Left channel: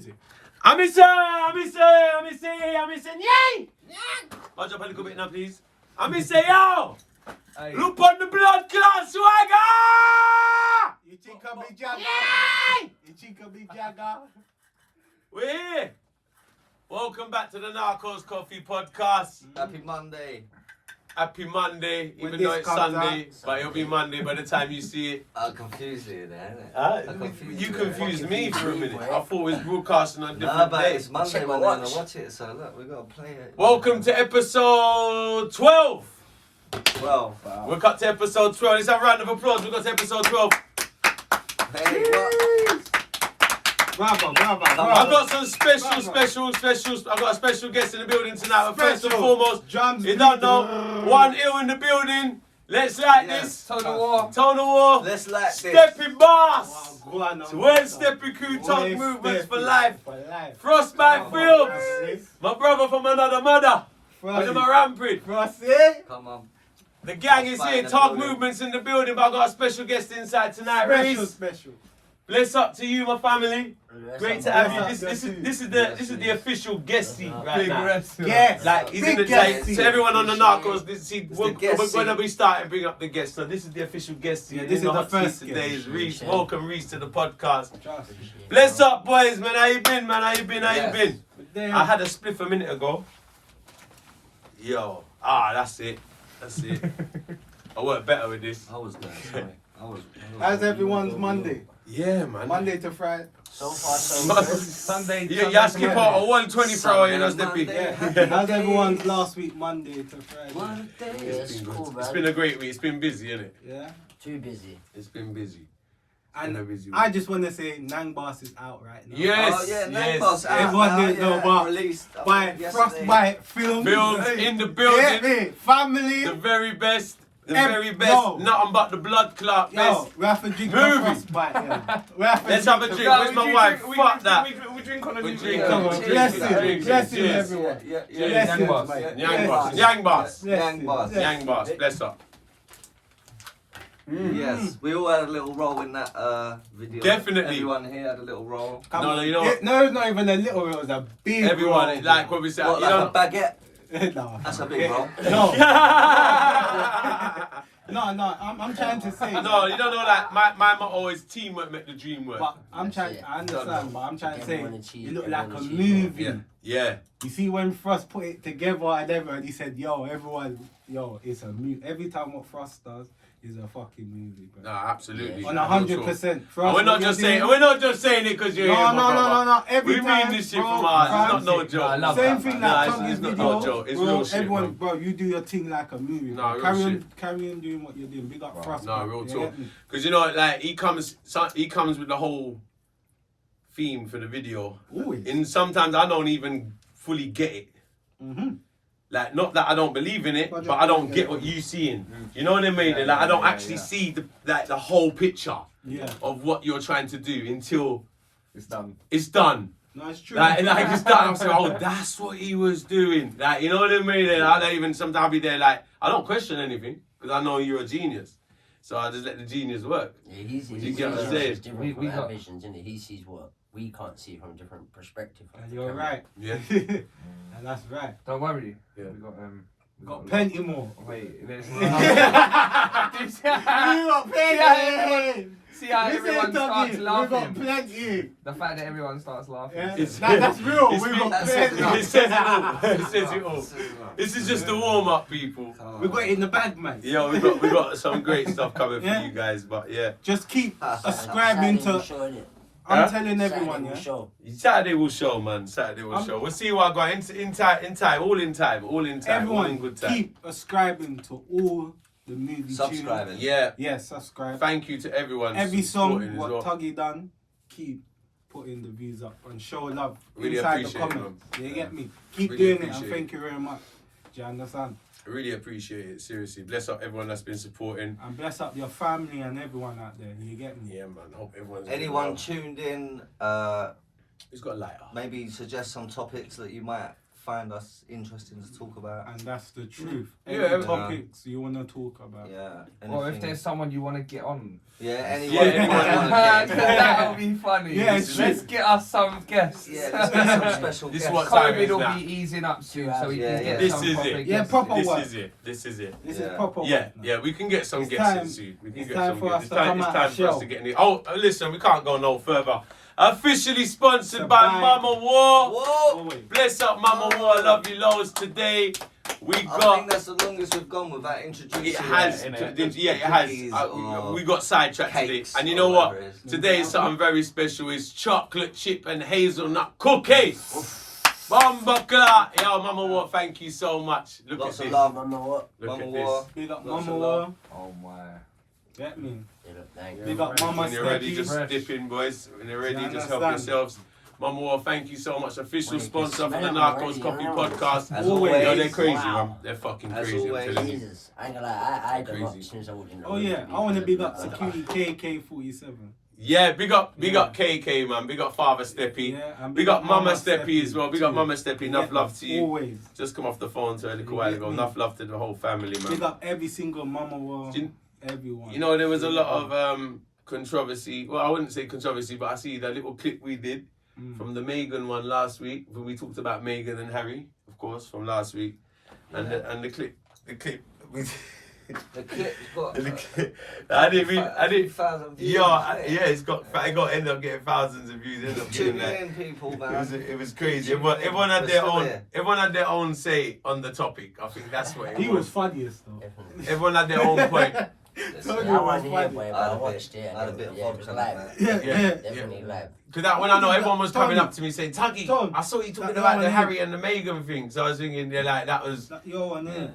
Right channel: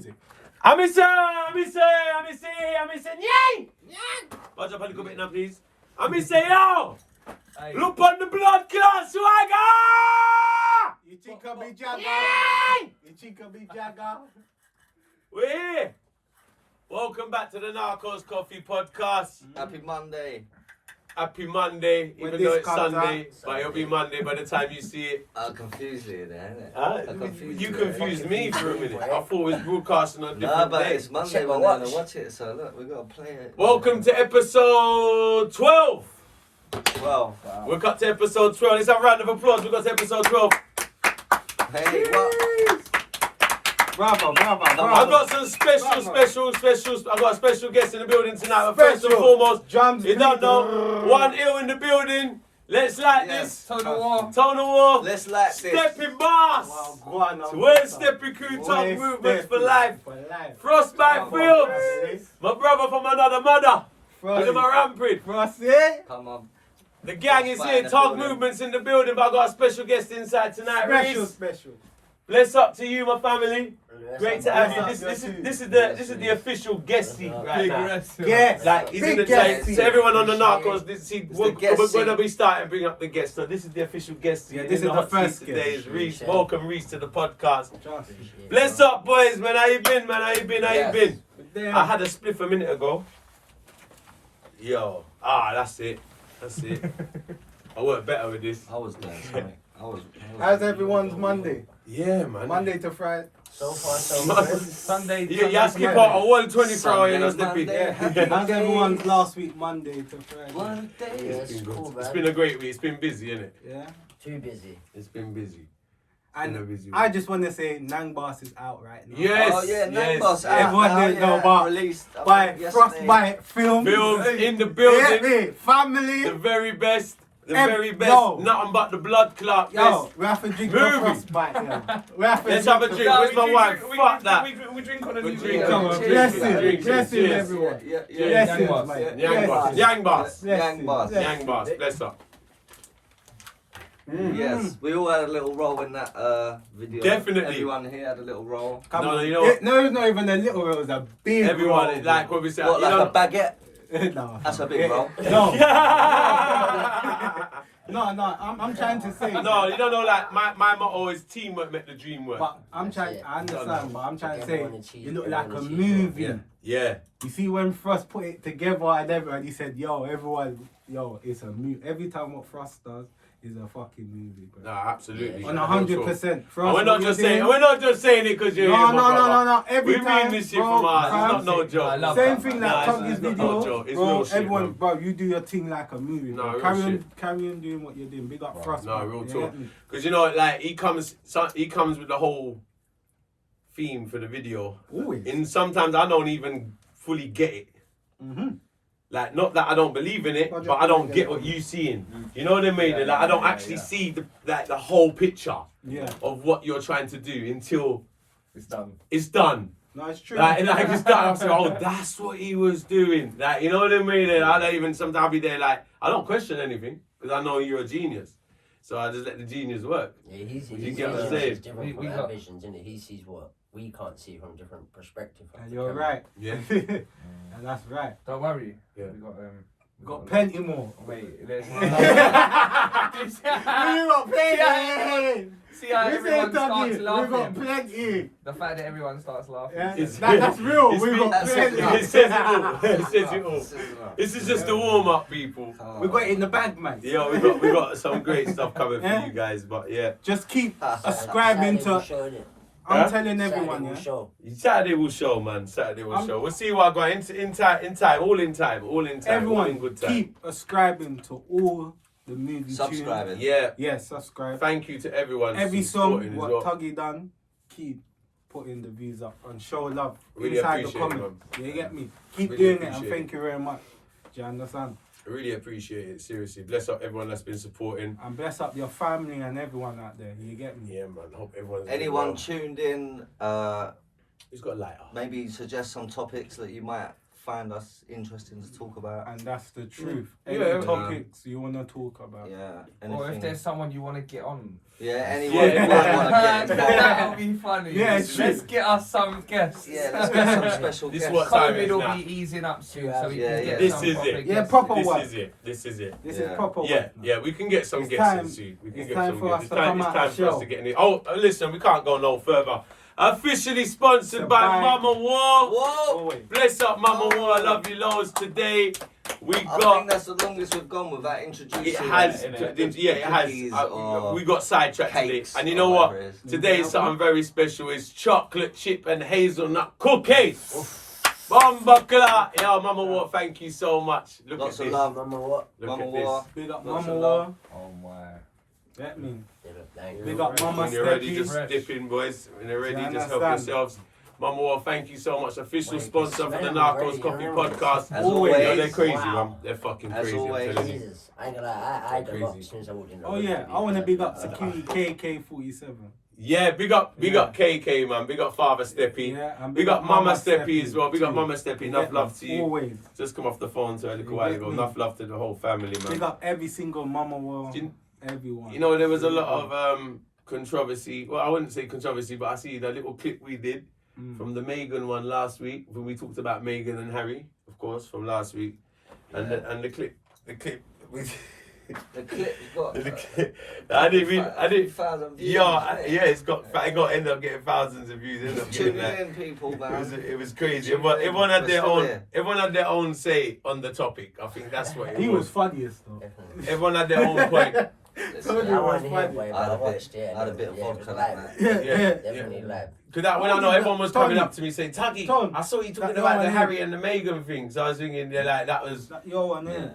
music. I'm missing Yang! Watch up a little bit now, please. I'm missing yo! Look on the blood clot swagger! You chica be jagger. You chica be jagger. We're here. Welcome back to the Narcos Coffee Podcast. Happy Monday. Happy Monday, When even though this it's comes Sunday, out, but it'll be Monday by the time you see it. I'll confuse you there, innit? You confused me for a minute. I thought it was broadcasting on a Nah, different but day. it's Monday when they're gonna watch it, so look, we gotta play it. Welcome to episode 12. Well, We're cut to episode 12. Let's have a round of applause. We got to episode 12. hey, what? Bravo. I've got some specials. I've got a special guest in the building tonight. But first and foremost, drums. you don't know, one ill in the building. Let's like this. Tuggawar. Let's like this. Stepping boss. Wow, Well, Stepping Crew Talk Movements for life. Frostbite Films. My brother from another mother. Look at my rampant. Frosty. Come on. The gang is Frostbite here. in the Talk building. Movements in the building. But I got a special guest inside tonight. Reece. Special. Bless up to you, my family. Great to have you. Bless This up, is the official guest seat right now. Yes. Like he's in the Big like, guest seat. so everyone on the Narcos, the guest when seat. we start and bring up the guest. So this is the official guest seat. Yeah, In this is the hot seat first today guest. is Reece. Welcome Reece to the podcast. Bless up, boys, man. How you been, man? How you been? I had a spliff a minute ago. Yo, that's it. I work better with this. I was there, sorry. I was How's everyone's Monday? Yeah, man. Monday to Friday. So far, so good. Sunday. Yeah, you skip out a 124 hour, you know, Sunday, Steppy. Monday. How's everyone's last week, Monday to Friday? One Yeah, day. it's cool, It's man. been a great week. It's been busy, innit? Yeah. Too busy. It's been busy. Been a And busy I week. just want to say NYANG Boss is out right now. Yes. Oh, yeah, yes. Boss out Everyone now, didn't know about- released By yesterday. Frostbite Films. Films in the Yeah, building. me. Family. The very best. The Em- very best. yo. Nothing but the blood clot Yo, best. we have to drink Movie. the Frostbite. Yeah. We have to Let's have a the drink. Where's my wife? Fuck that. We drink on a We new drink. Come on, Cheers. blessings, blessings, Cheers. everyone. Yeah. Blessings, Boss. mate. Yang boss. Blessings. Yang boss. Yang Boss. Blessings. Yang boss. Bless up. Yes, we all had a little role in that video. Definitely. Everyone here had a little role. Come No, on. you know Yeah, what? no, it's not even a little role, it was a big Everyone, role. like what we said. What, you like know, a baguette? No. That's a big role. No. No, I'm trying to say. No, you don't know. Like my motto is teamwork make the dream work. But I'm trying, That's it. I understand, but I'm trying to say, Everyone achieves, you look like a everyone achieves. movie. Yeah. You see when Frost put it together and everyone, he said, yo, it's a movie. Every time what Frost does is a fucking movie, bro. No, absolutely. Yeah. On 100%. And Frost, we're not just saying. We're not just saying it because you're here, my brother. No. Every We time, mean this shit bro, from our. It's not Frost, no joke. Same thing Nah, like it's Tuggy's not video. no joke. It's bro, real shit, everyone, man. bro, you do your thing like a movie. No, Bro. real Carry on doing what you're doing. Big up Frost. No, man. real You talk. get me? Because you know, like he comes with the whole theme for the video. Always. And sometimes I don't even fully get it. Mhm. Like, not that I don't believe in it, But but I don't get what you seeing. You know what I mean? Like, I don't actually see the whole picture Yeah. of what you're trying to do until It's done. it's done. No, it's true. Like it's done. I'm saying, oh, that's what he was doing. Like, you know what I mean? And I don't even sometimes I'll be there like I don't question anything because I know you're a genius. So I just let the genius work. Yeah, he's You get what I'm vision saying? is different We from got- our visions, innit? He sees what we can't see from a different perspective. And you're right. Yeah. And that's right. Don't worry. Yeah. We Got plenty more. Wait, let's We got plenty. see how We everyone said starts Tuggy, we got laughing. plenty. The fact that everyone starts laughing. Yeah. It's- That's real. it's We been- got plenty. It says it all. It says it all. This is just the warm up, people. We got it in the bag, man. Yeah, we got some great stuff coming Yeah. for you guys, but yeah. Just keep Saturday subscribing to. I'm Huh? telling everyone, yeah. Saturday will show, man. Saturday will show. We'll see what I got in time, all in time, all in Everyone, good time. keep subscribing to all the movie Subscribing. tunes. Yeah. Yeah, subscribe. Thank you to everyone. Every supporting song as what well. Tuggy done, keep putting the views up and show love Really inside the appreciate it, comments. You get me? Keep Really doing it and appreciate thank you very much. Do you understand? I really appreciate it. Seriously, bless up everyone that's been supporting. And bless up your family and everyone out there. You get me? Yeah, man. Hope everyone's. Anyone tuned in, Who's got a lighter? maybe suggest some topics that you might find us interesting to talk about. And that's the truth. Yeah, Any man. topics you want to talk about. Yeah. Or if anything. there's someone you want to get on. Yeah, anyone Yeah, you might want to get involved. That would be funny. Yeah, let's get us some guests. Yeah, let's get some special This guests. what time COVID is will now. be easing up soon, so we Yeah, can yeah. get This some is proper it. guests. Yeah, proper This work. is it. This is it. This Yeah. is proper Yeah, work now. yeah, we can get some It's guests time- in soon. We can it's get time some for guests. us It's to time, come it's out time and for us show. to get in. Oh, listen, we can't go no further. Officially sponsored The by bank. Mama War. Whoa! Oh, wait. Bless up, Mama War. I love you loads today. We I got. think that's the longest we've gone without introducing. It has, yeah, it has. cookies or We got sidetracked today, cakes and you or know what? whatever it is. Today is something very special. It's chocolate chip and hazelnut cookies. Bomba clat. Yo, Mama War, thank you so much. Look Lots at of this. love. Mama, what? Look Mama at War. this. Big up Lots Mama of War. love. Oh my. Get me. Thank Big you. up Mama When you're ready, Steppy. just Fresh. dip in, boys. When you're ready, You just help understand? yourselves. Mama War, thank you so much. Official Wait, sponsor for the smell Narcos already, Coffee you know. Podcast. As Yo, always. they're crazy, Wow. man. They're fucking As crazy. I'm always. telling you. Jesus, I ain't gonna lie, I got up Crazy. since I walked in the Oh room. yeah, I want to big up security KK47. Yeah, big up KK, man. Big up Father Steppy. Yeah, and Big up Mama Steppy as well. Big up too. Mama Steppy. Enough Get love me. to you. Always. Just come off the phone to her a little You while get ago. me? Enough love to the whole family, Big man. up every single Mama War. You- Everyone. You know, there was a lot of controversy. Well, I wouldn't say controversy, but I see the little clip we did from the Meghan one last week, when we talked about Meghan and Harry, of course, from last week, and the clip, we, The clip's got. I didn't. 1,000 views. Yeah, it got ended up getting thousands of views. Ended up getting Tune that. in, people, man. It was crazy. Tune in. Everyone had their We're still own. here. Everyone had their own say on the topic. I think that's what it He was. was funniest though. Definitely. Everyone had their own point. Listen, Told I you it wasn't was here, funny. boy, I but had I a bit- watched it. I had a bit of Yeah, it was vodka live. that night. Yeah. Definitely live. Because that when I know everyone was coming Tony. up to me saying, Tuggy, Tom, I saw you talking that about one the here. Harry and the Meghan thing. So I was thinking, yeah, like Like, yo, and Yeah. then.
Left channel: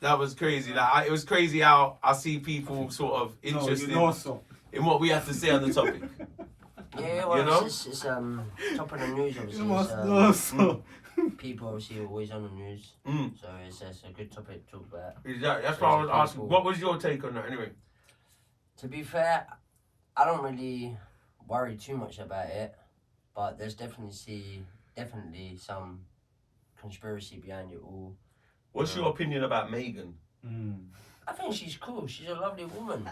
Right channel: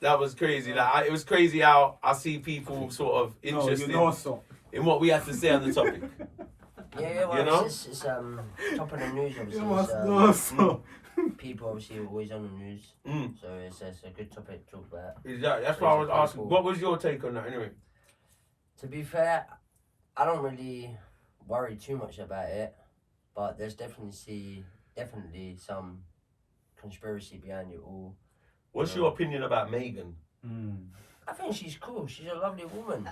that was crazy. Like it was crazy how I see people sort of No, interested you know so. in what we had to say on the topic. Yeah, well, You know? it's top of the news, obviously. You It's, must know so. people obviously are always on the news, Mm. so it's a good topic to talk about. Exactly. That's why I was asking. What was your take on that anyway? To be fair, I don't really worry too much about it, but there's definitely some conspiracy behind it all. What's your opinion about Meghan? I think she's cool. She's a lovely woman.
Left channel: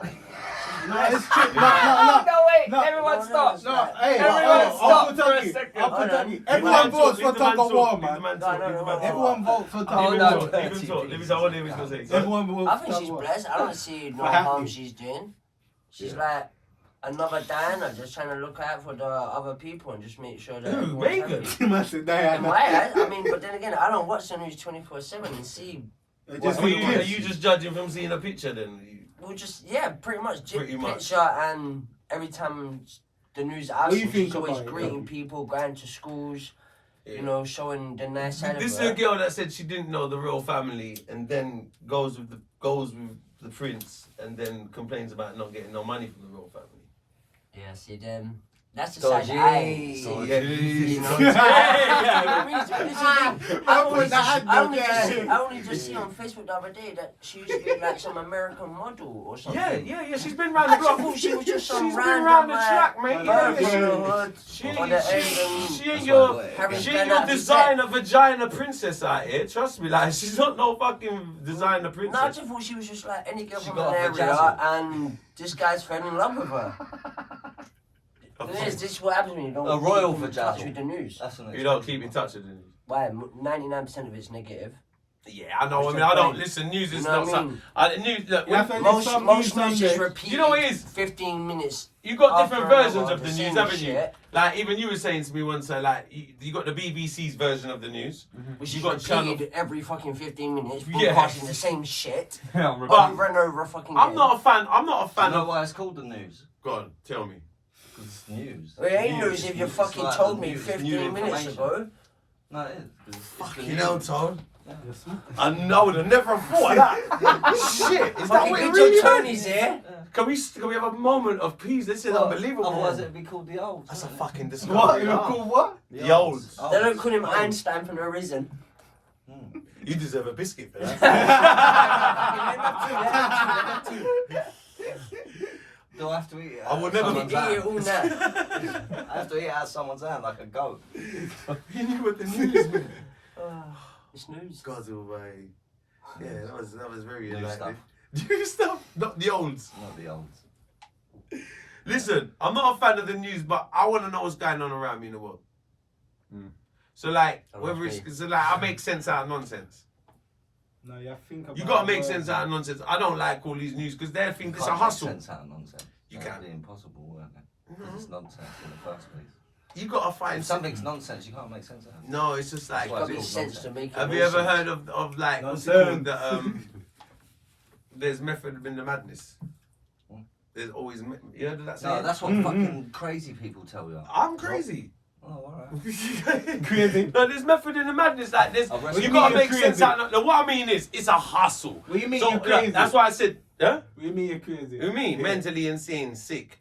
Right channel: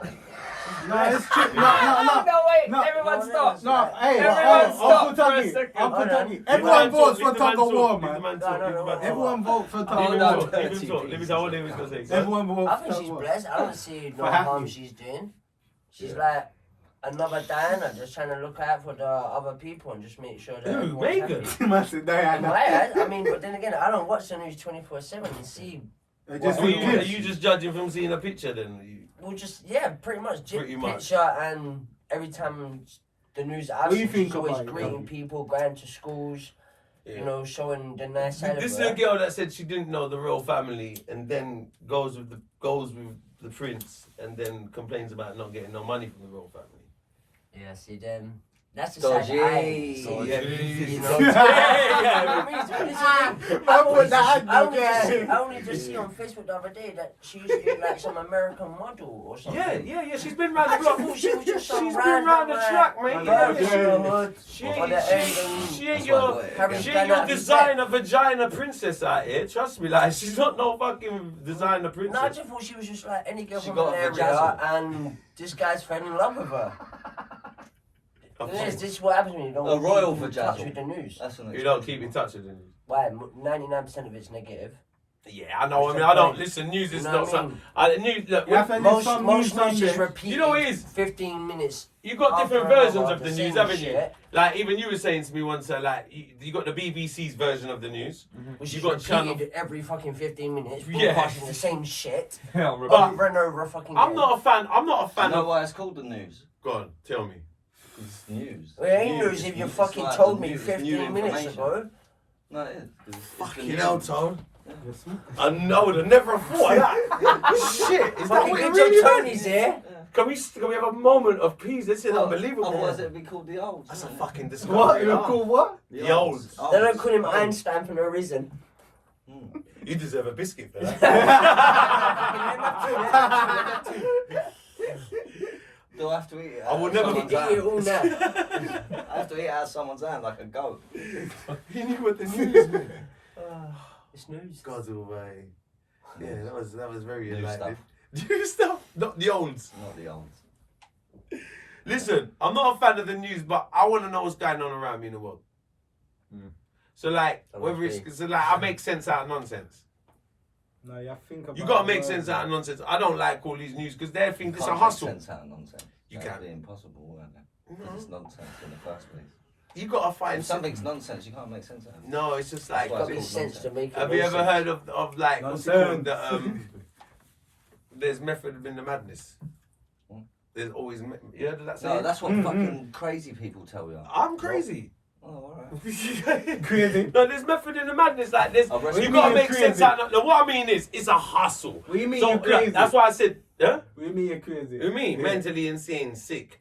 No, it's true. No, wait. No. Everyone stop. No, hey, Everyone stop Uncle for a Tuggy, second. Uncle Hold Tuggy. on. Everyone votes for Leave the man Tuggawar, talk, leave the man. man talk, No, leave the man talk. Everyone vote for Leave him Tuggawar. talk, leave him talk. Leave him talk. I want to hear what he's gonna say. Everyone vote I for think she's Tuggawar. blessed. I don't see no For happy. harm she's doing. She's Yeah. like another Diana, just trying to look out for the other people and just make sure that. Who, everyone's Meghan? happy. Man said, And "Nah, I mean, but then again, I don't watch the news 24/7 and see. nah." What, Just are in you case. just judging from seeing a picture then? Well, just pretty much. Pretty much. Picture and every time the news I've What do you seen, think she's always about it, greeting Robbie? people, going to schools, Yeah. you know, showing the nice side This is of a her. girl that said she didn't know the royal family and then goes with the prince and then complains about not getting no money from the royal family. Yeah, see, then that's the side that I ain't seen. Dodgy. Yeah. You know, Yeah. This is the thing. Man put that hand I down only there. I only just seen on Facebook the other day that she used to be like some American model or something. Yeah. She's been round I the block. thought she was just some She's been random, round the like, track, mate. Yeah. Yeah. She Or the ain't, she ain't That's your, why I got it. Harry she Bennett ain't your and his designer vagina princess out here. Trust me, like she's not no fucking designer No, I princess. just thought she was just like any girl She from got an a area, vagina. and this guy's fell in love with her. This is what happens when you don't A royal keep in touch vajazzle. with the news. That's an You don't keep in touch with it. Why? 99% of it's negative. Yeah, I know. I That's mean, the I don't point. listen. News is You know not what I something. mean? News. Look, You have to Most some news news is Monday. repeated. You know what it is? 15 minutes. You got after different another versions of the the news, same haven't you? shit. Like even you were saying to me once, like you got the BBC's version of the news. Which You is got channel. repeated every fucking 15 minutes, Yeah. broadcasting the same shit. Yeah, But- over and over fucking I'm again. not a fan. I'm not a You fan know of. why it's called the news? Go on, tell me. It's news. Well, it ain't News. news if you It's fucking like told the me news, 15 new minutes information. ago. No, it is. It's the Fucking news. hell, Tone. Yes, I know. I would have never thought of that. Shit, is that Fucking what it good really job meant? Tony's here. Can we have a moment of peace? This is Well, unbelievable. Otherwise, it'd be called the old. That's a fucking What? discovery. You call what? The old. They don't call him Einstein for no reason. You deserve a biscuit for that. Do I have to eat it? I will out never someone's Eat hand? it all now. I have to eat it out of someone's hand like a goat. You knew what the news meant. It's news. God's away. Yeah, that was very New enlightening. stuff. New stuff, not the olds. Not the olds. Listen, I'm not a fan of the news, but I want to know what's going on around me in the world. So like, So whether must it's so like, I make sense out of nonsense. No, you think about You gotta make words. sense out of nonsense. I don't like all these news because they think it's a Can't hustle. make sense out of nonsense. You That'd can. be impossible, wouldn't it? No. Because it's nonsense in the first place. You gotta find If something's nonsense, you can't make sense out of it. No, it's just like. That's why Got it's me called sense to make it. Have you ever nonsense. heard of like what's it Nonsense. called? There's method in the madness. Hmm? There's always you heard of that No, saying? that's what fucking crazy people tell you. I'm crazy. Oh, alright. Crazy. No, there's method in the madness. Like this, I've wrestled you with gotta you make crazy. sense out of. No, what I mean is, it's a hustle. What do you mean So you're crazy? that's why I said, huh? What do you mean you're crazy? Who me? Yeah. Mentally insane, sick.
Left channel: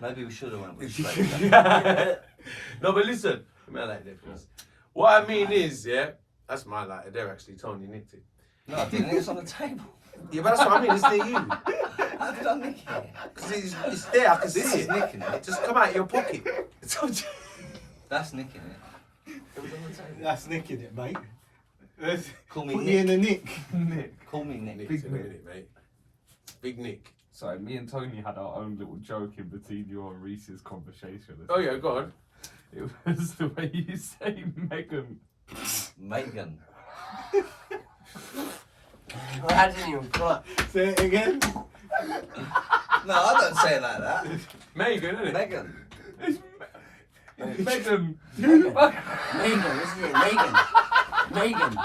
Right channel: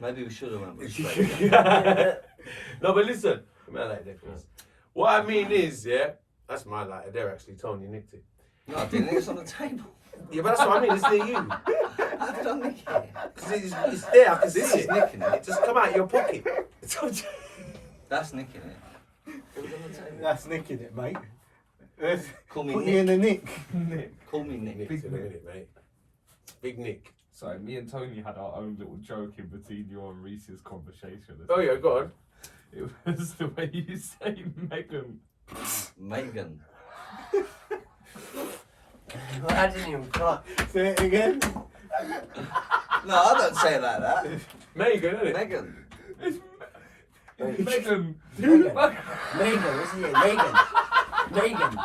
Maybe we should have went with straight. No, but listen. I mean, I like that, please. What I mean is, yeah, that's my lighter there. Actually, Tony nicked it. No, I didn't. It's on the table. Yeah, but that's what I mean. It's near you. How did I nick it? Because it's there. I can see This is it. nicking it. It just come out of your pocket. That's nicking it. It was on the table. That's nicking it, mate. Call me Put me in Nick. the nick. Call me Nick. Nick's in a minute, mate. Big Nick. So me and Tony had our own little joke in between you and Reese's conversation. Oh yeah, go on. It was the way you say Meghan. Meghan. I didn't even clock. Say it again. No, I don't say it like that. Megan, isn't it? Megan. Meghan. Megan, isn't it? Megan. Megan.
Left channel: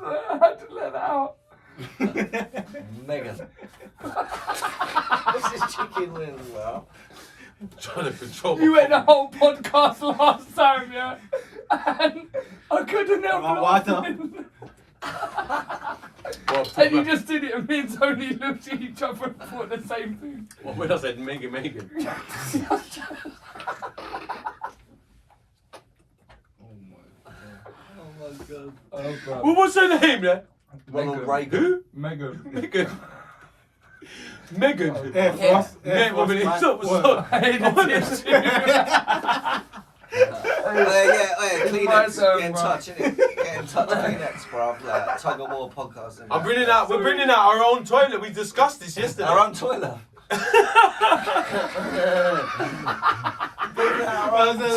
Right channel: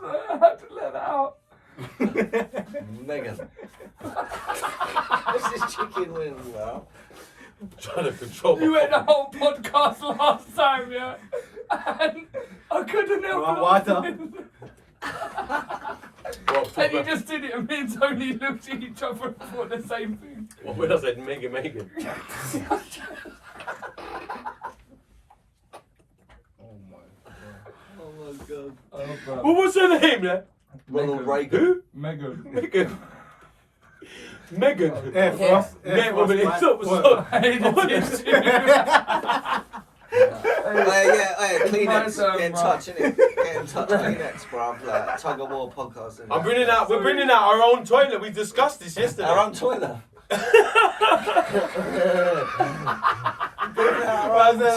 I had to let that out. Megan. What's this chicken wing, well? Trying to control. You went the whole podcast last time, yeah? And I couldn't help Well, water. laughing. And you just did it, and me and Tony looked at each other and thought the same thing. What when I said Megan? Oh my god. Oh, bro. Well, what's her name there? Ronald Meghan. Reagan. Who? Megan. Megan. Megan. Air Frost. Air Frost, man. Stop. Yeah, Kleenex. Right, so, Get in right. touch, innit? Get in touch, Kleenex, bruv. Like, Tuggawar podcast. innit? We're bringing out our own toilet. We discussed this yesterday. Our own toilet.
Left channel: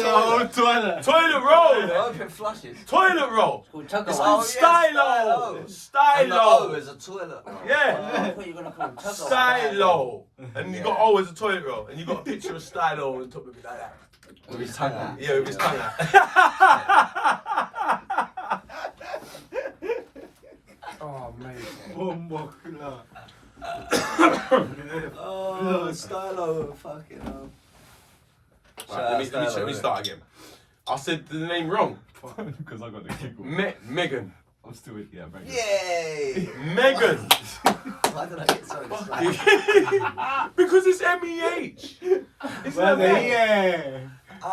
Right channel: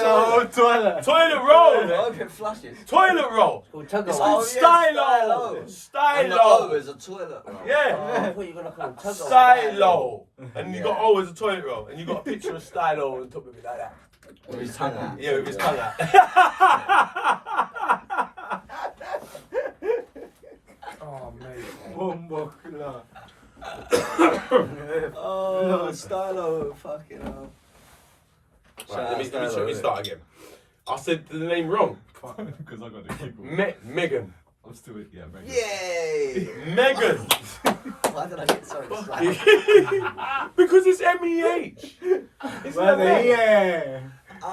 Toilet roll. Hope it flushes. Toilet roll. Called It's Tuggawar. called Stylo. And the O Stylo. is a toilet. roll. Yeah. I thought you were gonna call it Tuggawar. Stylo. And you Yeah. got O as a toilet roll. And you got a picture of Stylo on top of it like that. With his tongue out. Yeah, with his tongue out. Oh, mate. Oh, Stylo. Fucking hell. Right, let me start again. I said the name wrong. Because I got the giggle. Megan. I'm still, yeah, Meghan. Yay! Megan. Why did I get so excited? Because it's MEH. It's Well, not me. yeah.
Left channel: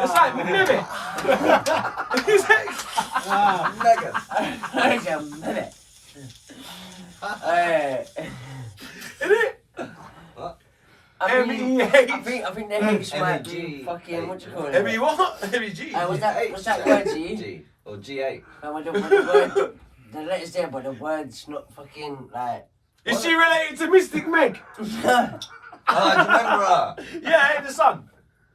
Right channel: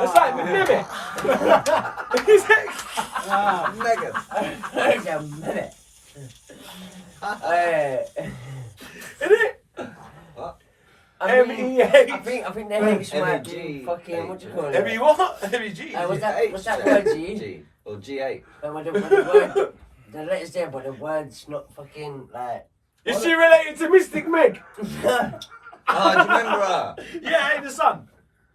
It's like Mimic. It's like, Megan. Wait a minute. Hey. isn't it? I mean, MEH. I think that makes my MEG. fucking, what you call it? ME what? MEG. What's that word, G? G. Or G8. With the word, the letters there, but the word's not fucking like. Is she related to Mystic Meg? Oh, do you remember her? Yeah, hey, the son.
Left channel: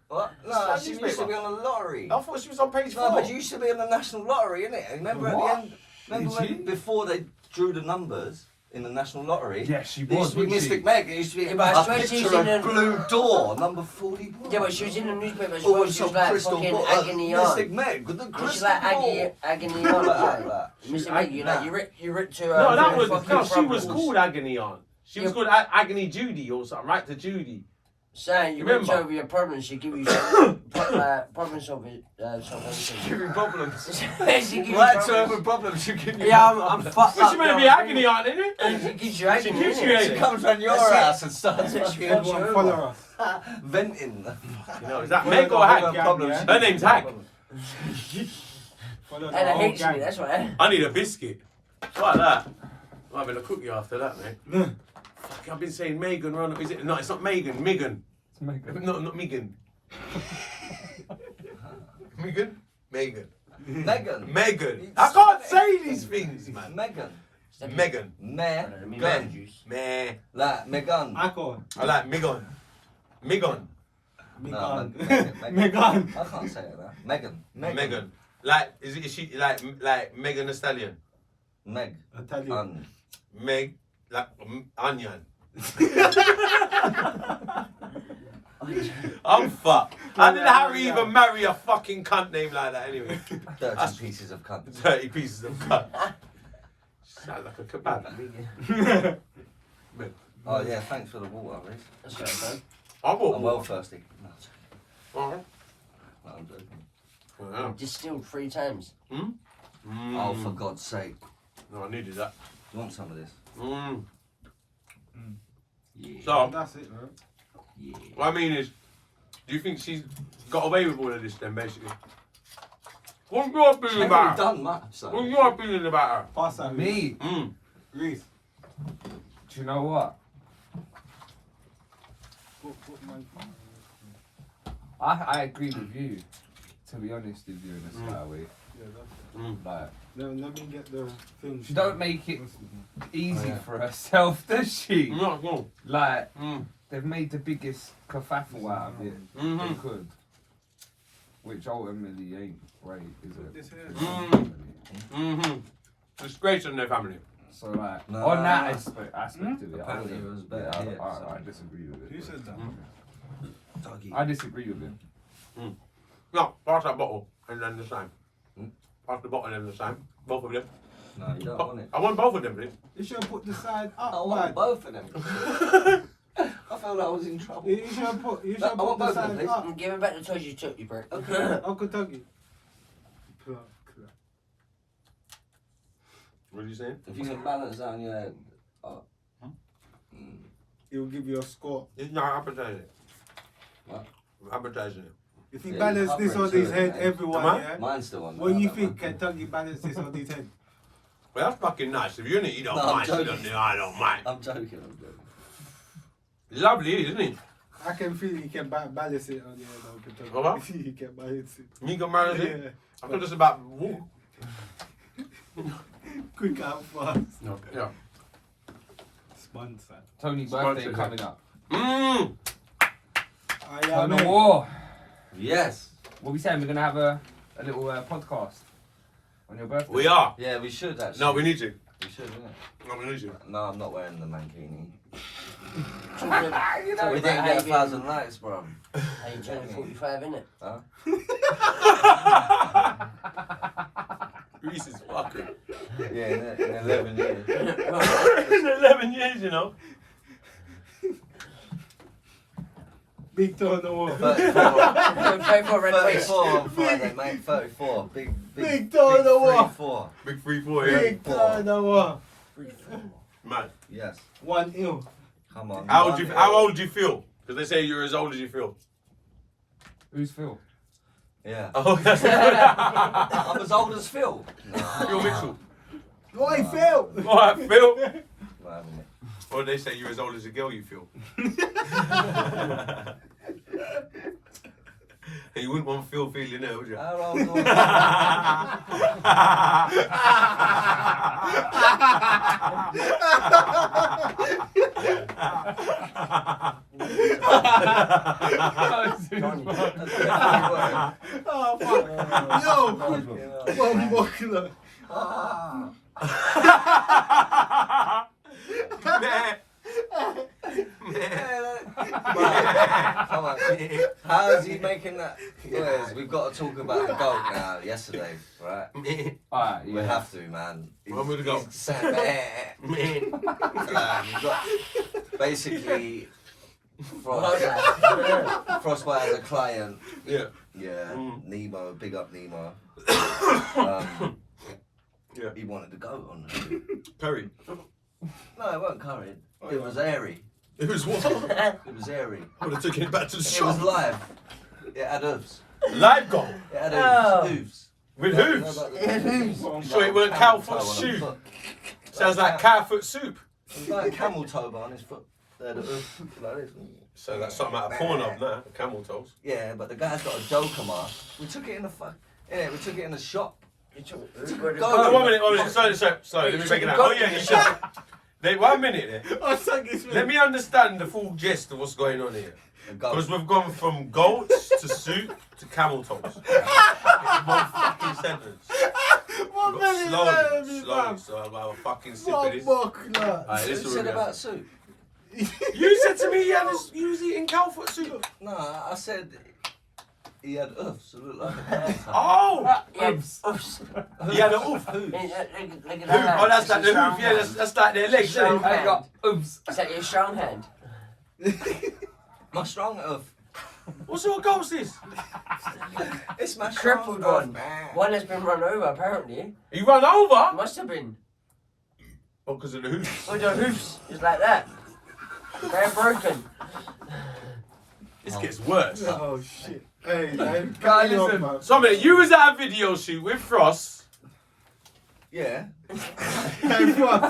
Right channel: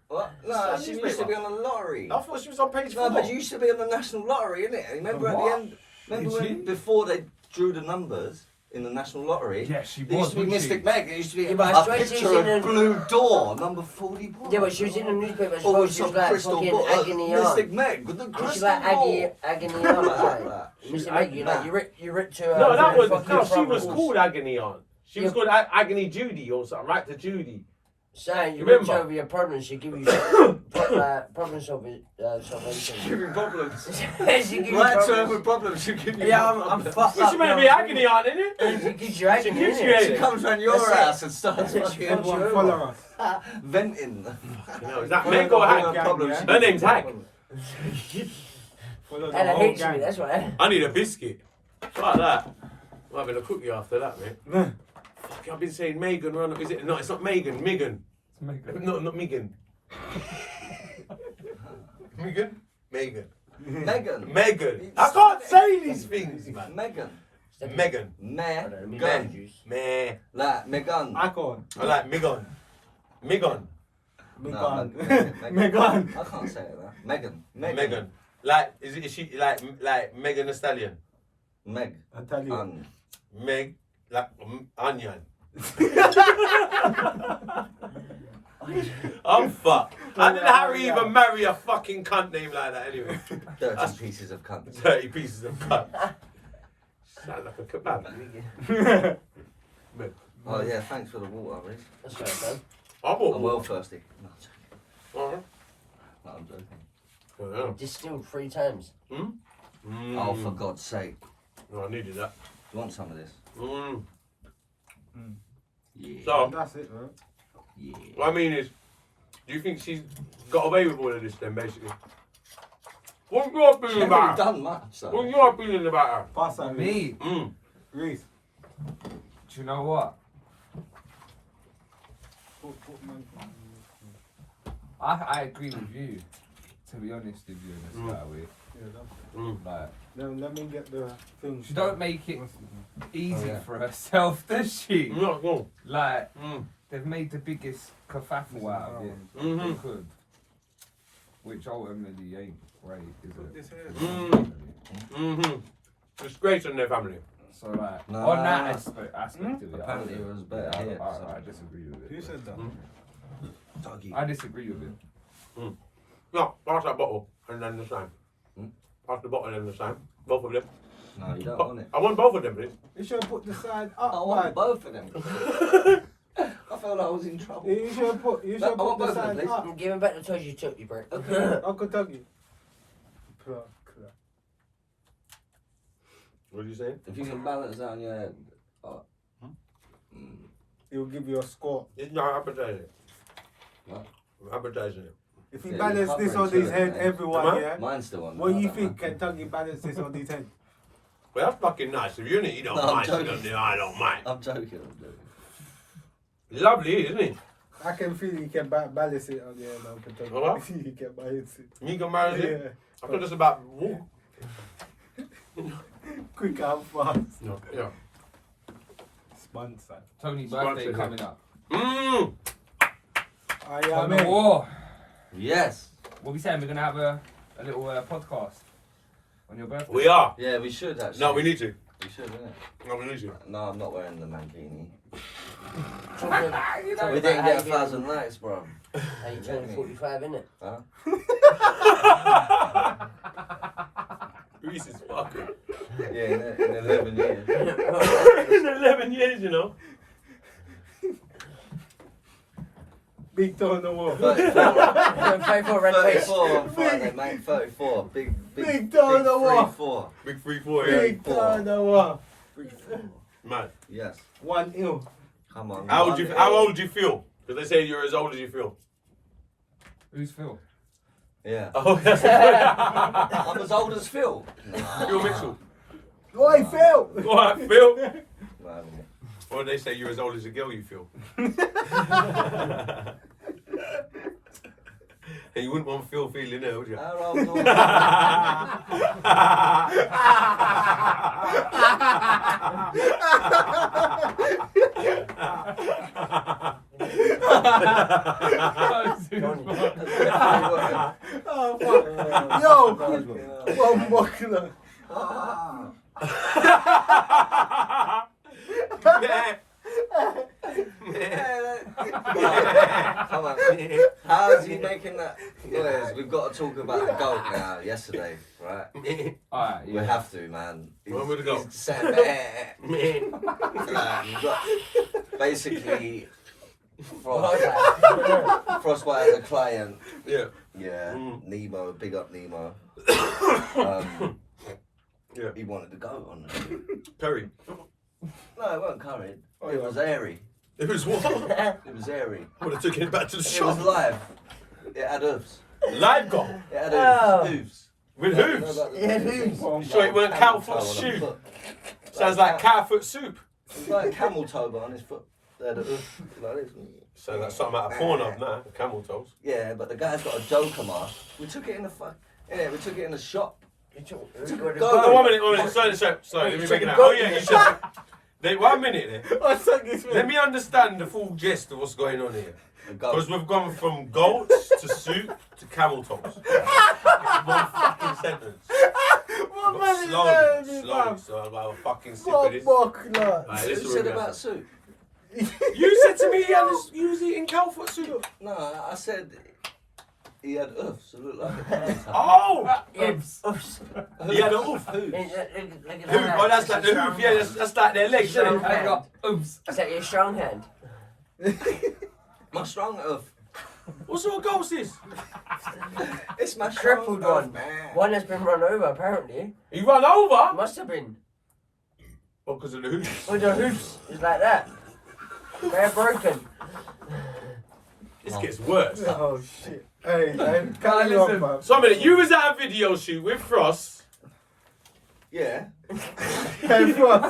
What? No, she used to be on the lottery. I thought she was on page 4. No, but you used to be on the national lottery, innit? And remember at What? the end, remember Did when she? before they drew the numbers in the national lottery? Yeah, she There used was. to be wasn't she? Mystic Meg. There used to be Yeah, but I a swear she was picture of in a- Blue Door, number 41. Yeah, but she was in the newspaper as Oh, well. with She was some like crystal fucking ball. agony Mystic on. Meg with the She's crystal like ball. agony on. Like Like, that. Mr. Meg, you like you ripped to her. No, that was fucking no. She was front called Agony on. She was called Agony Judy or something, right? To Judy. Saying you Remember? ripped over your problems, she give you problem solving. Give me problems. She gives you Right, so problems. every problem she give you. Yeah, I'm fucked Well, up. she may now, be I'm Agony on, isn't it? She gives you agony. gives you innit? agony. She comes round your That's it. house and starts fucking Everyone follow us. venting. You know, is that Meg or Hag? Yeah. Her name's Hag. Follow the And it whole hates me, gang. that's why. I need a biscuit. Like that. I'm having a cookie after that, mate. Fuck, I've been saying Megan. Is it? No, it's not Megan. Megan. It's Meghan. No, not Megan. Meghan? Meghan. Meghan. I can't say these things, man. Meghan. Meghan. Meghan. Meh. Like Meghan. I can't. I like Meghan. Meghan. Meghan. Meghan. Meghan. I can't say it. Meghan. Meghan. Like, is she like Megan Thee Stallion? Meg. I tell you. Meg, like onion. I'm fucked. How did Harry even marry a fucking cunt named like that anyway? 30 pieces of cunt. 30 pieces of cunt. Sounds like a kebab. Oh yeah, thanks for the water, Reece. That's right, man. I bought I'm well thirsty. No, Uh-huh. I'm joking. Well, Distilled 3 times. Oh, for God's sake. No, I needed that. You want some of this? Yeah. So, That's it, man. Yeah. what I mean is, do you think she's got away with all of this then, basically? What's your She feeling ain't about really her? done much, so. What's your feeling about her? Pass that, Me? Reece. Do you know what? I agree with you. To be honest with you in a slight way. Yeah, that's Like, let me get the film. she don't make it easy yeah. for herself, does she? No. Like, they've made the biggest kerfuffle out of it they could. Which ultimately ain't right, is it? This here. Disgrace on their family. So like, No. on that aspect of it, Apparently it was better here. I disagree with Who it. said that? Doggy. I disagree with it. No, pass that bottle and then the same. Pass the bottle and the same. Both of them. No, you don't want it. I want both of them, please. You should put the side up. I want man. both of them. I felt I was in trouble. You should put. You No, should I put want the both of them, side please. up. Give him back the toys you took, you prick. Uncle Tuggy. What are you saying? If you can balance that on your head. He'll give you a score. It's not advertising. What? I'm advertising it. If he Yeah, you balance can't this on run his to head, it, mate. everyone, Am I? yeah. Mine's still on. What do you that, think? man. Can Tuggy balance this on his head? Well, that's fucking nice. If you're in it, you don't No, I'm mind. joking. I don't mind. I'm joking. Lovely, isn't it? I can feel he can balance it on the head, Uncle Tuggy. What? He can balance it. Me can balance it. Yeah. I thought it's about walk. Quick and fast. No, yeah. Sponsor. Tony's Sponsor birthday him. coming up. Oh, yeah, Tony mate. War. Yes. What we saying? We're gonna have a little podcast on your birthday. We are. Yeah, we should actually. No, we need to. We should, innit? No, we need to. No, I'm not wearing the mankini. You know, We didn't get 1,000 likes, bro. How you turning 45, innit? Huh? Reece is fucking. Yeah, in 11 years. In 11 years, you know. Big toe on the wall. 34 red face. 34 on Friday, mate. 34. Big toe on the wall. 3-4. Big 3-4, yeah. Big toe on the wall. Man. Yes. 1 ill. Come on. How old do you feel? Because they say you're as old as you feel. Who's Phil? Yeah. Oh, that's I'm as old as Phil. No. Phil Mitchell. Oi, Phil! Alright, Phil. No, I haven't. Or they say you're as old as the girl you feel. You wouldn't want Phil feeling it, would you? How old are Oh, fuck. Yo! One buckler. Come on. How's he making that noise? We've got to talk about the goat now. Yesterday, right? Alright, We yeah. have to, man. When would it go? He's saying, we've got basically Frostbite as a client. Yeah. Yeah, Nemo, big up Nemo. Yeah. He wanted the goat on there. Curry. No, it wasn't curried. It was airy. It was what? It was airy. I would have took it back to the It shop. was live. It had hooves. Live goal. It had Oh. hooves. With You hooves. know about the- Yeah, hooves. You sure it wasn't cow foot Camel toe on a shoe? foot. Sounds like cow foot soup. It was like camel toe but on his foot. They had a hoof like this. So that's something out of porn of now, camel toes. Yeah, but the guy's got a joker mask. We took it in the we took it in the shop. Oh, no, 1 minute. Sorry. Let me break it down. Oh yeah, you should. 1 minute there. Let me understand the full gist of what's going on here. Because we've gone from goats to suit to camel toes. It's one fucking sentence. Slowly. So I'll have a fucking sip of this. Alright, You said about soup. You said to me he was eating cow foot soup. No, I said he had oofs. So it looked like a panther. Oh! Oops. He had an oof. Hooves. Oh, that's like the hoof. Yeah, that's like their legs, isn't it? I got oops. Is that your strong hand? My strong oof. What sort of ghost is? It's my Crippled strong one. oof, man. One has been run over, apparently. He run over? Must have been. Oh, because of the hoofs. With the hoofs. It's like that. They're broken. This gets worse. Oh shit. Hey, Guys, listen. man. So a minute, you was at a video shoot with Frost. Yeah. Hey, Frost.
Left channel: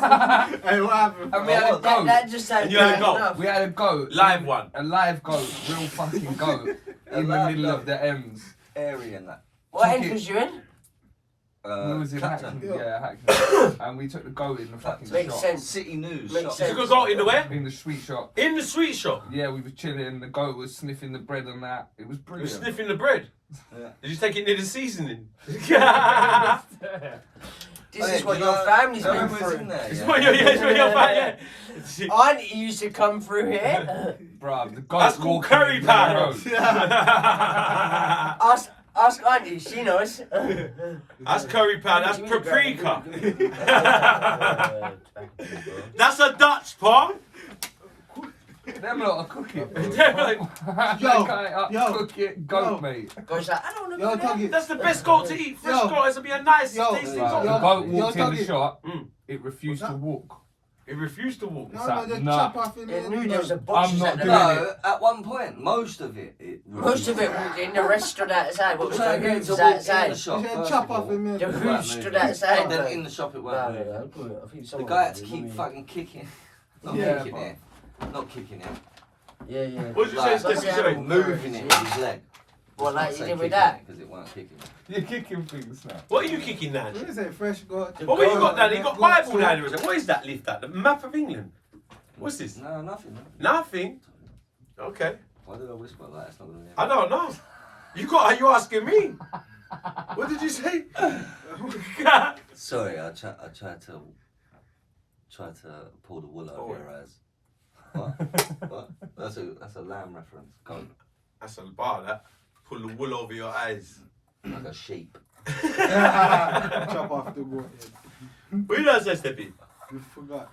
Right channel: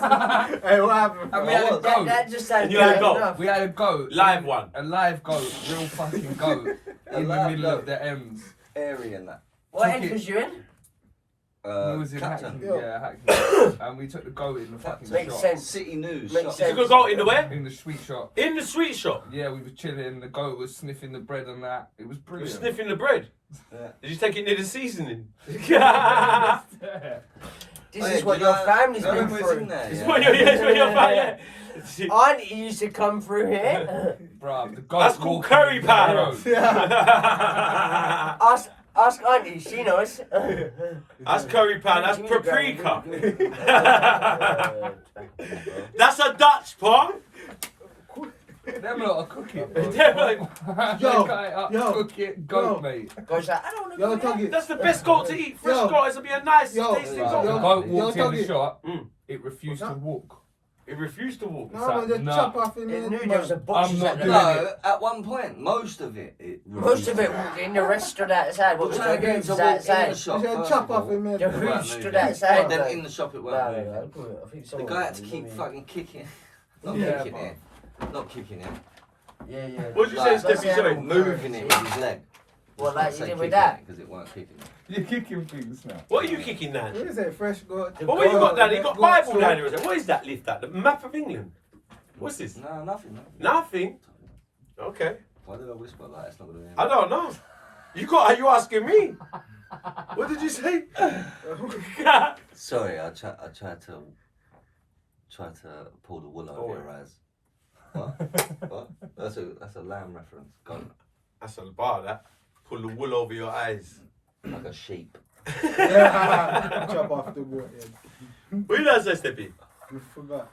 Hey, what happened? And we had a That goat. just sounds And you had a bad goat. enough. We had a goat. Live one. A live goat. Real fucking goat. A In the live middle goat. of the M's. Area and that. What end was you in? We was in Clapton. Hackney. Yeah, Hackney. And we took the goat in the fucking Makes Makes shop. sense. City News. Makes shop. sense. You could go in the where? In the sweet shop. In the sweet shop. Yeah, we were chilling. The goat was sniffing the bread and that. It was You were brilliant. sniffing the bread. Yeah. Did you take it near the seasoning? This Oh, is yeah, what do you your know- family's do you been remember it's in through. there, It's yeah? what you're yeah. Auntie used to come through here. Bruv, the goat That's called walking curry in the powder. road. Ask Auntie, she knows. That's curry powder. That's paprika. That's a Dutch pot. Them lot are cooking. Yo, yo, Cook it, goat, yo. mate. Goes like, I don't know. Yo, Tuggy. That's the best goat to eat. Fresh Yo. goat is to be a nice, Yo. tasty Right, goat. the goat yo, walked in the Tuggy. shop. Mm. It refused to walk. It refused to walk. No, man, just Nah. chop off in It there. knew there was a box. I'm not at the doing back. it. No, at one point, most of it. Most of it walked in, the rest stood outside. What was trying the to get hooves to walk in the outside? shop. Just first chop of off all. in there. The It weren't hooves stood moving. outside. Then like- in the shop, it Nah, weren't nah, moving. nah, I think The someone guy had to did, keep maybe. fucking kicking. Not Yeah, kicking but- it. Not kicking it. Yeah, yeah. What did you say, Like, Steffi? Sorry. moving it with his leg. Well, Just like not you say did with kicking that. it, because it weren't kicking it. You're kicking things now. What are you kicking now? What is it? Fresh goat. What have you got down there? You got Goat Bible store. down there. What is that lift at? The map of England? What's this? No, nothing. Nothing. Okay. Why did I whisper like it's not going to I don't know. Are you asking me? What did you say? Sorry, I tried to pull the wool over your eyes. What? That's a lamb reference. Go. That's a bar, that. Pull the wool over your eyes. Like a sheep. Chop off the goat head. What did I say, Steffi? You forgot.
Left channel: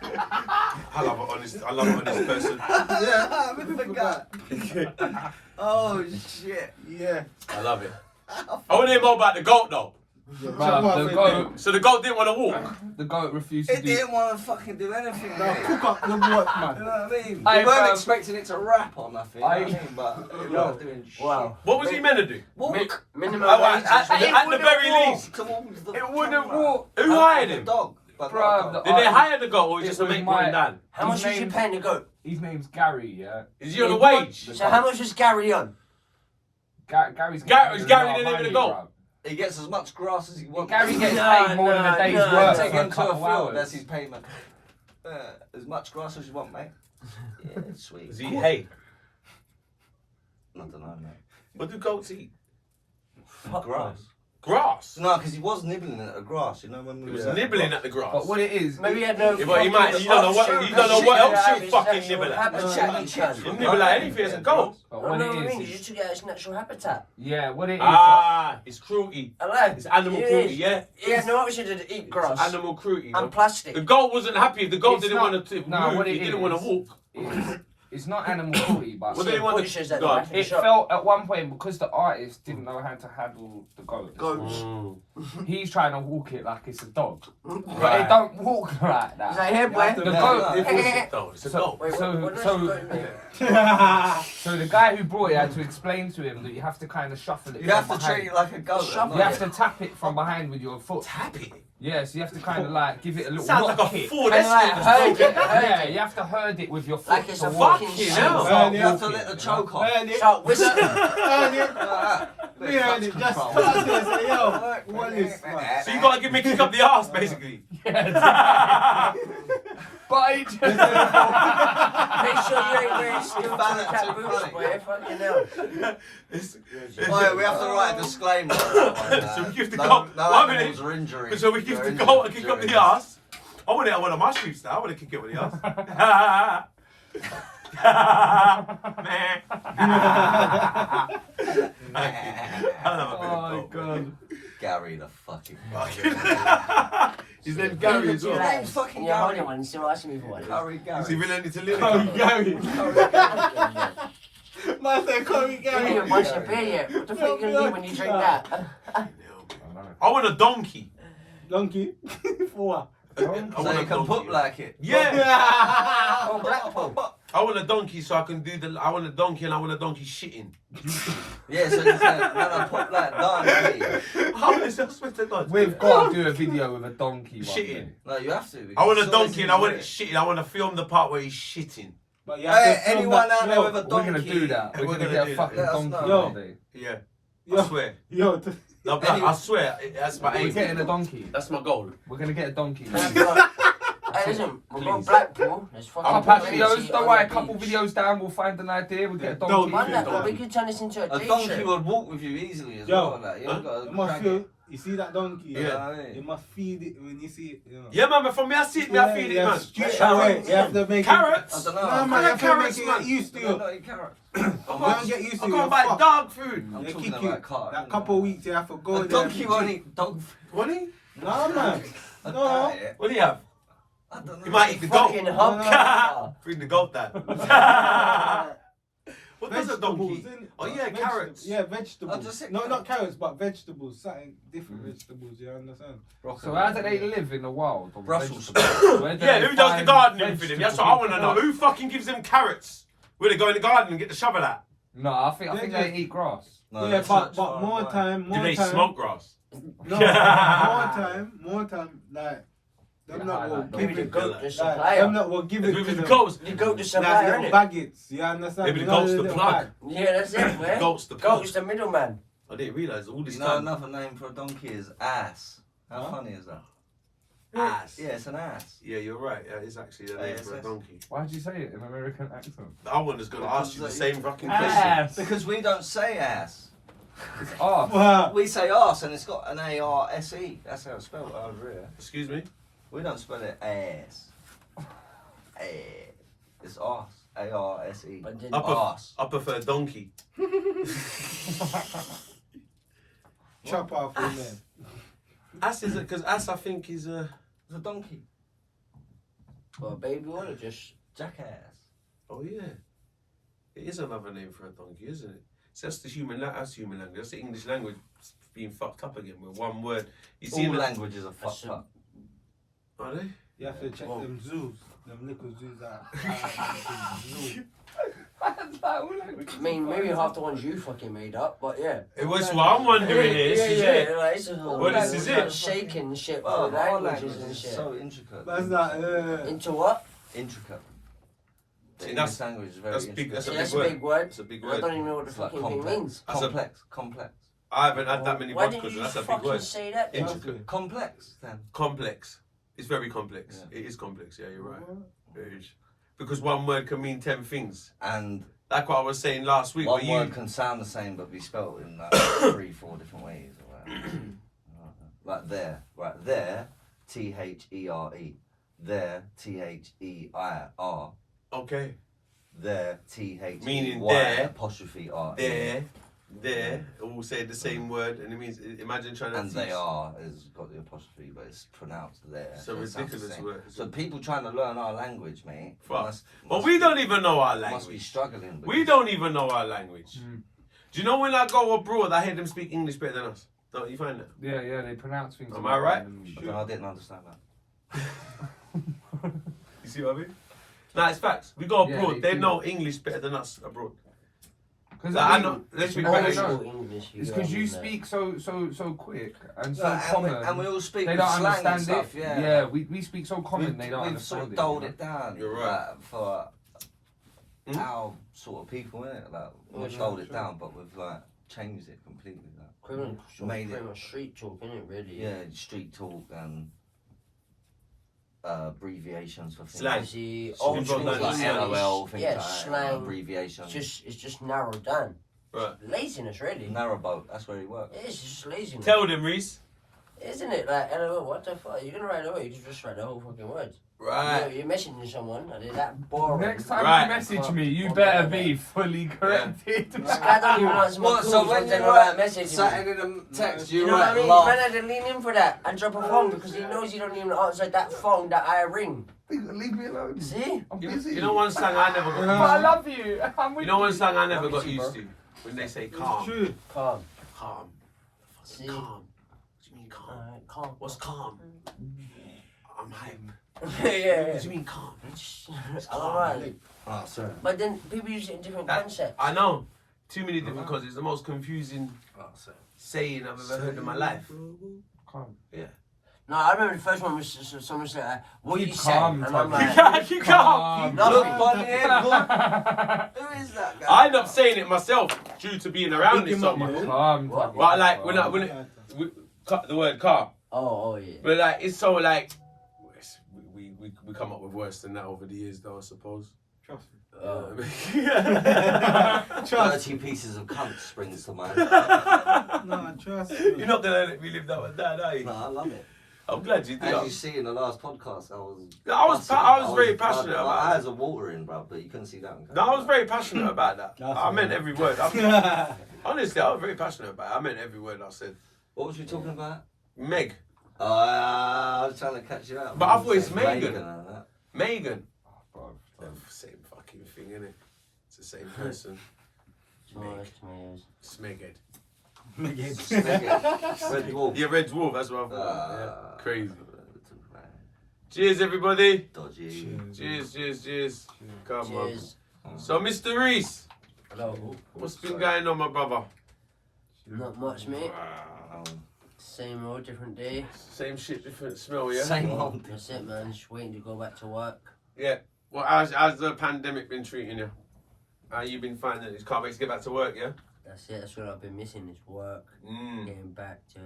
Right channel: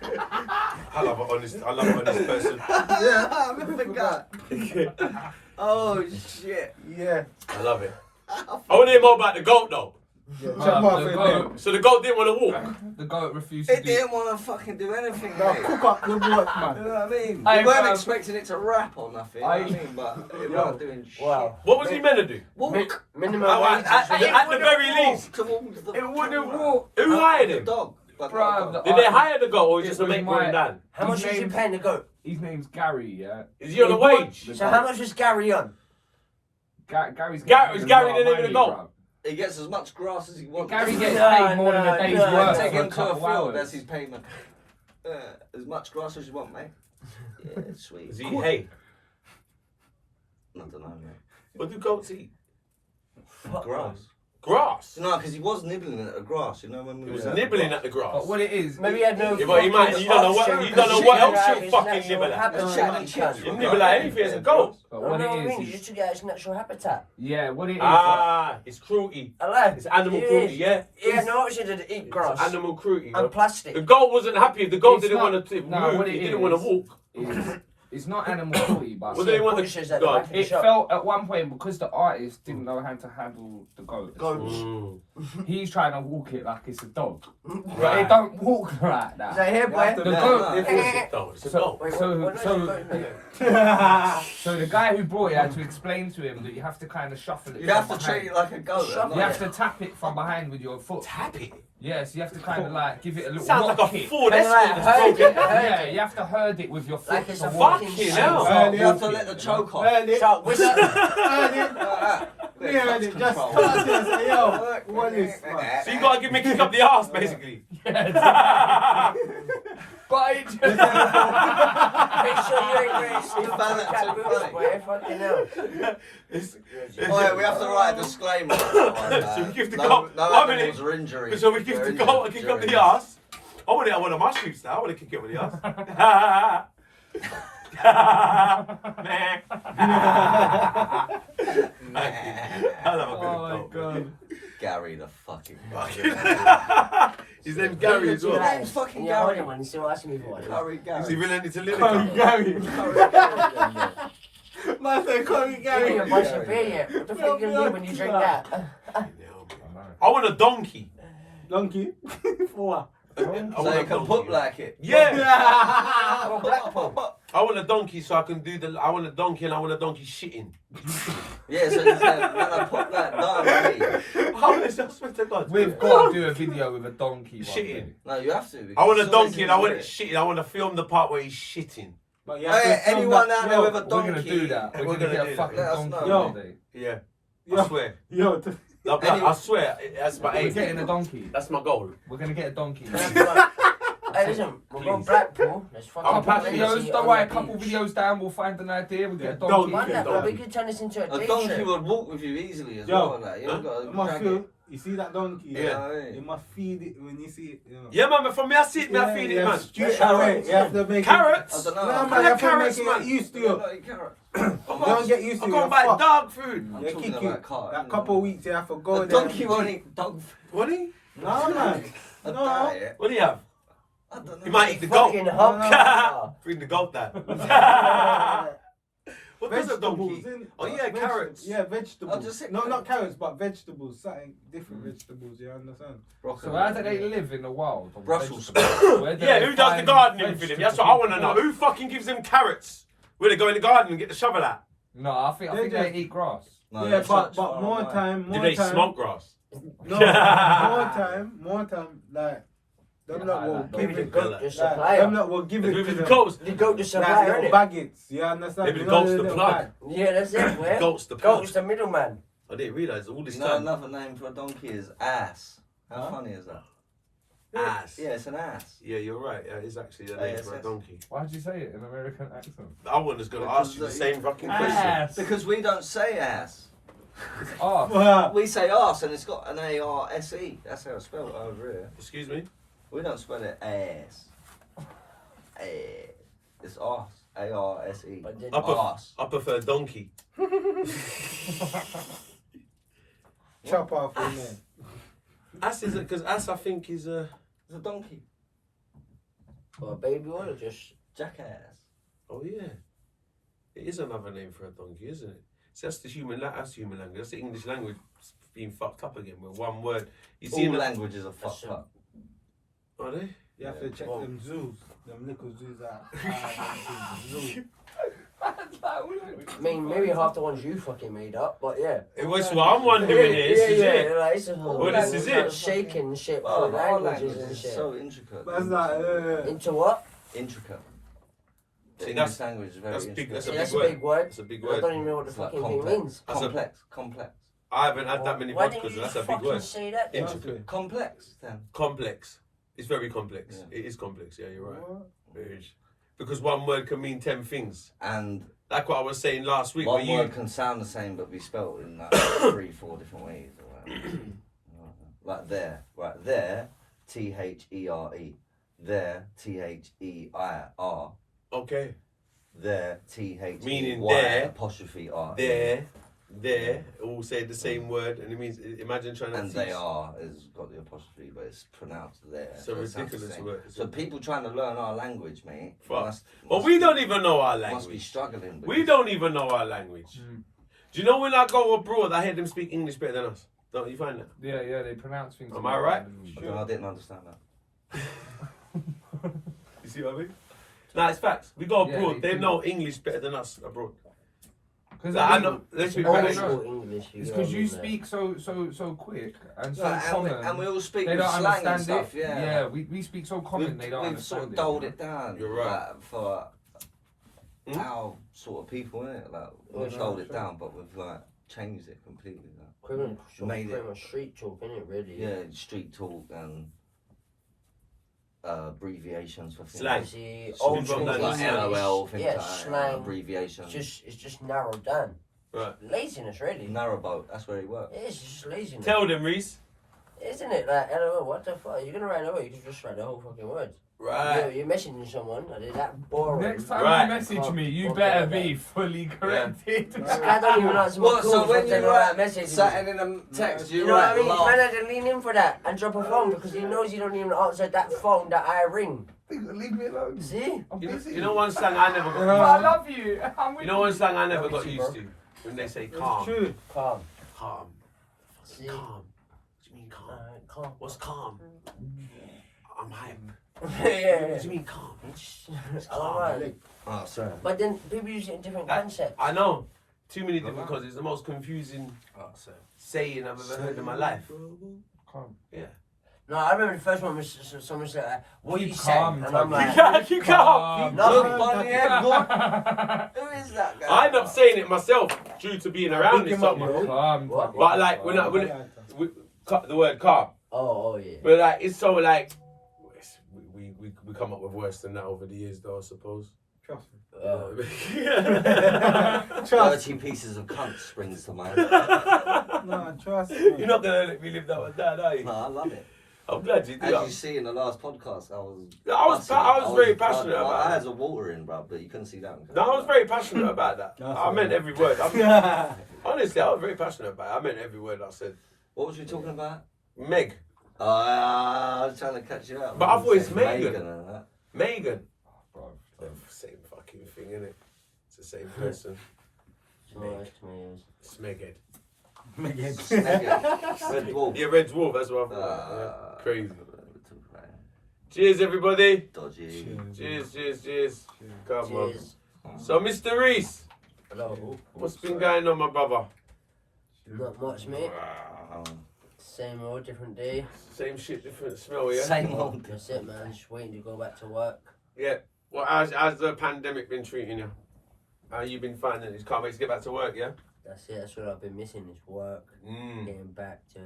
I love an honest person. Yeah, I forgot. Oh shit. Yeah. I love it. I want to hear more about the goat though. Yeah, Bruv, chop off the in goat- there. So the goat didn't want to walk. The goat refused to It do. didn't want to fucking do anything, Now mate. cook up the goat, You know man. what I mean? Hey, We weren't bruv. expecting it to rap or nothing. You know what I mean? But it Yo. weren't doing shit. Wow. What was he meant to do? Walk. Minimum Oh, wage. at the very least. Towards the It wouldn't camera. walk. Who hired The him? dog. But Bruv, not Did they hire the goat or was it just a It was mate my- going down? How much was you name's- paying to go? His name's Gary, yeah. Is he on a The goat- wage? So how much was Gary on? Gary's Gary's Gary getting the name of the goat. bruv. He gets as much grass as he wants. Gary gets No, paid more than no, a day's no. work Take for a him to a couple field. hours. That's his payment. As much grass as you want, mate. Yeah, sweet. Is he hay? I don't know, mate. What do goats eat? Grass. Grass. No, because he was nibbling at the grass. You know when we He was were nibbling at the grass. But what it is, Maybe he had no. Yeah, but he might- you don't know what- you don't know what else he'll fucking nibble at. That's chatting shit. You nibble at anything as a goat. but Well, what no, it I mean, you is, just took it out of its natural habitat. yeah, what it is. Ah, it's cruelty. Hello. It's animal cruelty, yeah? He had no option to eat grass Animal cruelty. and plastic. The goat wasn't happy. If the goat It's didn't not- want to no, move, what he it didn't want to is- walk. It's not animal cruelty, but What do they want to Pushes at go the on? back of the it shop. felt at one point because the artist didn't know how to handle the goat. Goats. Mm. He's trying to walk it like it's a dog, but Right. it don't walk like Is that. that here, boy? The No, goat. no. It is a goat. It's a So, goat. Wait, so, what so, goat? so the guy who brought it had to explain to him that you have to kind of shuffle it. You have from to treat behind. it like a goat. Shove not You like- have to tap it from behind with your foot. Tap it. Yeah, so you have to kind of like give it a little Sounds rock like a kick. Ford Kinda like Escort. herd it, Yeah, you have to herd it with your foot. Like it's a towards- fucking Fucking sheep. hell. You have to let the choke off. Earn it. Shark whistle. Earn it. We earn it. Just Control. start there. Say, yo, what is man? So you gotta give me a kick up the arse, basically. Bite. Make sure you ain't wearing steel balance cat it, boots, funny. boy. Fucking hell. Oh yeah, we have to write a disclaimer. On that one, So we give the no, goal- no 1 minute. animals or injuries. So we give were the goal a injured kick up during the arse. I want it on one of my streets now. I want to kick it with the arse. Man. I love a bit Oh of my goal, god. man. Gary the fucking. His name Gary as Your well. name's fucking Yeah, hold Gary. on, man. He's still asking me for it. Gary, Is he Gary. related to Lily? Curry Gary. Gary. Man said Curry You Gary. haven't watched your beer yet. What the fuck are you gonna do when you drink that? I want a donkey. Donkey. For I So want you a can donkey. put like it. Yeah. Oh, Blackpool. I want a donkey so I can do the. I want a donkey and I want a donkey shitting. Yeah, so you say, man, I put like donkey. How is that? I swear to God. We've got to do a video with a donkey. one Shitting. day. No, you have to. I want a because donkey and I want it it's shitting. I want to film the part where he's shitting. But you have to Hey, film anyone that- out there yo, with a We're donkey? gonna do that. We're We're gonna gonna get do a that. fucking Let us donkey know. Yo. one day. Yeah. Yo. I swear. Yo, Like, I swear. That's my We're aim. getting a donkey. That's my goal. We're gonna get a donkey. Hey, listen, we're going Blackpool. There's fucking I'm Couple Please. videos, don't worry, a couple videos down, we'll find an idea, we'll get a Yeah, donkey. Why not? Donkey. We could turn this into a A day donkey trip. would walk with you easily as Yo. well. Like, you ain't got you to must drag feel. it. You see that donkey? Yeah. You must feed it when you see it. You know. Yeah, man, but for me, I see it, me, I feed it, man. Straight away. You have to make Carrots? it. I don't know. No, man, you have to Carrots, make it man. get used to You're it. not eating carrot. Don't get used to I'm it. going to you're buy fucked. dog food. I'm Yeah, talking kick you. about carrot. That couple of weeks you have to go A there. donkey won't eat dog food. What do you? No, man. A No. diet. What do you have? I don't know. You might eat the goat. Fucking No, hub. Bring the goat down. What does a donkey? innit? Oh, yeah, carrots. Yeah, vegetables. I'll just say No, not carrots. carrots, but vegetables. Something different vegetables. You understand? So how do they live in the wild? on Brussels vegetables? Where do Yeah, they who does the find gardening for them? That's what I want to know. vegetables? Who fucking gives them carrots? Where they go in the garden and get the shovel out? No, I think They they just- eat grass. No, yeah, that's but such far more away. time, Do more they time. smoke grass? No, more time. Like them lot will like give Maybe the it. goat just Like, supply them them. lot will give it to Maybe the them. goats. The goat just supply, Like little innit? baguettes. You understand? Maybe You the know goat's the little plug. bag. Yeah, that's it, boy. Goat's the plug. Goat's the middleman. I didn't realise all this You know time. another name for a donkey is ass. How Huh? funny is that? Ass. Yeah, it's an ass. Yeah, you're right. That is actually a name for a ASS. donkey. Why'd you say it in American accent? I was going to ask you the same fucking question. Ass. Because we don't say ass. Oh, Wow. We say arse and it's got an A-R-S-E. That's how it's spelled over here. Excuse me? We don't spell it ass. It's arse. A-R-S-E. But then- Arse. I prefer donkey. Chop off in there. Ass is because ass I think is a. It's a donkey. Well, baby oil or just... Jackass. Oh yeah, it is another name for a donkey, isn't it? So that's the human. That's human language. That's the English language being fucked up again with one word. You see, All the languages are fucked up. Are they? You have to check Well- them zoos. Them little zoos out. Zoo. I mean, maybe half the ones you fucking made up, but yeah. It was what I'm wondering. Is it? Like, it's Well, this is it. Shaking shit Oh, for our languages language and is shit. so intricate. That's not. Into what? Intricate. The See, English that's- language is very that's big- intricate. that's See, a that's big a big word. It's a big I word. don't even know what the It's like fucking thing complex. means. That's a- Complex. I haven't had that many Why didn't vodkas. you That's just a big fucking word. say that? then? Intricate. Complex then. Complex. It's very complex. Yeah. It is complex. Yeah, you're right. It is. Because one word can mean 10 things. And Like what I was saying last week. one where word you, can sound the same but be spelled in like 3-4 different ways. Or whatever. Like there. Right there. T-H-E-R-E. There. T-H-E-I-R. okay. There. T-H-E-Y. Meaning there. Apostrophe R-E. There, all say the same word, and it means imagine trying to. And teach. they are has got the apostrophe, but it's pronounced there. It's a It sounds the ridiculous same. word. So people trying to learn our language, mate. Fuck. Well, we don't even know our Must be language. struggling. We don't even know our language. Mm. Do you know when I go abroad, I hear them speak English better than us? Don't you find that? yeah, they pronounce things. Am I right? I didn't understand that. You see what I mean? Nah, it's facts. We go Yeah, abroad. they they do. know English better than us abroad. Because Like, I know. Let's be Oh, better. Old no. school English. It's know because what I you mean, speak so quick and so Yeah, common. and we all speak They with don't slang and understand stuff. it. Yeah, we speak so common. They don't we've understand sort of it. doled it down. You're right. Like, for Hmm? our sort of people, innit? Like we've doled it down, but we've like changed it completely. Like, Criminal sort Made of it- pretty much street talk, innit, really? yeah, street talk and abbreviations for things. Slang. See, Should old we school run like Like English, LOL, things yeah, like that, slang. abbreviations. It's just narrowed down. Right. Laziness, really. Narrowboat, that's where he works. It's just laziness. Tell them, Reece. Isn't it? Like, LOL, what the fuck? You're gonna write LOL, you just write the whole fucking word. Right. You're messaging someone, and it's that boring. Next time Right. you message me, you Fuck better yeah, be fully corrected. This guy don't even answer my What? calls So when they you write write messages. something in a text, you You know what I write mean? laugh. Man had to lean in for that and drop a phone because he knows you don't even answer that phone that I ring. Leave me alone. See? I'm You, busy. you know one slang I never But got. I love you. I'm with You know one slang I never I'm got with you, used bro. to when they say It's calm. true. Calm. Calm. See? Calm. What do you mean calm? Calm. What's calm? I'm hype. Yeah. What do you mean calm? Alright. Oh, sorry. But then people use it in different That- concepts. I know. Too many different because it's the most confusing Oh, sorry. saying I've ever heard in my life. Calm. No, I remember the first one was someone said, what Keep you saying? calm, And I'm Tuggy. like, Keep calm. No. Look, Bonnie, yeah, look. Who is that guy? I end up saying it myself due to being around Pick it him so up, much. man. Calm. What? Tuggy. But like when the word calm, oh yeah. but like it's so like we come up with worse than that over the years though I suppose. Trust me. Trust. 30 pieces of cunt springs to mind. No, trust me. You're not gonna let me live that one down, are you? No, I love it. I'm glad you do. As you see in the last podcast, I was very passionate my about eyes are watering, bro, but you couldn't see that. No, I was very passionate about that. That's I meant all. every word. Honestly, I was very passionate about it. I meant every word I said. What was you talking about? Meg. I was trying to catch you out. But I thought it's Meghan. Meghan and that. Megan. Bro, Same fucking thing, innit? It's the same person. Tomatoes, tomatoes. Smeghead. Meghan. Red Wolf. Yeah, Red Wolf, that's what I thought. Yeah. Crazy. Right. Cheers, everybody. Dodgy. Cheers. Come on. Cheers. So, Mr. Reece, Hello. what's been going on, my brother? Not much, mate. Um, Same old, different day. Same shit, different smell, yeah? Same old. That's it, man. Just waiting to go back to work. Yeah. Well, how's the pandemic been treating you? How you been finding it? Can't wait to get back to work, yeah? That's it. That's what I've been missing is work. Getting back to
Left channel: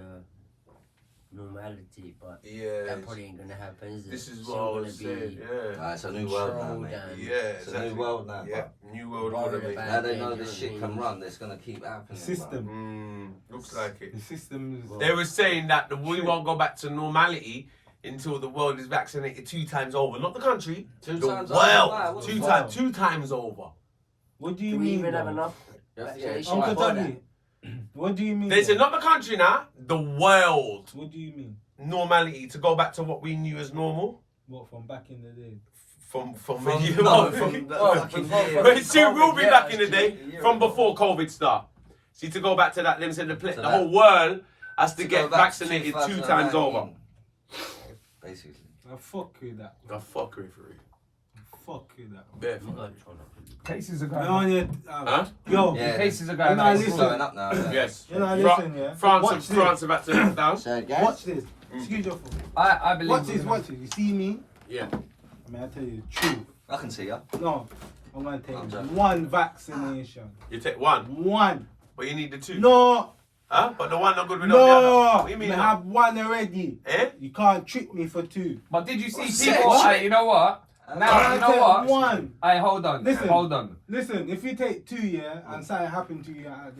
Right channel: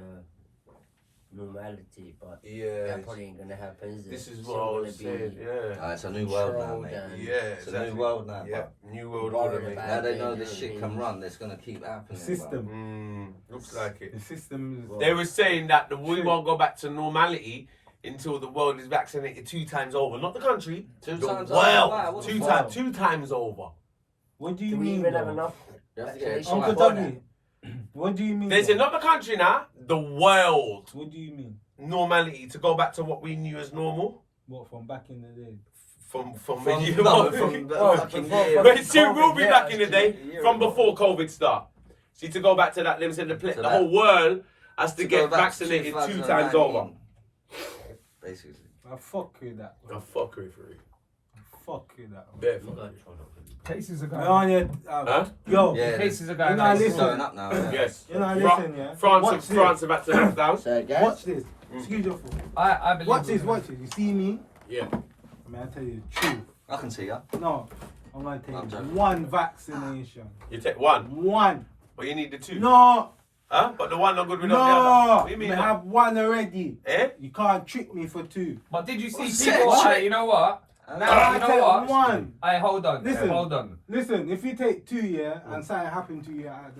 normality, but Yeah. that probably ain't gonna happen, is it? This is It's what I all was gonna be saying, yeah. It's a new world now, controlled mate. and- Yeah, It's a new world now, Yeah, new world Worried order, mate. about Now they know doing this shit can things. run. It's gonna keep happening. System. Looks like it. The system is. They were saying that we won't go back to normality until the world is vaccinated 2 times over. Not the country. Two the times world. over. What the 2 fuck? times. 2 times over. What do you Do we mean? even have though? enough You have to get it vaccination? Uncle twice. before Tuggy, what do you mean? They though? said not the country now, the world. What do you mean? Normality to go back to what we knew as normal What from back in the day? from From medieval. from the Oh, fucking before- year. But it soon will be Yeah, back in the it's day a year from ago. before COVID start. See, to go back to that, them said the So the whole world has to To get go back to vaccinated 2 times 2019. over. Basically. I fuck with that. The fuckery for it. Fuck with that. Bare Oh my fuck. God. cases are going You know, up. Huh? Yo, Yeah. Cases are You going know, up. It's listen. going up now. Yes. you know, Fra- listen, yeah. France Watch and this. France are back to lockdown. So guys, Watch this. Excuse your fool. I believe. Watch this. in- Watch this. You see me? Yeah. I mean, I tell you the truth. I can see ya. No, I'm gonna take I'm joking. one vaccination. You take one, One. but you need the 2. No. Huh? But the one not good without the other. No. What do you mean? I no? have one already. Eh? You can't trick me for 2. But did you see What's people? that? Hey, you know what? Now, I you know take what? one. Hey, hold on. Listen. Hold on. Listen, if you take 2, yeah, and something happened to you at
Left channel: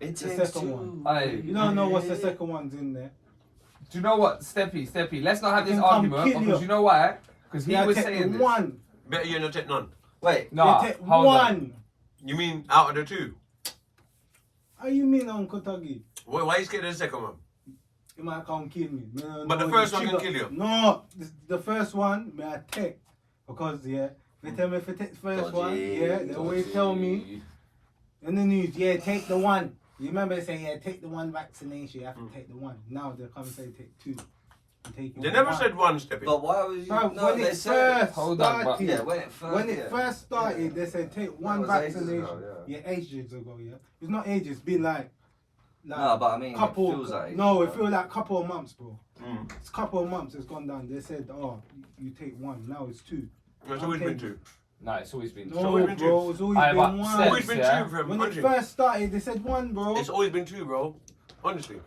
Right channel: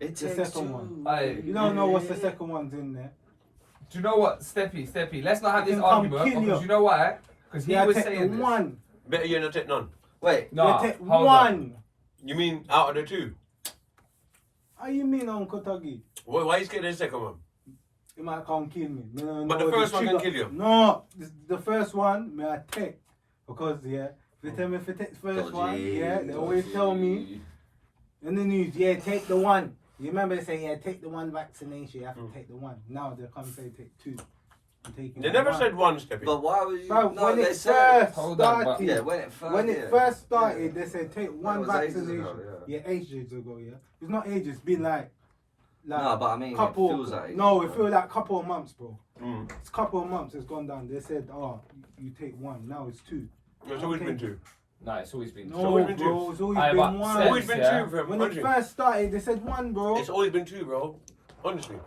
It The takes second 2. one. Hey. you don't know what's the second one's in there. Do you know what, Steppy? Let's not have He this can come argument kill because you. you know why? Because he Yeah, was take saying this. one. Better you not take none. Wait. Nah, You take hold one. on. You mean out of the 2? How you mean, Uncle Tuggy? Why you scared of the second one? He might come kill me. Me no But the know first one can trigger- kill you. No, the first one, may I take. Because, yeah, if you tell me if you take the first Dodgy, one, yeah, they always dodgy. tell me in the news, yeah, take the one. You remember they say, yeah, take the one vaccination, you have to take the one. Now they come and say take 2. taking They never one. said one step. But why was you? Bruv, No, when they it said. first Hold on, but- started, Yeah, when it first. when yeah. it first started, Yeah. they said take That one was ages vaccination. ago, Yeah, ages ago. Yeah, it's not ages. It's been like No, but I mean, couple. it feels like. No, it feels like couple of months, bro. Mm. It's a couple of months. It's gone down. They said, oh, you take one. Now it's two. It's always been two. No, it's always been. No, always been bro. two. It's always Aye, been but one. It's always been Yeah. two for him. When it Honestly. first started, they said one, bro. It's always been two, bro. Honestly.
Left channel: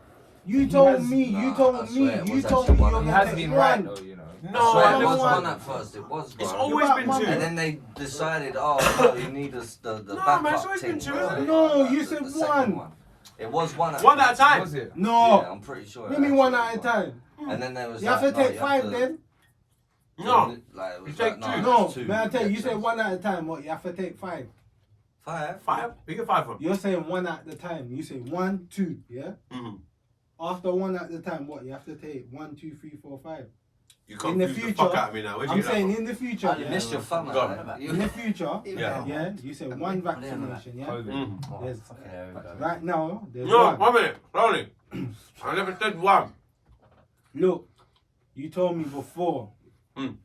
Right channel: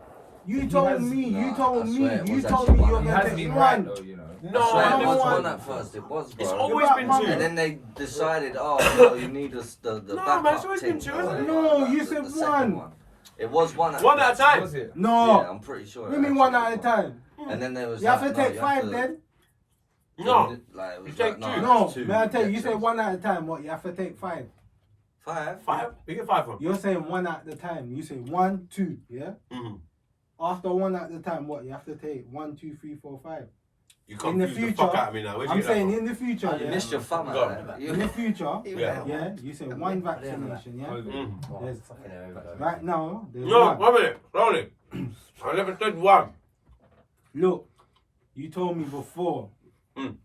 You He told has- me. You Nah, told I me. swear it You was told actually me one. you're He gonna has take been one. right though, you know. No, I I swear it never was one. one at first. It was, It's bro. always about been one. two. And then they decided, oh no, you need the No, backup man, it's always been thing, two, isn't it? No, you the said second one. It was one at One at a time. Was it? No. Yeah, I'm pretty sure. Give it me actually one was at a time. And then there was. You have to like, no, take you five to- then. No. Like, it was You like, take no, two. No, it's two. may I tell you? You get say yours. one at a time. What? You have to take five. Five. Five? We get five from. You're saying one at the time. You say 1, 2. Yeah. Mm-hmm. After one at the time, what? You have to take 1, 2, 3, 4, 5. You In the confuse the future, fuck out of me now. Where'd you I'm get that saying from? in the future. Oh, you Yeah. missed your fun. Go man. In the future. Yeah. Yeah. You say one vaccination. Yeah. Mm. There's, Okay, right now, there's No, one. 1 minute. Slowly. I never said one. Look, you told me before. Mm.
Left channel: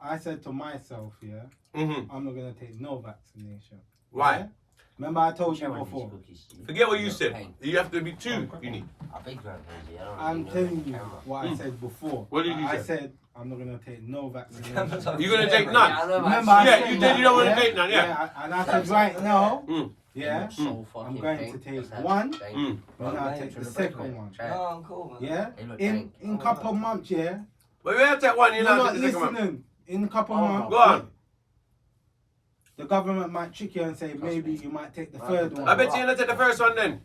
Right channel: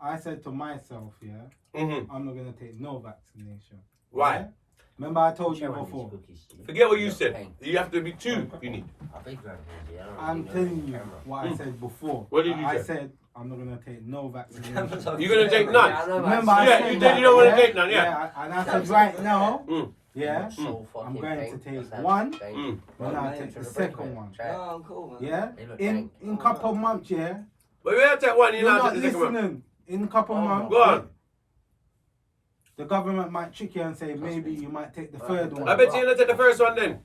I said to myself, yeah, Mm-hmm. I'm not gonna take no vaccination. Why? Yeah? Remember I told you Share one of these before. cookies. Forget what you said. Pain. You have to be two. You need. A big one, Lindsay. I don't I'm really know telling the you camera. what I said before. What did you I say? said I'm not gonna take no vaccination. You're gonna take none? Yeah, I know, Remember man. I Yeah, said you that, said you don't wanna yeah? take none, yeah. And I said right now, Mm. yeah, So fucking I'm going pink. to take What's that? one. Pink. Mm. then I'll Mate, take for the the second one. Try it. No, I'm cool, man. Yeah, They look in pink. couple of months, yeah. But we have to take one. You're You're not not take the second one. listening. In a couple of Oh, months, Go on. the government might trick you and say maybe me. you might take the Right. third one. I bet you're gonna take the first one then.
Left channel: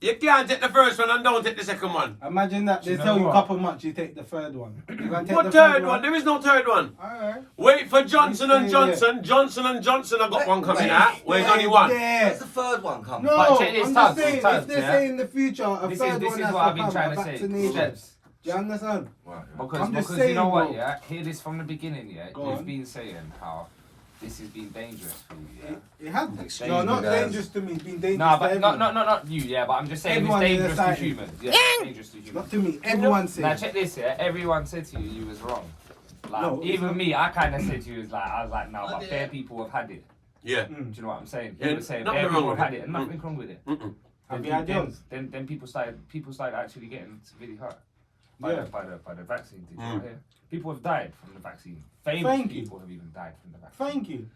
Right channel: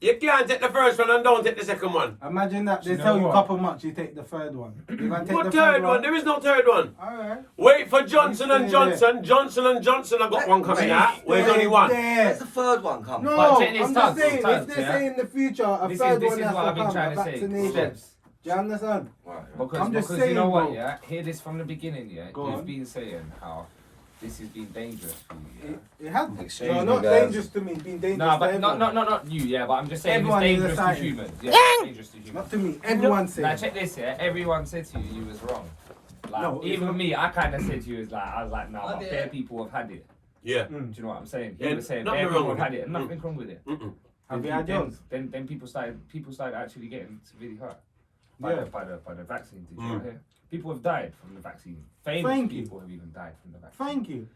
You can't take the first one and don't take the second one. Imagine that Do they you tell know you a what? couple of months, you take the third one. You're gonna take What the third one? There is no third one. Alright. Wait for Johnson and Stay there. Johnson. Johnson and Johnson have got one coming Wait, out. Where's Stay only one? Where's there. the third one come No, But check this I'm time, just saying, time, if they yeah? say in the future a This third is one what has I've to been come, trying a to say. vaccination. Steps. Do you understand? Because, I'm just because you know saying, what, bro. yeah? Hear this from the beginning, yeah? Go You've on. been saying how this has been dangerous for you, yeah? It has. Excuse No, me, not guys. dangerous to me. It's been dangerous No, to but everyone. not you, yeah, but I'm just saying Everyone it's in dangerous to society. humans. Yeah, it's dangerous to humans. Not to me. Everyone Now says. check this, yeah? Everyone said to you was wrong. Like, No, it's even not. me, I kind of said to you, is like, I was like, no, but fair people have had it. Yeah. Do you know what I'm saying? Yeah, You were saying nothing fair wrong people with have had it. it, and nothing wrong with it. Mm-mm. Have you Then- had yours? Then people started actually getting severely hurt by Yeah. the vaccine. Did you Mm. not hear? People have died from the vaccine. Famous Thank you. people have even died from the vaccine. Thank you.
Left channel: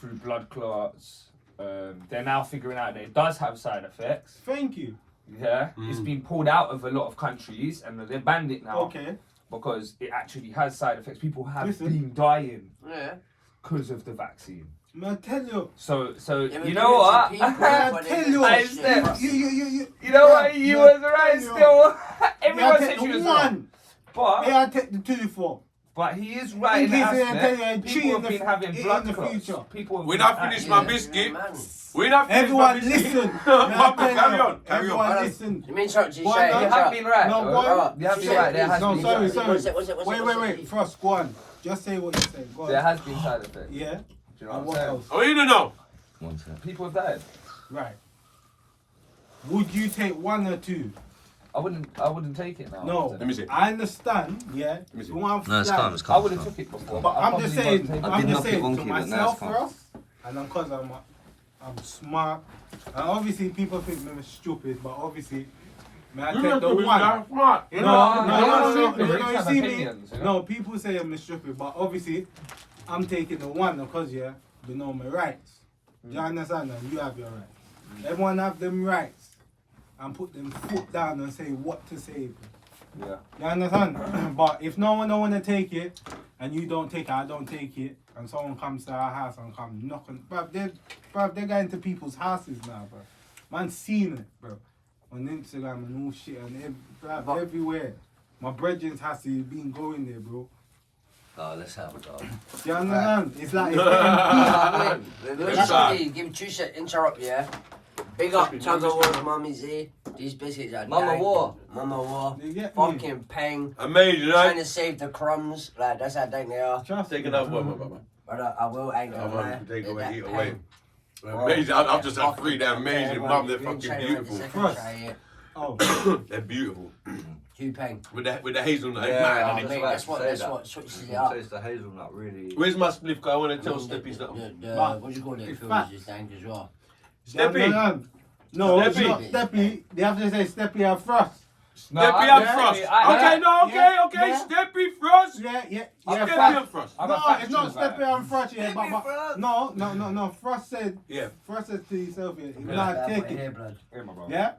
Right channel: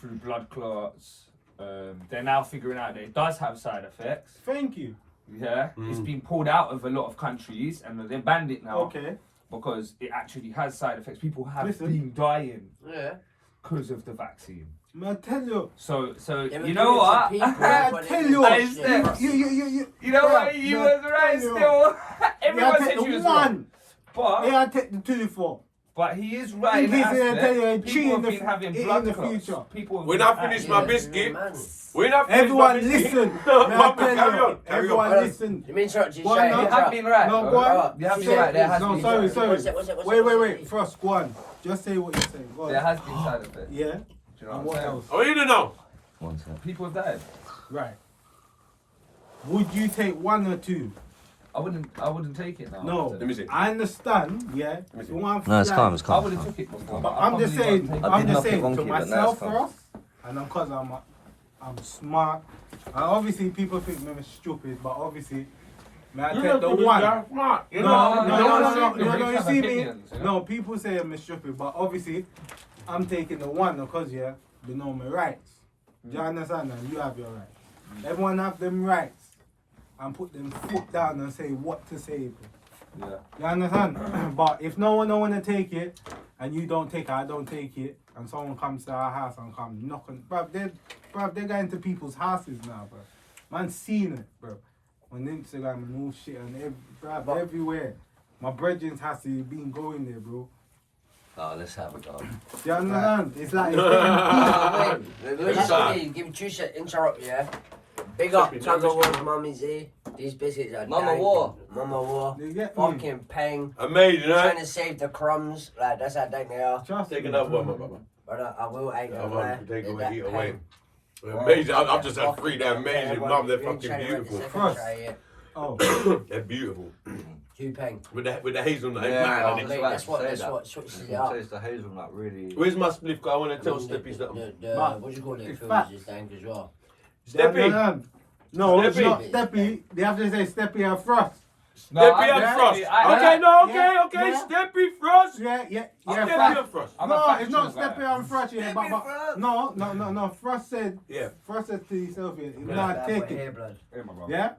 Through blood clots. They're now figuring out that it does have side effects. Thank you. Yeah, it's Mm. been pulled out of a lot of countries, and they've banned it now Okay. because it actually has side effects. People have Listen. been dying Yeah. because of the vaccine. Man, I tell you. So They were you giving know it to what? people I when they tell were you. I doing said- it. You. You know Bruh, what? You man, was right tell you. still. Yeah, Everyone take said the you was wrong. one. But Yeah, I take the 2 for. But he is right. In case they tell you a People tree have in been the having in blood the clots. future. People have When been I finish my actually- biscuit, Man. when I finish Everyone my biscuit. listen. No, Man, I man, tell carry you, on. Carry everyone on. listen. You mean something Why say? not? You have been right. No, bro. go on. You have been Say- right. There has no, been sorry, side sorry. What's it, what's it, what's it, Wait, what's it? Frost, go on. Just say what you're saying. Go There on. has been side effects. Yeah. Do you know And what what I'm else? I want you to know. One sec. saying? People have died. Right. Would you take 1 or 2? I wouldn't take it now. No. Let me see. I understand. Yeah. me see. One No, it's flag. calm. It's I calm. would have took it before. But I I'm just probably saying. won't take I I'm it. did just saying nothing to wonky, but now myself it's calm. first, and because I'm smart. And obviously people think I'm stupid, but obviously, man, I take the one. Smart. No, No, you have see me? opinions, you know? No, people say I'm stupid, but obviously, I'm taking the one because, yeah, they know my rights. Do you understand? And you have your rights. Everyone have them rights. And put them foot down and say what to say. Bro. Yeah. You understand? But if no one don't want to take it, and you don't take it, I don't take it, and someone comes to our house and come knocking, they're going to people's houses now, bro. Man's seen it, bro. On Instagram and all shit, and everywhere. My brethren's has to been going there, bro. Oh, let's have a go. Do you understand? It's like, Literally, give him 2 seconds, interrupt, yeah? Big up Tuggawar, Mummy Z. These biscuits are Mama dank. War. Mama War. you get me? Fucking pang. Amazing, Trying right? to save the crumbs. Like, that's how dank they are. Trust Take me. another one, my brother. But I will, ain't I gonna want lie. to take They're away, that eat pang. away. Amazing. I've just had Fucking 3. They're amazing, yeah, mum. They're you ain't fucking trying to beautiful. wait a second, Frost. try it. Oh. They're beautiful. Hupeng. With the hazelnut. Yeah, Man, I I was think- just about to say That's what that. switches it It up. tastes the hazelnut really. Where's my spliff? 'Cause I want to tell The- Steppy something. But what do you call it? it's Feels facts. just dank as well. Steppy. No, it's Steppy. not Steppy. They have to say Steppy and Frost. Steppy and yeah, Frost. I- Okay, no, okay, yeah, okay. yeah. Steppy Frost. Yeah, Steppy Frost. and Frost. I'm No, a it's not factual Steppy and Frost, yeah, Steppy but Frost. no. Frost said to himself, yeah, nah, take it. Here, my bro. Yeah?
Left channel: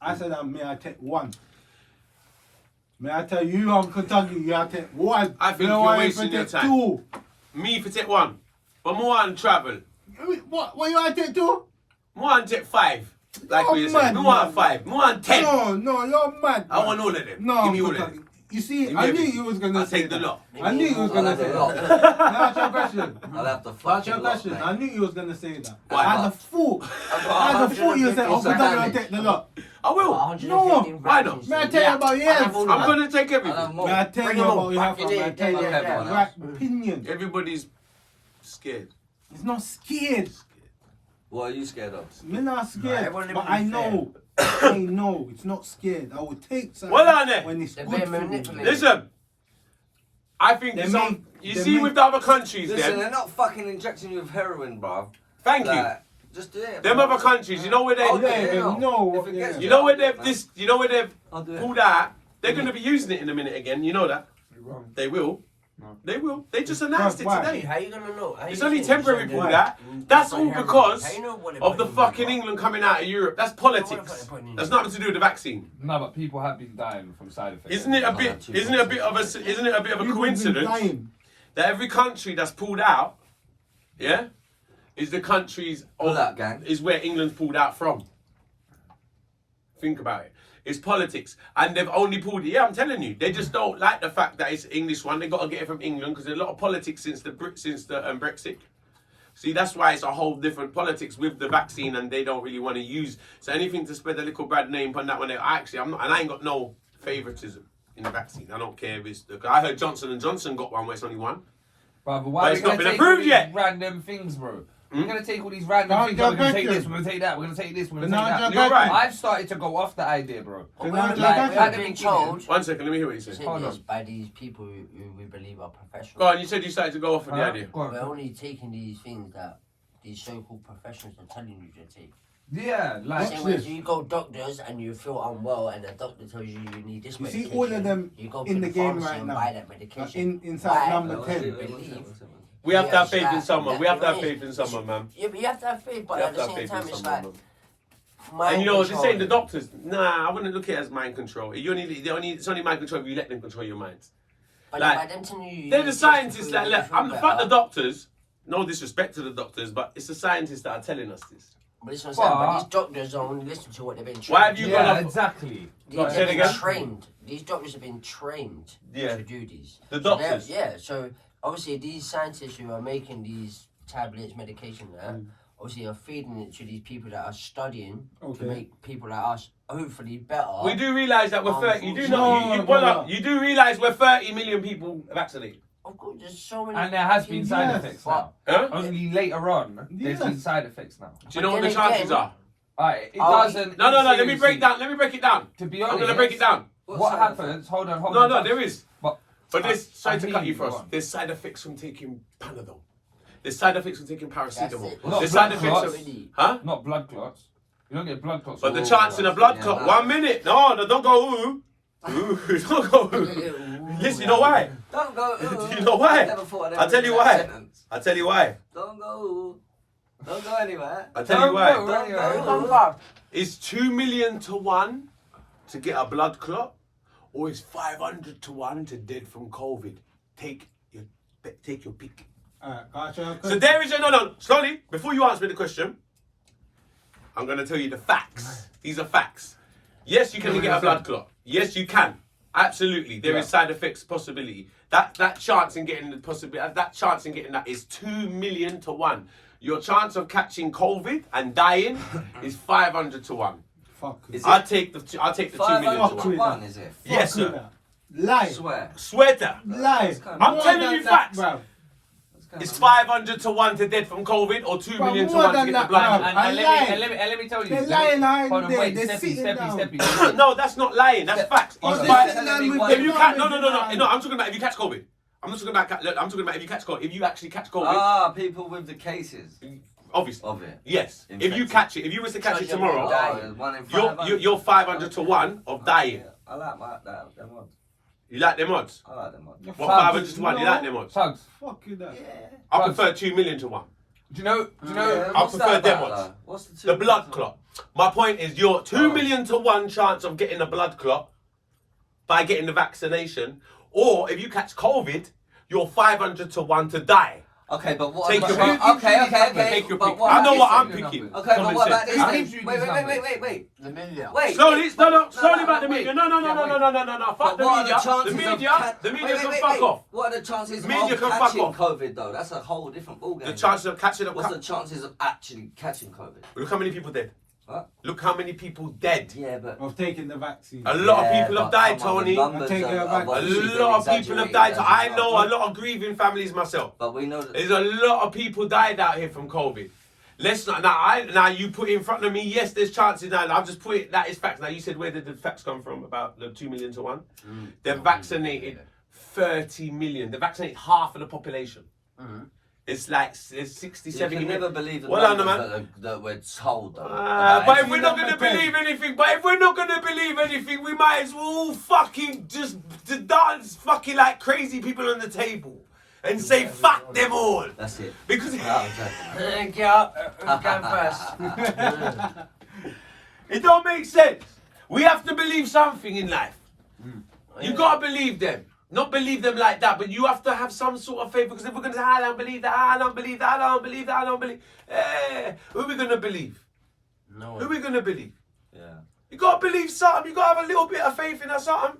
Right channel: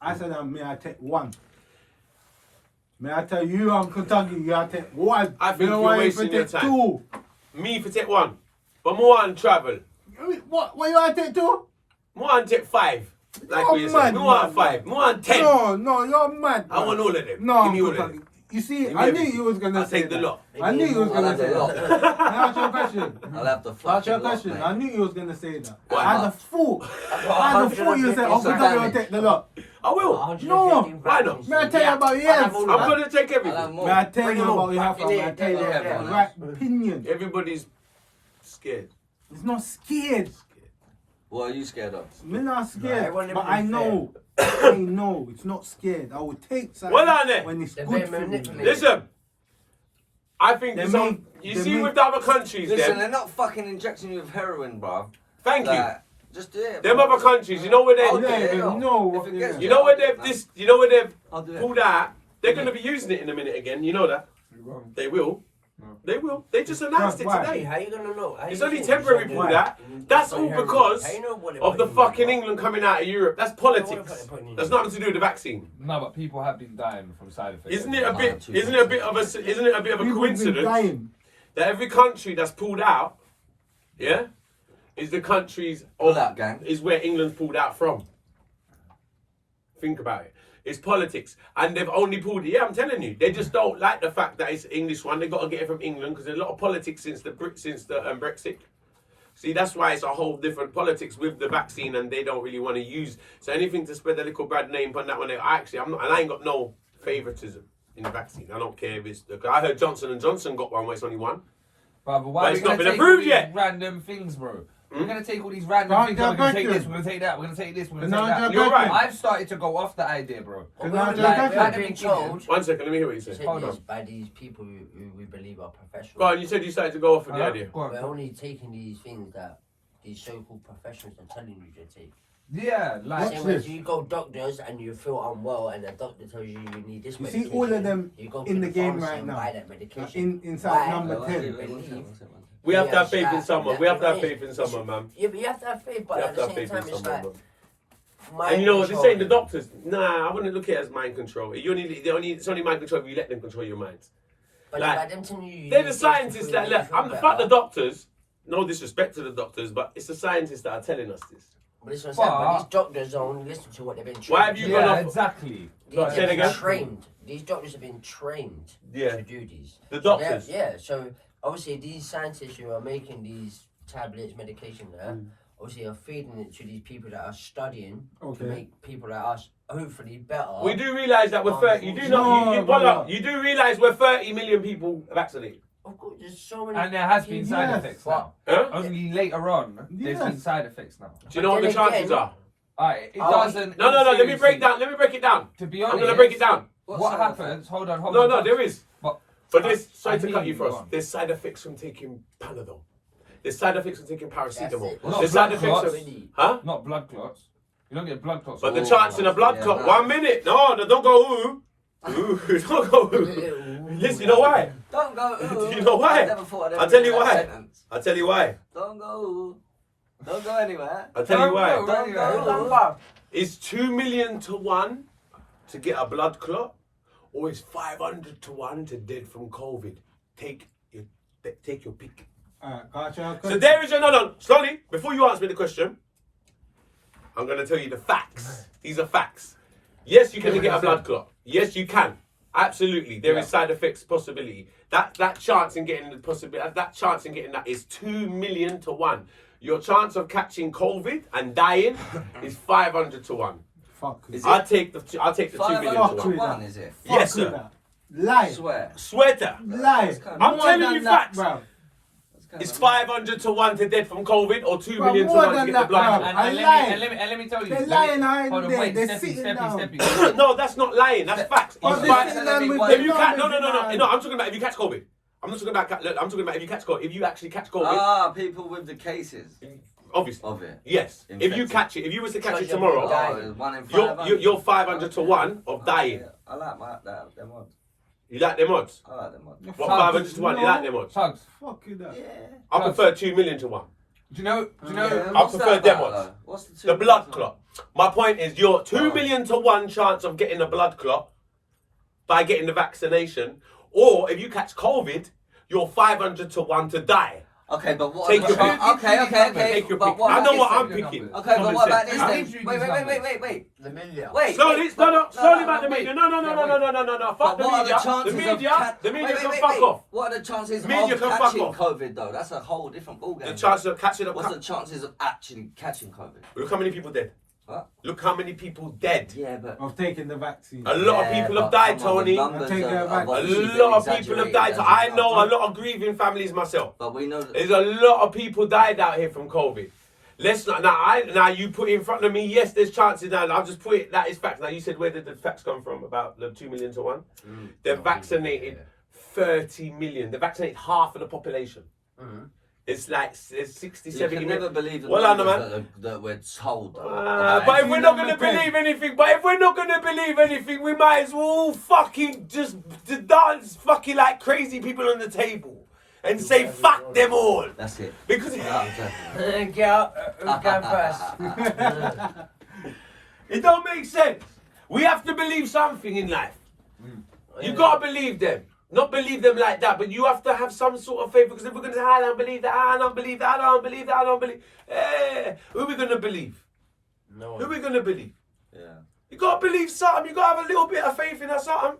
I said, may I take one? May I tell you, Uncle Tuggy, you have to take one. I think You know you're why you wasting your take time. two? Me for take one. But more on travel. What you want to take two? More on take 5. Like Oh, what you said. man, More on man. 5. More on 10. No, you're mad. I want all of them. No, Give me all Uncle of them. Tuggy. You see, Give me I knew everything. you was going I'll to say take the that. lot. I knew you was going to say that. Now ask your question. I'll have to Ask fuck your you lot, question. mate. I knew you was going to say that. Why? I had a thought. You said, Uncle Tuggy will take the lot. I will. No, why not? May I tell you about yours? I'm going to take I'll have everything. more. May I tell Bring you them about all your back half? in May I it. tell you Yeah, the everyone right opinion? Everybody's scared. It's not scared. What are you scared of? Me not scared, everyone but live I in know. I know it's not scared. I will take something Well on it. when it's They're good being for me. manipulated. Listen. I think They some, make- you they see make- with the other countries Listen, then. they're not fucking injecting you with heroin, bruv. Thank you. Like, just do it. Them other countries, you know where they, I'll do Yeah, it, they no. know If what it they gets are. you know where they've man. this, you know where they've I'll do it. pulled out. They're going to be using it in a minute again. You know that. They will. They will. They just announced it Why? today. How you gonna know? How It's you only think temporary it's pulled gonna- out. That's all because How you know what they're of the putting in fucking there? England coming out of Europe. That's politics. That's nothing to do with the vaccine. No, but people have been dying from side effects. Isn't it a bit? Isn't it a bit of a? Isn't it a bit of a People been coincidence dying. that every country that's pulled out, yeah, is the countries Pull out, gang. is where England's pulled out from. Think about it. It's politics, and they've only pulled it. Yeah, I'm telling you, they just don't like the fact that it's English one. They got to get it from England because there's a lot of politics since the Brexit. See, that's why it's a whole different politics with the vaccine, and they don't really want to use. So anything to spread a little bad name on that one. Actually, I'm not, and I ain't got no favoritism in the vaccine. I don't care if it's. I heard Johnson & Johnson got one where it's only one. But why But are it's we not gonna been take approved all these yet. random things, bro? We're gonna take all these random Can't things. get We're gonna take back this. to- We're gonna take that. We're gonna take this. We're gonna Can I take that. just You're go right. to- I've started to go off the idea, bro. Can I Like, just we've go to- been told One second, let me hear what you said. said Hold this on. by these people who we believe are professionals. Go on, you said you started to go off on the idea. Go on. We're only taking these things that these so-called professionals are telling you to take. Yeah, like Same Watch way this. you go doctors and you feel unwell and the doctor tells you you need this You see medication. all of them you go in to the game pharmacy right and now. buy that medication. Inside Why? number Well, 10. Believe. We have to Yeah, have faith in like, someone. We have to have that- faith in someone, man. Yeah, but you have to have faith, but We at have the to have same faith time, in it's someone, like. man. mind And you know, they're saying the control. doctors. Nah, I wouldn't look at it as mind control. It's only mind control if you let them control your minds. But like, by them telling you They're need the this scientists to that feel let. I'm better. fuck the doctors. No disrespect to the doctors, but it's the scientists that are telling us this. But this is what I'm saying, but But- these doctors don't only listen to what they've been trained. Why have you gone yeah, off? exactly. Go on, say it They've again. been trained. These doctors have been trained Yeah. to do these. The So they're- doctors. yeah, so obviously these scientists who are making these tablets, medication there, obviously are feeding it to these people that are studying to Okay. make people like us hopefully better. We do realise that we're 30. You do know. No, You no. you do realise we're 30 million people vaccinated. Of course, there's so many. And there has been side Yes. effects But- now. Huh? Only later on, there's been Yes. side effects now. Do you know what the then chances again- are? Alright, it Oh, doesn't. No. Let me seriously, break down. Let me break it down. To be I'm honest, gonna break it down. What happens? Hold on. No, there is. But But there's, sorry I to hear cut you you, go first. on. There's side effects from taking Panadol. There's side effects from taking That's paracetamol. it. Not There's side blood effects clots. of, huh? not blood clots. You don't get blood clots. But the Oh, chance in a blood yeah, clot. no. 1 minute. No, don't go ooh. Ooh, don't go ooh. Listen, you know why? Don't go. Ooh. You know why? I never thought I'd ever I'll tell read you that why. sentence. I'll tell you why. Don't go. Ooh. Don't go anywhere. I'll tell you Don't why. go. Don't Yeah. go. It's 2 million to 1 to get a blood clot, or it's 500 to 1 to dead from COVID. Take your pick. Gotcha. So there is no. Slowly, before you answer me the question, I'm going to tell you the facts. These are facts. Yes, you can get a blood clot. Yes, you can. Absolutely, there is side effects possibility. That chance in getting the possibility. That chance in getting that is 2 million to 1. Your chance of catching COVID and dying is 500 to 1. Fuck. Is I'll take the 2 million to 500 to 1. 1, is it? Yes, Fuck with sir. that. Lie. Swear. Swear to. Lie. That's kind of- I'm More telling than you that, facts. bruv. It's 500 to 1 to dead from COVID or 2 Bro, million to more 1 to than get that, the blood. bro. And I'm let lying. me tell you. They're lying behind Hold on, there. wait, They're Steppy, sitting down. Steppy. No, that's not lying. That's facts. Bro, It's they're facts. sitting down with If you the catch, numbers no. behind. I'm talking about if you catch COVID. I'm not talking about. I'm talking about if you catch COVID. If you actually catch COVID, Ah, people with the cases obviously. of it. Yes. If you Infected. catch it, if you was to catch it So you're tomorrow, dying. Oh, 1 in 500. you're 500 to 1 of dying. Yeah, I like them odds. You like them odds? I like them odds. You're What, fucking- 500 to 1? You like them odds? Tugs. Fuck you that. I prefer 2 million to 1. Do you know? I prefer them odds. What's the two The blood odds? clot. My point is, you're 2 Oh. million to 1 chance of getting a blood clot by getting the vaccination, or if you catch COVID, you're 500 to 1 to die. Okay, but what? Take about, your pick. Okay. Take your but pick. what I know about what this I'm then? picking. Okay, but Common what about sense. this I'll then? give you Wait. these numbers. The million. Wait. Slowly, wait. slowly about the wait. media. No. Fuck But the what are media. the chances The of media. The media can wait. fuck off. What are the chances Media of can fuck catching off. COVID though? That's a whole different ballgame. The chances of catching What's a. the chances of actually catching COVID? Look how many people dead. What? Look how many people dead. Yeah, but Of taking the vaccine. A lot of people have died, Tony. I'm taking it back. A lot of people have died. I know a lot of grieving families myself. But we know that. There's a lot of people died out here from COVID. Let's not now you put it in front of me. Yes, there's chances now. I'll just put it. That is facts. Now you said where did the facts come from about the 2 million to 1? They've vaccinated 30 million. They vaccinated half of the population. It's like there's 60, You 70 can million. never believe the Well, numbers that we're told. Though, But if see we're not number gonna 10. believe anything, we might as well all fucking just dance fucking like crazy people on the table and say fuck them all. That's it. Because Yeah, who's going first? it don't make sense. We have to believe something in life. You gotta believe them. Not believe them like that, but you have to have some sort of faith, because if we're gonna say, I don't believe that, I don't believe that, I don't believe that, I don't believe, who are we gonna believe? No. Who are we gonna believe? Yeah. You gotta believe something. You gotta have a little bit of faith in that something.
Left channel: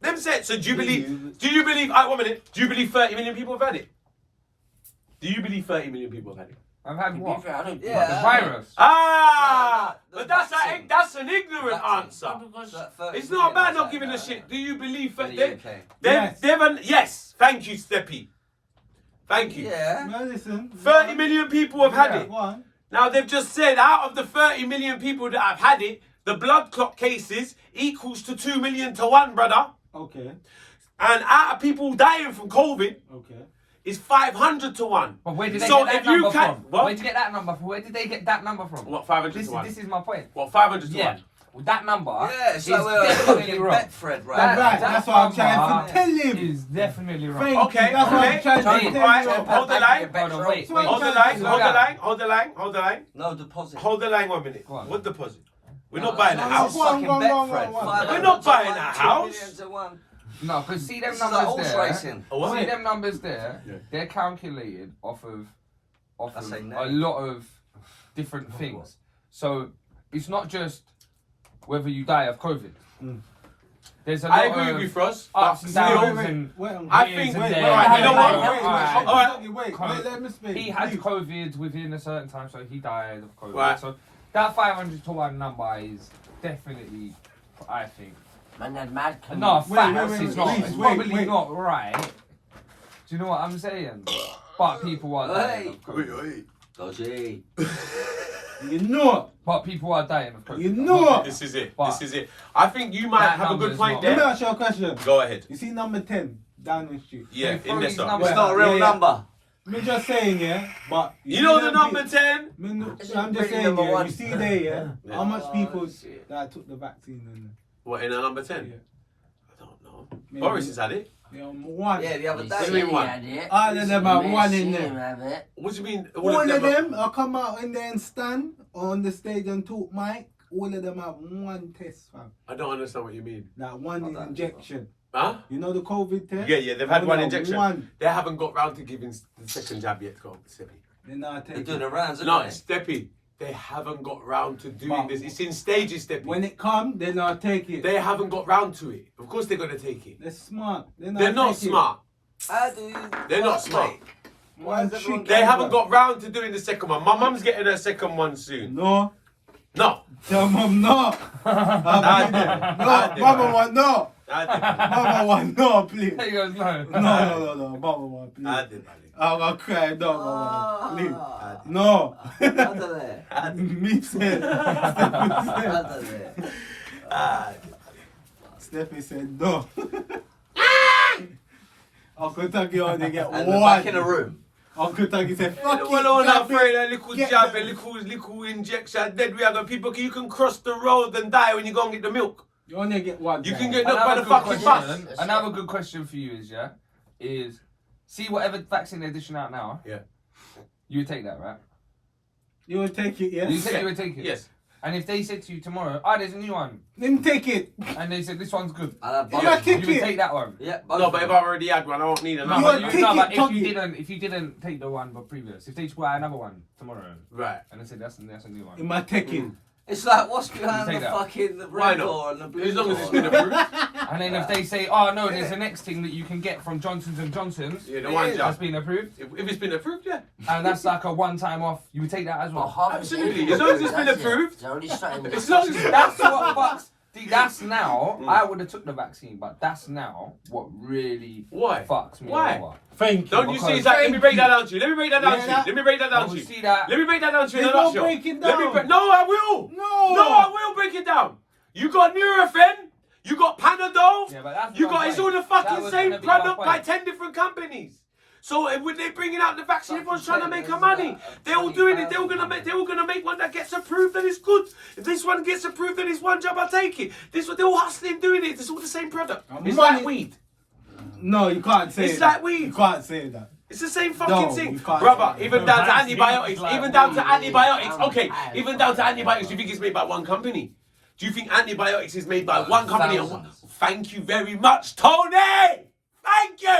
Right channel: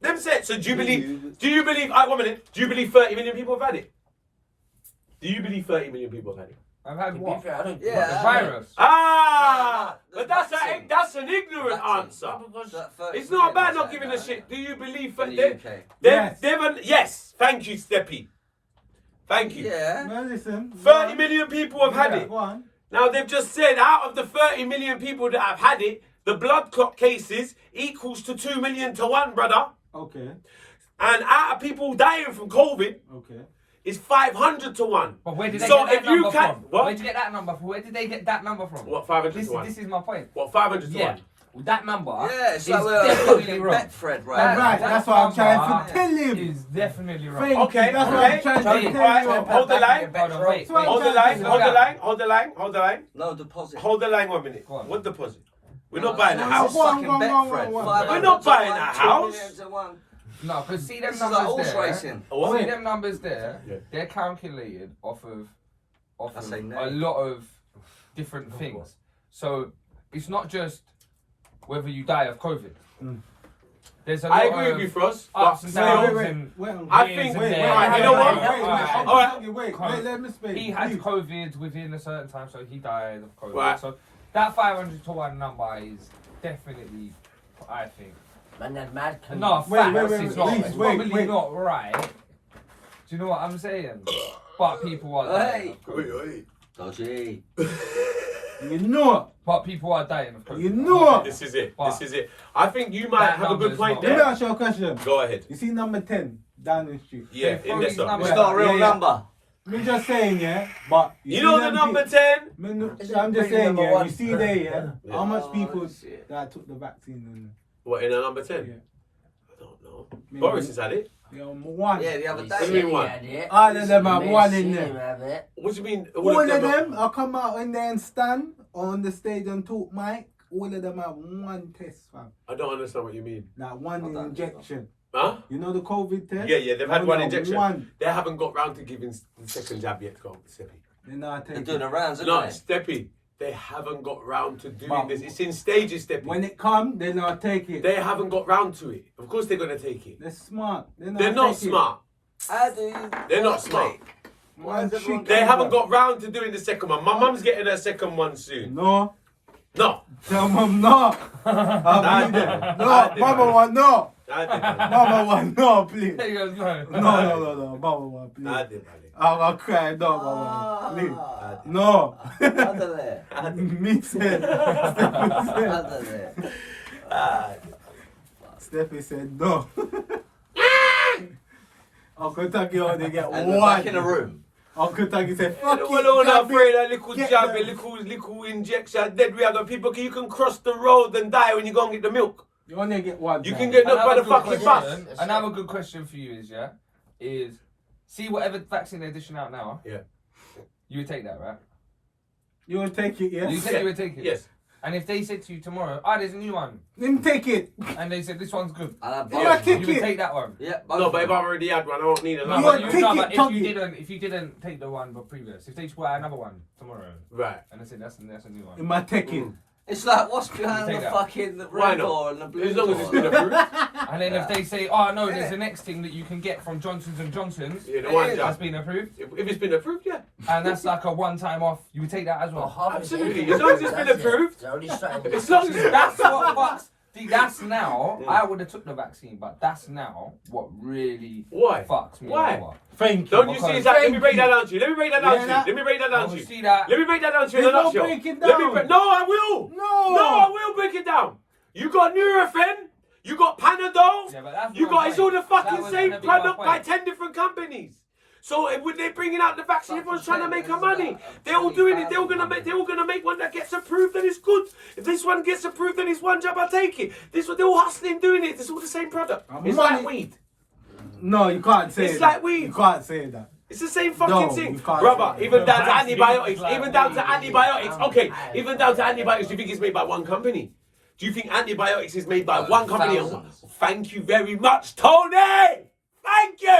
Them said. So do you believe? Do you believe? 1 minute. Do you believe 30 million people have had it? Do you believe 30 million people have had it? I've had To be what? fair, I don't Yeah. The virus. But that's an ignorant Vaccine. answer. Because It's not about not giving a shit. Do you believe? In the UK. Yes. Thank you, Steppy. Thank you. Yeah. Well, listen. 30 million people have had it. One. Now they've just said out of the 30 million people that have had it, the blood clot cases equals to 2 million to 1, brother. Okay. And out of people dying from COVID, Okay. it's 500 to 1. But where did they So get if that you number can, from? what? Where did you get that number from? Where did they get that number from? What, 500 This, to 1? this is my point. What, 500 to Yeah. 1? Well, that number Yeah, is so we're definitely fucking wrong. Betfred, right? That's right. That's what I'm trying to number tell him. is definitely wrong. Thank Okay, you. That's what I'm trying to Tony, tell alright, you. hold the line. Hold on, wait, That's what I'm Hold the trying line, to hold the say. line, hold the line, hold the line. No deposit. Hold the line 1 minute. Go on. What deposit? We're not buying a no, house. no, Fucking One. Betfred. We're 500 not to buying 1, a 2 house. million to 1. No, but see them This is a numbers horse there. racing. A what? See them numbers there. Yeah. They're calculated off I of say no. a lot of different things. So it's not just whether you die of COVID. There's a lot I agree of with you, Frost. ups But and still, downs Wait, and wait, I years think- and wait, there. wait, you know what? Wait, let me speak. He had Please. COVID within a certain time, so he died of COVID. Right. So that 500 to 1 number is definitely, I think, man, that mad. no, Wait, facts. wait, It's not. Reece, It's wait, probably wait. not right. Do you know what I'm saying? But people are dying Hey. of COVID. Dodgy. You know. But people are dying of COVID. You know. This is it. But This is it. I think you might that have a good number's point not- Let me there. ask you a question. Go ahead. You see number 10 down the street. Yeah, They in throw there these something. numbers It's not a real Yeah, yeah. number. Me just saying, yeah. But You know see the them number pe- 10? I'm just Pretty saying, number yeah. one. You see there, yeah. Yeah. How much Oh, people shit. that took the vaccine? What, in a number 10? Yeah. I don't know. Maybe. Boris has had it. Yeah, one. Yeah, the other What do you day. mean one? All of them have one in there. there. What do you mean? All of them, I come out in there and stand on the stage and talk mic. All of them have one test, fam. I don't understand what you mean. Like one Hold on. injection. Huh? You know the COVID test? Yeah, they've had No, one no, injection. One. They haven't got round to giving the second jab yet, go, Steppy. They're not They're taking doing the rounds, No, aren't they? Steppy, they haven't got round to doing But- this. It's in stages, Steppy. When it come, they're not taking it. They haven't got round to it. Of course they're going to take it. They're smart. They're They're not taking smart. How do you... They're not smart. It. Why One is everyone chick- They haven't got round to doing the second one. My mum's getting her second one soon. No. No. Tell mum no. I'll be there. No, mama want no. I did, man. Mama one, no, please. He goes, no. No, Mama one, please. I did, man. I'm gonna cry, no, Mama one, please. Ah, No. under there. Me said. Under there. Steffi said no. Uncle Tuggy only get And one. we're back in the room. Uncle Tuggy said, Yeah, fuck well, it, all jab afraid it. of little Get jab, them. little injection. Dead we are people. You can cross the road and die when you go and get the milk. You only get one. You jab. can get knocked by the fucking bus. Another good question for you is see whatever vaccine they're dishing out now. Yeah. You would take that, right? You will take it, yes? You said you would take it. Yes. And if they said to you tomorrow, there's a new one, Then take it. and they said this one's good, And I You both. take you would it. take that one. Yeah, No, but if I've already had one, I won't need No, another. You're but, take no, it, but Tuggy. if you didn't take the one but previous, if they just buy another one tomorrow, Right. and they said that's a new one. In my taking. It's like, what's behind You the take that. fucking Why red not? door and the blue As long as door? it's been approved. And then if they say, oh no, there's the next thing that you can get from Johnson's and Johnson's, Yeah, the one that's jab. been approved, If it's been approved, yeah. and that's like a one-time off, you would take that as well. Absolutely. As long as it's been approved. As long as That's what fucks. See, that's now. I would have took the vaccine, but that's now what really Why? fucks me Why? over. Thank you. Don't you see? Because- It's like, let me Thank break you. that down to you. Let me break that down Yeah, to you. that- Let me break that I down to will you. see that. Let me break that down to you in a They won't nutshell. break it Let me down. no, I will. No. No, I will break it down. You got Nurofen, you got Panadol, Yeah, but that's you my got, it's point. all the That fucking was same gonna be my product by point. 10 different companies. So when they're bringing out the vaccine, everyone's trying to make This is money. about They're all doing it. 20,000. They're all gonna make one that gets approved and it's good. If this one gets approved, then it's one job. I take it. They're all hustling, doing it. It's all the same product. It's Money- like weed. No, you can't say It's that. like weed. You can't say that. It's the same fucking No, thing, you can't brother. say Even that. down to Vaccine antibiotics. is like Even down to weed. antibiotics. Okay, even down to antibiotics. Do you think it's made by one company? Do you think antibiotics is made by one company? Thousands. Thank you very much, Tony. Thank you.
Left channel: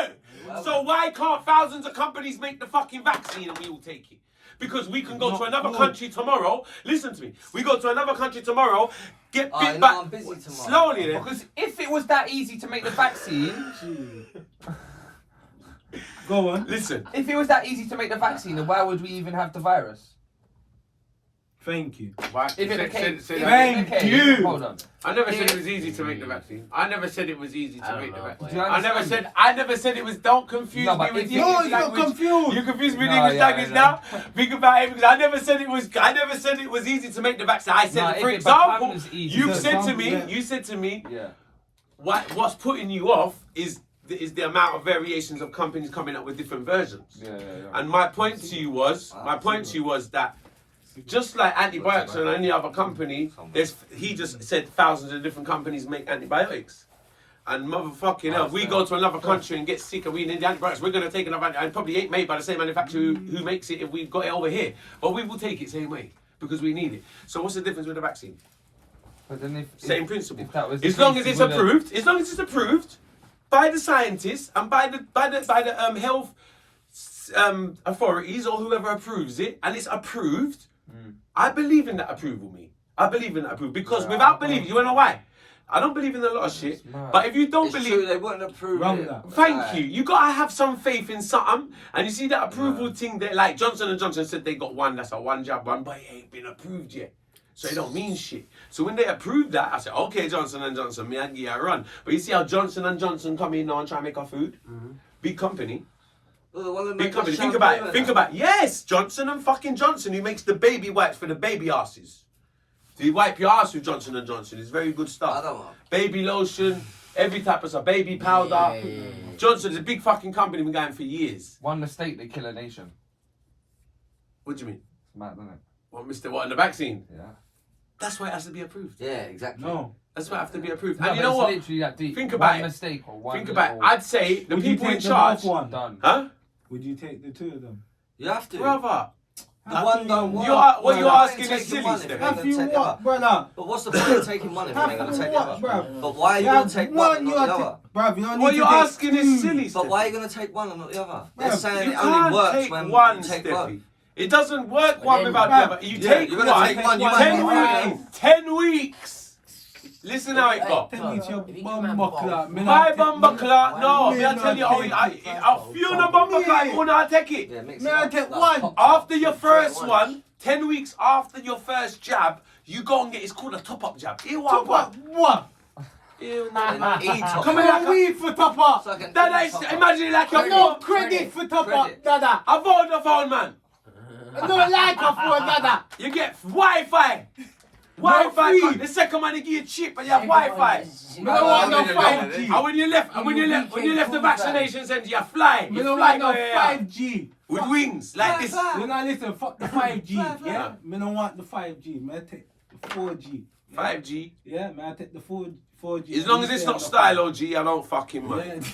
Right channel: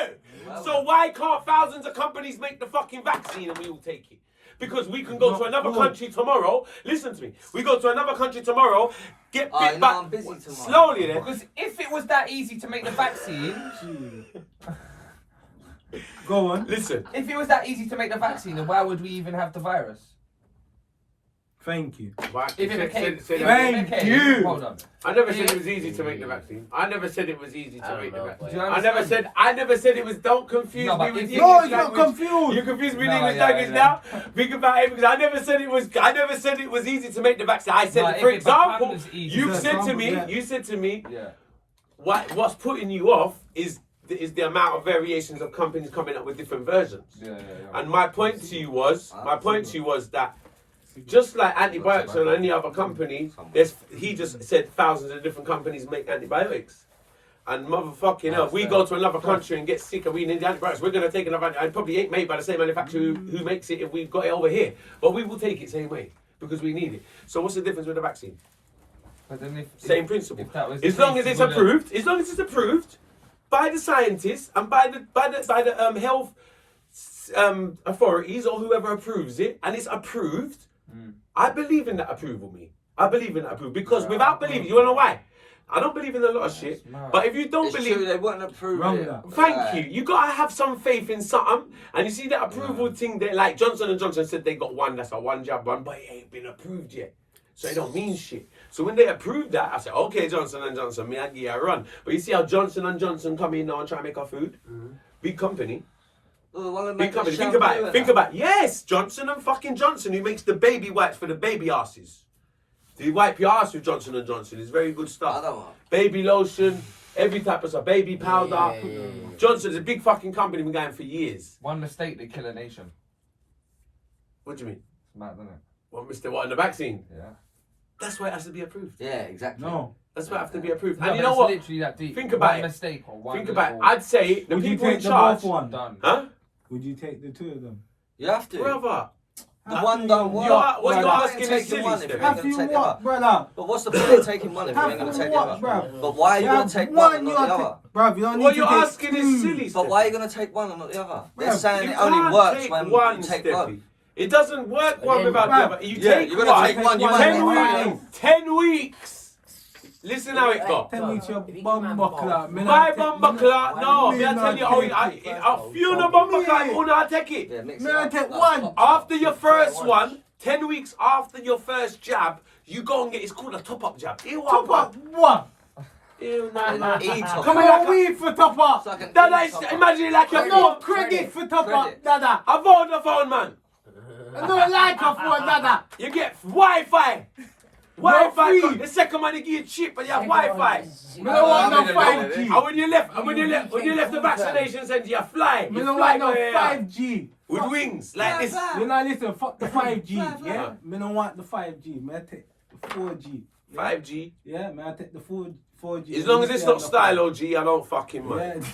Well So done. why can't thousands of companies make the fucking vaccine and we all take it? Because we can go Not to another good. country tomorrow. Listen to me. We go to another country tomorrow. Get Oh, bit you know back I'm busy tomorrow. slowly then. Because if it was that easy to make the vaccine, Go on. Listen. if it was that easy to make the vaccine, then why would we even have the virus? Thank you. If it became, Say if that it Thank became- you. Hold on. I never said it was easy to make the vaccine. I never said it was easy I to don't make the know, vaccine. Do you I never understand? said it was. Don't confuse No, me but with if the you- No, English it's not language. confused. You confuse me with No, English yeah, language yeah. now. Think about it because I never said it was. I never said it was easy to make the vaccine. I said, No, for if it example, becomes easy- you've For said to example, me. yeah. You said to me, Yeah. what's putting you off is the amount of variations of companies coming up with different versions. Yeah. And my point to you was that just like antibiotics and any other company, he just said thousands of different companies make antibiotics. And motherfucking hell, we go to another country and get sick and we need the antibiotics. We're going to take another antibiotic. It probably ain't made by the same manufacturer who makes it if we've got it over here. But we will take it same way because we need it. So what's the difference with the vaccine? But then Same principle. if that was the As long case, as it's you would've- approved, by the scientists and by the health authorities or whoever approves it, and it's approved, I believe in that approval, me. I believe in that approval because without believing, you wanna know why? I don't believe in a lot of shit, mad. but if you don't It's believe, true, they wouldn't approve Wrong it. that. thank you. You gotta have some faith in something, and you see that approval thing there. Like Johnson & Johnson said, they got one that's a one jab one, but it ain't been approved yet, so it don't mean shit. So when they approved that, I said, okay, Johnson & Johnson, me I give you a run. But you see how Johnson & Johnson come in now and try and make our food, big company. Well, they wanna Big make company. a Think shampoo about it. and Think that. about it. Yes, Johnson and fucking Johnson, who makes the baby wipes for the baby asses. Do you wipe your ass with Johnson and Johnson? It's very good I stuff. don't know. Baby lotion, every type of stuff. Baby powder. Yeah. Johnson's a big fucking company. Been going for years. One mistake, they kill a nation. What do you mean? It's mad, isn't it? What, Mr. What in the vaccine? Yeah. That's why it has to be approved. Yeah, exactly. No. That's why it has to be approved. No, and you but know it's what? literally that deep. Think about one it. mistake or one Think about it. little- I'd say the Would you people in take the charge. both one? done. Huh? Would you take the two of them? You have to. Brother. The one don't work. What you're Why asking take is the silly, one if Stephen. you're Have gonna you take the what, other? brother? But what's the point of taking one if you're Have ain't gonna you take the what, other? bruv? But why are you You gonna have take one and not the you other? Bruv, you don't What need you're to take asking is two. silly, But why are you Steffi. gonna take one and not the other? They're Bruv, saying You it only can't works take when one, you take Steffi. both. It doesn't work one Yeah, without the bruv. other. You Yeah, take you're one. gonna take one. You might 10 not weeks. 10 weeks. Listen how it got. Tell me it's your If you bum give buckler. me My bumper clock, no. Me Me I not tell you, take a few no bumper clock, who not take it. Yeah, mix May it I up. take Like one? pop- After your first one, 10 weeks after your first jab, you go and get, it's called a top-up jab. Hear what I Top want? up what? Ew, no, An no. e-top. Come on, weed for topper. It's like an Dada, e-top. imagine it like a No phone. credit for topper, Credit. Dada. A Vodafone, man. I don't like a phone, Dada. You get Wi-Fi. No Wi-Fi. free. The second man, they give you cheap and you have Wi-Fi. I don't want no I'm in the 5G. And when you left the vaccination center, you fly. I You don't fly want no go here. 5G. With wings like this. You know, listen, fuck the 5G, Fly. yeah? Me don't want the 5G, man, I take the 4G. Yeah? 5G. Yeah, man, I take the 4G. As long as it's not stylo G, I don't fucking mind.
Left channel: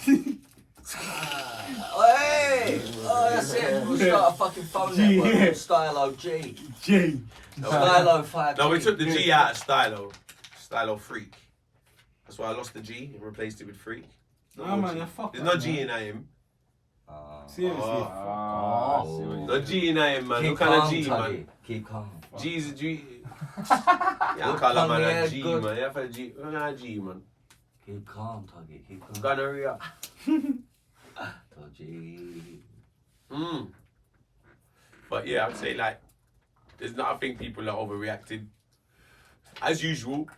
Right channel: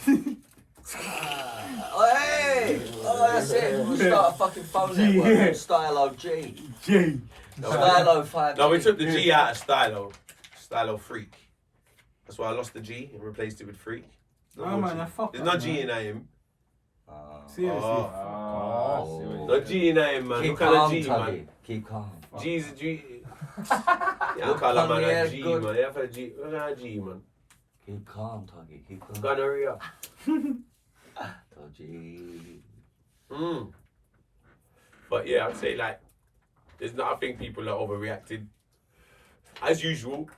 Hey! Oh, that's it. We'll start a fucking phone G, network yeah. called Stylo G. G. Stylo 5G. No, we took the G out of stylo. Stylo freak. That's why I lost the G and replaced it with freak. No, man, I fuck There's that, no G man. in AM. Seriously. Oh, No G in AM, man. Keep What kind of calm, G, man? Tuggy. Keep calm. G is a G. Yeah, I can't man a G, Good. man. You have a G. What kind of G, man? Keep calm, Tuggy. Keep calm. Gonorrhea. G. But yeah, I'd say like, there's not. I think people are overreacting. As usual,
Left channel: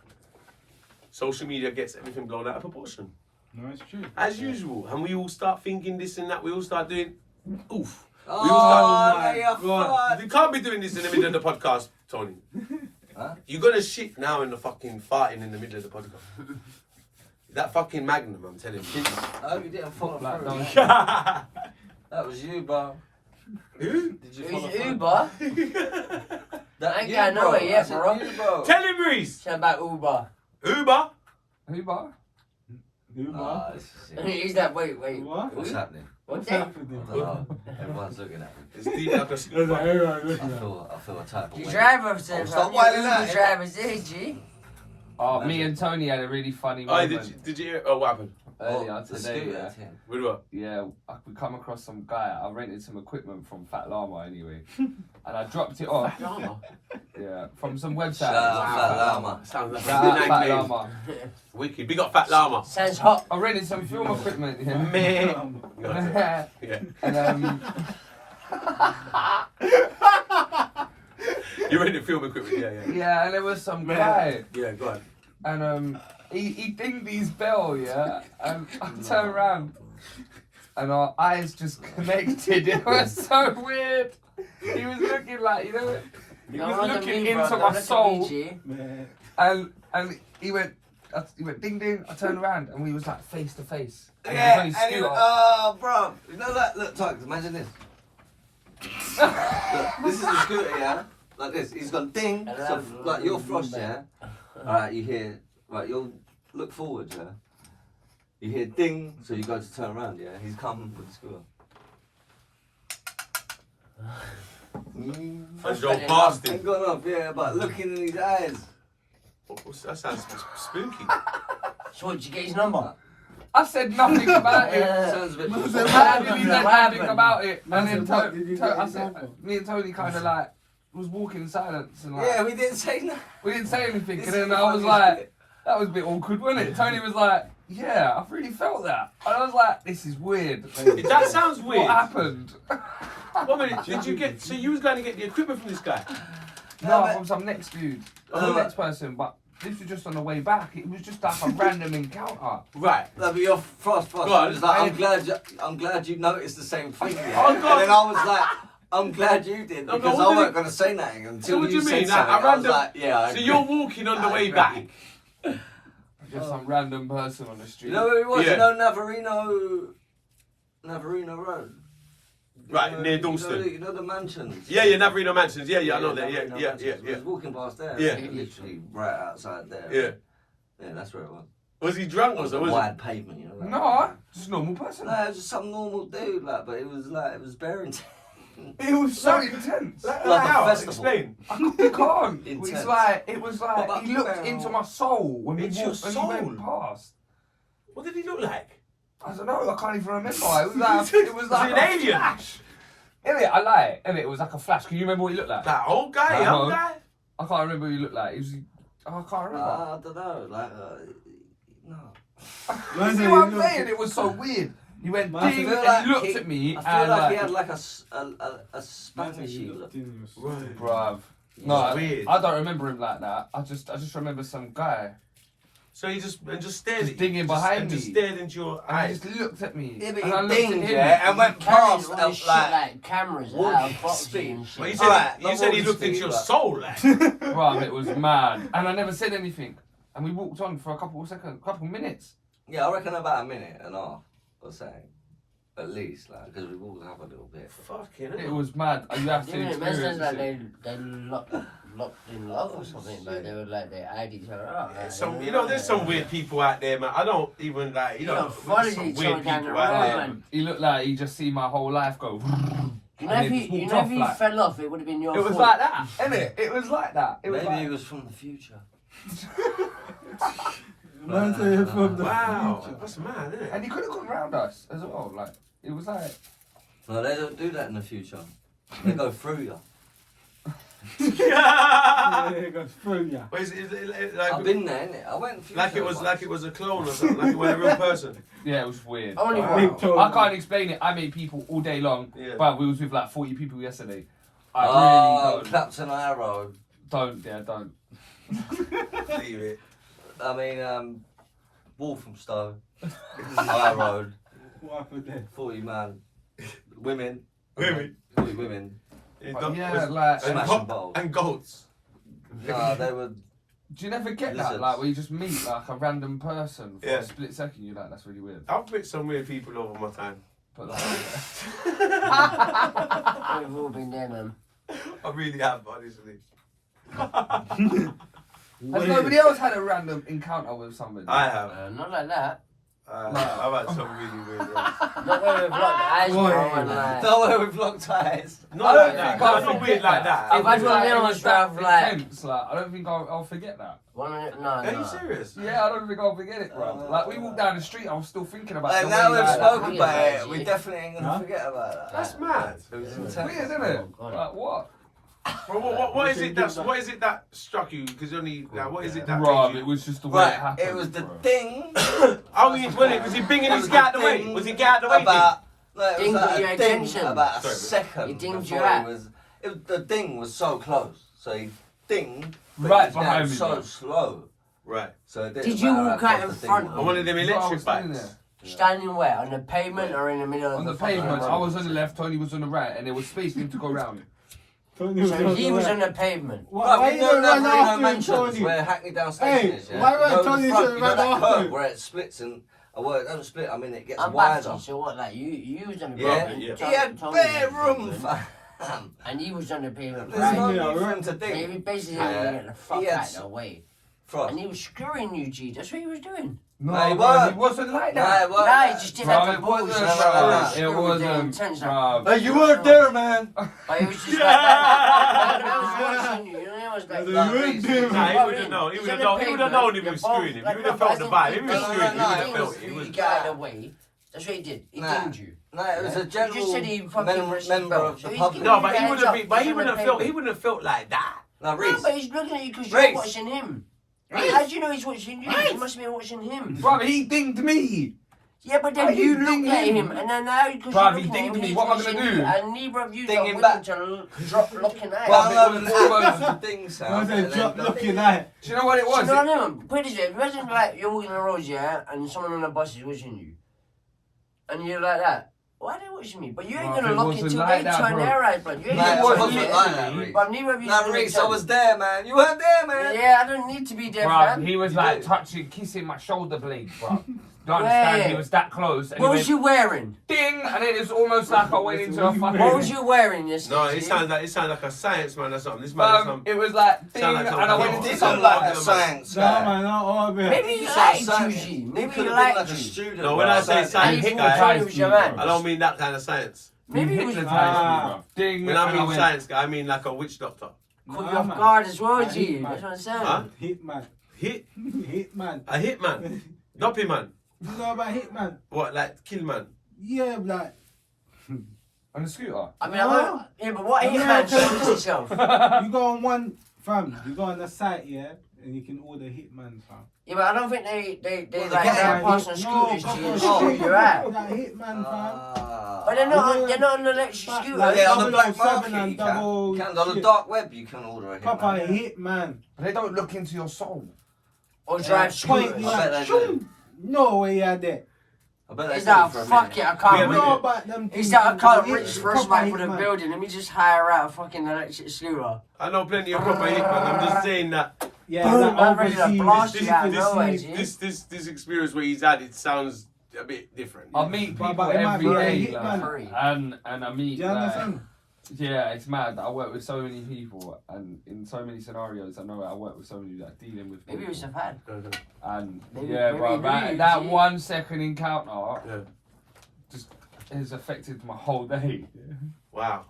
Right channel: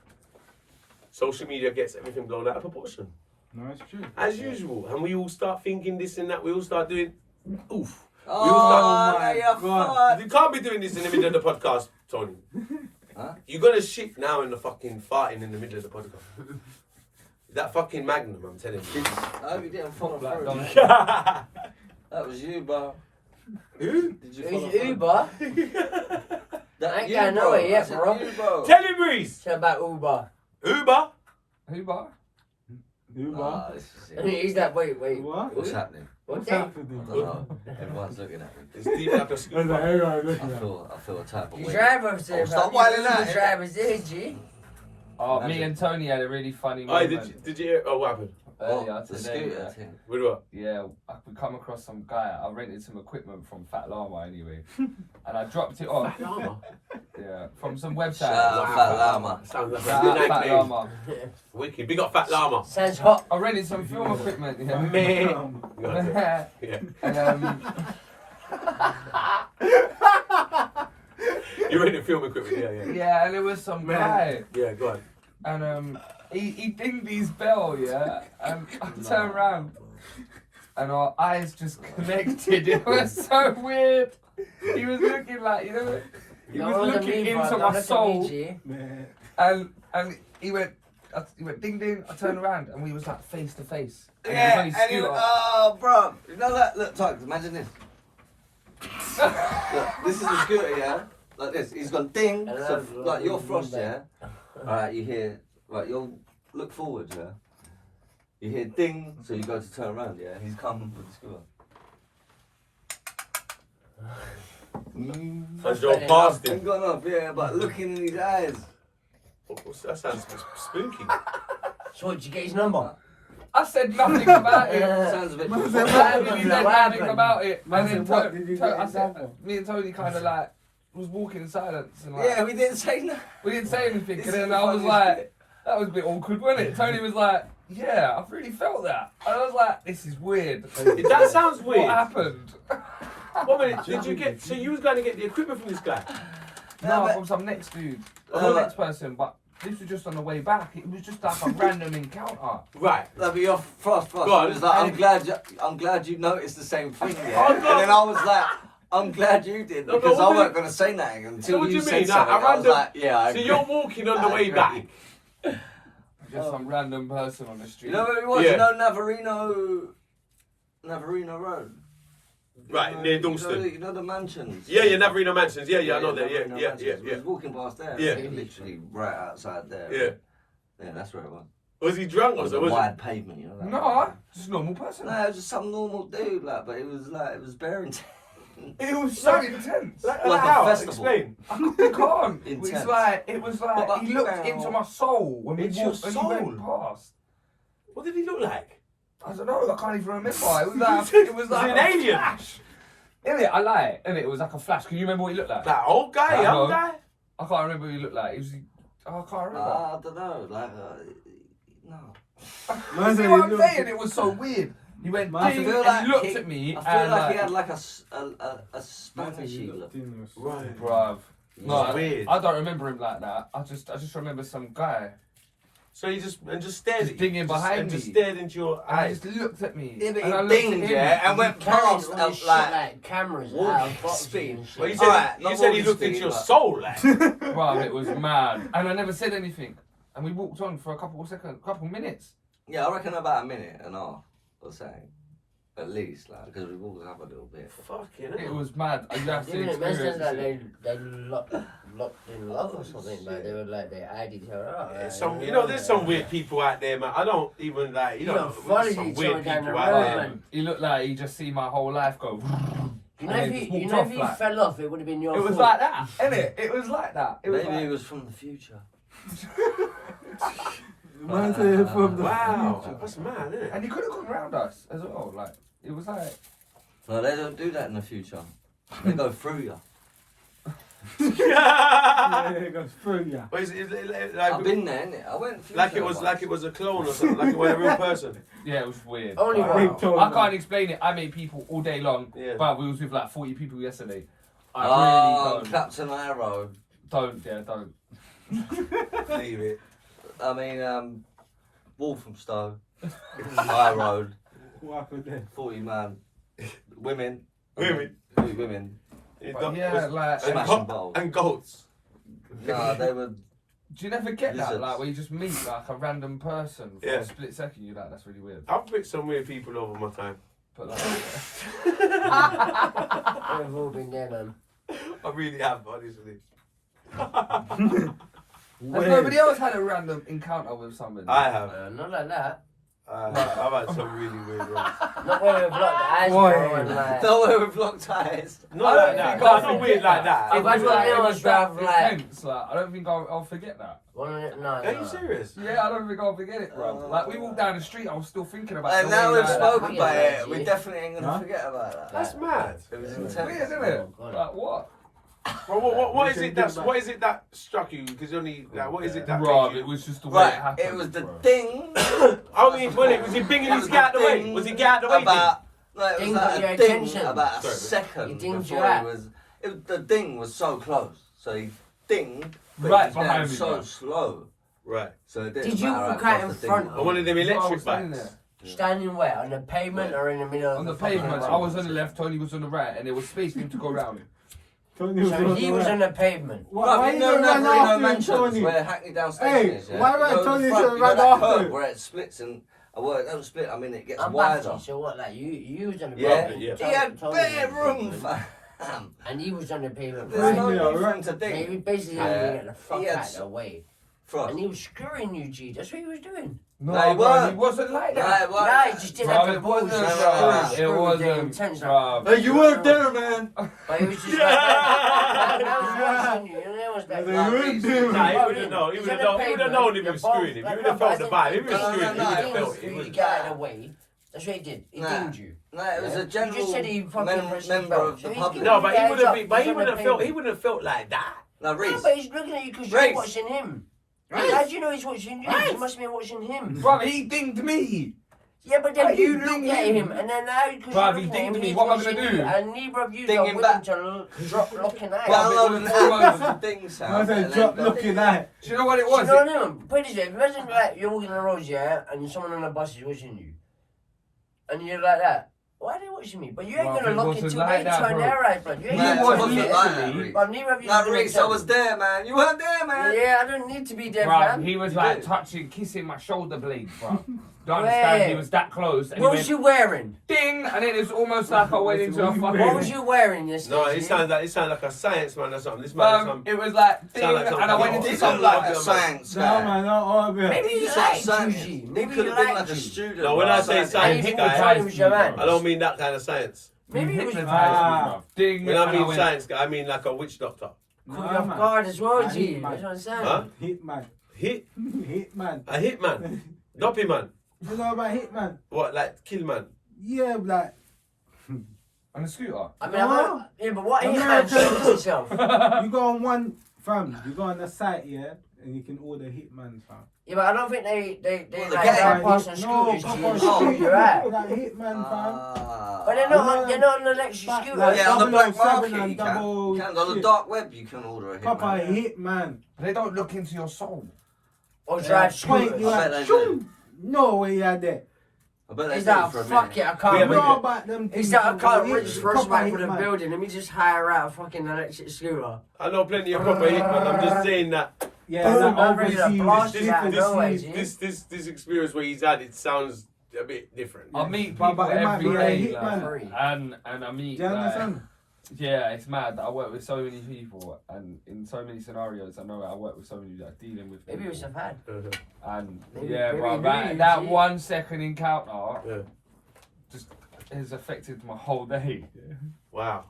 social media gets everything blown out of proportion. No, it's true. As usual, and we all start thinking this and that. We all start doing, oof. Oh, my yeah, God. fuck. You can't be doing this in the middle of the podcast, Tony. Huh? You're gonna shit now in the fucking farting in the middle of the podcast. That fucking Magnum, I'm telling you. I hope you didn't follow Black through. donkey. That was you, bro. Who? Did you follow Who's through? Uber? That I ain't you, going bro. nowhere yet, I said bro. you, bro. Tell him, Reece. Shut about Uber. Uber. Who bar? Nah, this is it. He's that, wait. What? What's happening? What's What's that? I happening? don't know. Everyone's looking at me. It's deep like a I was like, hang on, look I now. feel a type of The way. driver said, stop whining out, The yeah. driver said, G. Oh, me and Tony had a really funny Oh, moment did you hear? Oh, what happened? earlier the today. scooter Yeah. thing. With what? Yeah, we come across some guy. I rented some equipment from Fat Llama anyway, and I dropped it off. Llama. Yeah, from some website. Shout out Fat Llama. Sounds like Shout a out good Fat name. Llama. Wicked. Big up Fat Llama. Sounds hot. I rented some film equipment. Yeah. Man. Yeah. And You ready to film equipment? Yeah. yeah, and there was some guy, Yeah, go on. and he dinged his bell, yeah, and I turned around, and our eyes just connected. It was so weird. He was looking like, you know, he was looking into my soul, Man. and he went ding ding. I turned around, and we was like face to face. And he was Yeah, on his and scooter. oh, bro, you know that? Look, Tugs, imagine this. Look, this is the scooter, yeah? Like this. He's gone ding. So, like, you're frost, yeah? Alright, you hear, right, you'll look forward, yeah? You hear ding, so you go to turn around, yeah? He's coming with the scooter. As you're past Ain't him. gone off, yeah, but looking in his eyes. That sounds spooky. So did you get his number? I said nothing about it. Sounds a bit. Man I said, haven't said nothing about it. Man And then said, what did you get I yourself said, on? me and Tony kind of like was walking in silence and like Yeah, we didn't say nothing. we didn't say anything. This And is then the I was funniest like, bit. that was a bit awkward, wasn't it? Tony was like, yeah, I've really felt that. And I was like, this is weird. That sounds weird. What happened? 1 minute, did you get? So you was going to get the equipment from this guy? No, but- from some next dude, No, some but- next person, but this was just on the way back. It was just like a random encounter. Right. No, but you're frost. Go on. It was like, I'm glad you noticed the same thing. Yeah? Oh, And God. then I was like, I'm glad you did No, but because what I do wasn't you- going to say nothing So until what do you you said mean? something. A I was random- like, yeah. I So agree. you're walking on the I way agree. back. Just some random person on the street. You know where it was? Yeah. You know Navarino Road. Right, near Dalston. You know the mansions. Yeah, Navarino Mansions. Yeah, I know that. Navarino Yeah. Mansions. We was walking past there. Yeah. Literally right outside there. Yeah. Yeah, that's where it was. Was he drunk or It was so? a Was wide pavement, you know. That No, just a normal person. No, it was just some normal dude, like, but it was very intense. It was so intense. Like Like a how? festival. Explain. You can't. Intense. It was But- like he looked into my soul when Into he your walked, when soul? he went past. What did he look like? I don't know. I can't even remember. It was like it was Was like he an a alien? flash. Innit? I lie. Innit? It was like a flash. Can you remember what he looked like? That old guy, I young know. guy. I can't remember what he looked like. He was. I can't remember. I don't know, like, no. Man See said, what I'm you saying? look- It was so weird. He went Man, I ding, feel and like he looked he- at me I feel and like he had like a Man Spanish said, you look. looked in your soul. Right. bruv. No, Weird. I don't remember him like that. I just remember some guy. So he just stared Just at you. dinging behind and me. just stared into your And he eyes. just looked at me. Yeah, but and I he looked at dinged, him. yeah, and went past All this shit, like cameras warp out of boxes speed. and shit. Well, you Alright, said, not you said he warp looked into speed, your but- soul, like. Bruv, it was mad. And I never said anything. And we walked on for a couple of minutes. yeah, I reckon about a minute and a half or something, at least, like because we walked up a little bit. Fucking It hell. was mad. You have to Even it mentions experience like it. they locked in love or something. Like they were like they eyed each other up. Yeah, there's some weird people out there, man. I don't even like, You don't follow there's some each weird other down people the out road, there. man. He looked like he just see my whole life go. You know, And if then he, just you walked know, off if he like- fell off, it would have been your It fault. was like that, innit? It was like that. It was Maybe like... he was from the future. Man said you're from the Wow, future. that's mad, isn't it? And he could have gone round us as well. Like, it was like... No, they don't do that in the future. They go through you. Yeah, it goes through ya. But is it like, I've been there, innit? I went future like it was once. like it was a clone or something, like it was a real person. Yeah, it was weird. Only I one. told I him. can't explain it. I made people all day long, Yeah. but we was with like 40 people yesterday. I Oh, really Clapton High Road. don't. Leave it. I mean, Walthamstow, High Road, What happened there? 40 man, women, Women. 40 women, But yeah, like, and, smashing bottles. and goats. No, they were. do you never get that? Lizards. Like, where you just meet like a random person for Yeah. a split second, you're like, that's really weird. I've met some weird people over my time. But like, We've all been there, man. I really have, honestly. has nobody else had a random encounter with somebody? I have. Not like that. I've had some really weird ones. Not where we've locked eyes, Boy. bro. And like, Nowhere with locked eyes. Not I like don't that. think No, I'll not weird like that. If I I feel feel like like it it was was that rough, like- intense, like, I don't think I'll forget that. one of it, no, Are you no. serious? Yeah, I don't think I'll forget it, bro. Like, we walked down the street, I was still thinking about And the now way, we've like, spoken weird, about it, we yeah. definitely ain't gonna Huh? forget about that. That's mad. It was It's intense. weird, isn't it? Oh, God. Like, what? Well, what is We it can that's do that. what is it that struck you? Because only like, what is it that Rob, made it you? was just the way it Right, happened. it was the bro. thing. Oh, was he binging his guy out the way? Was he get out the way? About, no, it was Ding like got your a ding attention. about a Sorry, second He dinged before you out. he was. The ding was so close, so he dinged, but Right he was going behind me, so bro. slow. Right. So it didn't Did you matter walk how out close in the ding front? was. I wanted them No, I electric was standing bikes. there. Standing where? On the pavement or in the middle of On the fucking pavement, road? I was on the left, Tony was on the right, and there was space for him to go round. Tony was So on he the was right. on the pavement. Why you you know, don't run never in after him, mansions Tony? where Hackney Down Hey, Station is, yeah? why don't You know, Tony the front, should you know run that after curve him? where it splits and, well, it don't split, I mean it gets I'm wider. back, so what, like, you was on the Yeah, pavement. yeah. he had Tony bare was on the room, pavement, fam. And he was on the pavement, There's right? no Yeah, need for right. him to He ding. basically Yeah. had to get the fuck He had out s- the way. Frost. And he was screwing you, G. That's what he was doing. No, No, he bro, weren't. he wasn't like No, that. it wasn't. Nah, he just didn't Bro, have the it balls. wasn't, No, to no, no. screw It with the wasn't, intense, like, bro. Hey, you weren't there, man. But it was just like that. I was watching you, and I was like, They nah, weren't Reece, there, you Nah, he got would have in. known. He He's would have on known. the He would have pavement, known if he you're was both- screwing him. He like, would have no, felt but the I vibe. If he was think- screwing him, he would have no, felt it. He He would. got out of the way. That's what he did. He Nah. dinged you. No, it was Yeah. a general You just said he fucking pressed his member belt. of So the he's public. giving No, but he you would guys have up, been. But he he's on wouldn't the have felt. He pavement. wouldn't have felt like that. Now, No, Reece. but he's looking at you because Reece. you're watching him. Reece. How do you know he's watching you? He must be watching him. Bro, he dinged me. Yeah, but Why then you you looked dinging at him? him, and then now because Bruv, you're he looking at him, dinged me. he's What am I watching gonna you, do? and neither of you Ding got him willing back. to drop looking at Well, him. Download an almost- app with the ding I sound. said, and drop then looking at. Do you know what it So was? no, no, put it this way, imagine like you're walking on the road, yeah, and someone on the bus is watching you. And you're like that. Why are they watching me? But you ain't Bruv, gonna it look wasn't until like they that, turn bro. their eyes, bro. You ain't Nah, gonna it watch wasn't me. like that, Reece. But neither of you Nah, gonna Reece, I tell was me. there, man. You weren't there, man. Yeah, I don't need to be there, Bruv, fam. he was You like did. touching, kissing my shoulder blade, bro. Don't understand, he Where? was that close. And What he was went, you wearing? ding, and then it was almost like I went into a fucking... What was you wearing yesterday? No, he sounds like a science man or something. This man is some. It was like, ding, Sound like and some I kind went of- into He It's looked some... like a like- science No, guy. man, not all of it. Maybe he He liked you, science. G. He Maybe could he have been liked like a you. student. No, when I say Like, science he guy, Tony was your man. I don't mean that kind of science. He Maybe he was hypnotised me, Ah. bro. Ding, When I and mean went, science guy, I mean like a witch doctor. caught Nah, you off man. guard as well, I G. hate That's man. what I'm saying. Huh? Hitman. Hit Hitman. a hitman, doppy man. You know about Hitman? What like kill man? Yeah, like. on the scooter. I mean, I won't, yeah, but what I'm he not man telling said you. himself. You go on one, fam, you go on the site, yeah, and you can order Hitman, fam. Yeah, but I don't think they Well, the like gang- that pass on No, scooters to proper you and Oh. screw shit. your eye. That Hitman, fam. But they're not on the electric But scooter. like- Yeah, on the black 007 market and you can. double You can. On the shit. dark web you can order a Proper hitman. Hitman. They don't look into your soul. Or drive point scooters. you I bet like, they shoom. No way you're there. I bet they He's do like, for a fuck minute. it, I You can't. know about them He's things. like, I can't Yeah, reach first proper right for the hitman. building. Let me just hire out a fucking electric scooter. I know plenty of proper hitman. I'm just saying that Yeah, Boom, like I'm ready to overseas. blast this you out of nowhere, G. this experience where he's had it sounds a bit different. I meet people But it might every be a day, hitman. like, and I meet. Do you like, understand? yeah, it's mad. I work with so many people, and in so many scenarios, I know I work with so many that are dealing with. Maybe it was a people. fan. And Maybe- yeah, maybe bro, he that, knew, that G. 1 second encounter Yeah. just has affected my whole day. Wow.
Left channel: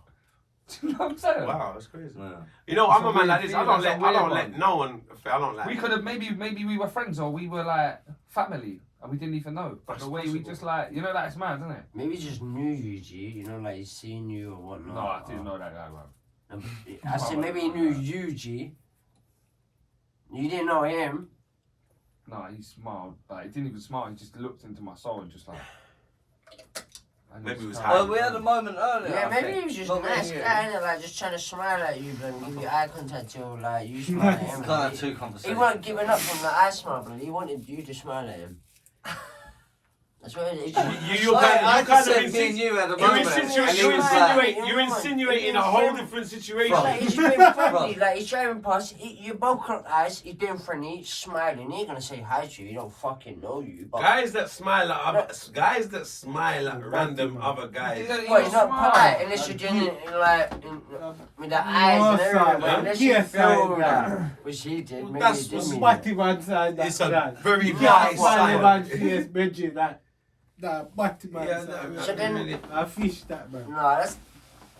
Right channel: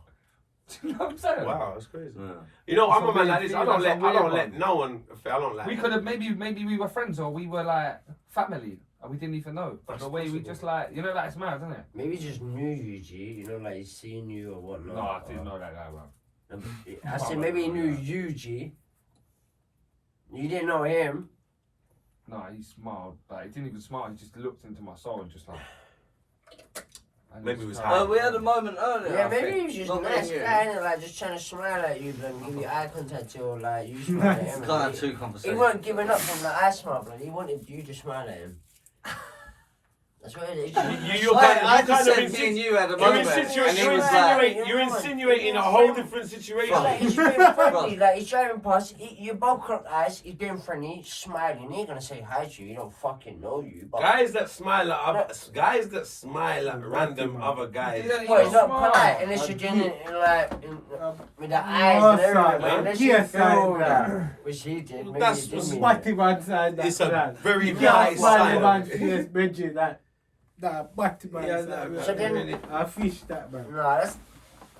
Do you know what I'm saying? Wow, that's crazy. Yeah. You know, It's I'm a a man like weird this. I feeling, don't it's a let weird let one. no one. I don't like. We could have maybe we were friends or we were like family and we didn't even know. That's The way we possible. just like it's mad, isn't it? Maybe he just knew you, G. You know, like he's seen you or whatnot. No, I didn't know that guy, bro. I said maybe he knew you, G. You didn't know him. No, he smiled, but he didn't even smile. He just looked into my soul and just like. and Maybe it was just high. Well, we had a moment earlier. Yeah, I maybe think. he was just Not a nice me and guy, you. innit? Like just trying to smile at you, but give you eye contact or like you smile at him. We've had two He conversations. wasn't giving up from the eye smile, but he wanted you to smile at him. That's what it is. I just said me and you had a moment, and he was like, You're insinuating a whole different situation. Like, he's being friendly, like he's driving past, you both crooked eyes, he's being friendly, smiling, he ain't gonna say hi to you, he don't fucking know you. But Guys that smile at random other guys. well, he's not polite unless you're doing it in, like with the eyes and everything, but unless you Yes, feel I- that, which he did, maybe That's he did mean Spotty man side that. It's a that. very You nice can't smile man sign. face, Bridget, that Spotty man Yeah, side. no, So then- I fish that man. No, that's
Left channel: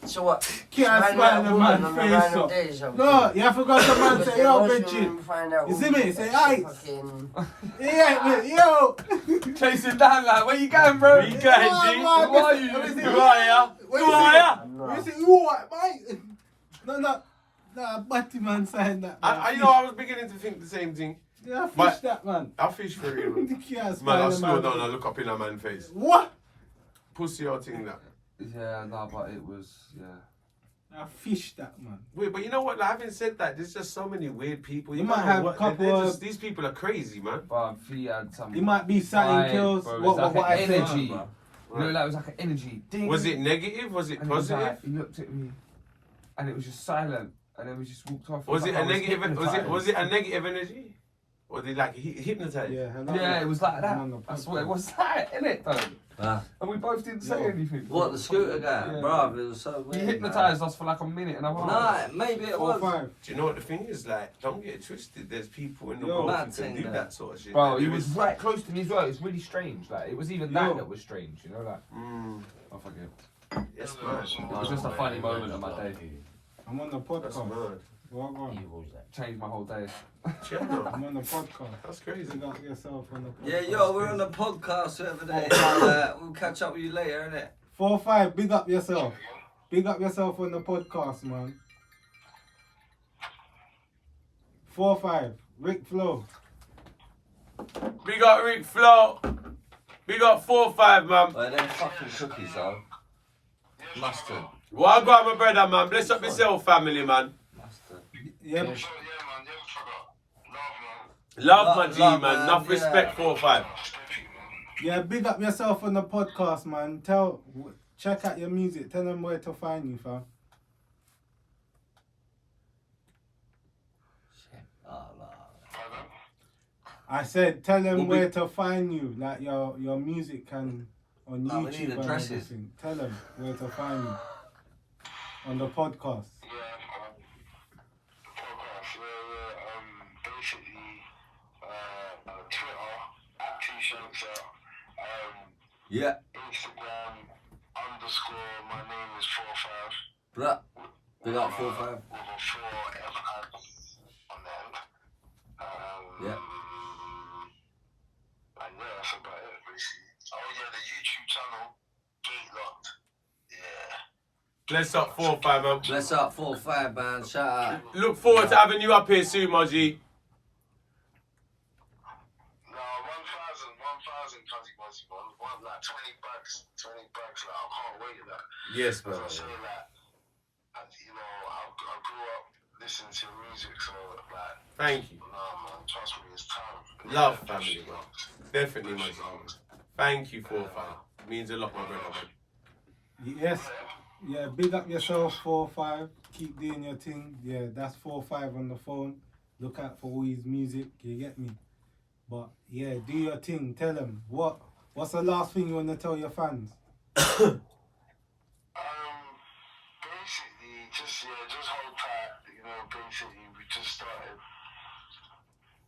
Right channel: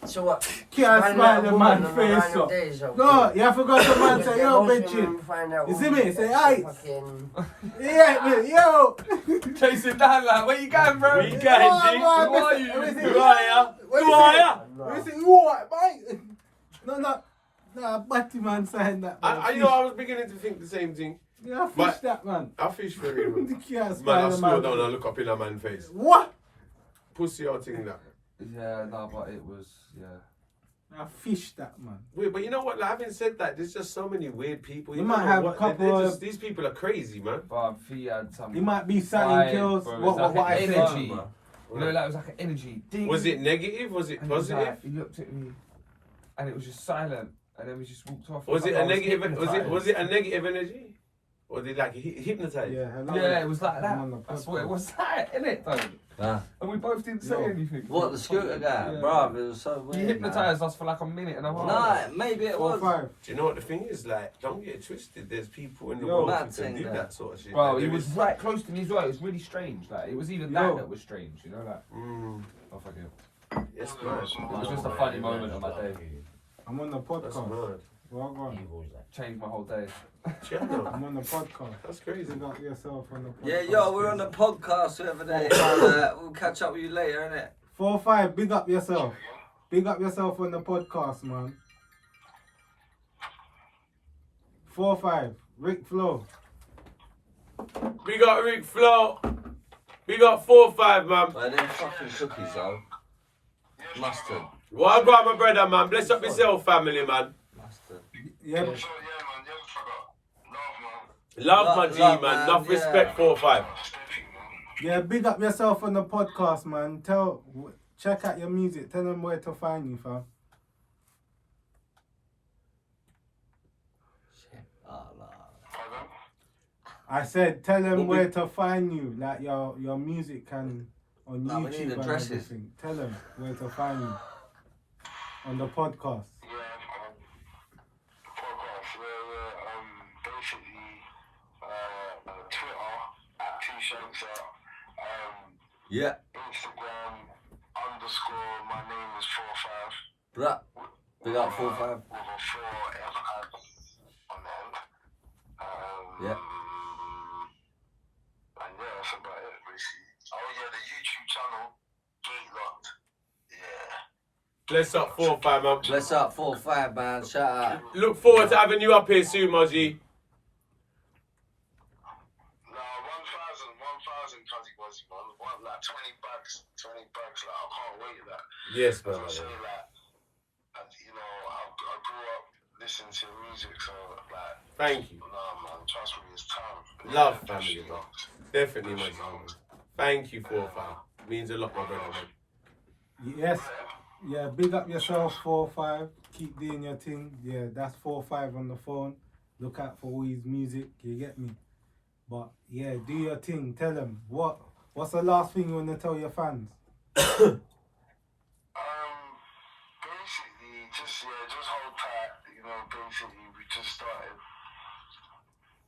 so what? Can't Smiling smile at a the woman man on face random up. days, okay. No, you forgot the man say, yo, Most Bridget. women find out You see women me? Say, that "Aye." fucking- Yeah, man, yo. chasing down like, where you going, bro? Where you going, G? Who are you? Who are ya? Who Who are ya? We say, you what, mate? No, Batty man saying that. Man. I was beginning to think the same thing. Yeah, fish But- that man. I fish very well. You can't Man, smile I the slow man down face. and look up in a man's face. What? Pussy out thing that. Yeah, no, but it was, yeah. I fish that man. Wait, but you know what? Like, having said that, there's just so many weird people. You don't might know have what- a couple they're of- just- these people are crazy, man. But he had some. He might be selling vibe, kills. bro. What It's like I an said. energy. bro. You know, like, it was like an energy. Ding. Was it negative? Was it And it was positive? like, he looked at me, and it was just silent, and then we just walked off. Was it like a I negative? Was it a hypnotised. negative energy? Or did like hypnotized? Yeah, hello. Yeah, it was like that. I'm on the That's what it podcast. was like, innit, though? Ah. And we both didn't say No. anything. What, the scooter guy? Yeah. Bruv, it was so He weird. hypnotised us for like a minute and a half. Nah, maybe it 4 was. 5. Do you know what the thing is? Like, don't get it twisted. There's people in the Yo, world mad who can thing, do though. that sort of shit. Bro, Like, he there was is- right close to me as well. It was really strange. Like, it was even Yo. that was strange, you know? Like, Mm, oh, fuck it. yes, man. It was just a funny moment of my day. I'm on the That's podcast. mad. Well gone. Changed my whole day. Yeah, no, I'm on the podcast. that's crazy. You got yourself on the podcast. Yeah, yo, we're on the podcast the other day. We'll catch up with you later, innit? 4 5. Big up yourself. Big up yourself on the podcast, man. 4 5. Rick Flo. We got Rick Flo. We got 4-5, man. Like them fucking cookies, though. Mustard. Well, I got my brother, man. Bless up yourself, family, man. Mustard. Yeah. Love my Love, G, love, man. man, Enough yeah. respect, 4-5. Yeah, big up yourself on the podcast, man. Check out your music. Tell them where to find you, fam. Oh, no. I said, tell them We'll be- where to find you. Like your music can on No, we YouTube need and addresses. everything. Tell them where to find you on the podcast. Twitter at T-Shancer, Yeah, Instagram _ my name is 45 bruh. Big up 4-5. with a 4 on the end. Yeah. And yeah, that's about it basically. Oh yeah, the YouTube channel, Gate Locked. Yeah. Bless up, 4-5, man. Bless up 4-5, man. Shout out. Look forward to having you up here soon, my G. No, 1,000 Cuzzy Buzzy, man. Like 20 bags, like I can't wait for that. Yes, As man. I say, like, and, you know, I grew up listening to your music, so like. Thank you. Nah, man, trust me, it's time. Love family, bro. Definitely, my brother. Thank you, 4-5. Means a lot, my brother, man. Yes. Yeah, big up yourself, 4-5. Keep doing your thing. Yeah, that's 4-5 on the phone. Look out for all his music, you get me? But yeah, do your thing. Tell them what's the last thing you want to tell your fans? Basically, just hold tight. You know, basically, we just started.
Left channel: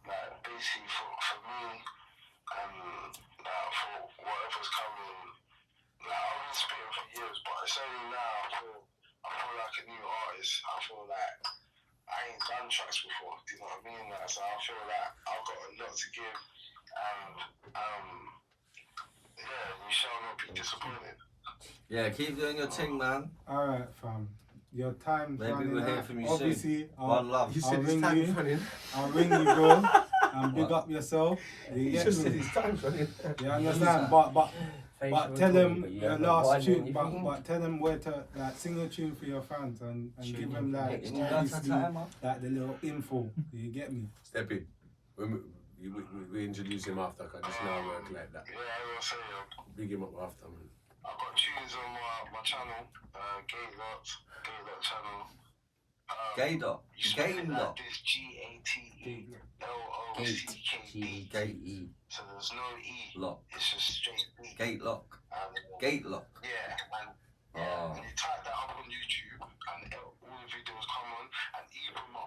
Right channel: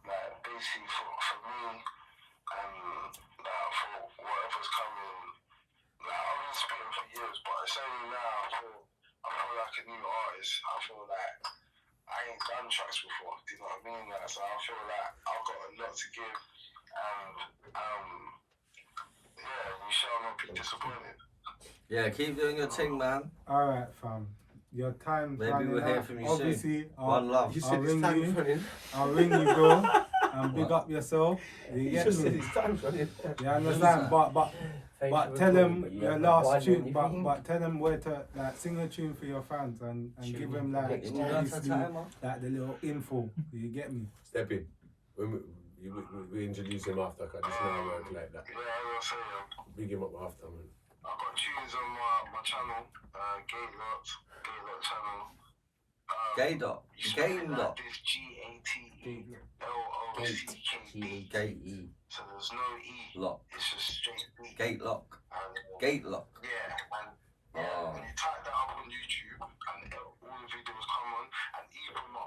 Like, basically, for me, like, for whatever's coming. Like, I've been spitting for years, but it's only now I feel like a new artist. I feel like I ain't done tracks before. Do you know what I mean? Like, so I feel like I've got a lot to give, and yeah, you shall not be disappointed. Yeah, keep doing your thing, man. All right, fam. Your time's Maybe running we'll hear out. from you Obviously, One love. You I'll said his ring time's you. running. I'll ring you, bro, and big up yourself. You You get just said me? his time's running. You understand? But tell them your last tune. But tell them where to like sing a tune for your fans and give them like obviously like the little info. You get me? Step in. We introduce him after, because this now work like that. Yeah, I was gonna say, Big him up after, man. I've got tunes on my channel, Gaad channel. Gaydot. You spell it Gaydot. like this, G-A-T-E-L-O-C-K-D. Gate. So there's no E. Lock. It's just straight B. Gate lock. And, Gate lock. yeah, and Oh. when you type that up on YouTube, and all the videos come on, and even my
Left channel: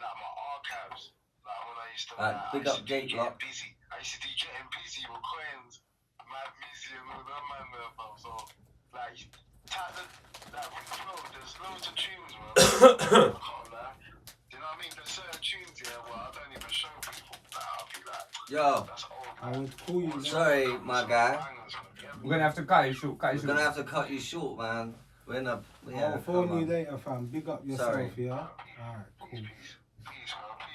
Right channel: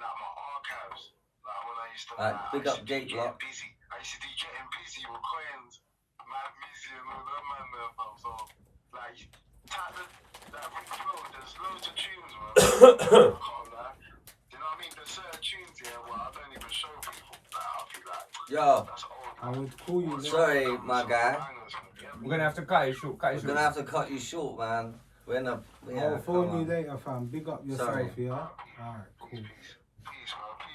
archives, like when I used to, Big up Gate lock. busy. I used to do getting busy with coins, Mad Busy and all that man there, fam. So, like, type the, like, Rick Flow, there's loads of tunes, man. I can't lie. You know what I mean? There's certain tunes here where I don't even show people. Like, I'll be like, Yo, that's old. I would call you. sorry, my guy. We're gonna have to cut it short. We're gonna have to cut you short, man. We're in a. I'll phone you later, fam. Big up yourself, Sorry. yeah. Alright, cool. Peace, man. Peace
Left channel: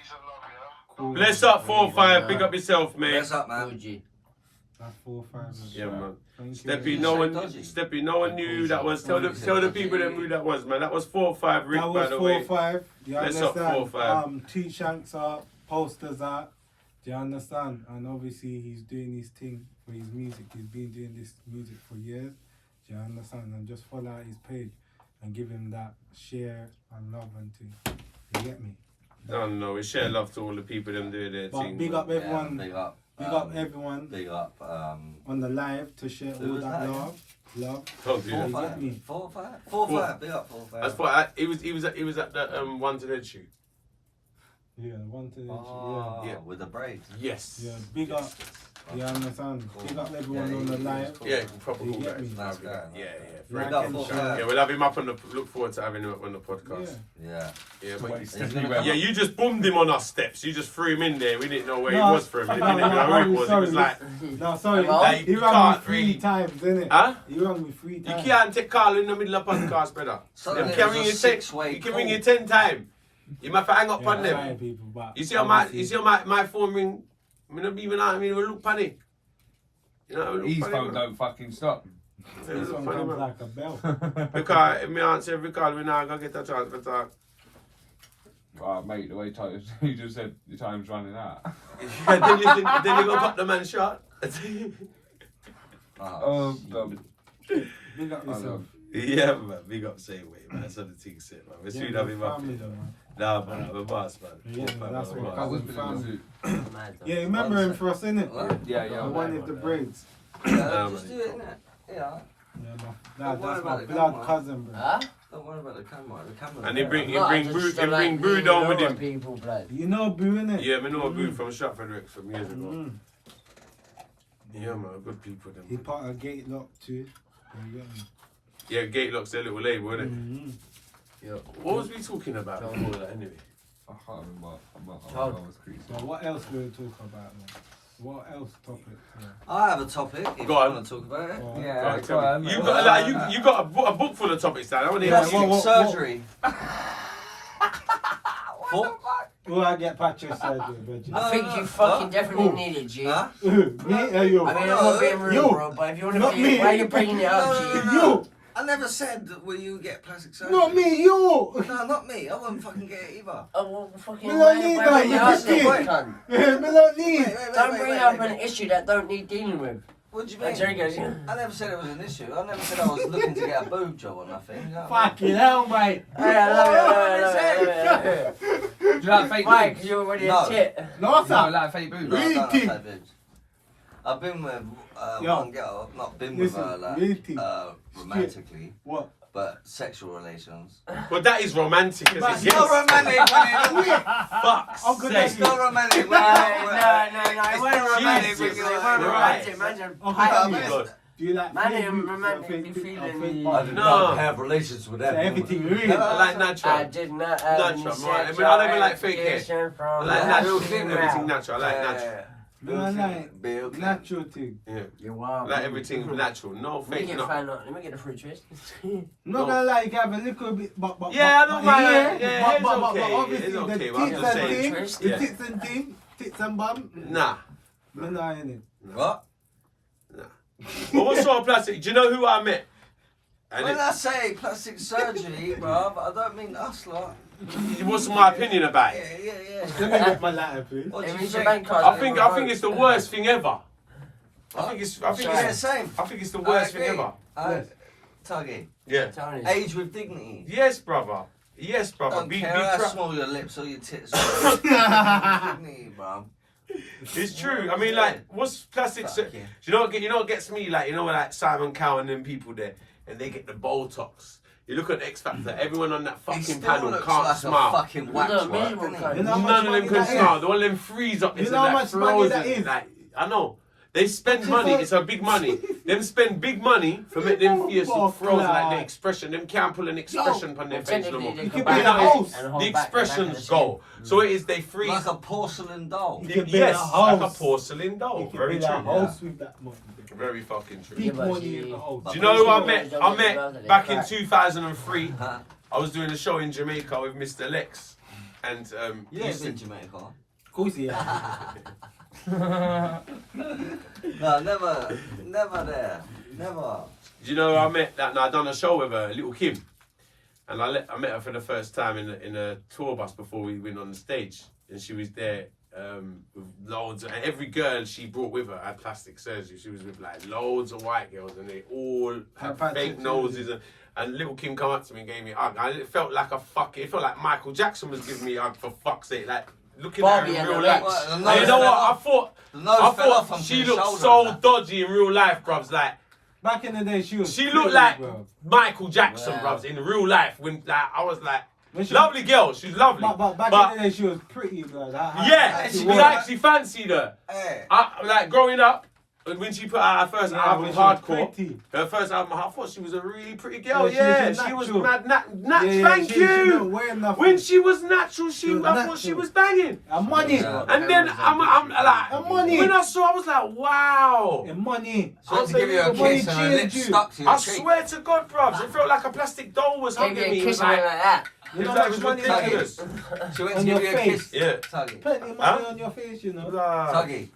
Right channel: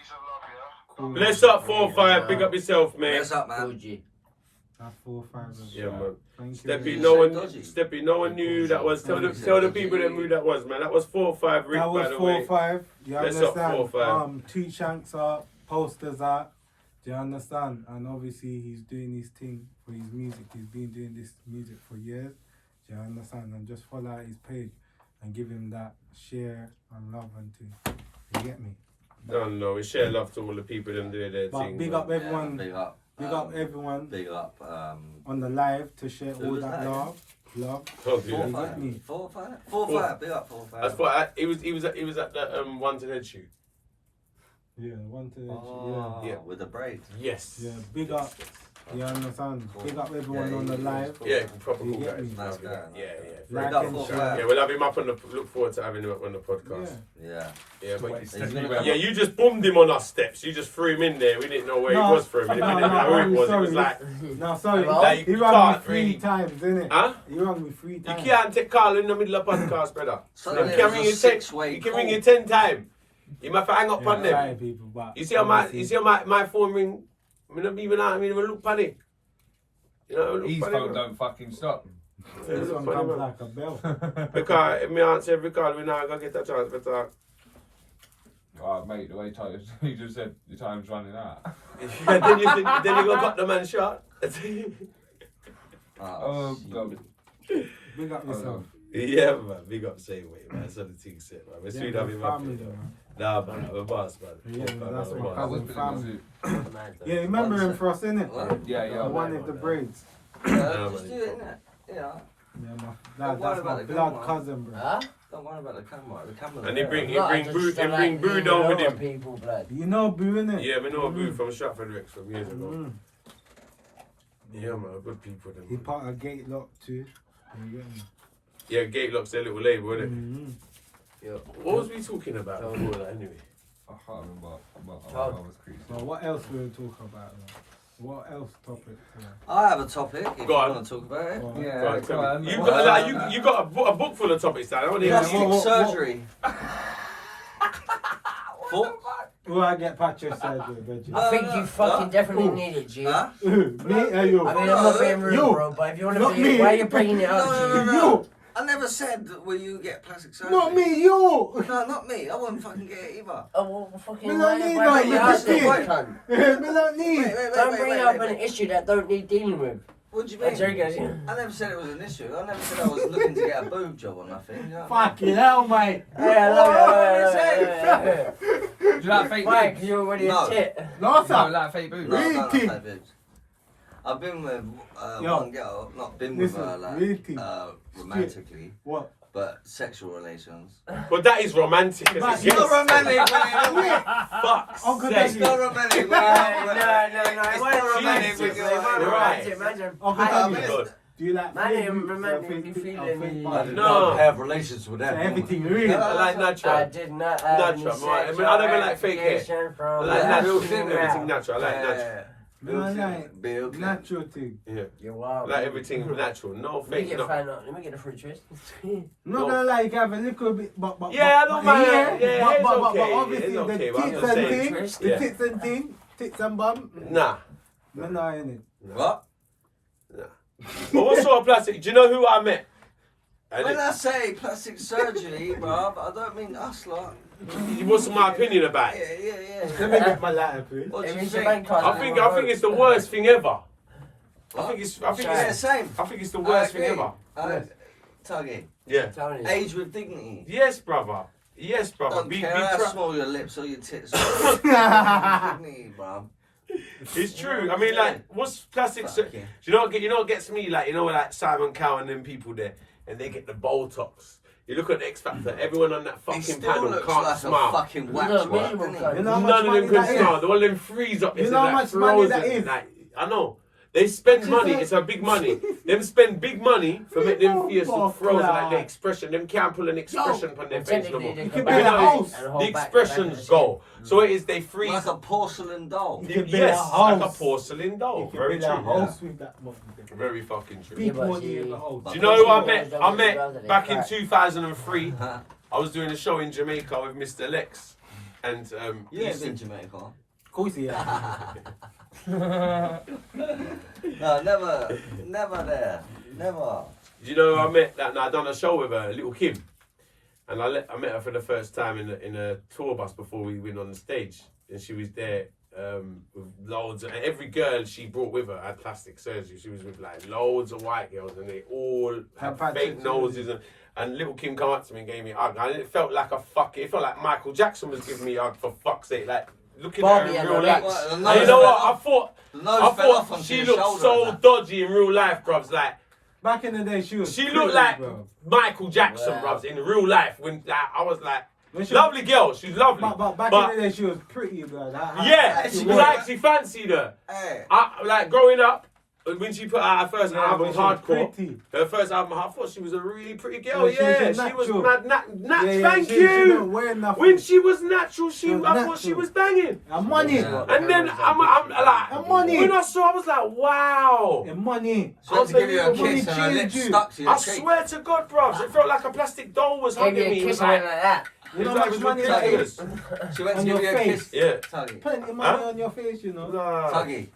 and love, yeah? Cool. Bless up, 4-5. Big up yourself, mate. What's up, man? That's 4-5. as Yeah, well. man. Thank you. Steppy, Dodgy. no one knew that was. Tell the people that knew that was, man. That was 4-5, Rick, That was by the way. 4-5. You Let's up understand? 4-5. Tweet shanks out, posters out. Do you understand? And obviously he's doing his thing for his music. He's been doing this music for years. Do you understand? And just follow out his page and give him that share and love and thing. You get me? No, we share love to all the people that do their But thing. big man. up everyone. Big up. Big up everyone Big up. on the live to share Who all was that that? love. Don't do that. You get me? 4-5. 4-5. Big up 4-5. That's what he was at the one to head shoot. Yeah, one to Oh, Yeah. with the braids. Yes. yeah. Big up. You understand? Cool. Big up everyone Yeah, on the he live. was cool. Yeah, proper You cool get guys. me? Nice guy. Yeah. Like Big up and 4-5. Yeah, we'll have him up on the. Look forward to having him up on the Yeah. podcast. Yeah. Yeah, but He's gonna come yeah, you just boomed him on our steps. You just threw him in there. We didn't know where he was for a minute. We didn't know who he was. It was like, No, sorry. Like, He you rang me can't 3 really- times, innit? huh? He rang me 3 You times. can't take call in the middle of podcast, brother. So You there's can a ring you 10. six-way You can call. ring you 10 times. You might have to hang up on them. Sorry, people, but You see how obviously- my phone ring? I don't even look funny. You know, His look phone funny. don't fucking stop. This one comes like a bell. Because if me answer every call, we now gonna get a chance to talk. Oh, mate, the way you just said your time's running out. then you go cut the man shot. Oh, God. Big up yourself. Yeah, man. Big up same way, man. That's what the thing said, man. We're Yeah, sweet we're having my family, though. man. Nah, man. I'm a boss, man. Yeah, Fuck, man, that's I'm a what boss. I was family. family. Yeah, remember him for us, innit? Yeah, The one with the braids. Yeah, just do it, innit? Yeah. Yeah, man. Don't worry That's about my the blood camera. cousin, bro. Huh? Don't worry about the camera. The camera's And he there. bring No, I just Boo don't like Boo being down with lower him. people, blood. You know Boo, innit? Yeah, me know Boo from Stratford Rex from years ago. Mm. Yeah, man. Good people, them. He part of Gate Lock too. You get me? Yeah, Gatelock's their little label, isn't it? Mm-hmm. What was we talking about before that, anyway? I can't remember. I Oh. was creased. So what else will we talk about then? What else topics? Yeah. I have a topic if Go you on. want to talk about it. Well, Yeah, Right, go on, you mate. got like, you got a book full of topics, Dan. I want to hear Plastic what- surgery. Thought? Will I get plastic surgery, Reggie? No. I think you fucking definitely Ooh. need it, G. Huh? Me or you? I mean, I'm not being rude, You. bro, but if you want to Not be, me. why are you bringing it up, No, G? no, no, no. You. I never said will you get plastic surgery. Not me, you. No, not me. I wouldn't fucking get it either. Oh, well, fucking. Me don't need that, you me asked just it, need. cunt. Me don't need. Don't bring up an issue that don't need dealing with. What do you I'm mean? joking. I never said it was an issue. I never said I was looking to get a boob job or nothing. You know what I mean? Fucking hell, mate. Hey, I love it. Do you like fake Mike, boobs? you're already No. a tit. No, No, sir. like fake boobs. No, Really? no, no, boobs. I've been with Yo. one girl, not been with her Listen, like really? romantically, What? but sexual relations. But that is romantic. As But it It's not gets. romantic when you Fuck's Oh, good, sake. It's not romantic when No, you it wasn't romantic when Jesus, you're right. Imagine. Oh, I- good. God. Do you like Man, fake I'm boobs or romantic, fake you tit- feeling or fake me? body? No. have relations with So that. everything real. I like natural. I did not have any Natural, right. I mean, sexual I never like fake hair. application from I like Yeah. natural. Yeah. Everything natural. I like natural. Me don't like Bill natural thing. Yeah. You're wild. I like everything natural. No Let me fake. get No. let me get a fruit twist. I'm not gonna lie, you can have a little bit, but Yeah, I don't mind. Yeah, but, it's but okay. obviously It's okay, the but I'm tits just and saying. thing, Yeah. the tits and thing, tits and bum. Nah. Me not in it. What? But what sort of plastic? Do you know who I met? And When I say plastic surgery, bro, I don't mean us lot. what's my opinion about Yeah, it? yeah, Let yeah. me get my lighter, please. What do It you means your think? bank card. I think it's the worst thing ever. I think Yeah, same. it's the worst thing ever. Yes. Tuggy. Yeah. Tell me. Age with dignity. Yes, brother. Yes, brother. Don't Be care how proud. small your lips or your tits are. Dignity, bro. It's true. I mean, like, what's plastic? Fuck yeah. You know what gets me? Like, you know, like Simon Cowell and them people there, and they get the Botox. You look at the X Factor. Everyone on that He fucking still panel looks can't like smile. a fucking wax No, work, minimum doesn't kind. he? You know how much None of them money can that is? smile. The one of them freeze up. You It's know how like much money frozen. that is? Like, I know. They spend money. It's a big money. Them spend big money for make them face look frozen, like the expression. Them can't pull an expression on their face no more. You can build a house. The expressions go. So it is they freeze. Like a porcelain doll. You can build a Yes, like a house. porcelain doll. You can Very build a true. house with that money. Very fucking true. Big Yeah, but money see- in the house. Do you know who I met? Don't I get met involved in back it, in right. 2003. I was doing a show in Jamaica with Mr. Lex, and Yeah, he's in Jamaica. Of course, yeah. No, never there. Never. Do you know who I met? That I done a show with her, little Kim, and I met her for the first time in a tour bus before we went on the stage, and she was there with loads. And every girl she brought with her had plastic surgery. She was with like loads of white girls, and they all had Had fake plastic noses. And little Kim come up to me and gave me a hug, and it felt like it felt like Michael Jackson was giving me a hug, for fuck's sake. Like looking Barbie at her in and real the life. Reece. Well, the And nose you know fell what? off. I The nose thought fell off onto she your looked shoulder so and that. dodgy in real life, bruvs. Like Back in the day, she was. she pretty, looked like bro. Michael Jackson, Wow. bruvs, in real life. When like I was like, When she- lovely girl, she's lovely. But back But- in the day, she was pretty, bro. yeah, she she was. was actually fancied her. Hey. Like growing up, when she put out her first album, Hardcore. Pretty. Her first album, I thought she was a really pretty girl. Yeah, Yeah, she was natural. mad. Yeah, Thank she you. don't wear nothing. When she was natural, She was I thought she natural. was banging. And money. Yeah. And then I'm like, And money. when I saw, I was like, wow. And money. She had to give you a Money kiss and her lips changed you. stuck to your I cheek. swear to God, bruv, it felt like a plastic doll was Gave hugging you me. a It was kiss like like, that. You know that how was much money that ridiculous. is? She went to On give your you a face. kiss. Yeah. Tuggy. Plenty money Huh? on your face, you know. Nah. Tuggy.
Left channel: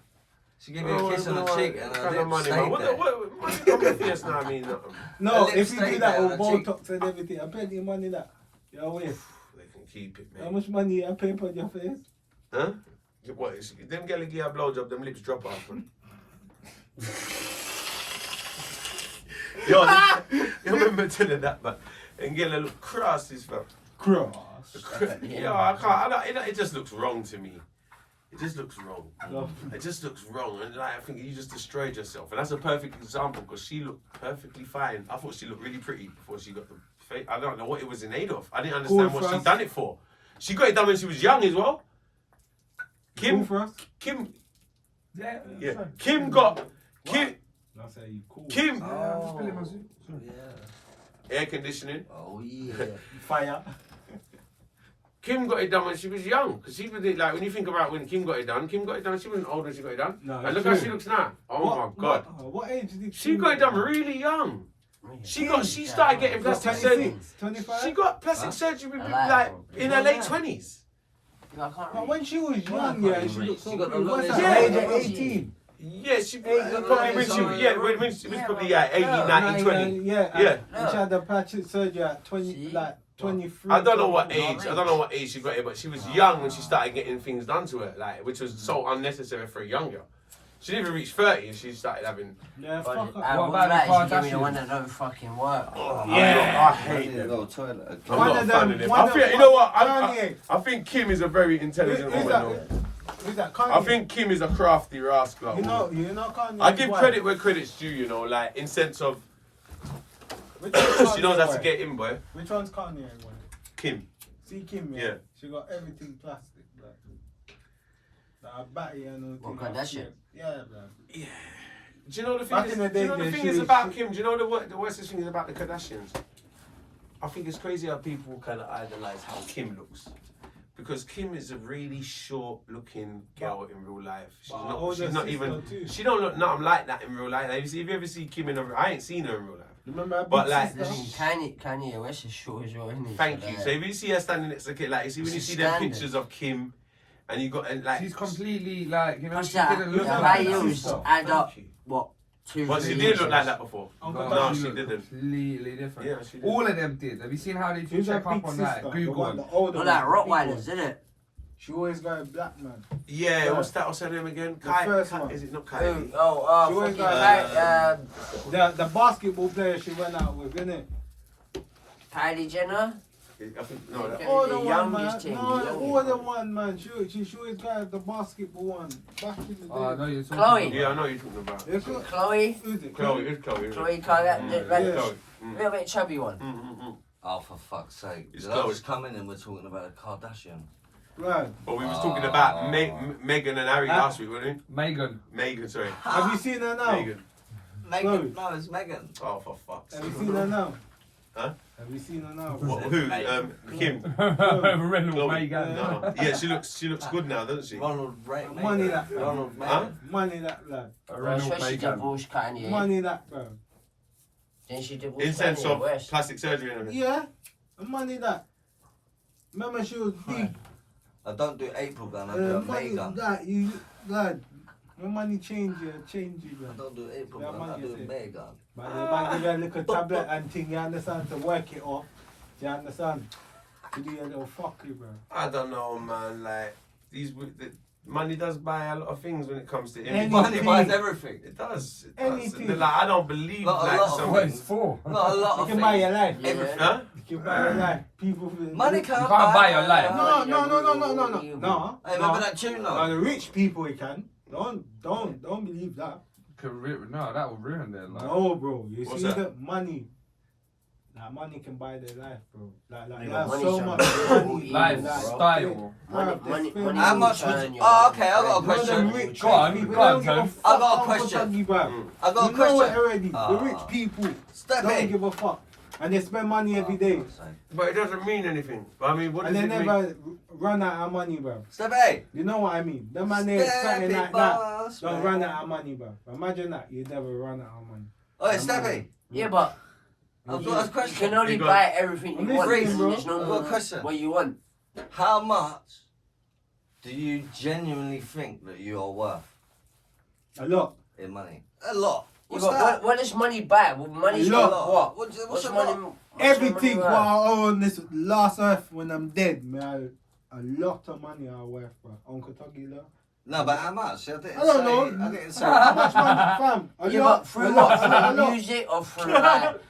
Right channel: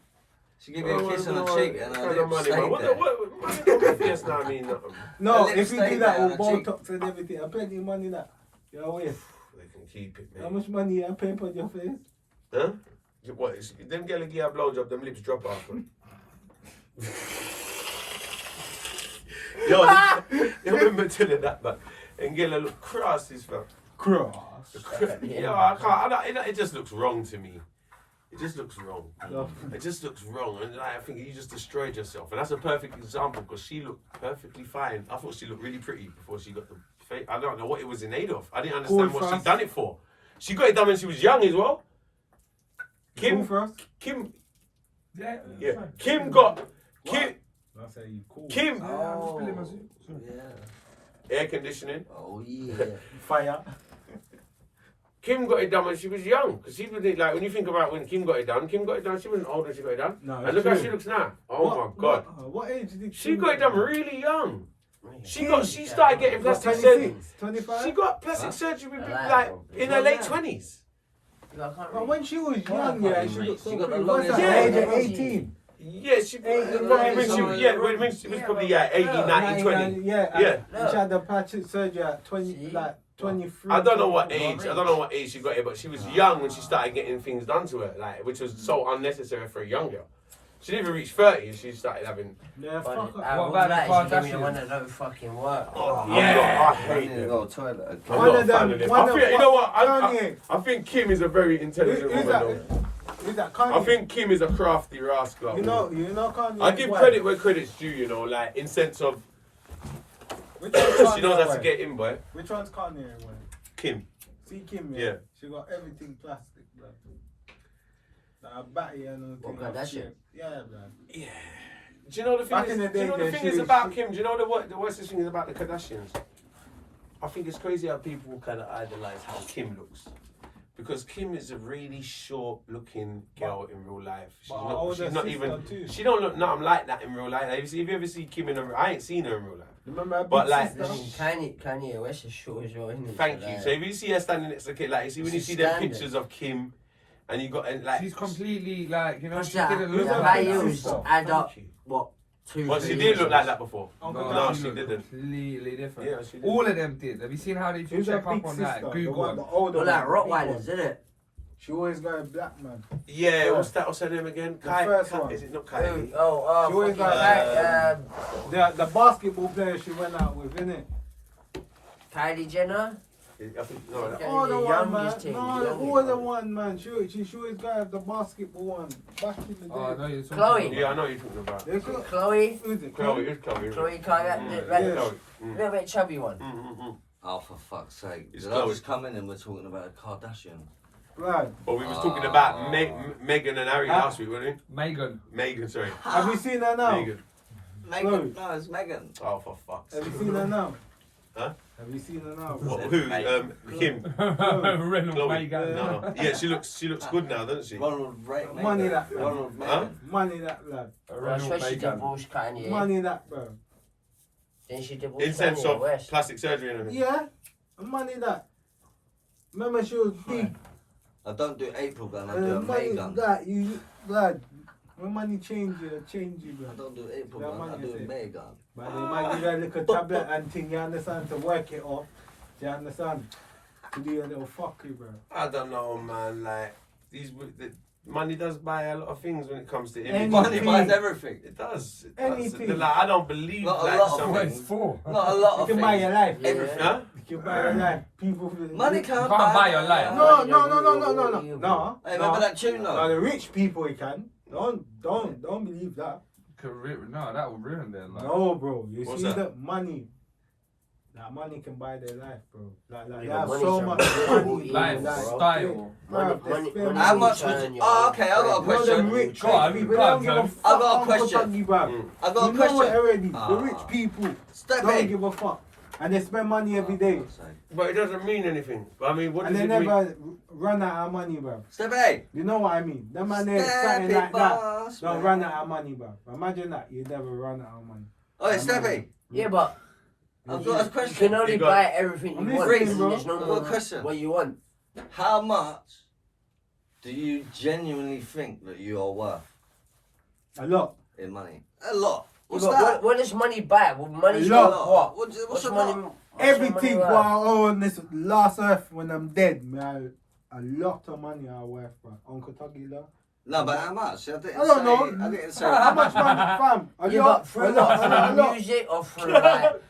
She gave you a kiss on the cheek and her Kind of lips money, stayed man. What there. money on my face now? I mean, nothing. No, Her lips if you do stayed that there with on her cheek. Botox and everything, I plenty of money that. You're away. They can keep it, How man. much money I pay on your face? Huh? What? Them girls give you a blowjob, them lips drop off, man. Yo, you remember telling that, man? And girl look cross, this fam. Cross. Yo, I can't. It just looks wrong to me. It just looks wrong. No. It just looks wrong, and like, I think you just destroyed yourself. And that's a perfect example because she looked perfectly fine. I thought she looked really pretty before she got the face. I don't know what it was in aid of. I didn't understand Cool what she fast. done it for. She got it done when she was young as well. Cool Kim, for us? Kim, Yeah. yeah, Kim got Kim, I say you cool. Kim, Oh, yeah. air conditioning. Oh, yeah. Fire. Kim got it done when she was young. Because she was like, when you think about when Kim got it done, she wasn't old when she got it done. No, And that's look how true. she looks now. Oh my God. What age did She got it done really young. She started getting What, plastic surgery. 26, 25? She got plastic surgery Alive. like in her late 20s. And when she was young, yeah, she looked so She got the pretty. What's longest that, hair. age of 18? Yeah, she probably when she was probably 80, 90, 20. Yeah. And she had the plastic surgery at 20, See? like 23. I don't know what age. I don't know what age she got it, but she was young when she started getting things done to her, like which was so unnecessary for a young girl. She didn't even reach 30 and she started having. Yeah, fuck up. What about the Kardashians? Give me the one Kardashians? that don't fucking work. I hate them. Go toilet. I'm One not of a fan them- of them. one I of- think, you know what? Kanye. I think Kim is a very intelligent Who's woman, that? though. Who's that? Kanye? I think Kim is a crafty rascal. You know Kanye. I give wife. credit where credit's due, you know, like in sense of Which one's she knows Kanye how to wife? get in, boy. Which one's Kanye? Wife? Kim. See Kim, Yeah. She got everything plastic, like. Like a battery and all What, thing. Kardashian? Yeah, man. Yeah. Do you know the thing? Back Is, in the do you day, know the yeah, thing she is was- about she- Kim? Do you know the worst thing is about the Kardashians? I think it's crazy how people kind of idolize how Kim looks. Because Kim is a really short-looking girl in real life. She's But her not. older She's not sister even. too. She don't look nothing like that in real life. Have you ever seen Kim in a? I ain't seen her in real life. Remember her But, big like, sister? Kanye West is short as well, isn't he? Thank you. So if you see her standing next to Kim, like you see when you She's see them standing. pictures of Kim, and you got and like. She's completely like, you know, What's she that? didn't look Who's The that? like Big that. values sister. add up. Thank you. What? 2 Well, she 3 did look years. like that before. Uncle No, No, Tom. she she looked didn't. completely different. Yeah, she did. All of them did. Have you seen how they Who's check her up big on sister? that? The Google. one, the older Well, like one, the big Rottweilers, one. isn't it? She always got a black man. Yeah, Yeah. what's her name again? The first one. Is it not Who? Kylie? Oh, She always fucking got, The basketball player she went out with, innit? Kylie Jenner. I think no. Okay. that- Oh, the the one, man. youngest team, No, the the youngest older one. one, man. She always got the basketball one. Back in the day. Oh, I know you're talking Chloe. about. Yeah, I know you're talking about. It's got- Chloe. who's it? Chloe, it's Chloe. isn't it? Chloe Kardashian. Mm, Like, Yeah. Chloe. Mm. little bit chubby one. Oh, for fuck's sake. It's Did I Chloe. just come in and we're talking about a Kardashian? Right. But we was talking about Oh. Meghan and Harry Huh? last week, weren't Megan. we? Megan, sorry. Have you seen her now? Megan. Megan. No, it's Megan. Oh, for fuck's Have sake. you seen her now? Huh? Have you seen her now? What, who? Kim. Reynolds Chloe. Megan. No. Yeah, she looks good now, doesn't she? Ronald Money Megan. that. Ronald Huh? Megan. Money that, lad. Well, Reynolds especially Megan. divorced Kanye. Money that, bro. Then she divorced In sense Kanye of West. plastic surgery and everything. Yeah. Money that. Remember she was big. I don't do April gun, I do a Money May gun. that, you, lad. When money change you, I lad. don't do April Yeah, gun, man, I you do a say. May gun. But they might give you a little tablet and thing, you understand, to work it off. You understand? To do a little fuckery, bro. I don't know, man. Like the money does buy a lot of things when it comes to Any everything. Money Anything. buys everything. It does. It Anything. Does. Like, I don't believe Not a like lot of some- What it's for? Not a lot You of can buy your things. life. Yeah. Everything. Huh? You can buy your life. People. Money can't You can't buy your life. No. No. Hey, remember that tune No, though? the rich people you can. Don't believe that. No, that will ruin their life. No, bro. You What's see that? the money. That money can buy their life, bro. Like Yeah, they but have money's so a much real money. evil, Life, bro. style. Bro, Money- they spend How will much turn would you... your Oh, life. okay, I got a No, question. them rich Go on, people, go on, they don't give a Tom. fuck I got a how question. much, bro. Mm. I got a You know it question. already. Ah. The rich people don't Steppy. give a fuck. And they spend money every day. But it doesn't mean anything. But I mean, what And does they it mean? never run out of money, bro. Steppy. You know what I mean? The man there something Steppy, like that boss, don't man. run out of money, bro. Imagine that. You never run out of money. Oh, Steppy. Yeah, but I've got a you question. can only You got- buy everything I'm you want. listening, and bro. There's no I've got more a question. what you want. How much do you genuinely think that you are worth A lot. in money? A lot. What's Yeah, but that? what does money buy? Well, money's A not lot. what? What's What's a money? lot? what's your Everything money what worth? I owe on this last earth when I'm dead, man. A lot of money I worth, bro. Uncle Tuggy, though. No, but how much? I didn't I don't know. say. I didn't say. How much money, fam? A Yeah, lot. but A through lot. what? A lot. A Through lot. music or through like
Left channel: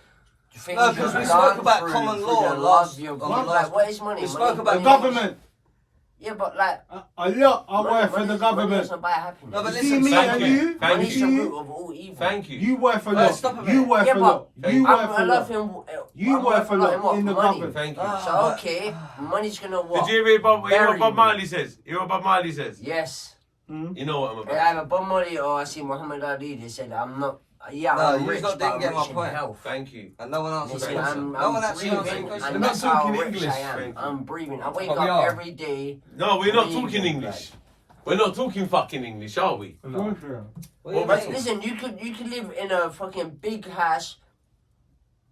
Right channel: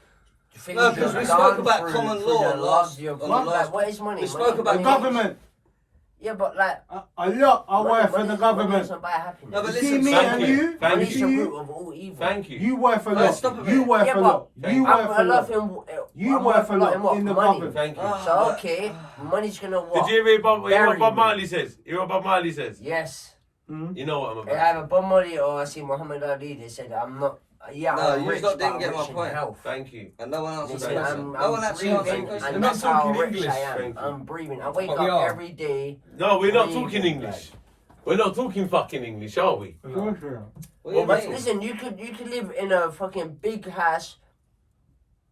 things No, 'cause we you've spoke done about through- common through law the last- year, on but the like, last- what is money? we spoke Money- about The money- government. Yeah, but like A lot I money- worth for money- the money government. doesn't buy happiness. No, but You listen, see me thank and you. you? Thank Money's you the see root you? of all evil. Thank you. You worth a Right, lot. stop a minute. You worth Yeah, a but lot. You I'm worth a I love lot. him. You I'm worth a in lot what? in the Money. government. Thank you. Ah. So but- okay, money's gonna what? Did you hear what Bury Bob me. Marley says? You hear what Bob Marley says? Yes. Mhm. You know what I'm I about. have a Bob Marley or I see Muhammad Ali. They said I'm not. Yeah, No, I'm you rich, lot but didn't I'm get my rich in point. health. Thank you. And no one They answered the say question. I'm No one actually breathing, answered the and question. You're not that's how talking rich English. I am. Thank you. I'm breathing. I wake But we up are. every day. No, we're not Breathing, talking English. We're not talking fucking English, are we? Of course we are. What do you Well, mean? Listen, you could live in a fucking big house,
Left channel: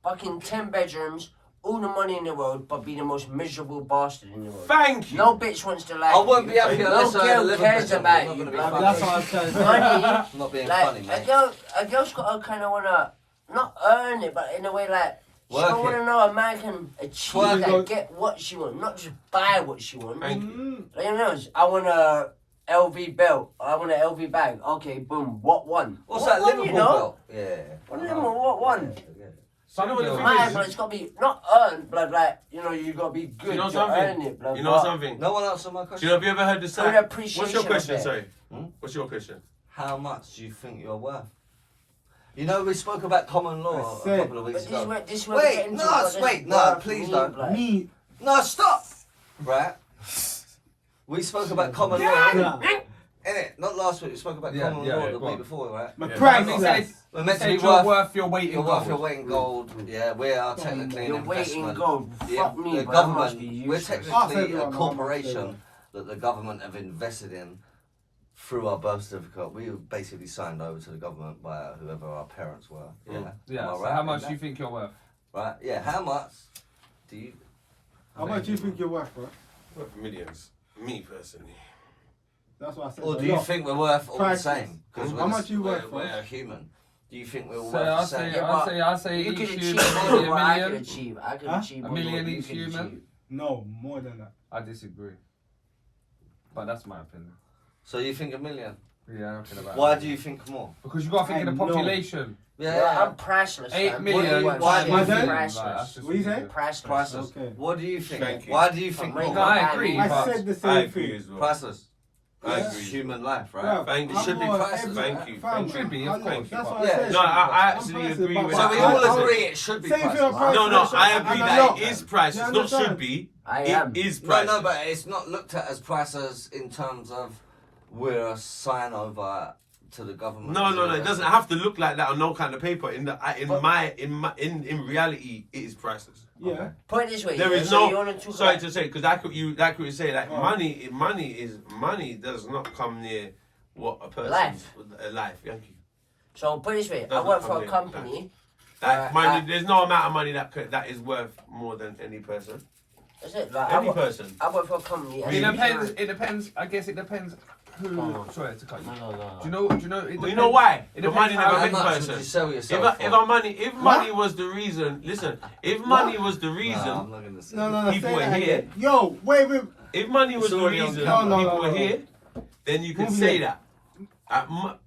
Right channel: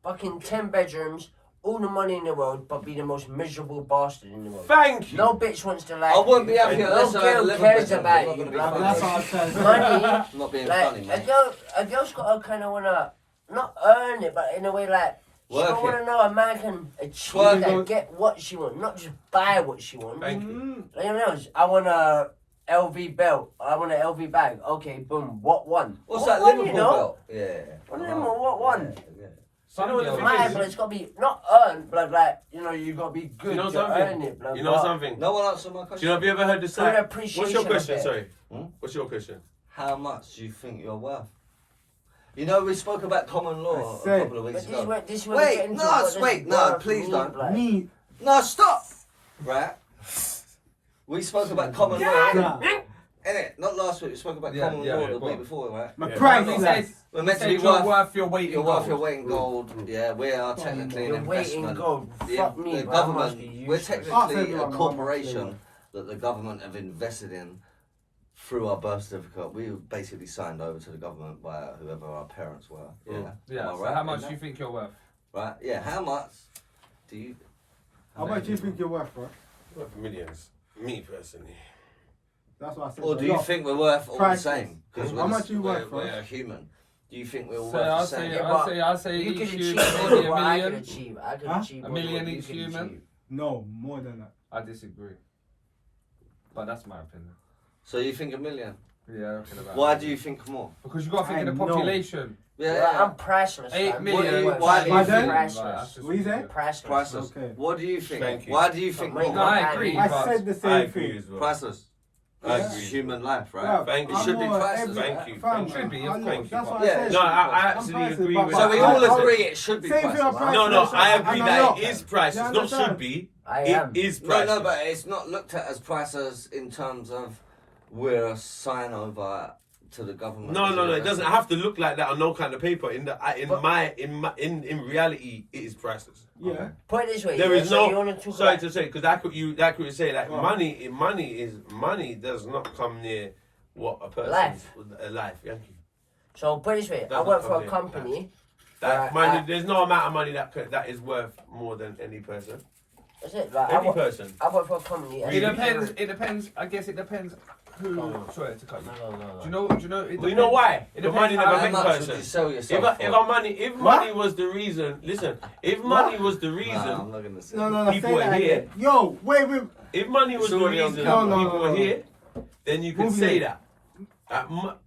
fucking 10 bedrooms, all the money in the world, but be the most miserable bastard in the world. Thank you. No bitch wants to like I won't be you. happy No unless I girl live a cares bit. about I'm not you. gonna be bruv. funny. That's what I'm trying to say. Money, I'm not being funny, like, mate. a girl's got to kind of want to, not earn it, but in a way like, she Work don't want it. to know a man can achieve Work and it. get what she wants, not just buy what she wants. Thank you. Like, you know, I want a LV belt, I want an LV bag. Okay, boom, what one? What's What that one, Liverpool you know? belt? Yeah. What I them, know. what one? Yeah. Some You know what the girls- thing Mine, is- but it's got to be not earned, but like, you know, you got to be good You know to something? earn it. Blah, You know blah. something? No one answered my Do question. you know, have you ever heard the Good saying? appreciation. What's your of question, it. sorry? Hmm? What's your question? How much do you think you're worth? You know, we spoke about common law I a said- couple of But weeks this is ago. where, this is where Wait, we get into no, what this wait, no, worth please means, don't. like. Me. No, stop! Right? We spoke about common law, Nah. innit? Not last week, we spoke about Yeah, common yeah, law the go week on. before, right? My Yeah. price He is said, We're he meant to said be you're worth, worth your weight in you're gold. worth your weight in gold. Yeah, we are technically an Your weight in investment. gold. Fuck me, The but that must government, be we're useless. Ask technically everyone a how much they corporation want. that the government have invested in through our birth certificate. We were basically signed over to the government by whoever our parents were. Yeah. Yeah, Am I so right how in much that? do you think you're worth? Right? Yeah, how much do you... How much do you think you're worth, bro? Worth millions. Me personally. That's what I said. Or a do you lot. think we're worth all Priceless. the same? Because How much you worth, we're bro? a human. Do you think we're all So worth the I'll same? say, Yeah, I'll say You each could achieve human more maybe than a what I could million. achieve. I could Huh? achieve A more than million what you each could human? achieve. No, more than that. I disagree. But that's my opinion. So you think a million? Yeah, I reckon about Why that. do you think more? Because you got to think of I the know. population. Yeah, I'm priceless. 8 fam. million. What- Why do you why think? then? Like, that's Priceless. just What you say? ridiculous. Priceless. Priceless. Okay. What do you think? Thank you. Why do you think Wait, more? No, I agree. I but said the I same agree thing. as well. Priceless. I Yeah. agree. It's human life, right? Bruv, Thank you. It should be I'm more priceless. every- Thank you. fam, It should be, of I know, course. That's what Yeah. I said. No, I I'm absolutely priceless, agree but with So we that. all I- agree it should be Say if you're a priceless. price- No, priceless, I agree and that I'm not. it is priceless. You Not understand? should be. I It am. is No, priceless. no, but it's not looked at as priceless in terms of we're a sign over to the government. No. It doesn't have to look like that on no kind of paper. In reality, it is priceless. Yeah. Okay. Put it this way. There yeah, is so no. you wanna talk Sorry about- to say, because that could say like Oh. money does not come near what a person's Life. life. Thank you. So put it this way. I Doesn't work for come a near company. That Right, money, there's no amount of money that is worth more than any person. That's it. Like, Any person. I work for a company. It depends. It depends. I guess it depends who. Sorry to cut you. No. Do you know? Do you know? It Well, you depends- know why? It The money depends never how How makes much person. would you sell yourself If money was the reason, listen. If money was the reason, No, I'm not gonna say. No, that. People say are that here. again. Yo, wait. if money was It's the already on reason camera. No, people were here, then you could Move say it. that.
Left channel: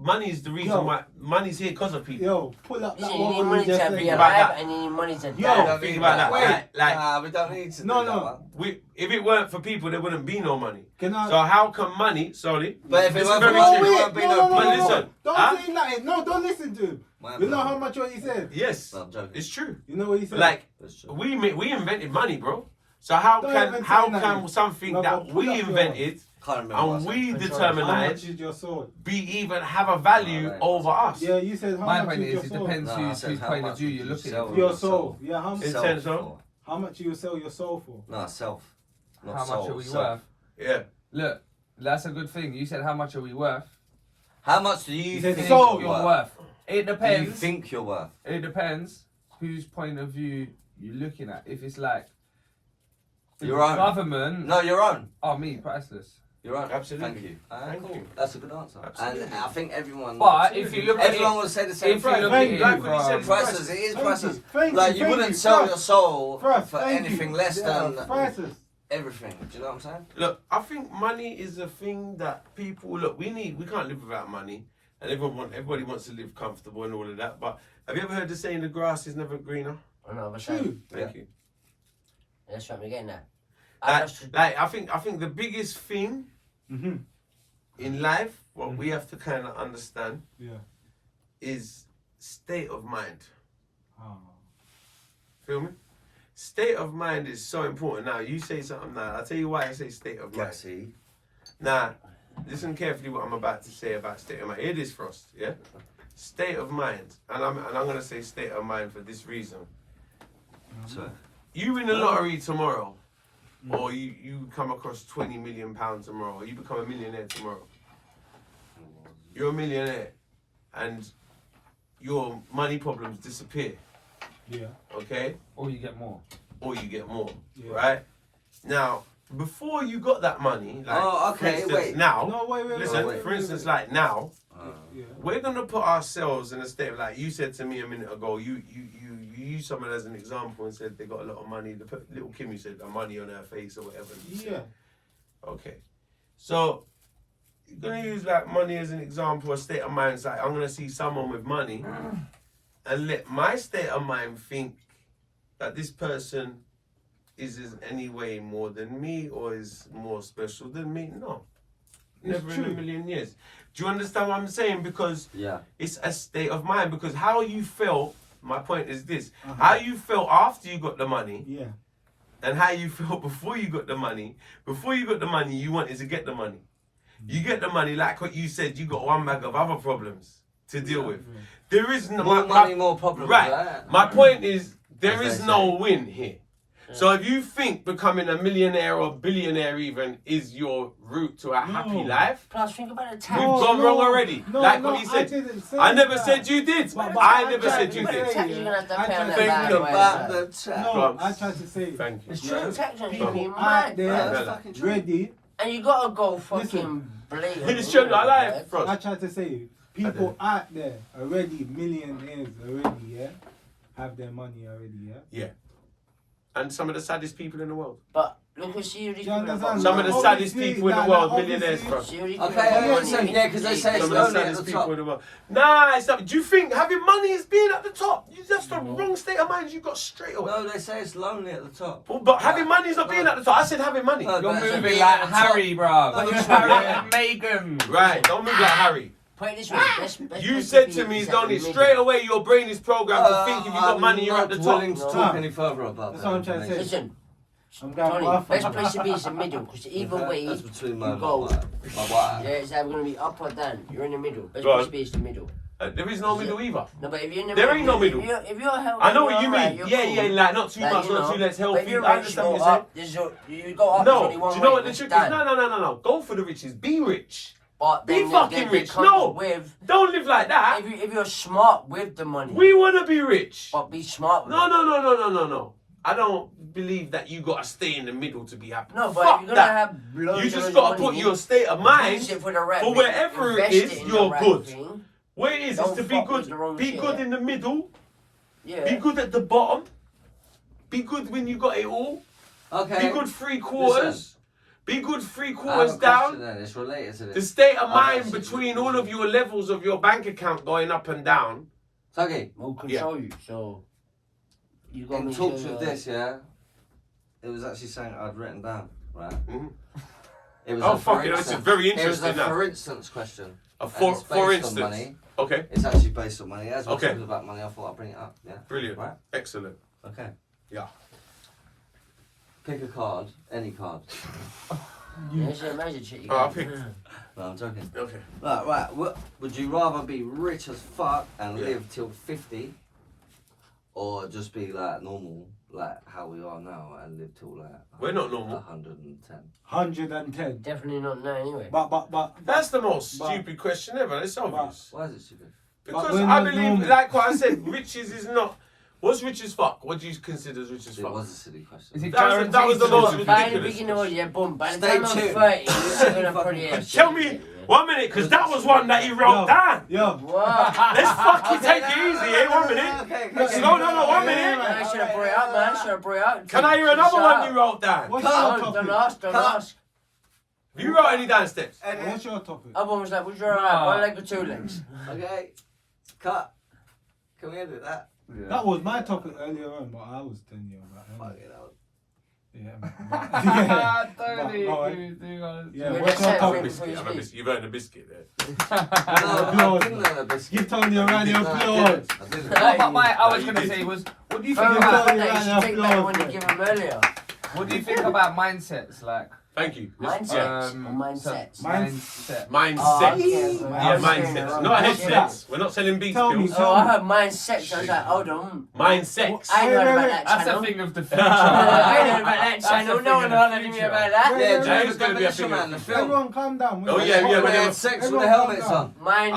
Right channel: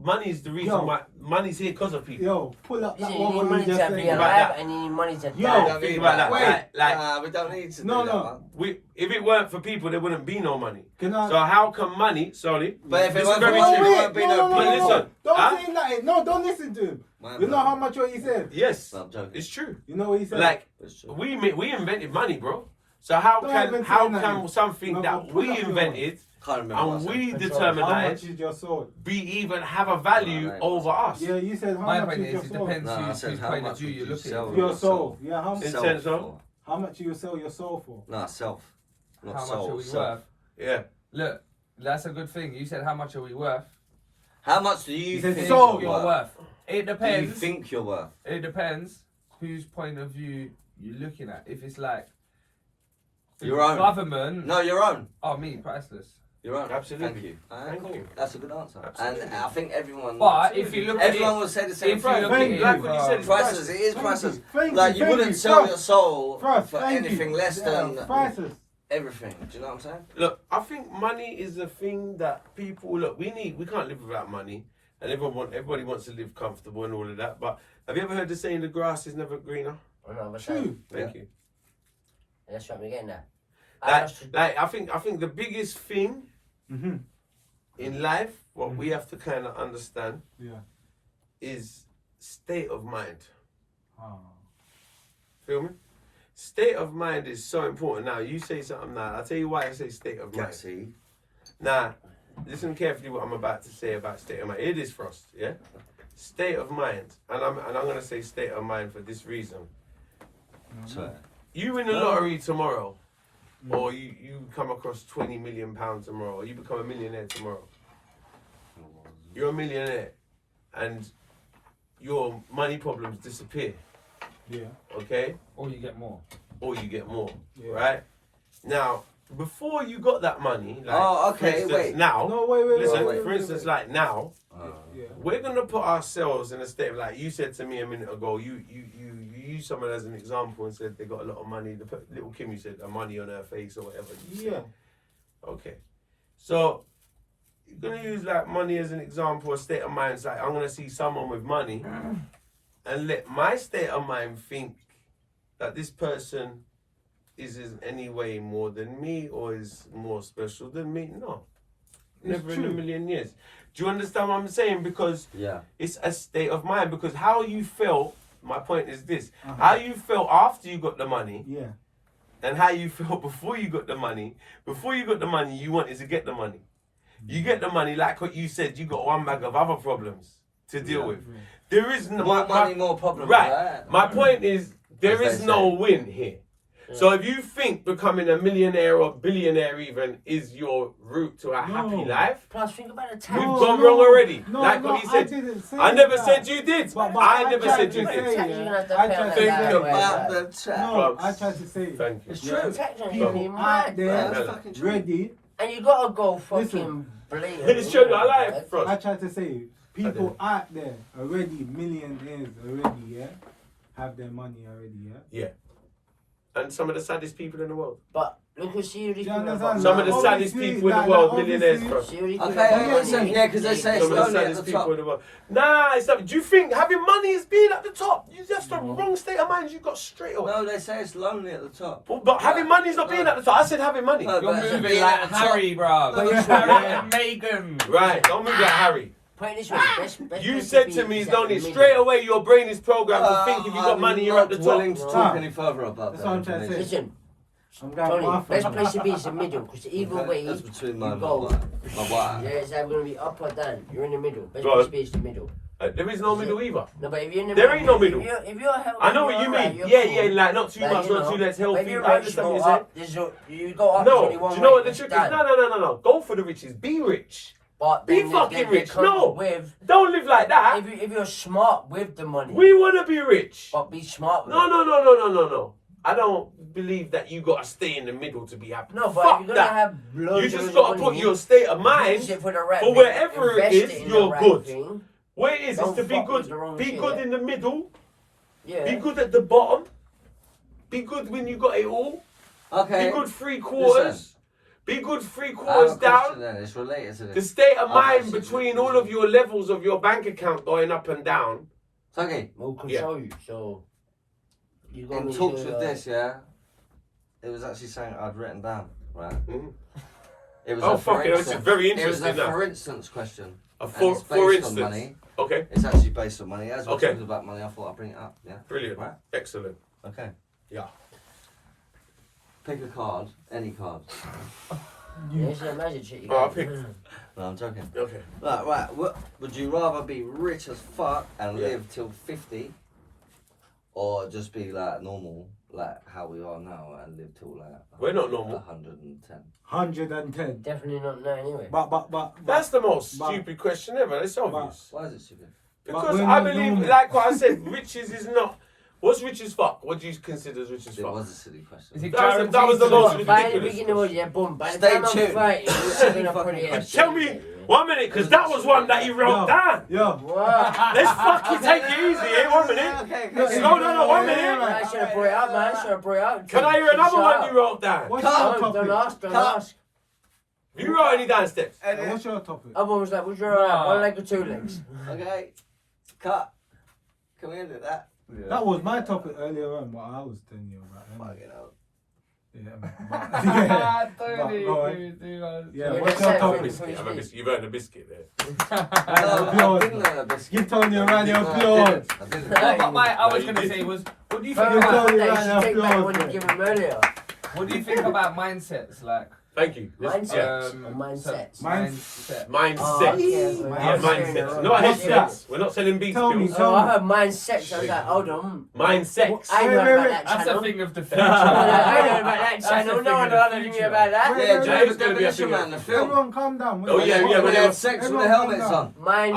Money is the reason Yo. why money's here because of people. Yo, pull up that You one need what money you just to said. be about alive that. and you need money to Yo, We die. don't think need about that. that. Like- Nah, we don't need to No, do that no. one. If it weren't for people, there wouldn't be no money. Can I? So how come money? Sorry, But if it This is weren't for very money, true. there won't be no But people. listen, Don't huh? say nothing. No, don't listen to him. Man, You know no. how much what he said? Yes, No, I'm joking. it's true. You know what he said? Like It's true. we invented money, bro. So how Don't can even say nothing. something No, that but pull we up your- invented Can't remember. what I and said. we how much determined is your soul? be even have a value No, no, over us? Yeah, you said how My much point is your is, it soul? depends No, I whose said how point much of view would you're you looking sell at. Your soul. Yeah, It's Self sense, huh? for. how much you sell your soul for? No, self. Not How soul. much are we self. worth? Yeah. Look, that's a good thing. You said how much are we worth? How much do you He said think soul. you're You're worth? worth. It Do you depends. think you're worth? It depends whose point of view you're looking at. If it's like Your own. government. No, your own. Oh, me, priceless. Your own. Absolutely. Thank you. Thank Cool. you. That's a good answer. Absolutely. And I think everyone. But if you look at everyone it, will say the same if you thing. look Thank at you. it Like what you said, from- it's Priceless. It is Thank priceless. you. Thank Like you, you thank wouldn't you. sell First- your soul First, for thank anything you. less than prices. everything. Do you know what I'm saying? Look, I think money is a thing that people look. We can't live without money, and everybody wants to live comfortable and all of that. But have you ever heard the saying, "The grass is never greener"? Oh, no, but True. Thank you. that's what we're getting at. I think the biggest thing Mm-hmm. in life, what we have to kind of understand, Yeah. is state of mind. Oh. Feel me? State of mind is so important. Now, you say something now. I'll tell you why I say state of mind. Gassy. Now, listen carefully what I'm about to say about state of mind. It is Frost, yeah? State of mind. And I'm going to say state of mind for this reason. So, You win the lottery tomorrow, or you come across £20 million tomorrow, or you become a millionaire tomorrow. You're a millionaire, and your money problems disappear. Yeah. Okay? Or you get more. Or you get more. Yeah. Right? Now, before you got that money, like, Oh, for okay, instance, wait. now, No, wait. listen, wait, for wait, instance, wait. like now, Yeah. we're gonna put ourselves in a state of, like you said to me a minute ago. You used someone as an example and said they got a lot of money. Little Kimmy said the money on her face or whatever. Yeah. Okay. So you're gonna use like money as an example, a state of mind. It's like I'm gonna see someone with money and let my state of mind think that this person is any way more than me or is more special than me. No. Never in a million years. Do you understand what I'm saying? Because it's a state of mind. Because how you felt, my point is this, how you felt after you got the money, and how you felt before you got the money. Before you got the money, you wanted to get the money. You get the money, like what you said, you got one bag of other problems to deal with. There is no more money, more problems. Right. My point is, there is no win here. So if you think becoming a millionaire or billionaire even is your route to a happy life, Plus, think about the tax. we've gone wrong already. No, like no, what you said. I never that. said you did. But I never said you to did. say, Think about the tax. No, I tried to say. Thank you. It's true. Tax on you People being out mad, there That's fucking true. ready. And you gotta go fucking Listen. blatant. It's true. I like it, I bro. tried to say people out there already, millionaires already, yeah, have their money already, yeah. And some of the saddest people in the world. But look at see you understand? Some of the saddest Obviously, people in the like, world, obviously- millionaires, bro. Okay, yeah, because they say it's Some of the lonely at saddest the people top. in the world. Nah, it's not. Do you think having money is being at the top? That's the wrong state of mind you got straight away. No, they say it's lonely at the top. Well, but having money is not being at the top. I said having money. No, You're but it's moving being like at the Harry, top. bro. No, You're it's Harry yeah. and Meghan. Right, don't move like Harry. Put it this way. Best You place said be to me, is at Donny, the middle. straight away your brain is programmed to think if you got I'm money, you're at the not top. willing to talk any further about That's that what I'm trying to say. information. Listen, I'm going Tony, off. best place to be is the middle, because either Okay? way, That's between my you go. wife. Yeah, it's either going to be up or down. You're in the middle. Best Go place on. to be is the middle. There is no middle either. No, but if you're in the There middle, ain't no middle. If you're healthy, I know what you're you alright, mean. you're Yeah, cool. yeah, like not too Like, much, you not know, too less but healthy. if you're I rich, you understand what go you're saying. up. You go up. there's only No, one do you know way, what the it's trick is? down. No. Go for the riches. Be rich. But Be then fucking they rich. come No. with, Don't live like that. if you're smart with the money, We want to be rich. but be smart with No. it. I don't believe that you got to stay in the middle to be happy. No, but Fuck if you're going to that. have loads You of just got to money, put your state of use mind it for the right for thing, wherever it invest is, in the you're right good. thing. Where it is Don't to be fuck with good. the wrong Be shit. good in the middle. Yeah. Be good at the bottom. Be good when you got it all. Okay. Be good 3/4. Listen. Be good I have 3/4 a question down. then. It's related to The this. state of I've mind actually- between all of your levels of your bank account going up and down. Tuggy, Will control you, so you got in talks with this, yeah, it was actually something I'd written down, right? Mhm. It was Oh, a for fuck it, this is instance. very It was a interesting now. for instance question. A and for it's based on instance. money. Okay, It's actually based on money. As we're Okay. talking about money, I thought I'd bring it up. Yeah. brilliant. Right. Excellent. Okay. Yeah. Pick a card, any card. Yeah, it's a magic shit. You Oh, I'll got. pick. No, I'm joking. Okay. Right. Would you rather be rich as fuck and Yeah. live till 50, or just be like normal, like how we are now, and live till like We're not normal. 110? 110. Definitely not now anyway. But That's the most But- stupid question ever. It's obvious. Why is it stupid? Because we're I not believe, normal. like what I said, riches is not. What's rich as fuck? What do you consider as rich as It fuck? was a silly question. Is it That was the guaranteed most to- By the ridiculous. beginning of yeah, boom. By the Stay time I'm tuned. 30, you're gonna Fucking pretty ass. Tell me, 1 minute, because that was one that you wrote down. Yo, What? Let's fucking take it easy, eh? 1 minute. Okay. No, 1 minute. I should have brought it out, man. Should have brought it out. Can I hear another one you wrote down? what's your Don't topic? ask, don't Cut. ask. You wrote any down steps? What's your topic? Other one was like, would you rather have one leg or two legs? Okay. Cut. Can we edit that? That was my topic earlier on, but I was telling you about it. Fucking hell. Yeah. Ah, Tony, But- give me 2 hours. Yeah, Yeah, what's that's your it. I'm a topic? biscuit. I'm a biscuit. You've earned a biscuit there. No, I didn't learn a biscuit. Give Tony a round of No, applause. I didn't. No, but I was you going to did. say was, what do you Fuck think Yeah. about that, you should take back what you Yeah. gave him earlier. what do you think about mindsets? Like, Thank you. Mindsets or mindsets? Mindset. Mindset. Oh, okay. Yeah, mindsets. Not What's headsets. We're not selling beats Tell me, pills. tell Oh, I heard mindsets. I was like, hold on. Mindsets. I heard about that That's channel. a thing of the future. I heard about that That's channel. a No one thing of told the me future. about that. Wait, Yeah, wait, do you wait, know it's the gonna be a Demolition thing. Man, the film? Everyone calm down. Oh, yeah, When but they they had were- sex with the everyone helmets calm on. Mindset.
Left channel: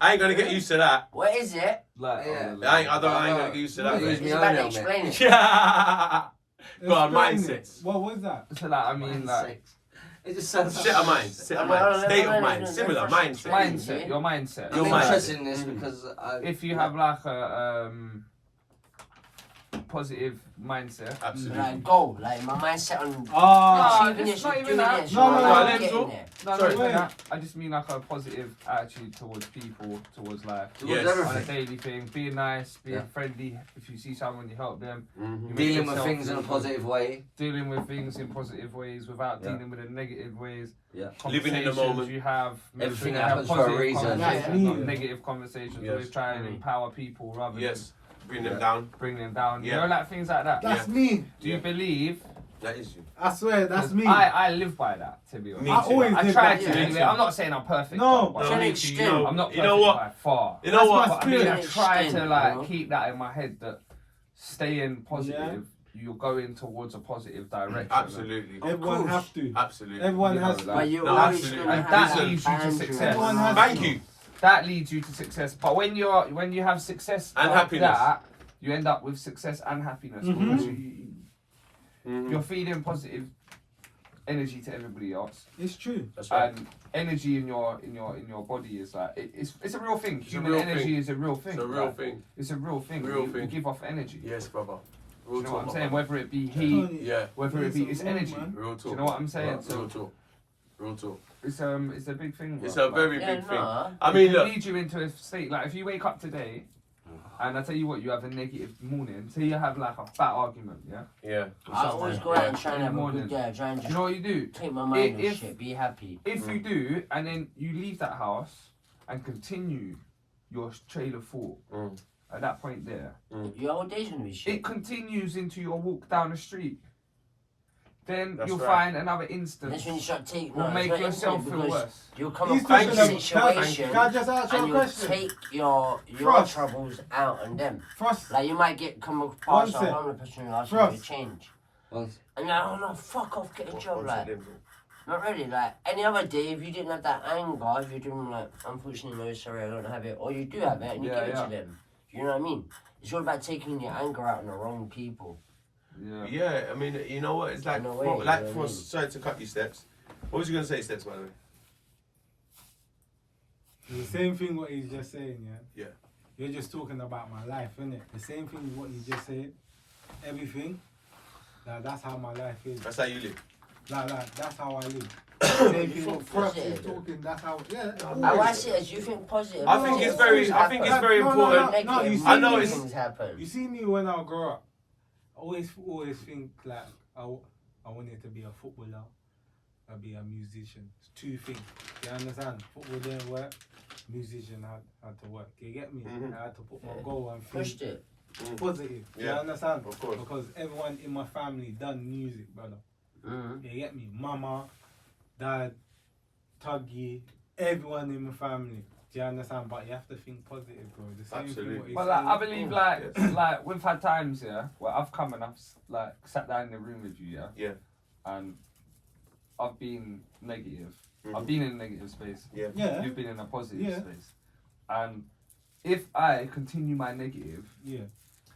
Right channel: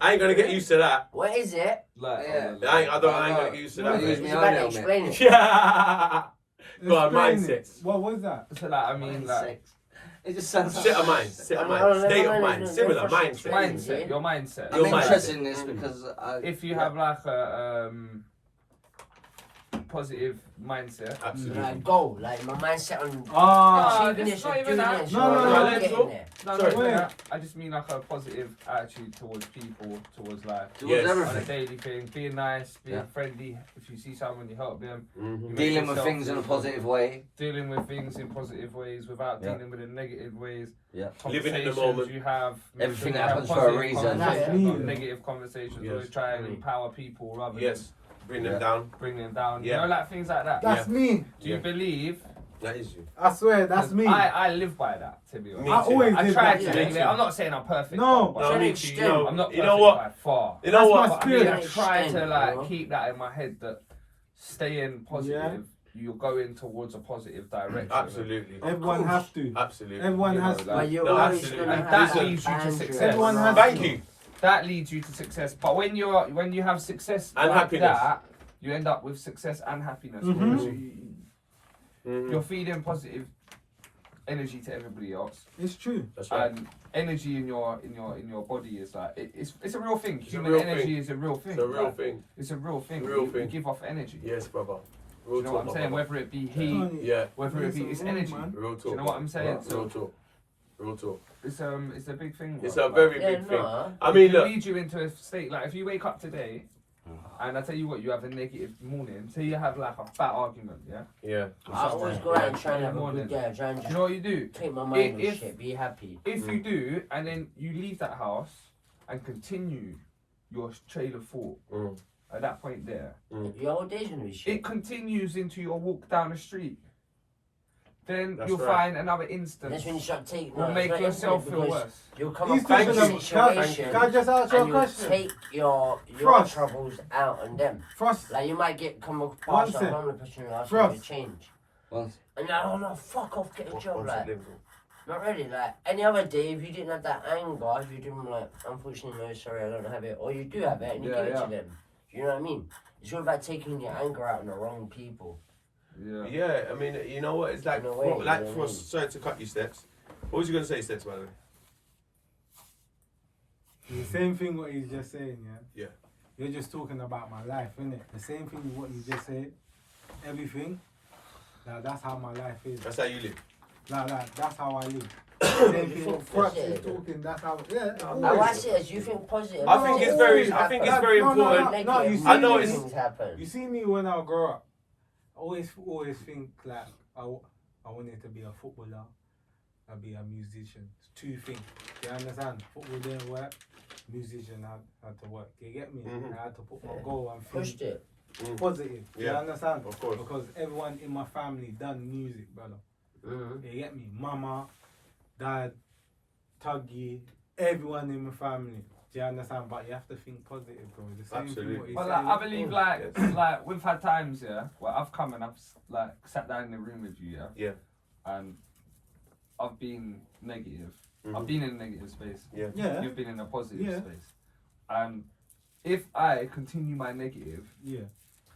I ain't gonna get used to that. What is it? Like, Yeah. I ain't gonna get used to that. Use mate. me You own better helmet. explain it. Yeah. Go on, Explain it. mindsets. What was that? So like, I mean, like, Sex. It just sounds State of mind. State of mind. State of mind. Similar mindset. mindset. Your mindset. I'm Your mindset. interested in this because If you have like a positive mindset. Absolutely. Like goal, like my mindset on Ah, achieving it's this, not or even doing that. this, No, or no, no, getting let's there. No, Sorry. no, Wait. I just mean like a positive attitude towards people, towards like towards Yes. on a everything. daily thing, being nice, being Yeah. friendly. If you see someone, you help them. You Mhm. make Dealing with yourself things in a feel positive way. dealing with things in positive ways without Yeah. dealing with the negative ways. Yeah. Living in the Conversations moment. You have make Everything you have happens for a positive reason. conversations, Yeah. not negative conversations. Yes. Always try and Mm. empower people rather Yes. Bring them Yeah. down. than bring them down. Yeah. You know, like things like that. that's me. Do you Yeah. believe? That is you. I swear, that's 'Cause me. I live by that, to be honest. Me I too. always I did try that. to yeah. anyway. I'm not saying I'm perfect. No. but No, To me an too. extent. You know, I'm not perfect you know what? by far. You know That's what? my But I mean, I spirit. try to like Bro. keep that in my head that staying positive, you're going towards a positive direction. Absolutely. Everyone course. have to. Absolutely. Everyone You know, has to. like- But you're No, always absolutely. gonna And have that some leads you to boundaries. success. Everyone has Thank you. That leads you to success. But when you have success And like happiness. that, you end up with success and happiness. Mhm. Because Mhm. you're feeding positive energy to everybody else, It's true. That's right. and energy in your body is like it's a real thing. It's a Human real energy thing. is a real thing. It's a real like, thing. It's a real thing. Real you thing. give off energy. Yes, brother. Do Real you know what I'm talk, saying? brother. Whether it be heat, Tony, Yeah. whether it be It's it's a energy. man. Real talk. Do you know what I'm saying? Real talk. Real talk. It's a big thing. It's bro. a very Yeah, big thing. nah. I It mean, can look. lead you into a state like if you wake up today, and I tell you what, you have a negative morning. Say you have like a fat argument, yeah. Yeah. I always go out and try and have a good day. Try and You just know what you do? take my mind If- off shit. Be happy. If you do, and then you leave that house and continue your trail of thought Mm. at that point there, Your whole day's gonna be shit. it continues into your walk down the street. Then That's you'll right. find another And instance that's when you start taking. will no, make it's not yourself infinite feel because worse. You'll come He's across talking a about. situation Can I just ask you a and you'll question? take your Frost. troubles out on them. Frost. Like you might come One across a sec. homeless person who asks Frost. you to change. Once. And you're like, oh no, fuck off, get a job. What's Like, it live? not really. Like any other day, if you didn't have that anger, if you didn't like, unfortunately, no, sorry, I don't have it, or you do have it and you Yeah, give it yeah. to them. You know what I mean? It's all about taking your anger out on the wrong people. Yeah. Yeah, I mean, you know what? It's like, In a way, well, like you know for what I mean? sorry to cut you, Steps. What was you gonna say, Steps, by the way? The same thing what he's just saying, yeah? Yeah. You're just talking about my life, innit? The same thing what you just said. Everything. Like, that's how my life is. That's how you live. Like, that's how I live. Same thing what Frost is Positive. talking, that's how, yeah. No, I always. watch it as you think positive. I think it's It very- always I think it's happens. very No, important. No, you see I know me, it's- things happen. You see me when I grow up, I always think like I wanted to be a footballer, I'd be a musician. It's two things. You understand? Football didn't work, musician had to work. You get me? Mhm. I had to put my Yeah. goal and Pushed think it. positive. You Yeah. understand? Of course. Because everyone in my family done music, brother. Mm-hmm. You get me? Mama, dad, Tuggy, everyone in my family. Do you understand? But you have to think positive, bro. The same Absolutely. thing what he's But like, saying. I believe like we've had times, yeah, where I've come and I've like sat down in the room with you, yeah. Yeah. And I've been negative. Mhm. I've been in a negative space. Yeah. Yeah. You've been in a positive Yeah. space. And if I continue my negative, Yeah.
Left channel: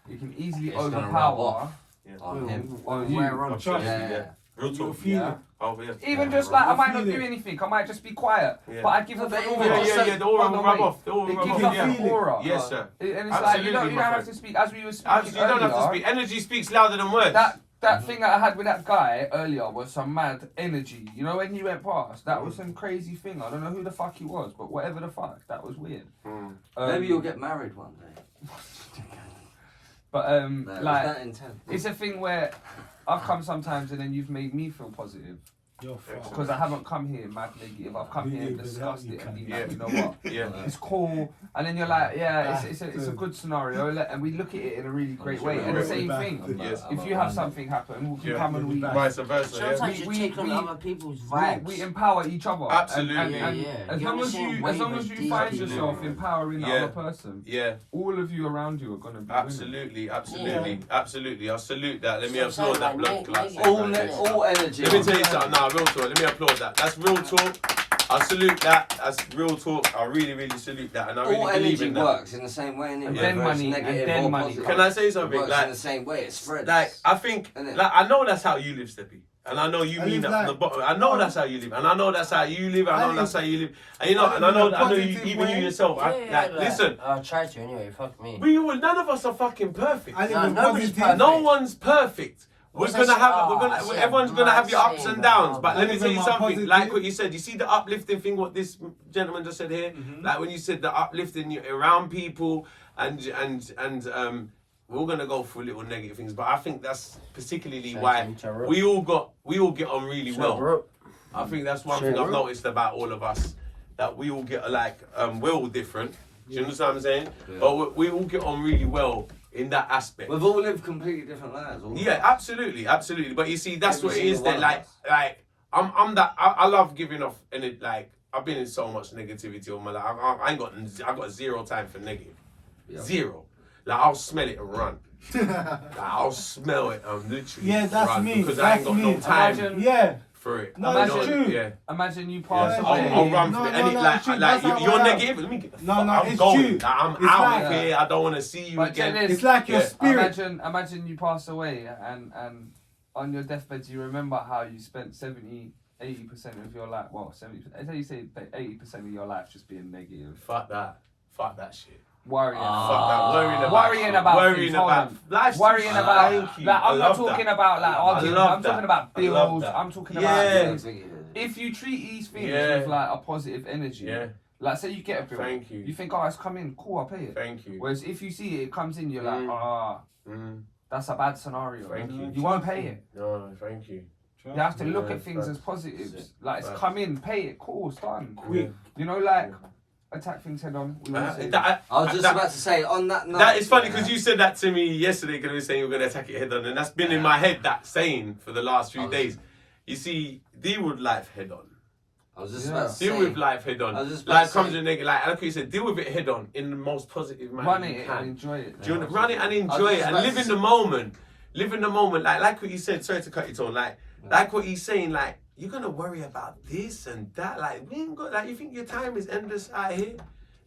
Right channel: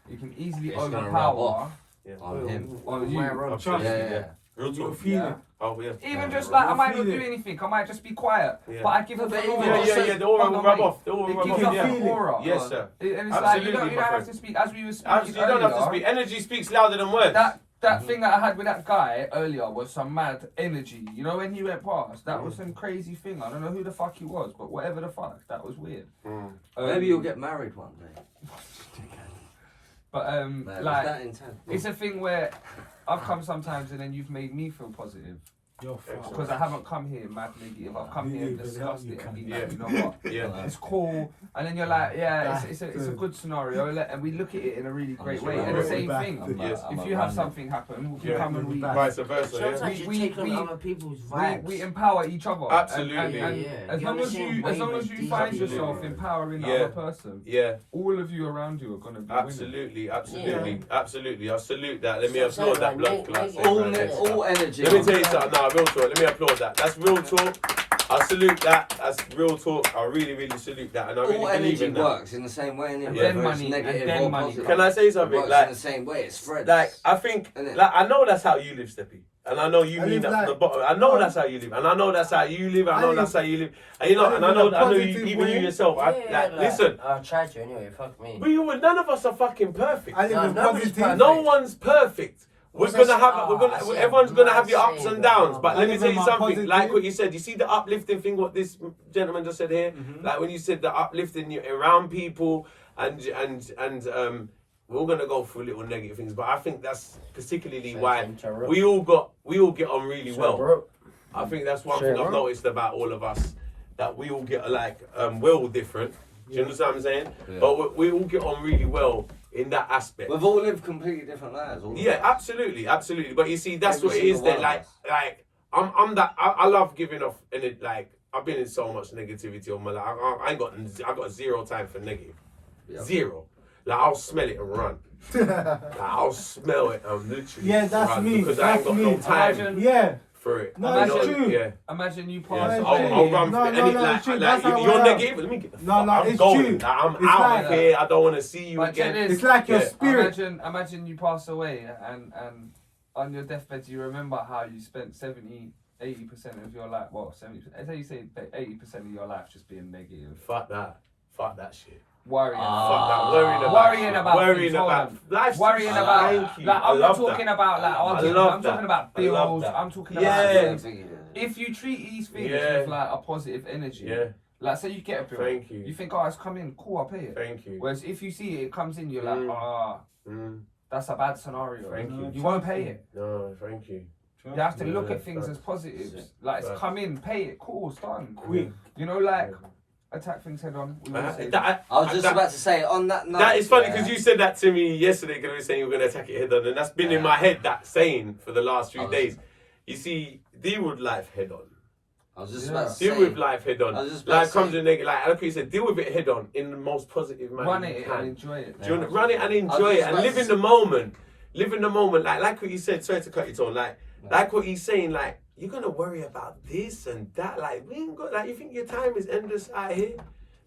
it can easily It's gonna rub overpower off. Yeah. On him. on you. Where on I'm Trust sure. me. Yeah. Real You'll talk. feel Yeah. it. Oh yeah. Even Yeah. just like I You'll might not feel do it. anything, I might just be quiet. Yeah. But I give No, off but an even aura. Yeah, just yeah, say- yeah. The aura Hold will on, rub wait. off. The aura will It rub gives off. off You an can feel it. aura. Yes, sir. And it's like you Absolutely, don't my have friend. to speak as we were speaking Absolutely, you don't have to earlier. speak. Energy speaks louder than words. That thing that I had with that guy earlier was some mad energy. You know when he went past, that was some crazy thing. I don't know who the fuck he was, but whatever the fuck, that was weird. Maybe you'll get married one day. But Man, was like that intense? it's a thing where I've come sometimes and then you've made me feel positive. You're fucked. Because I haven't come here mad negative. I've come here and Yeah, discussed you it can. and been Yeah. like, you know what? Yeah. It's cool. And then you're like, yeah, it's a good scenario. And we look at it in a really great way. And the same thing. Yes. If you have something happen, we can Yeah. come and we Vice versa, yeah. Sometimes you take on other people's vibes. we empower each other. Absolutely. And Yeah. as You're long on the as same you wavelength, find deep. yourself empowering the Yeah. other person, Yeah, all of you around you are gonna be winning. absolutely. I salute that. Let me So applaud that like, blood make- class. make- All energy. Let me tell you something. Nah, real talk. Let me applaud that. That's real talk. I salute that. That's real talk. I really, really salute that, and I really All believe energy in that. works in the same way, innit? And Whether then it's money, negative and then or money. positive. Can I say It something? works Like, in the same way. It spreads. like I think, Innit? like I know that's how you live, Steppy, and I know you I mean live that from the like- bottom. I know that's how you live, and I know that's how you live. I know I that's how live- you live, and you know, I and I live know, in a I know you, positive even you way. yourself. Yeah, Listen, I'll try to anyway, fuck me. none of us are fucking perfect. I live No, in nobody's positive. perfect. No one's perfect. We're What's gonna that- have, I see everyone's a gonna have your mad ups and saying, downs. bro. But I let me live tell in you my something. positive. Like what you said, you see the uplifting thing. What this gentleman just said here. Like when you said the uplifting you around people, and we're all gonna go through little negative things. But I think that's particularly why we all get on really well. I think that's one thing I've noticed about all of us, that we all get like we're all different. Do you understand what I'm saying? Yeah. But we all get on really well in that aspect. We've all lived completely different lives. all of Yeah, us. absolutely. But you see, that's Every what it is. single There, one of like I'm that. I love giving off, and it like I've been in so much negativity all my life. I got zero time for negative. Yeah. Zero. Like I'll smell it and run. Like, I'll smell it and literally Yeah, that's run me. because I ain't That's got me. no time Imagine- Yeah. for it. No, You it's know, true. Yeah. Imagine you Yeah, pass it's away. I'll run No, for it. no, And no, like, it's true. like That's how you're I am. negative. Let me get the No, fuck. no, I'm it's going. true. Like, I'm It's out like- of here. I don't want to see you But again. check this. It's like your Yeah. spirit. Imagine you pass away and on your deathbed you remember how you spent 80% of your life, well 70%, I say you say 80% of your life just being negative. Fuck that. Fuck that shit. Worrying. Fuck that. Worrying about Worrying things, about. hold on. Life's Worrying too- about, Thank you. like, I I'm not love talking that. about like I arguing, love I'm that. talking about I love bills, that. I'm talking Yeah. about things. If you treat these things Yeah. with like a positive energy, Yeah. like say you get a bill, Thank you. you think, oh, it's come in, cool, I'll pay it. Thank you. Whereas if you see it comes in, you're like, Mm. that's a bad scenario. Thank you. You won't pay it. No, thank you. You have to Yeah, look at things facts. as positives. Facts. Like it's Facts. come in, pay it, cool, it's done. Quick. You know, like attack things head on. We always say That- I was just that- about to say on that note. That is funny yeah, because you said that to me yesterday because we were saying you were going to attack it head on, and that's been in my head, that saying for the last few days. You see, deal with life head on. I was just Yeah. about to Deal say. with life head on. I was just about Like to comes say- with negative, like you said, deal with it head on in the most positive manner run you it can. and enjoy it. Do you run it and I enjoy was it just and about live to in the moment. Live in the moment, like what you said. Sorry to cut you, Tone. Like what he's saying. Like you're gonna worry about this and that. Like we ain't got. Like you think your time is endless out here.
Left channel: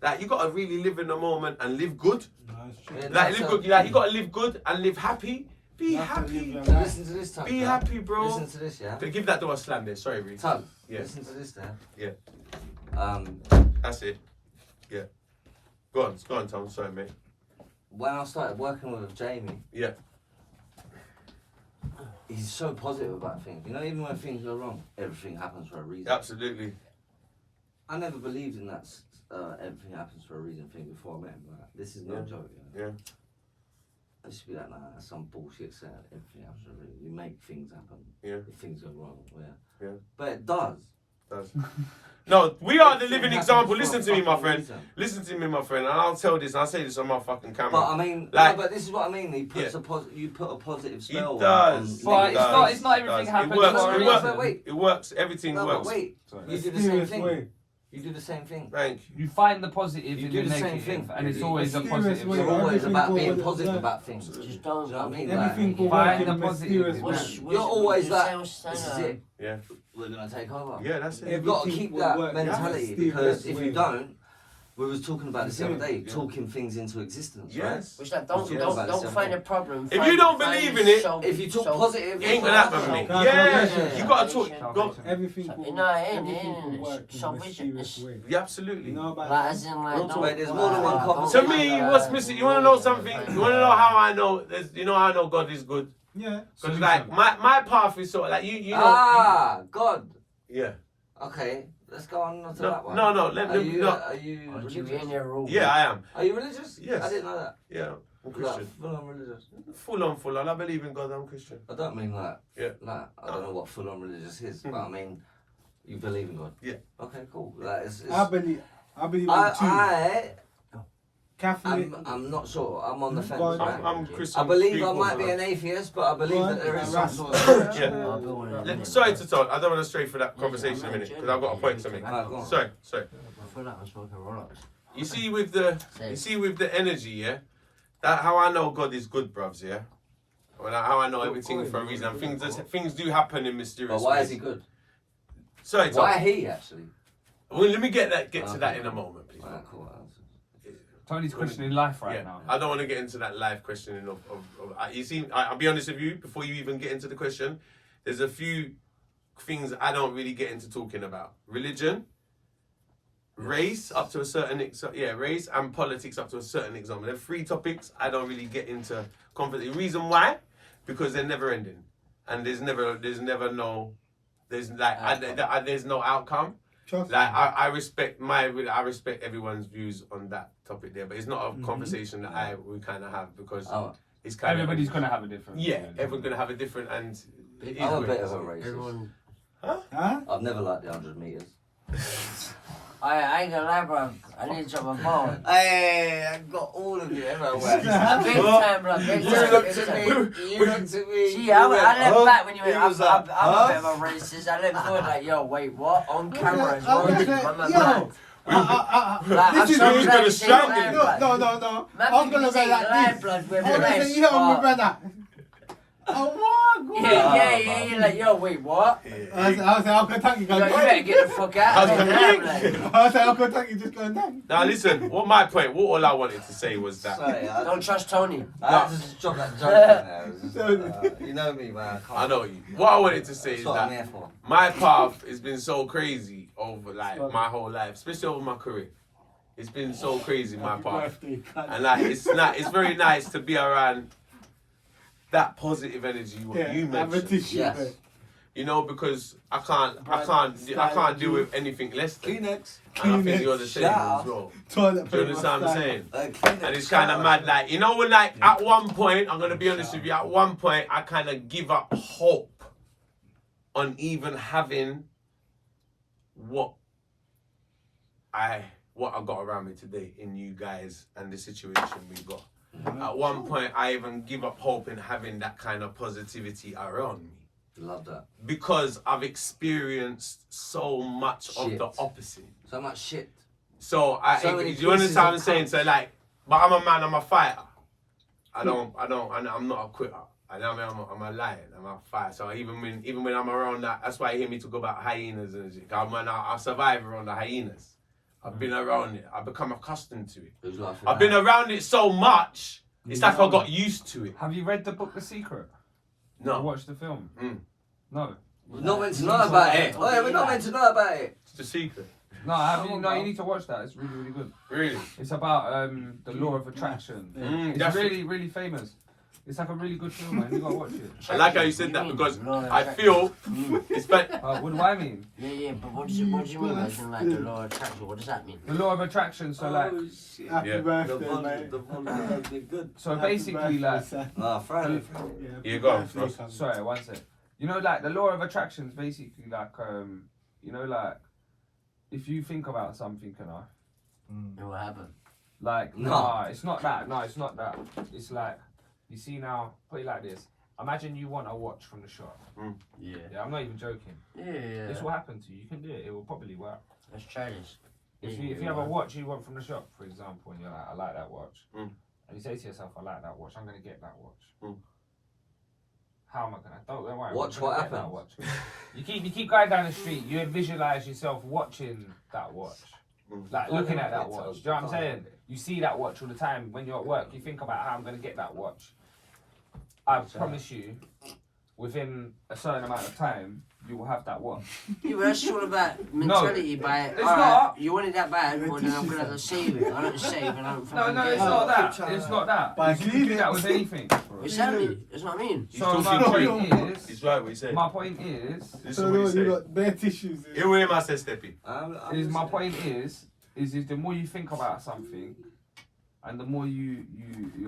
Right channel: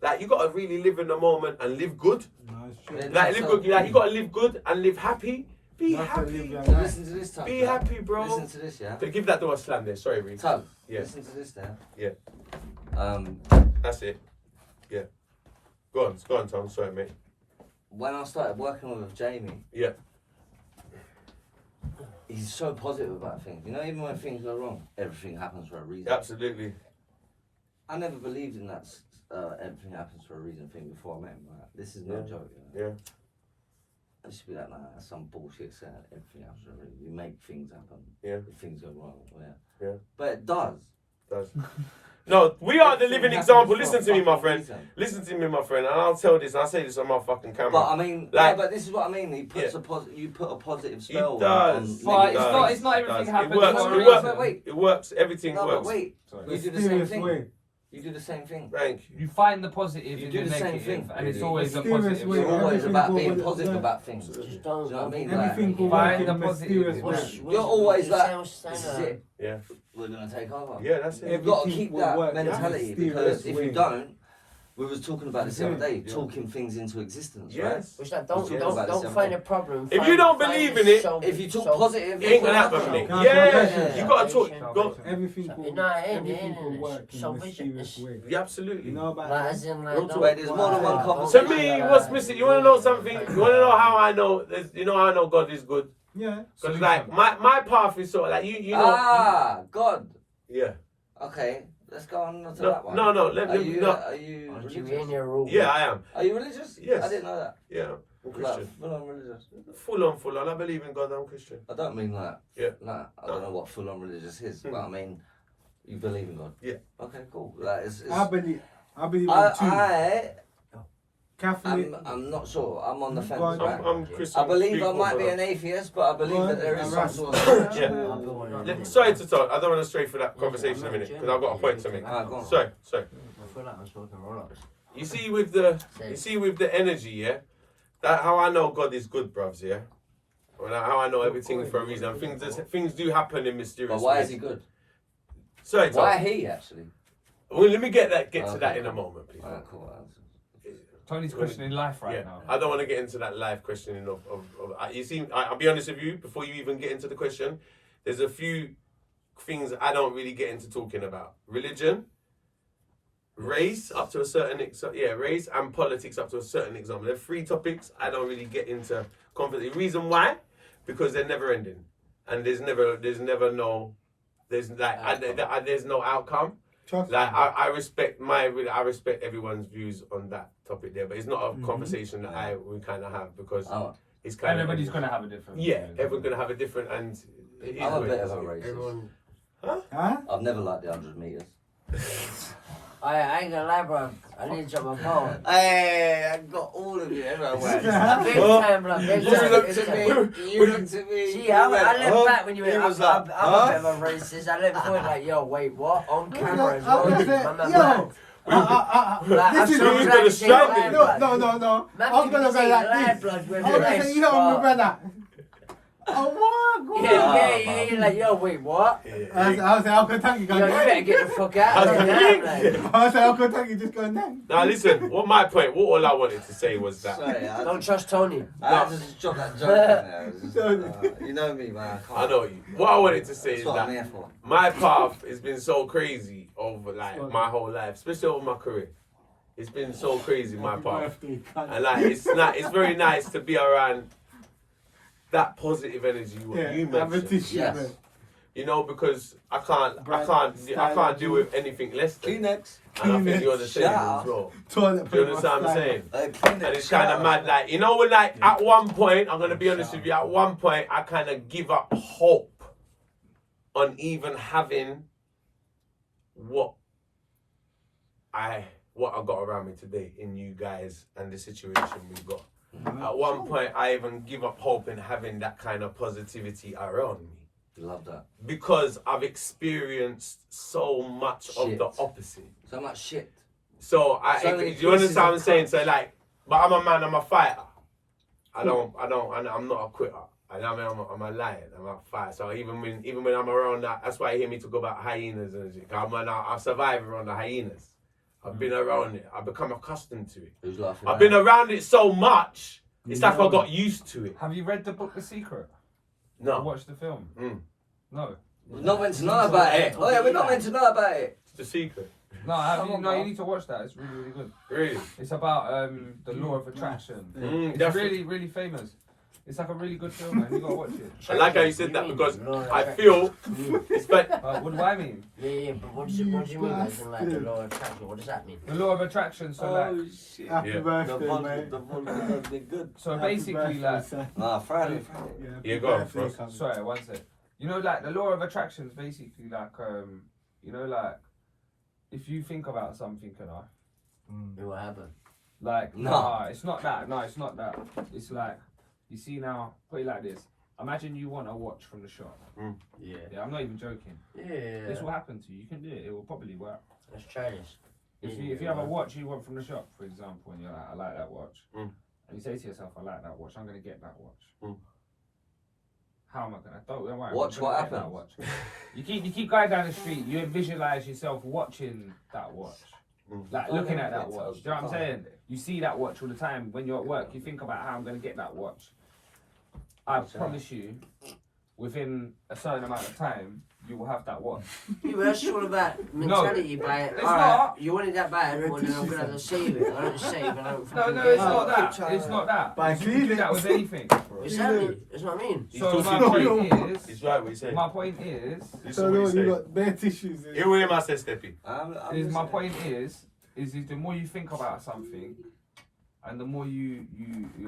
Like you gotta really live in the moment and live good. No, it's true. Yeah, Like live good. Like you gotta live good and live happy. Be Not to happy. live your So life. listen to this, Tug. Be yeah? happy, bro. Listen to this, yeah. Give that door a slam there. Sorry, Reece. Tug. Yeah. Listen to this, there. Yeah. That's it. Yeah. Go on, Tom. Sorry, mate. When I started working with Jamie, Yeah. he's so positive about things. You know, even when things go wrong, everything happens for a reason. Absolutely. I never believed in that everything happens for a reason thing before I met him. Like, this is no Yeah. joke. You know? Yeah. I used to be like, nah, that's some bullshit saying everything happens for a reason. You make things happen. Yeah. If things go wrong. Yeah. Yeah. But it does. No, we are the living Everything example. happens for Listen a to me, my fucking friend. reason. Listen to me, my friend. And I'll tell this. And I'll say this on my fucking camera. But I mean, Like- no, but this is what I mean. He puts Yeah. you put a positive It spell. does. Well, negative it's not- things. it's not everything It does. happens It works. for a It reason. works. Wait. It works. Everything No, works. but wait. Sorry. You do the same Mysterious thing. way. You do the same thing. Thank you. You find the positive You in do the the same negative, thing. and it's You do. always a Mysterious positive. way. You're always Everything about will being work. positive Yeah. about things. Do Just you don't. know what I mean? Everything will Find work in the a positive mysterious in way. it. You're always like, This this is it. Yeah. We're gonna take over. Yeah, that's it. You've got to Everything keep will that work in a mentality mysterious because if you way. don't, we was talking about this the other day, Yeah. talking things into existence, Yes. Which like, We're talking about this the other find day. a problem. If you don't believe in it, right? If you talk positive, It ain't gonna happen, mate. Can't Yeah. salvation. You gotta talk. Go. Everything will, No, it ain't, everything it will ain't. work in a Salvation mysterious is- way. Yeah, absolutely. You know about Like, that? as in, like, Real don't- talk, mate, there's more than one don't- conversation. To me, what's missing? You wanna know something? You wanna know how I know? You know how I know God is good? Yeah. Because like my path is sort of like you know. Ah, God. Yeah. Okay, let's go on to No, that one. no, let Are me you, no. are you Aren't you in religious? your rule? Yeah, I am. Are you religious? Yes. I didn't know that. Yeah. I'm Christian. Full on religious. Full on. I believe in God. I'm Christian. I don't mean like. Yeah. Like I don't know what full on religious is, but I mean, you believe in God. Yeah. Okay, cool. Like it's I believe in two. Catholic. I'm not sure. I'm on the fence. God. Right? I'm Christian. I believe I Speak might over be them. an athist, but I believe God that there is and some Rasta. sort of. Yeah. Sorry to talk. I don't want to stray for that conversation in a minute because I've got a point to make. Alright, go on. Sorry. I feel like I'm smoking roll-ups. You see with the energy, yeah. That how I know God is good, bruvs, yeah. Well, how I know everything for a reason. Things do happen in mysterious But why ways. is he good? Sorry, Tom. Why he actually? Well, let me get to that in a moment, please. Alright, cool. Tony's questioning life right now. I don't want to get into that live questioning of you see, I'll be honest with you, before you even get into the question, there's a few things I don't really get into talking about. Religion, race up to a certain race and politics up to a certain example. They're three topics I don't really get into conversation. The reason why? Because they're never ending. And there's no outcome. Like I respect everyone's views on that topic there, but it's not a conversation that we kind of have because it's kind everybody's gonna have a different. everyone's gonna have a different and I'm a bit of a racist. Huh? I've never liked the 100 meters. I ain't gonna lie, bro. I need to drop my phone. Hey, I got all of you everywhere. Big time, bro. Big You time. looked at me. You looked at me. See, I looked back when you went. He I'm was a like, bit of a racist. I looked forward like, yo, wait, what? On camera as well. This is who's gonna strike No. I'm gonna say like this. blood I'm with gonna say, yo, my brother. Oh my God. Yeah. You're like, yo, wait, what? I was like, Uncle Tanky Yo, going you better get the fuck out of here. I was like, Uncle Tanky just going down. Now listen, what all I wanted to say was that Sorry, Don't trust Tony. I had to just drop that joke in there. It was just, you know me, man. I know you. What I wanted to say That's is what I'm that here for. my path has been so crazy over like my whole life, especially over my career. It's been so crazy my path, and like it's very nice to be around that positive energy what you mentioned. Yes. You know, because I can't deal with anything less than. Kleenex. And I think you're the same as well. Do you understand what I'm saying? And it's kind of mad, like, you know, when like at one point, I'm gonna be honest with you, at one point I kind of give up hope on even having what I got around me today in you guys and the situation we've got. At one point, I even give up hope in having that kind of positivity around me. Love that. Because I've experienced so much of the opposite. So much shit. So you understand what I'm saying? So like, but I'm a man, I'm a fighter. I'm not a quitter. I'm a lion, I'm a fighter. So even when I'm around that, that's why you hear me talk about hyenas and shit. I survive around the hyenas. I've been around it. I've become accustomed to it. Who's laughing? I've been around it so much. It's like I got used to it. Have you read the book The Secret? No. Or watched the film? No. We're not meant to know about it. Oh yeah, we're not meant to know about it. It's the secret. No, have you? No, you need to watch that. It's really, really good. Really? It's about the law of attraction. It's really, really famous. It's like a really good film, man. You gotta watch it. I like how you said that because I feel it's better. What do I mean? Yeah, but what do you mean, guys? Like the law of attraction, what does that mean? The law of attraction. So like, Shit. Happy Yeah. birthday, The mate. vodka does be good. so basically like, Friday. Yeah, go on, Frost. sorry, one sec. You know, like the law of attraction is basically like, you know, like if you think about something, It will happen. like, No. nah, it's not that. No, it's not that. It's like, you see now, put it like this. Imagine you want a watch from the shop. Yeah. Yeah, I'm not even joking. Yeah. This will happen to you. You can do it. It will probably work. Let's try this. If you have a watch you want from the shop, for example, and you're like, I like that watch, and you say to yourself, I like that watch, I'm gonna get that watch. How am I gonna? Don't worry. Watch I'm gonna what get that happens. watch. You keep going down the street. You visualize yourself watching that watch, like looking at that watch. Do you know what I'm saying? You see that watch all the time when you're at work. You think about how I'm gonna get that watch. I promise you, within a certain amount of time, you will have that watch. Yeah, but that's all about mentality, but it's alright, not. you want it that bad, well then I'm gonna have to save it. I don't save it, I don't No, fucking no, get it's it. not that. It's not that. But You can do that with anything. Exactly, that's what I mean. So my point He's is, right what he said. my point is, This So is what he you said. got bare tissues. Here with him, I said Steppy. my point is the more you think about something, and the more you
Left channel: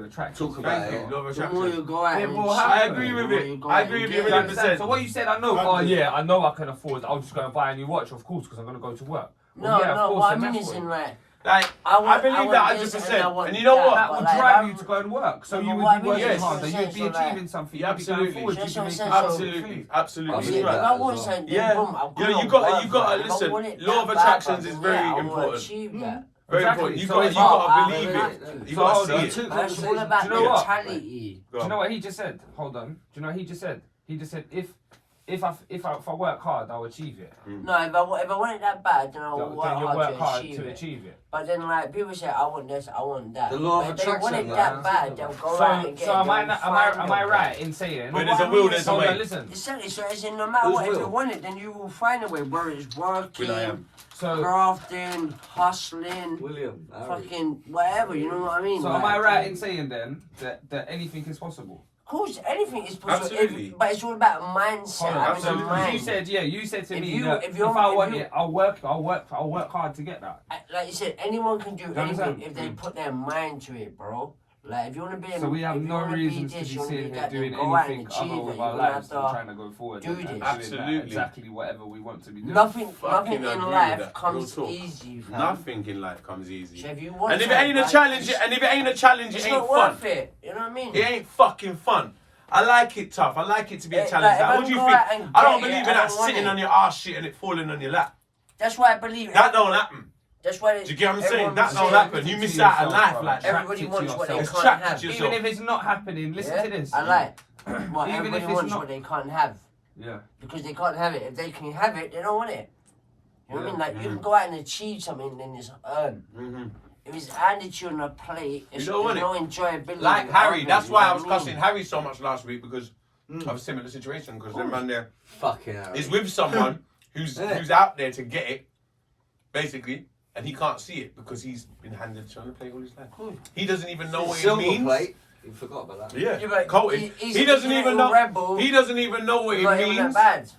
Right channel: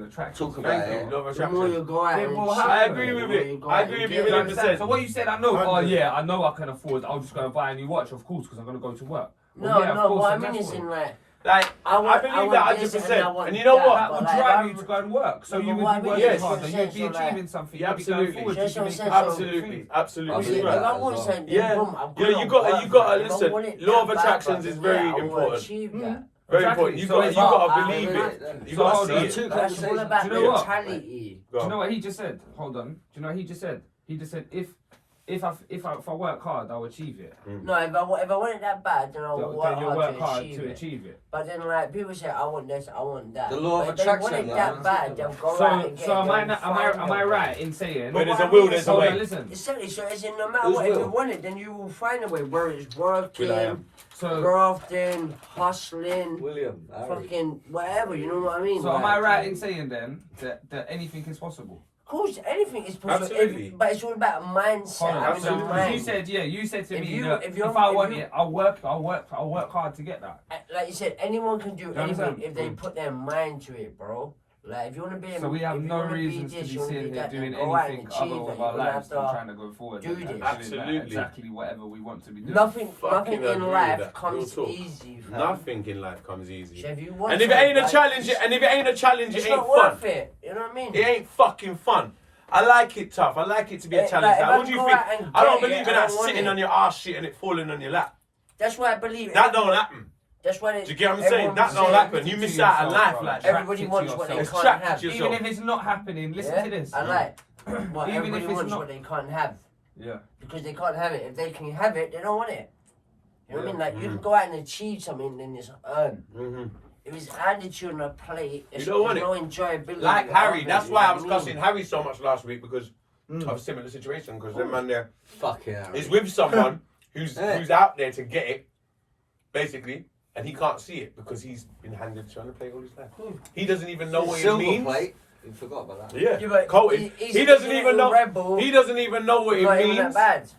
attract. Talk about it. Law of The more you attraction. go out Yeah, and well, cheat, I agree with the more it. you go I out agree and with get you it. 100%. So what you said, I know. Oh 100%. yeah, I know I can afford. I'm just gonna buy a new watch, of course, because I'm gonna go to work. No, Well, yeah, of no, course, what I and mean that's is what- in like, Like, I believe that this 100%. And you I know want what? That would but like, drive I'm- you to go and work. So No, you but would what I be mean working is- harder. yes, You'd be so like- achieving something. Yeah, You'd be going absolutely. forward. That's You'd be what I'm making saying, so- Absolutely, absolutely. I You see, believe if that I as want well. something, Yeah. boom, I've Yeah, got you to gotta- work you for gotta it. I don't listen. want it Law of that bad, attractions but is then, very yeah, I will important. achieve that. Very Exactly. important. You So got it's you got not- to believe I- it. You So got hold to on. see Two it. That's all conversations. about Do you know what? mentality. Go Do you on. know what he just said? Hold on. Do you know what he just said? He just said if I work hard, I'll achieve it. No, if I want it that bad, then I'll So work then you'll work hard hard to achieve to it. achieve it. But then, like, people say, I want this, I want that. The law of But if they want attraction, it that man. bad, they'll go out So and get so it. am I They'll not, find am I them. right in saying? Where there's a what I will, mean there's is- a Hold on, way. listen. Exactly, so it's in no matter Who's what, if you will? want it, then you will find a way, whether it's Will I working, am. So grafting, hustling, William, Harry. fucking whatever, you know what I mean? so am Like, I right in saying then that anything is possible? Of course, anything is possible, Absolutely. but it's all about mindset. Hold on. having So a Absolutely. mind. you said to If me you- that if if, you're- I if want you- it, I'll work hard to get that. Like you said, anyone can do You anything understand? if they put their mind to it, bro. Like if you want to be, So we have if you no wanna reasons be to this, be you wanna sitting be here that, doing then go out and anything achieve other it. with You're our gonna lives have than to- trying to go forward. do and this. doing Absolutely. exactly whatever we want to be doing. Nothing Fucking in agree with life that. comes Real talk. easy. Fam. Nothing in life comes easy. So if you want And if it ain't a something, challenge, it's- and if it ain't a challenge, it's it ain't not fun. worth it. You know what I mean? It ain't fucking fun. I like it tough. I like it to be a Like, challenge. if Like, I what do you go think? out and I don't get it, believe in I that don't want sitting it. on your ass shit and it falling on your lap. That's why I believe That don't happen. That's why. Do you get what I'm saying? That don't happen. You miss out on life like that. Everybody wants what they It's can't trapped have. to yourself. Even if it's not happening, listen Yeah? to this. I like. Well, Even everybody if it's wants not- what they can't have Yeah. because they can't have it. If they can have it, they don't want it. You know what I mean? Like you Mm. can go out and achieve something, then it's earned. Mhm. If it's handed to you on a plate, You it's don't want no enjoyability. Like Harry, of that's it, why you I know was what cussing Harry so much last week because Mm. of a similar situation. Because the man there Fucking Harry. is with someone who's Yeah. who's out there to get it, basically, and he can't see it because he's been handed to on the plate all his life. He doesn't even know what it Silver means. plate. You forgot about that. Yeah, Yeah, but coated. he's He doesn't a even little know. rebel. He doesn't even know what it Not even means. that bad.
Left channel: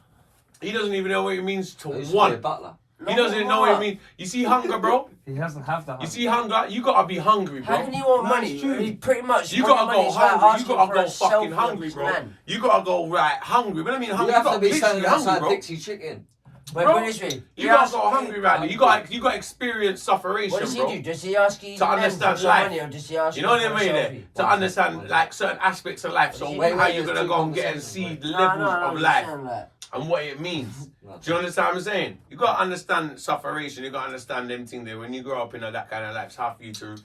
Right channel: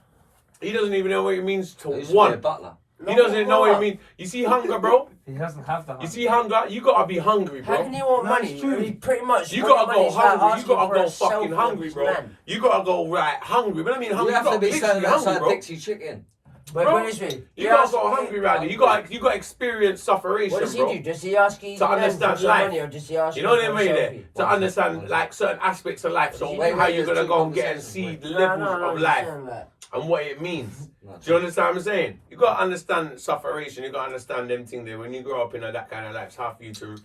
He doesn't even know what it means to He used to be a want. butler. He doesn't even know what it more. means. You see hunger, bro. He doesn't have the. You see hunger. You gotta be hungry, How bro. can you want No, money? it's true. I mean, pretty much. You wanting gotta money go is like hungry. You asking gotta for go a fucking hungry, selfless bro. man. You gotta go right hungry. But I mean You hungry. have to gotta be literally standing hungry, outside bro. Dixie Chicken. Wait, Bro, put it this way. You He gotta asks go you- hungry, Radley. You got experience sufferation, What does he bro. do? Does he ask you To understand life. money, or does he ask You know what for I a mean? There selfie? to understand like certain aspects of life. So Wait, how you there's gonna two go and get and conversations, see wait. the No, levels no, of just life saying that. and what it means. No, Do you understand what I'm saying? You gotta understand sufferation. You gotta understand them things there. When you grow up in that kind of life, it's hard for you to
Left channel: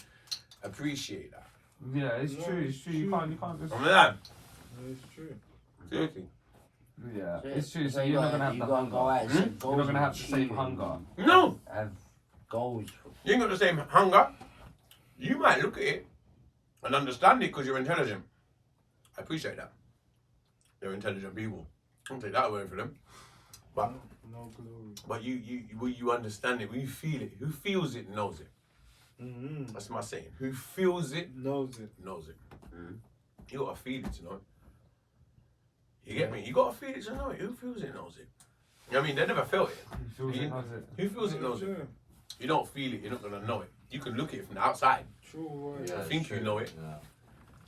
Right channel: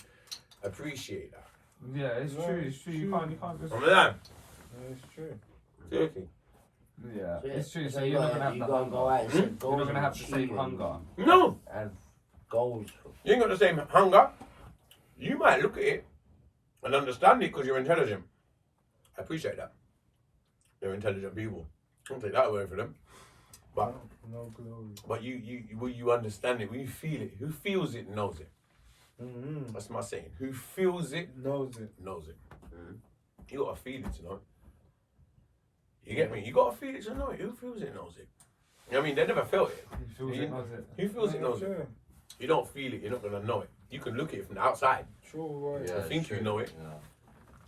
appreciate that. Yeah, it's Yeah, true. It's true. You true. can't just. I'm like, It's true. seriously. Yeah, So it's true. So you you're not gotta- gonna have you the gotta go out hunger. and set You're goals not gonna and have the same achieve it. hunger. No, Have goals. you ain't got the same hunger. You might look at it and understand it because you're intelligent. I appreciate that. They're intelligent people. I'll take that away from them. But No glory. But you understand it, when you feel it. Who feels it knows it. Mm-hmm. That's my saying. Who feels it Knows it. knows it. You gotta feel it to know it. You get me? You gotta feel it to know it. Who feels it knows it. You know what I mean? They never felt it. Feels it, has it. Who feels it knows it. True. You don't feel it, you're not gonna know it. You can look at it from the outside. True. Right. I think you know it. Yeah.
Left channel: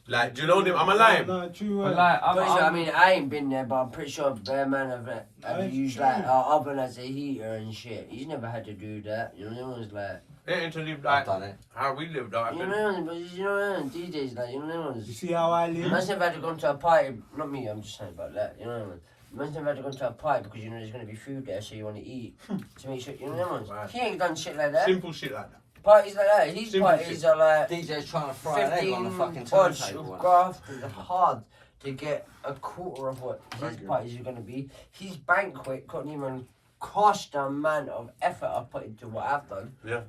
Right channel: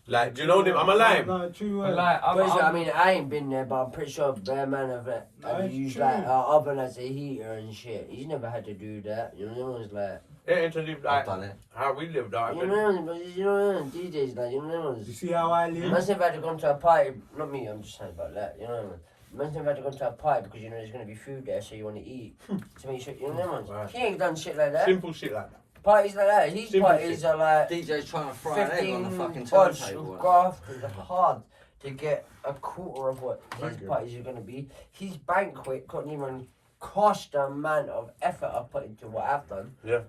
Like, do you know them? I'm a lying. No, true. But Right. like, Pretty sure, I I'm, mean, I ain't been there, but I'm pretty sure Bear Man have That's used true. like our oven as a heater and shit. He's never had to do that. You know, it's like, They ain't to live I've like done it. how we lived. Like, you know, but you know, DJs like, you know, You see how I live? Man's never had to go to a party. Not me, I'm just saying about that. You know what I mean? Man's never had to go to a party because you know there's gonna be food there, so you want to eat to make sure. You know what I mean? Right. He ain't done shit like that. simple shit like that. Parties like that. His Simple parties shit. are like DJ's trying to fry an egg on the 15 fucking bunch turntable. of graft and hard to get a quarter of what his Thank you. parties are gonna be. His banquet couldn't even cost the amount of effort I put into what I've done. Yeah.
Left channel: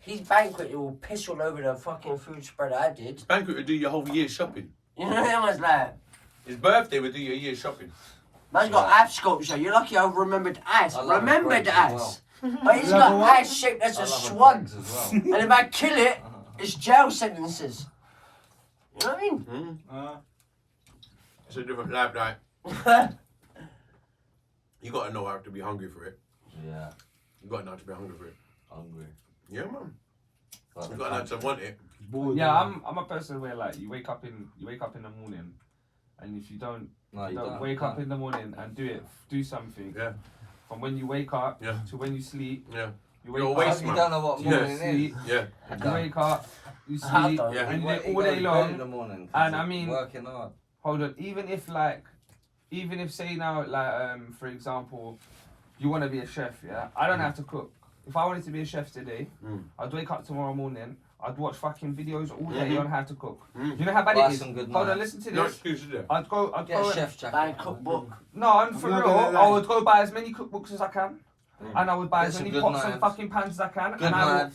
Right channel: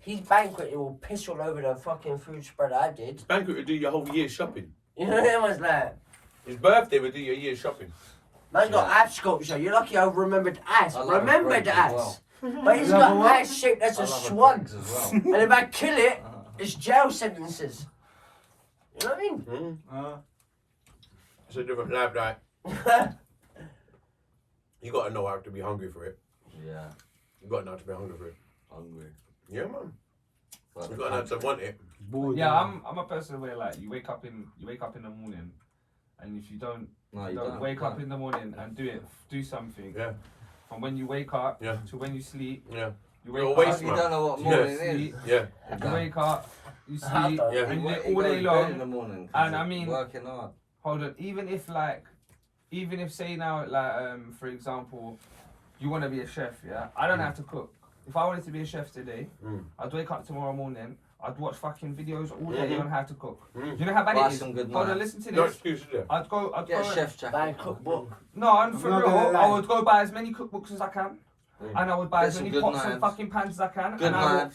His banquet, it will piss all over the fucking food spread I did. Banquet would do your whole year's shopping. You know what I was like? His birthday would do your year's shopping. Man's got ice sculpture. You're lucky I remembered ice. I love Remembered a ice. Greggs as well. But he's Yeah, got but what? ice shaped as I a love swan. Greggs as well. And if I kill it, it's jail sentences. You know what I mean? It's a different life, like. You gotta know how to be hungry for it. Yeah, You gotta know how to be hungry for it. hungry. Yeah, man. You've got to know to want it. Bored, Yeah, I'm a person where like you wake up in the morning, and if you don't wake up in the morning and do something. Yeah. From when you wake up Yeah. to when you sleep. Yeah. You You're a wake waste up, You man. don't know what morning sleep, is. Yeah. you wake up, you I've sleep, done Yeah. and He all goes day to bed in long. the morning. 'cause And I he's mean, working hard. hold on, even if say now like for example, you want to be a chef, yeah? I don't have to cook. If I wanted to be a chef today, I'd wake up tomorrow morning. I'd watch fucking videos all day on how to cook. You know how bad Buy it is? some good Hold on, knives. listen to No this. excuses there. I'd go Get a and- chef Buy a jacket. cookbook. No, I'm for I'm not gonna real. lie. I would go buy as many cookbooks as I can, and I would buy Get as some many good pots and knives. fucking pans as I can, Good and knives.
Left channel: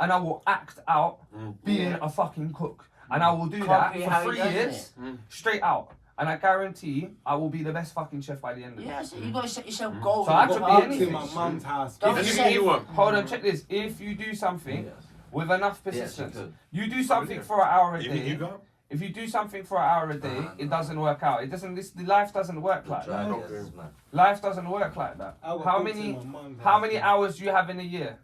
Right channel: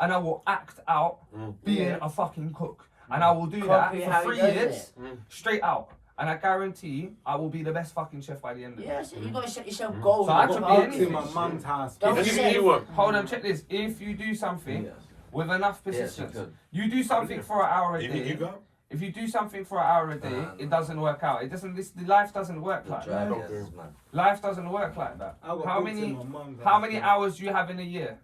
I will act out being Yeah. a fucking cook, and I will do Copy that how for he 3 does years it. straight out, and I guarantee I will be the best fucking chef by the end of it. Yeah, so you gotta set yourself goals. So I and could go be after It's anything. in it. my mum's house. Don't Anything say- you want. Hold on, check this. If you do something Yes. with enough Yes, you persistence, could. you do something for an hour a Anything you day. got? If you do something for an hour a day, it doesn't work out. It doesn't. Life doesn't work like that. Drive, yes, man. Life doesn't work like that. I got How books many? in my mum's How house, many man. hours do you have in a year?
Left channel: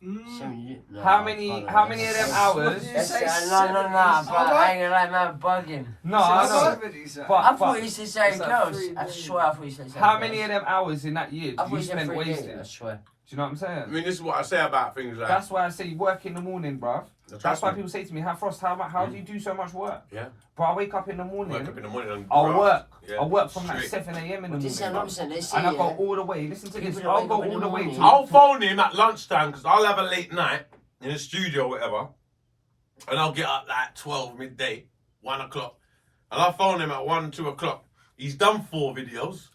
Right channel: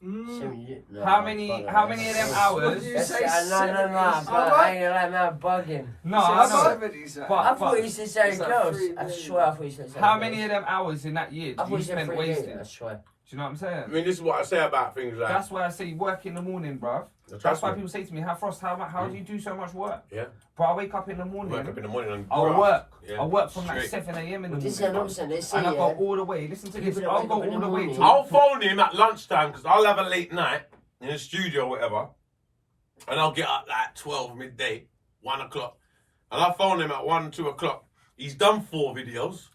So you- no, How no, many brother, of them that's- hours? That's, say no, 70s. bro, I ain't gonna lie, man, bugging. No, I know. But But- I thought you said say It's like girls. 3 I days. swear I thought you said say How girls. many of them hours in that year I do thought you you said spend 3 days, wasted? I swear. Do you know what I'm saying? I mean, this is what I say about things like. That's why I say work in the morning, bruv. That's why people say to me, Frost, how do you do so much work? Yeah. Bro, I wake up in the morning, Wake up in the morning and I'll graft. work. Yeah. I'll work from like Straight. 7 a.m. in the This is what I'm morning. saying. They say, And I go yeah, all the way, listen to People this, that I'll wake go up in all the the way morning- to... I'll phone him at lunchtime because I'll have a late night in the studio or whatever, and I'll get up like 12 midday, 1 o'clock, and I'll phone him at 1, 2 o'clock. He's done 4 videos.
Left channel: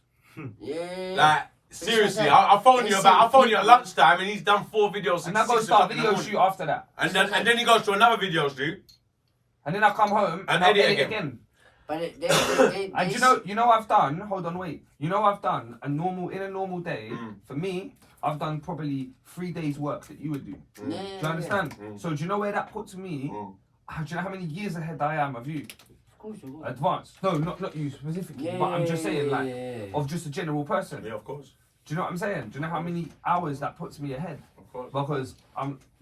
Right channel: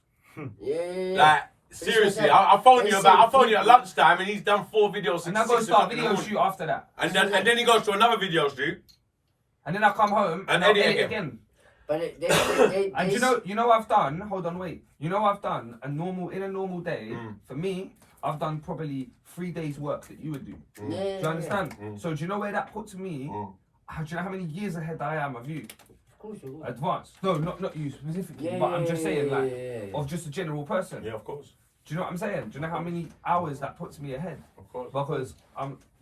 yeah. Like seriously, saying. I'll phone you They about. say I'll phone you at people- lunchtime, and he's done 4 videos And since I go 6 start o'clock in the video morning. shoot after that. And then he goes to another video shoot. And then I come home And I'll edit edit again. again. But And you know I've done, hold on, wait. You know I've done in a normal day, for me, I've done probably 3 days work that you would do. Do you understand? So do you know where that puts me? Do you know how many years ahead I am of you? Of course you will. Advanced. No, not you specifically, Yeah, but I'm just saying like, yeah. of just a general person. Yeah, of course, Do you know what I'm saying? Do you know how many hours that puts me ahead? of course. Because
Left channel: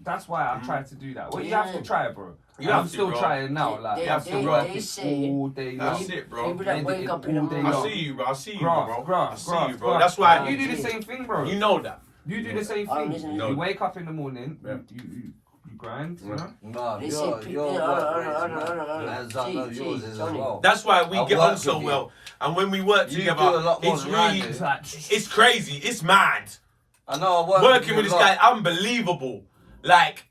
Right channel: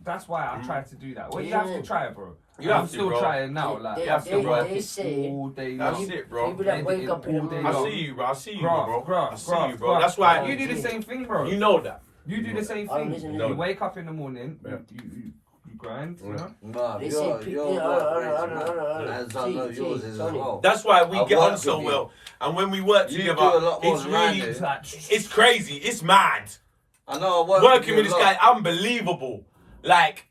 that's why I try to do that. Well, you Yeah. have to try it, bro. You And have I'm to, still bro. trying now. Like, They- I have they- to work they it say- all day That's long. it, bro. People that wake up in the all day I long. see you, bro. I see you, Graft, bro. graft, I see graft, you, bro. graft. That's why You do the same thing, bro. you know that. You do the same Oh, thing. listen, You listen. wake up in the morning, Yeah. you grind, you know? No, They your say work people- rates, hold man. on. As I know yours is as Tony. well. That's why we I get on work so with you. well. And when we work You together, do a lot more it's than I really, do. It's like, it's crazy. It's mad. I know I work Working with you this a lot. guy, unbelievable. Like,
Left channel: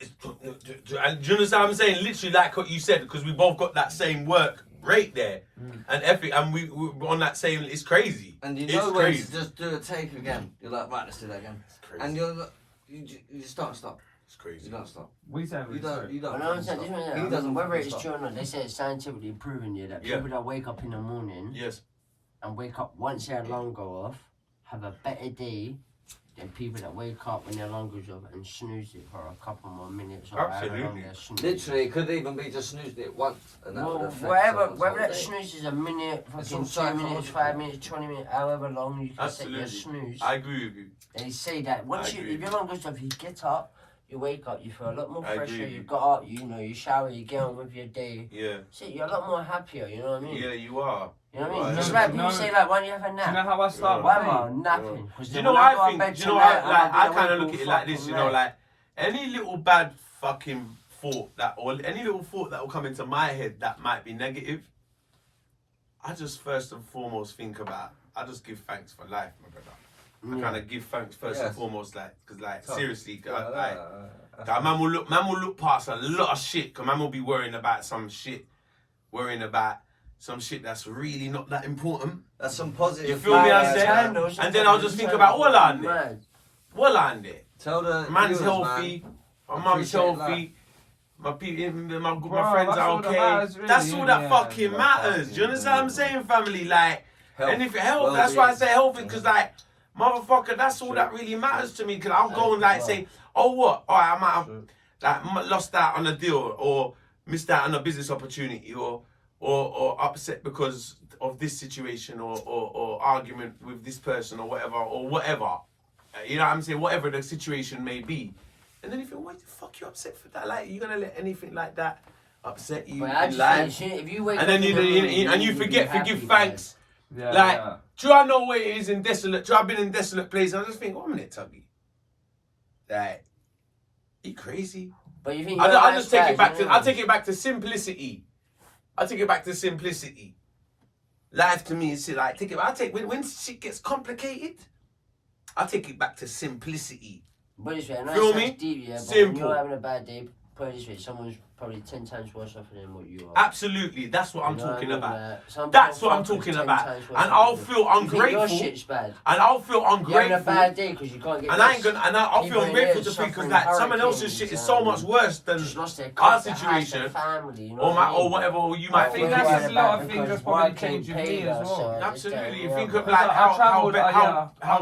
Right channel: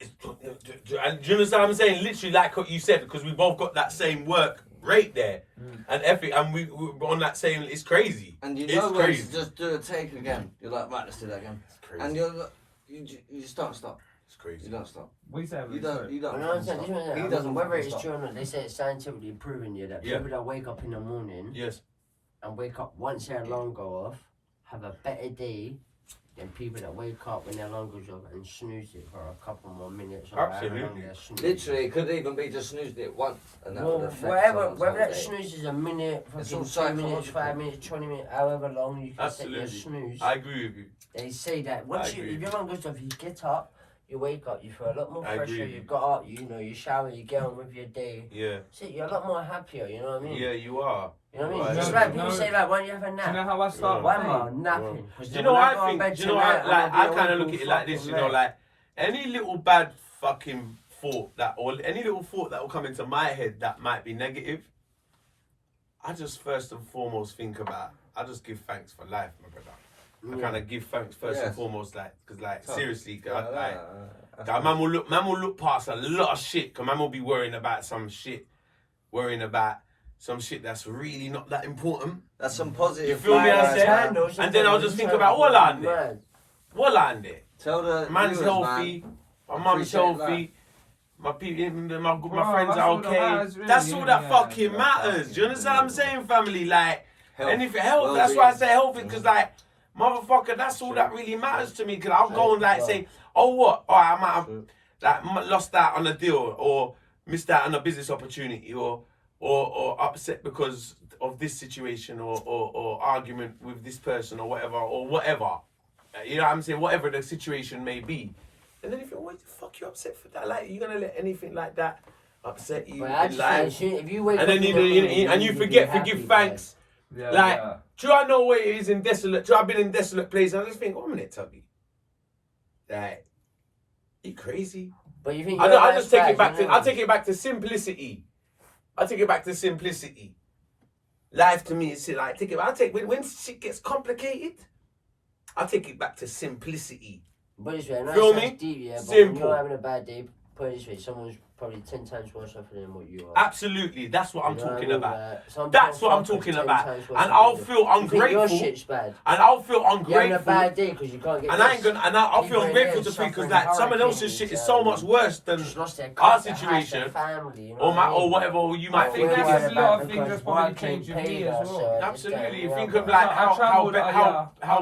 and do you understand what I'm saying? Literally, like what you said, because we both got that same work rate there, and effort, and we're on that same. It's crazy. And you it's know when crazy. to just do a take again. You're like, right, let's do that again. It's crazy. And you just don't stop. It's crazy. You don't stop. what you saying? You don't. You don't. I know what I'm saying. fucking This stop. one, He doesn't. whether fucking it's stop. true or not, they say it's scientifically proven yeah that Yeah. people that wake up in the morning Yes. and wake up once their alarm go off have a better day than people that wake up when their alarm goes off and snooze it for a couple more minutes or however long Absolutely. they're snoozing. Literally, it could even be just snoozed it once, and that Well, would affect whatever, someone's whether whole that day. snooze is a minute, It's fucking all 2 minutes, psychological. 5 minutes, 20 minutes, however long you can set your Absolutely. snooze. I agree with you. They say that once you, agree. if your alarm goes off, you get up, you wake up, you feel a lot more I agree fresher, with you you. got up, you know, you shower, you get on with your day. Yeah. Shit, you're a lot more happier, you know what I mean? Yeah, you are. You know what I Right. mean? It's No, like no. people say like, why don't you have a Do you know nap? how I start Why my am day? I napping? 'Cause Do you then know when what go I on think? bed Do you know tonight, what I, like? I'ma I be kind of awake look at it all like this, fucking you know, night. like any little bad fucking thought that, or any little thought that will come into my head that might be negative, I just first and foremost think about. I just give thanks for life, my brother. I kind of give thanks first and Yes. foremost, like, because like Tough. seriously, like. That's Man will look past a lot of shit. Cause man will be worrying about some shit, that's really not that important. some positive. You feel me? I vibes, say, man. and then I'll just think about what I did. What I did. Tell the Man's viewers, healthy. man. My mum's Appreciate healthy. My people, my Bro, friends that's are all that okay. matters, really, That's all that yeah. fucking Yeah, matters. Do you understand what I'm saying, family? Like, Health, and if it helps, that's why I well-being. say healthy, because like, motherfucker, that's all that really matters to me. Because I'll go and like say, oh what? Oh, I might have like lost out on a deal or missed out on a business opportunity or upset because of this situation or argument with this person or whatever. You know what I'm saying? Whatever the situation may be. And then you think, what the fuck you upset for that? Like, you gonna let anything like that upset you But I in just life? think, if you wake And then up in the morning and you be forget to happy, give thanks. Yeah, Like, yeah. do I know where it is in desolate? Do I've been in desolate places? I just think, 1 minute, Tuggy. Like, you crazy? But you think I just take it back to. I take it back to simplicity. I take it back to simplicity. Life to me is like when shit gets complicated. I take it back to simplicity. But this way, I know Feel it me? sounds deep, yeah, but when Simple. you're having a bad day, put it this way, someone's probably 10 times worse off than what you are. Absolutely, that's what I'm You know talking I mean? about. Like, some That's poor what I'm fucker's talking 10 about. times worse And off I'll than feel you. You think ungrateful. your shit's bad. And I'll feel You're having a ungrateful. bad day because you can't get And I this. ain't gonna. And I'll feel People in ungrateful there to because suffering like someone else's shit is so hurricanes, much worse than just lost their our house, their situation, family, you know or what I mean? whatever you might I think think it that's is. a lot of things that's probably changed with me as well. Absolutely, you think of of like I how travelled,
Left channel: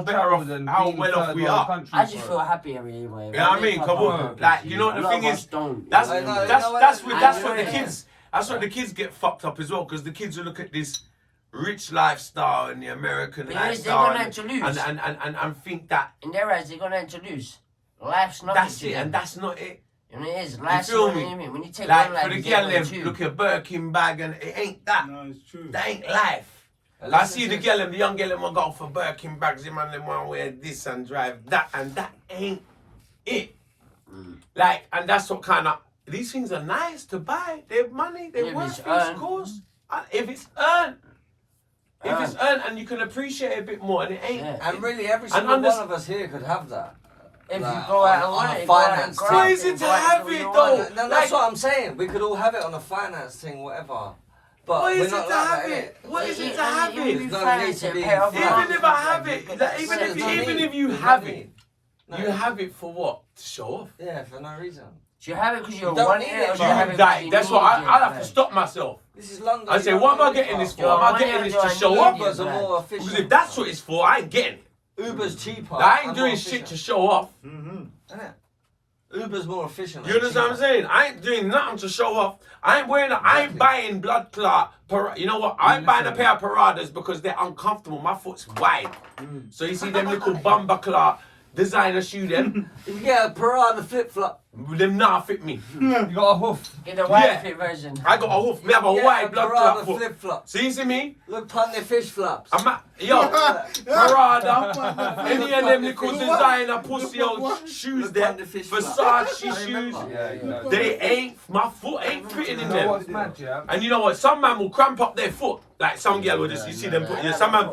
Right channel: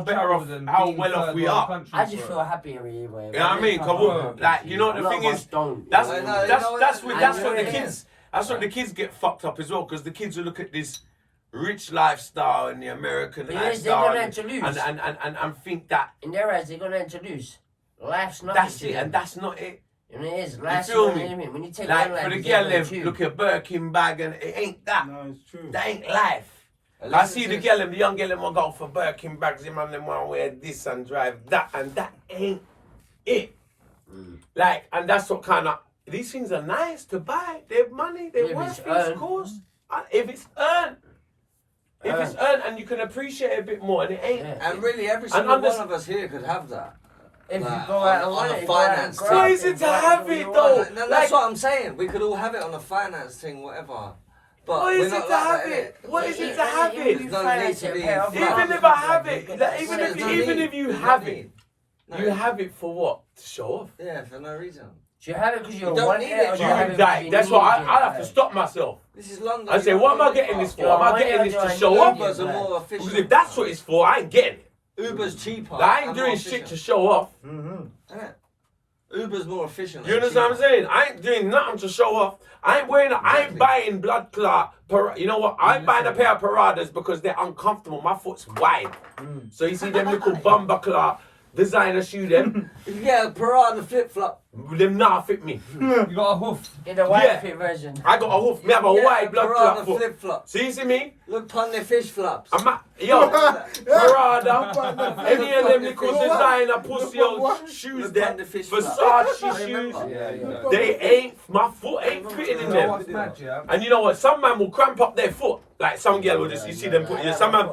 better off, how well off we are. I just feel happy every way. You know what I mean? Come on, like you know what the thing is. That's what the kids. That's what the kids get fucked up as well because the kids will look at this rich lifestyle and the American But lifestyle they're gonna lose. and think that In their eyes, they're gonna to lose. Life's not. that's it and that's not it. And it is. Life's feel not me? anything. When you take Like one life, for the you girl, take away them two. look at Birkin bag and it ain't that. No, it's true. That ain't life. I see the girl and the young girl them will go for Birkin bags. The man them want to wear this and drive that and that ain't it. Like and that's what kind of these things are nice to buy. They're money. They're If worth it's things, of earned. course. And if it's earned. If it's earned and you can appreciate it a bit more and it ain't. Yeah. And really, every single one of us here could have that. If Like, you go out on and a work, finance go thing. out Why is and it to go out have and do it, what though? you want. No, that's what I'm saying. We could all have it on a finance thing, whatever. But What we're is it not to like have that, it? innit? What is it to Yeah, have you it? will There's no finance need to it, be pay off involved. your Even if I have it, like, There's even no if you need. have There's no it, need. No. you have it for what? To show off. Yeah, for no reason. Do you have it because you're You don't one need it, it, or do bro. you have it Like, because you that's need what it? I have to stop myself. This is London. I say, you what am don't I need getting it, this for? bro. Am I getting this to show off? Ubers are more Because efficient. if that's what it's for, I ain't getting it. Uber's cheaper. Like, I ain't and doing more shit efficient. to show off. Innit? Uber's more efficient. You and understand what I'm cheaper. saying? I ain't doing nothing to show off. I ain't wearing. I ain't buying blood clot. You know what? I ain't buying a pair of Paradas because they're uncomfortable. My foot's wide. So you see them little bumper clot designer shoe them. If you get a Parada flip flop, Them not fit me. You got a hoof. Get the white Yeah. fit version. I got a hoof. Me have a get wide blood clot Parada foot. flip flop. So you see me? Look pon the fish flops. I'm at, yo, Parada, any of them little designer pussy old shoes there, Versace shoes, they ain't, my foot ain't fitting in You know what's them. mad, yeah? And you know what? Some man will cramp up their foot. Like some girl will just, you see them put, yeah, some man,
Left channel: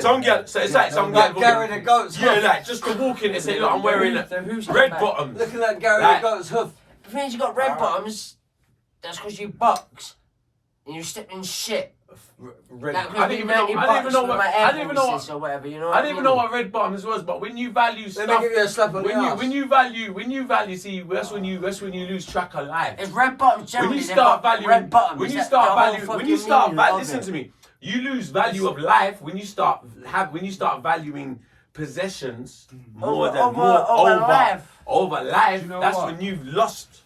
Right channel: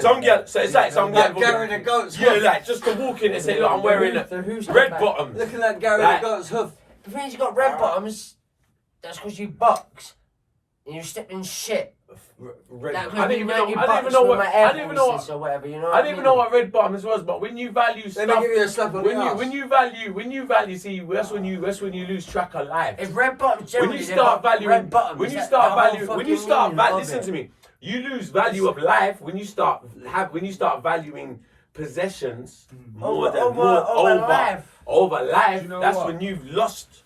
some girl, so it's like some girl Like Gary the Goat's yeah, hoof. like just to walk in and say, look, I'm wearing red bottoms. Looking like Gary Like- the Goat's hoof. The thing is, you got red bottoms. That's because you box and you step in shit. Red. That I didn't even know. I didn't even know what. I didn't even know what. or whatever. You know. I didn't even know what red bottoms was. But when you value Let stuff, me give you a slap on the ass. when you value, see, that's when you lose track of life. It's red bottoms. When you generally, start they've got valuing, red bottoms. when you That's start the whole valuing, when you fucking start meaning of listen it. to me. You lose value of life when you start valuing possessions more over life. over life. Do you know That's what? when you've lost.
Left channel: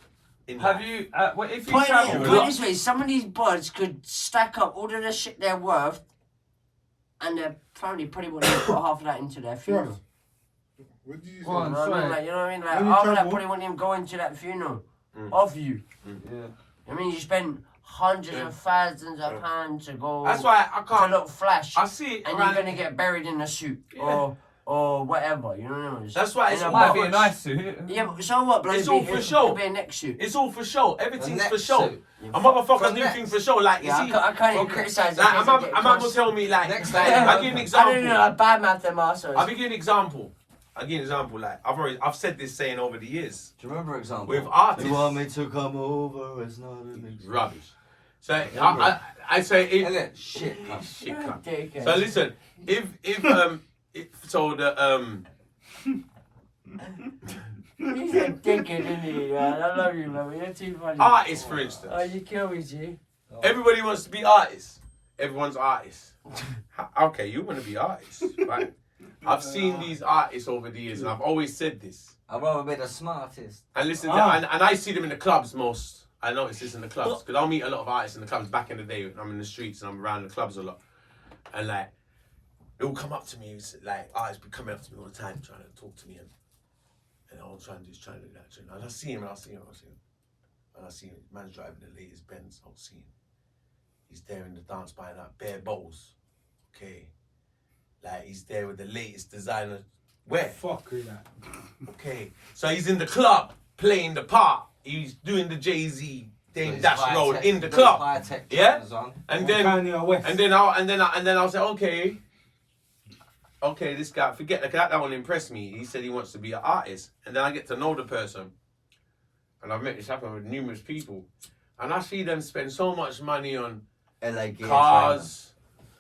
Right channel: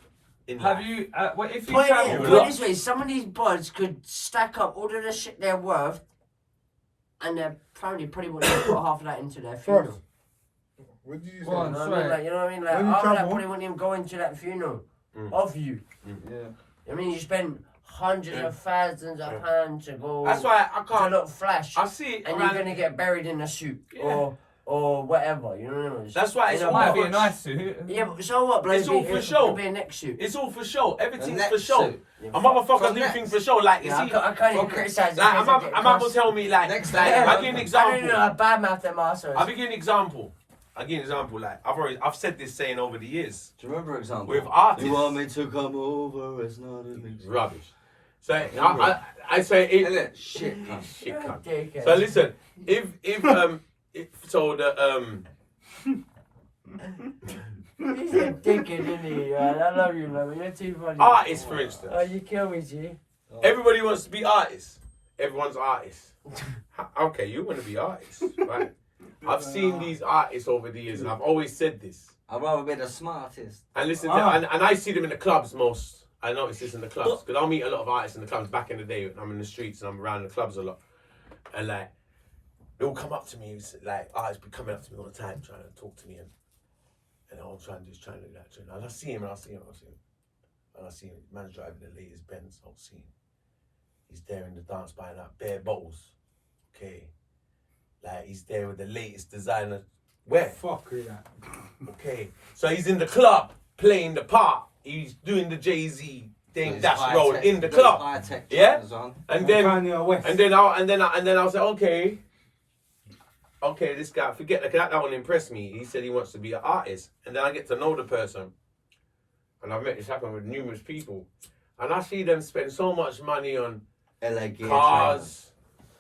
In Have life. you, well, if you Put travel, it this way, some of these buds could stack up all of the shit they're worth, and their family probably wouldn't put half of that into their funeral. What did you say? Go on. You know what I mean? Like, you know what I mean? Like, When you half of that travel- probably wouldn't even go into that funeral of you. yeah. I mean, you spend hundreds of thousands of pounds to go That's why I to can't. look flash, I see it and around. you're gonna get buried in a suit Yeah. or whatever. You know what I mean? That's why it's In a all Might be for a nice suit. Yeah, but so what, bro? It's all for show. Could be a neck suit. It's all for show. Everything's neck for show. suit. A motherfucker From do next. things for show. Like you Yeah, see, I can't even criticize. like, I'm not gonna tell me like. Next like, time. I give an I example. don't know. I bad mouth them assholes. I'll give you an example. Like I've said this saying over the years Do you remember example? with artists. You want me to come over? It's not an example. Rubbish. So I say it. Innit? Shit, cunt. Shit, cunt. Dickhead. So listen, if so the He's a dickhead, isn't he? Man? I love you, man. You're too funny. artists, for instance, Oh, you kill me, G. everybody wants to be artists. Everyone's artists. Okay, you want to be artists, right? I've seen these artists over the years, and I've always said this. I'd rather be the smartest. And listen, and I see them in the clubs most. I notice this in the clubs because I'll meet a lot of artists in the clubs back in the day. I'm in the streets and I'm around the clubs a lot, and like they'll come up to me. Like artists be coming up to me all the time trying to talk to me, And I'm trying to do that. And I see him. And I see him. Man's driving the latest Benz. I'll see him. He's there in the dance buying out bare bottles. Okay. Like, he's there with the latest designer. Where? Fuck with that. Okay. So he's in the club playing the part. He's doing the Jay-Z thing, dash roll in the club. Yeah? And then I was like, okay, this guy, forget that one impressed me. He said he wants to be an artist. And then I get to know the person. And I've met this happen with numerous people. And I see them spend so much money on LA cars.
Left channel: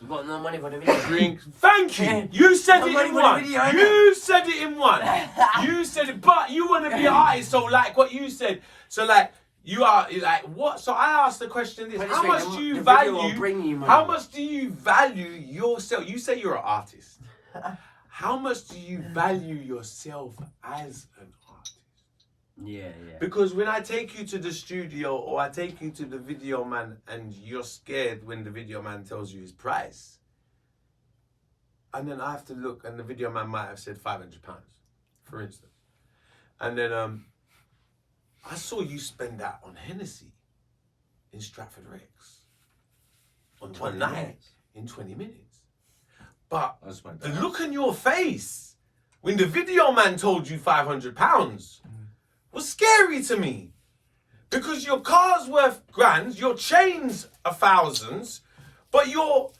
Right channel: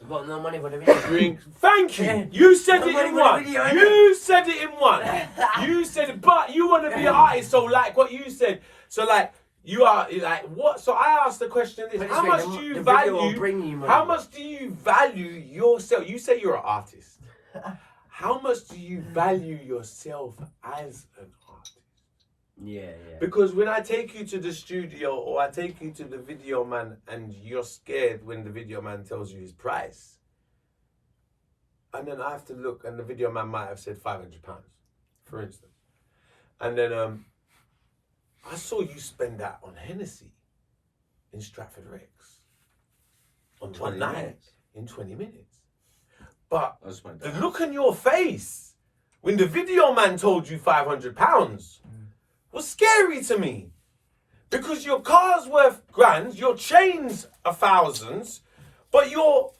You got no money for the video. Drinks. Thank you. You said it in one. You said it in one. You said it, but you want to be an artist. So like what you said. So like you are like what? So I asked the question: this: how much do you value? How much do you value yourself? You say you're an artist. How much do you value yourself as an artist? Yeah. Because when I take you to the studio or I take you to the video man and you're scared when the video man tells you his price, and then I have to look and the video man might have said £500, for instance. And then I saw you spend that on Hennessy in Stratford Rex on 20 one night minutes. in 20 minutes. But the look on your face when the video man told you £500 was scary to me. Because your car's worth grand, your chain's thousands, but you're...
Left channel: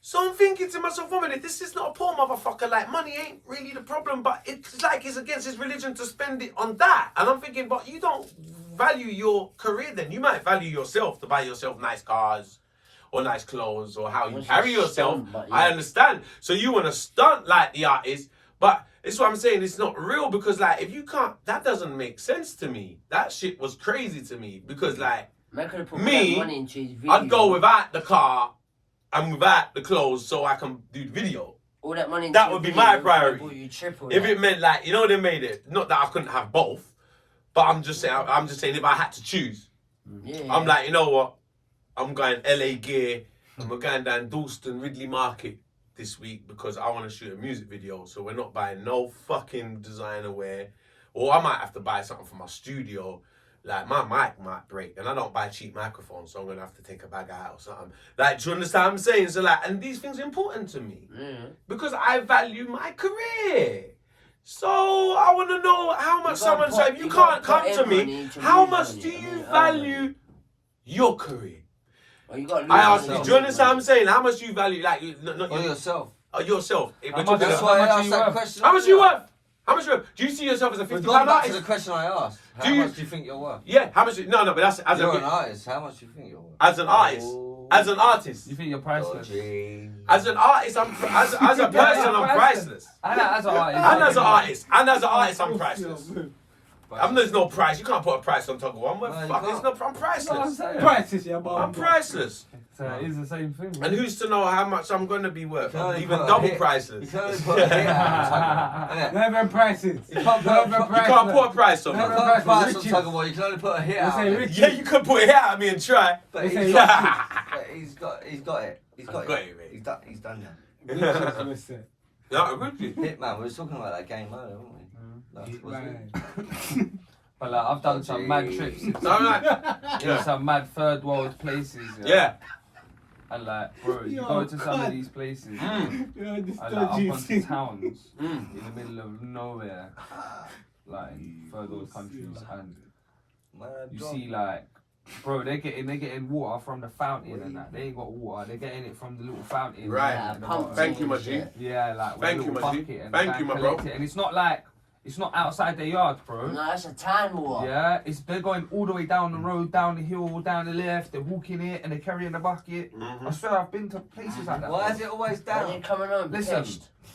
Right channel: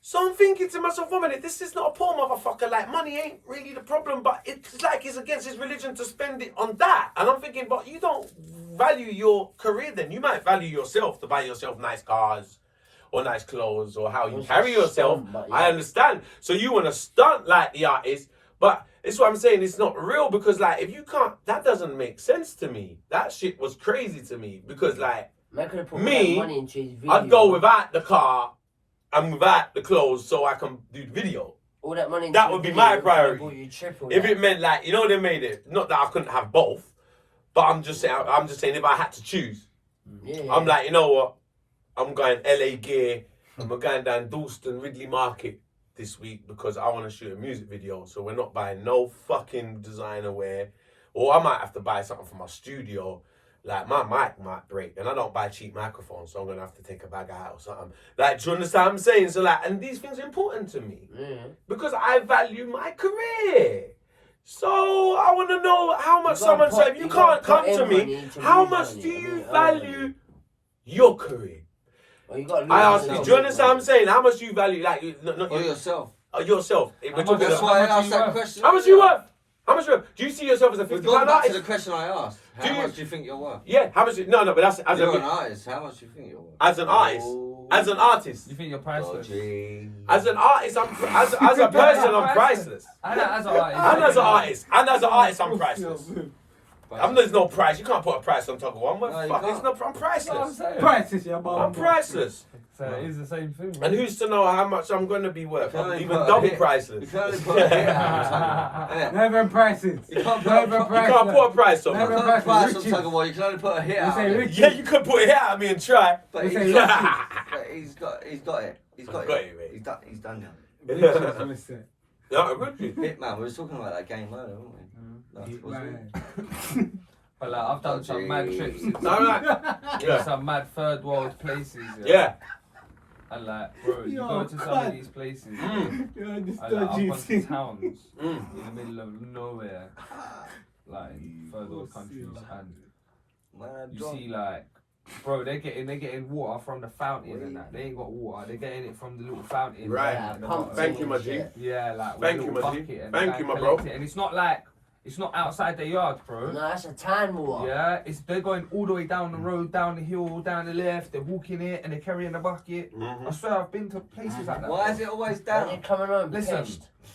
So I'm thinking to myself, a minute, this is not a poor motherfucker, like money ain't really the problem, but it's like it's against his religion to spend it on that. And I'm thinking, but you don't value your career then. You might value yourself to buy yourself nice cars or nice clothes or how you carry yourself. I understand. So you want to stunt like the artist, but it's what I'm saying, it's not real because like, if you can't, that doesn't make sense to me. That shit was crazy to me because like, me, I'd go without the car and without the clothes so I can do the video. All that money. That would be my priority. If it meant like, you know, they made it, not that I couldn't have both, but I'm just saying if I had to choose, I'm like, you know what? I'm going LA gear and we're going down Dalston Ridley Market this week because I want to shoot a music video. So we're not buying no fucking designer wear. Or I might have to buy something for my studio. Like my mic might break and I don't buy cheap microphones, so I'm gonna have to take a bag out or something. Like, do you understand what I'm saying? So like, and these things are important to me because I value my career. So I want to know how much someone. So if you can't come to me, how much do you value your career? I ask you, do you understand what I'm saying? How much do you value, like, not yourself? Yourself. That's why I asked that question. How much you worth? How much worth? Do you see yourself as a 50 pound back artist? to the question I asked. How much do you think you're worth? Yeah, how much? No, but that's as you're an artist. How much do you think you're worth? As an artist. As an artist. You think you're priceless? As an artist, as a person, I'm priceless. And as an artist. And as an artist. And as an artist, I'm priceless. There's no price. You can't put a price on Tuggawar. I'm priceless. Priceless, yeah, but I'm priceless. So it is the same thing. And who's to know how much I'm going to be worth? I'm even double priceless. You can only put a hit out. Never prices. You can't put a price on me. You can't put a price on Tuggawar. You can only put a hit out. Yeah, you could put a hit out of me and try. But he's got it. He's got it, mate. He's done that. No, Richie. Hitman. We were talking about that game earlier, weren't we? But like, I've done some mad trips in some mad third world places. Yeah. And like, bro, you go to some of these places and like up onto towns in the middle of nowhere, like third world countries, and you see like, bro, they're getting water from the fountain and that. They ain't got water. They're getting it from the little fountain. Right. Thank you, my G. Yeah, like thank you, my G. Thank you, my bro. And it's not like. It's not outside their yard, bro. No, that's a tan water. Yeah, they're going all the way down the road, down the hill, down the left. They're walking it and they're carrying the bucket. I swear I've been to places like that. Why is it always down? They're coming on. Listen,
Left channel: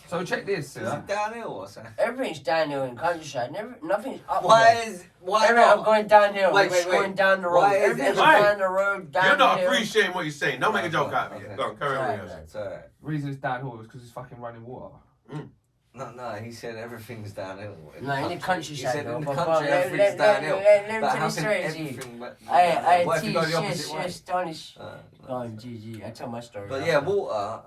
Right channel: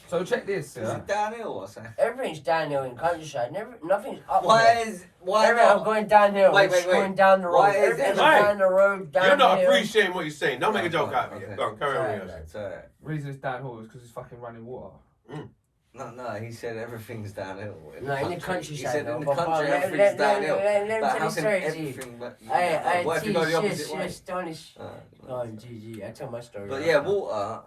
so check this. Is it downhill or something? Everything's downhill in countryside. Nothing's up. Why not? I'm going downhill. Wait. Going down the road. Why is everything's down the road. Downhill. You're not appreciating what you're saying. Don't make a joke out of it. Go on, carry on. The reason it's downhill is because it's fucking running water. No, he said everything's downhill. In the countryside. He said in the country everything's downhill. Let me tell you everything. What if you go the opposite way? Oh, GG. I tell my story. But yeah, water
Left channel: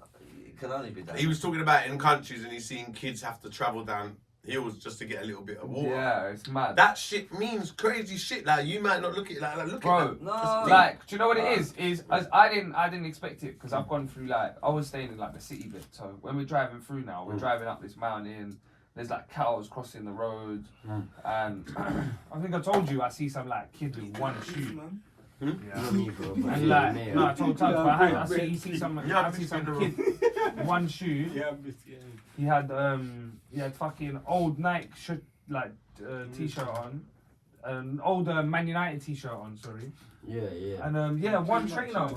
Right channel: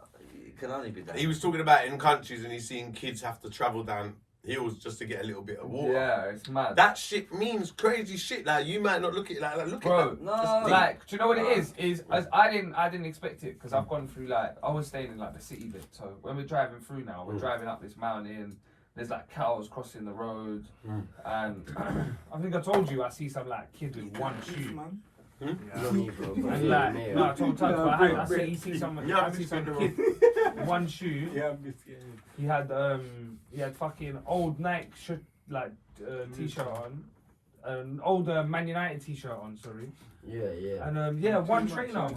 can only be downhill. He was talking about in countries and he's seen kids have to travel down hills just to get a little bit of water. Yeah, it's mad. That shit means crazy shit. Like you might not look at it like look Bro, at that. No. like, do you know what it is? I didn't expect it because I've gone through like I was staying in like the city bit. So when we're driving through now, we're driving up this mountain. There's like cows crossing the road, and I think I told you I see some like kid with one shoe. And like, no, I told Tugs, but I see some kid, one shoe. Yeah, He had fucking old Nike t-shirt on, an old Man United t-shirt on, sorry. Yeah. And one trainer,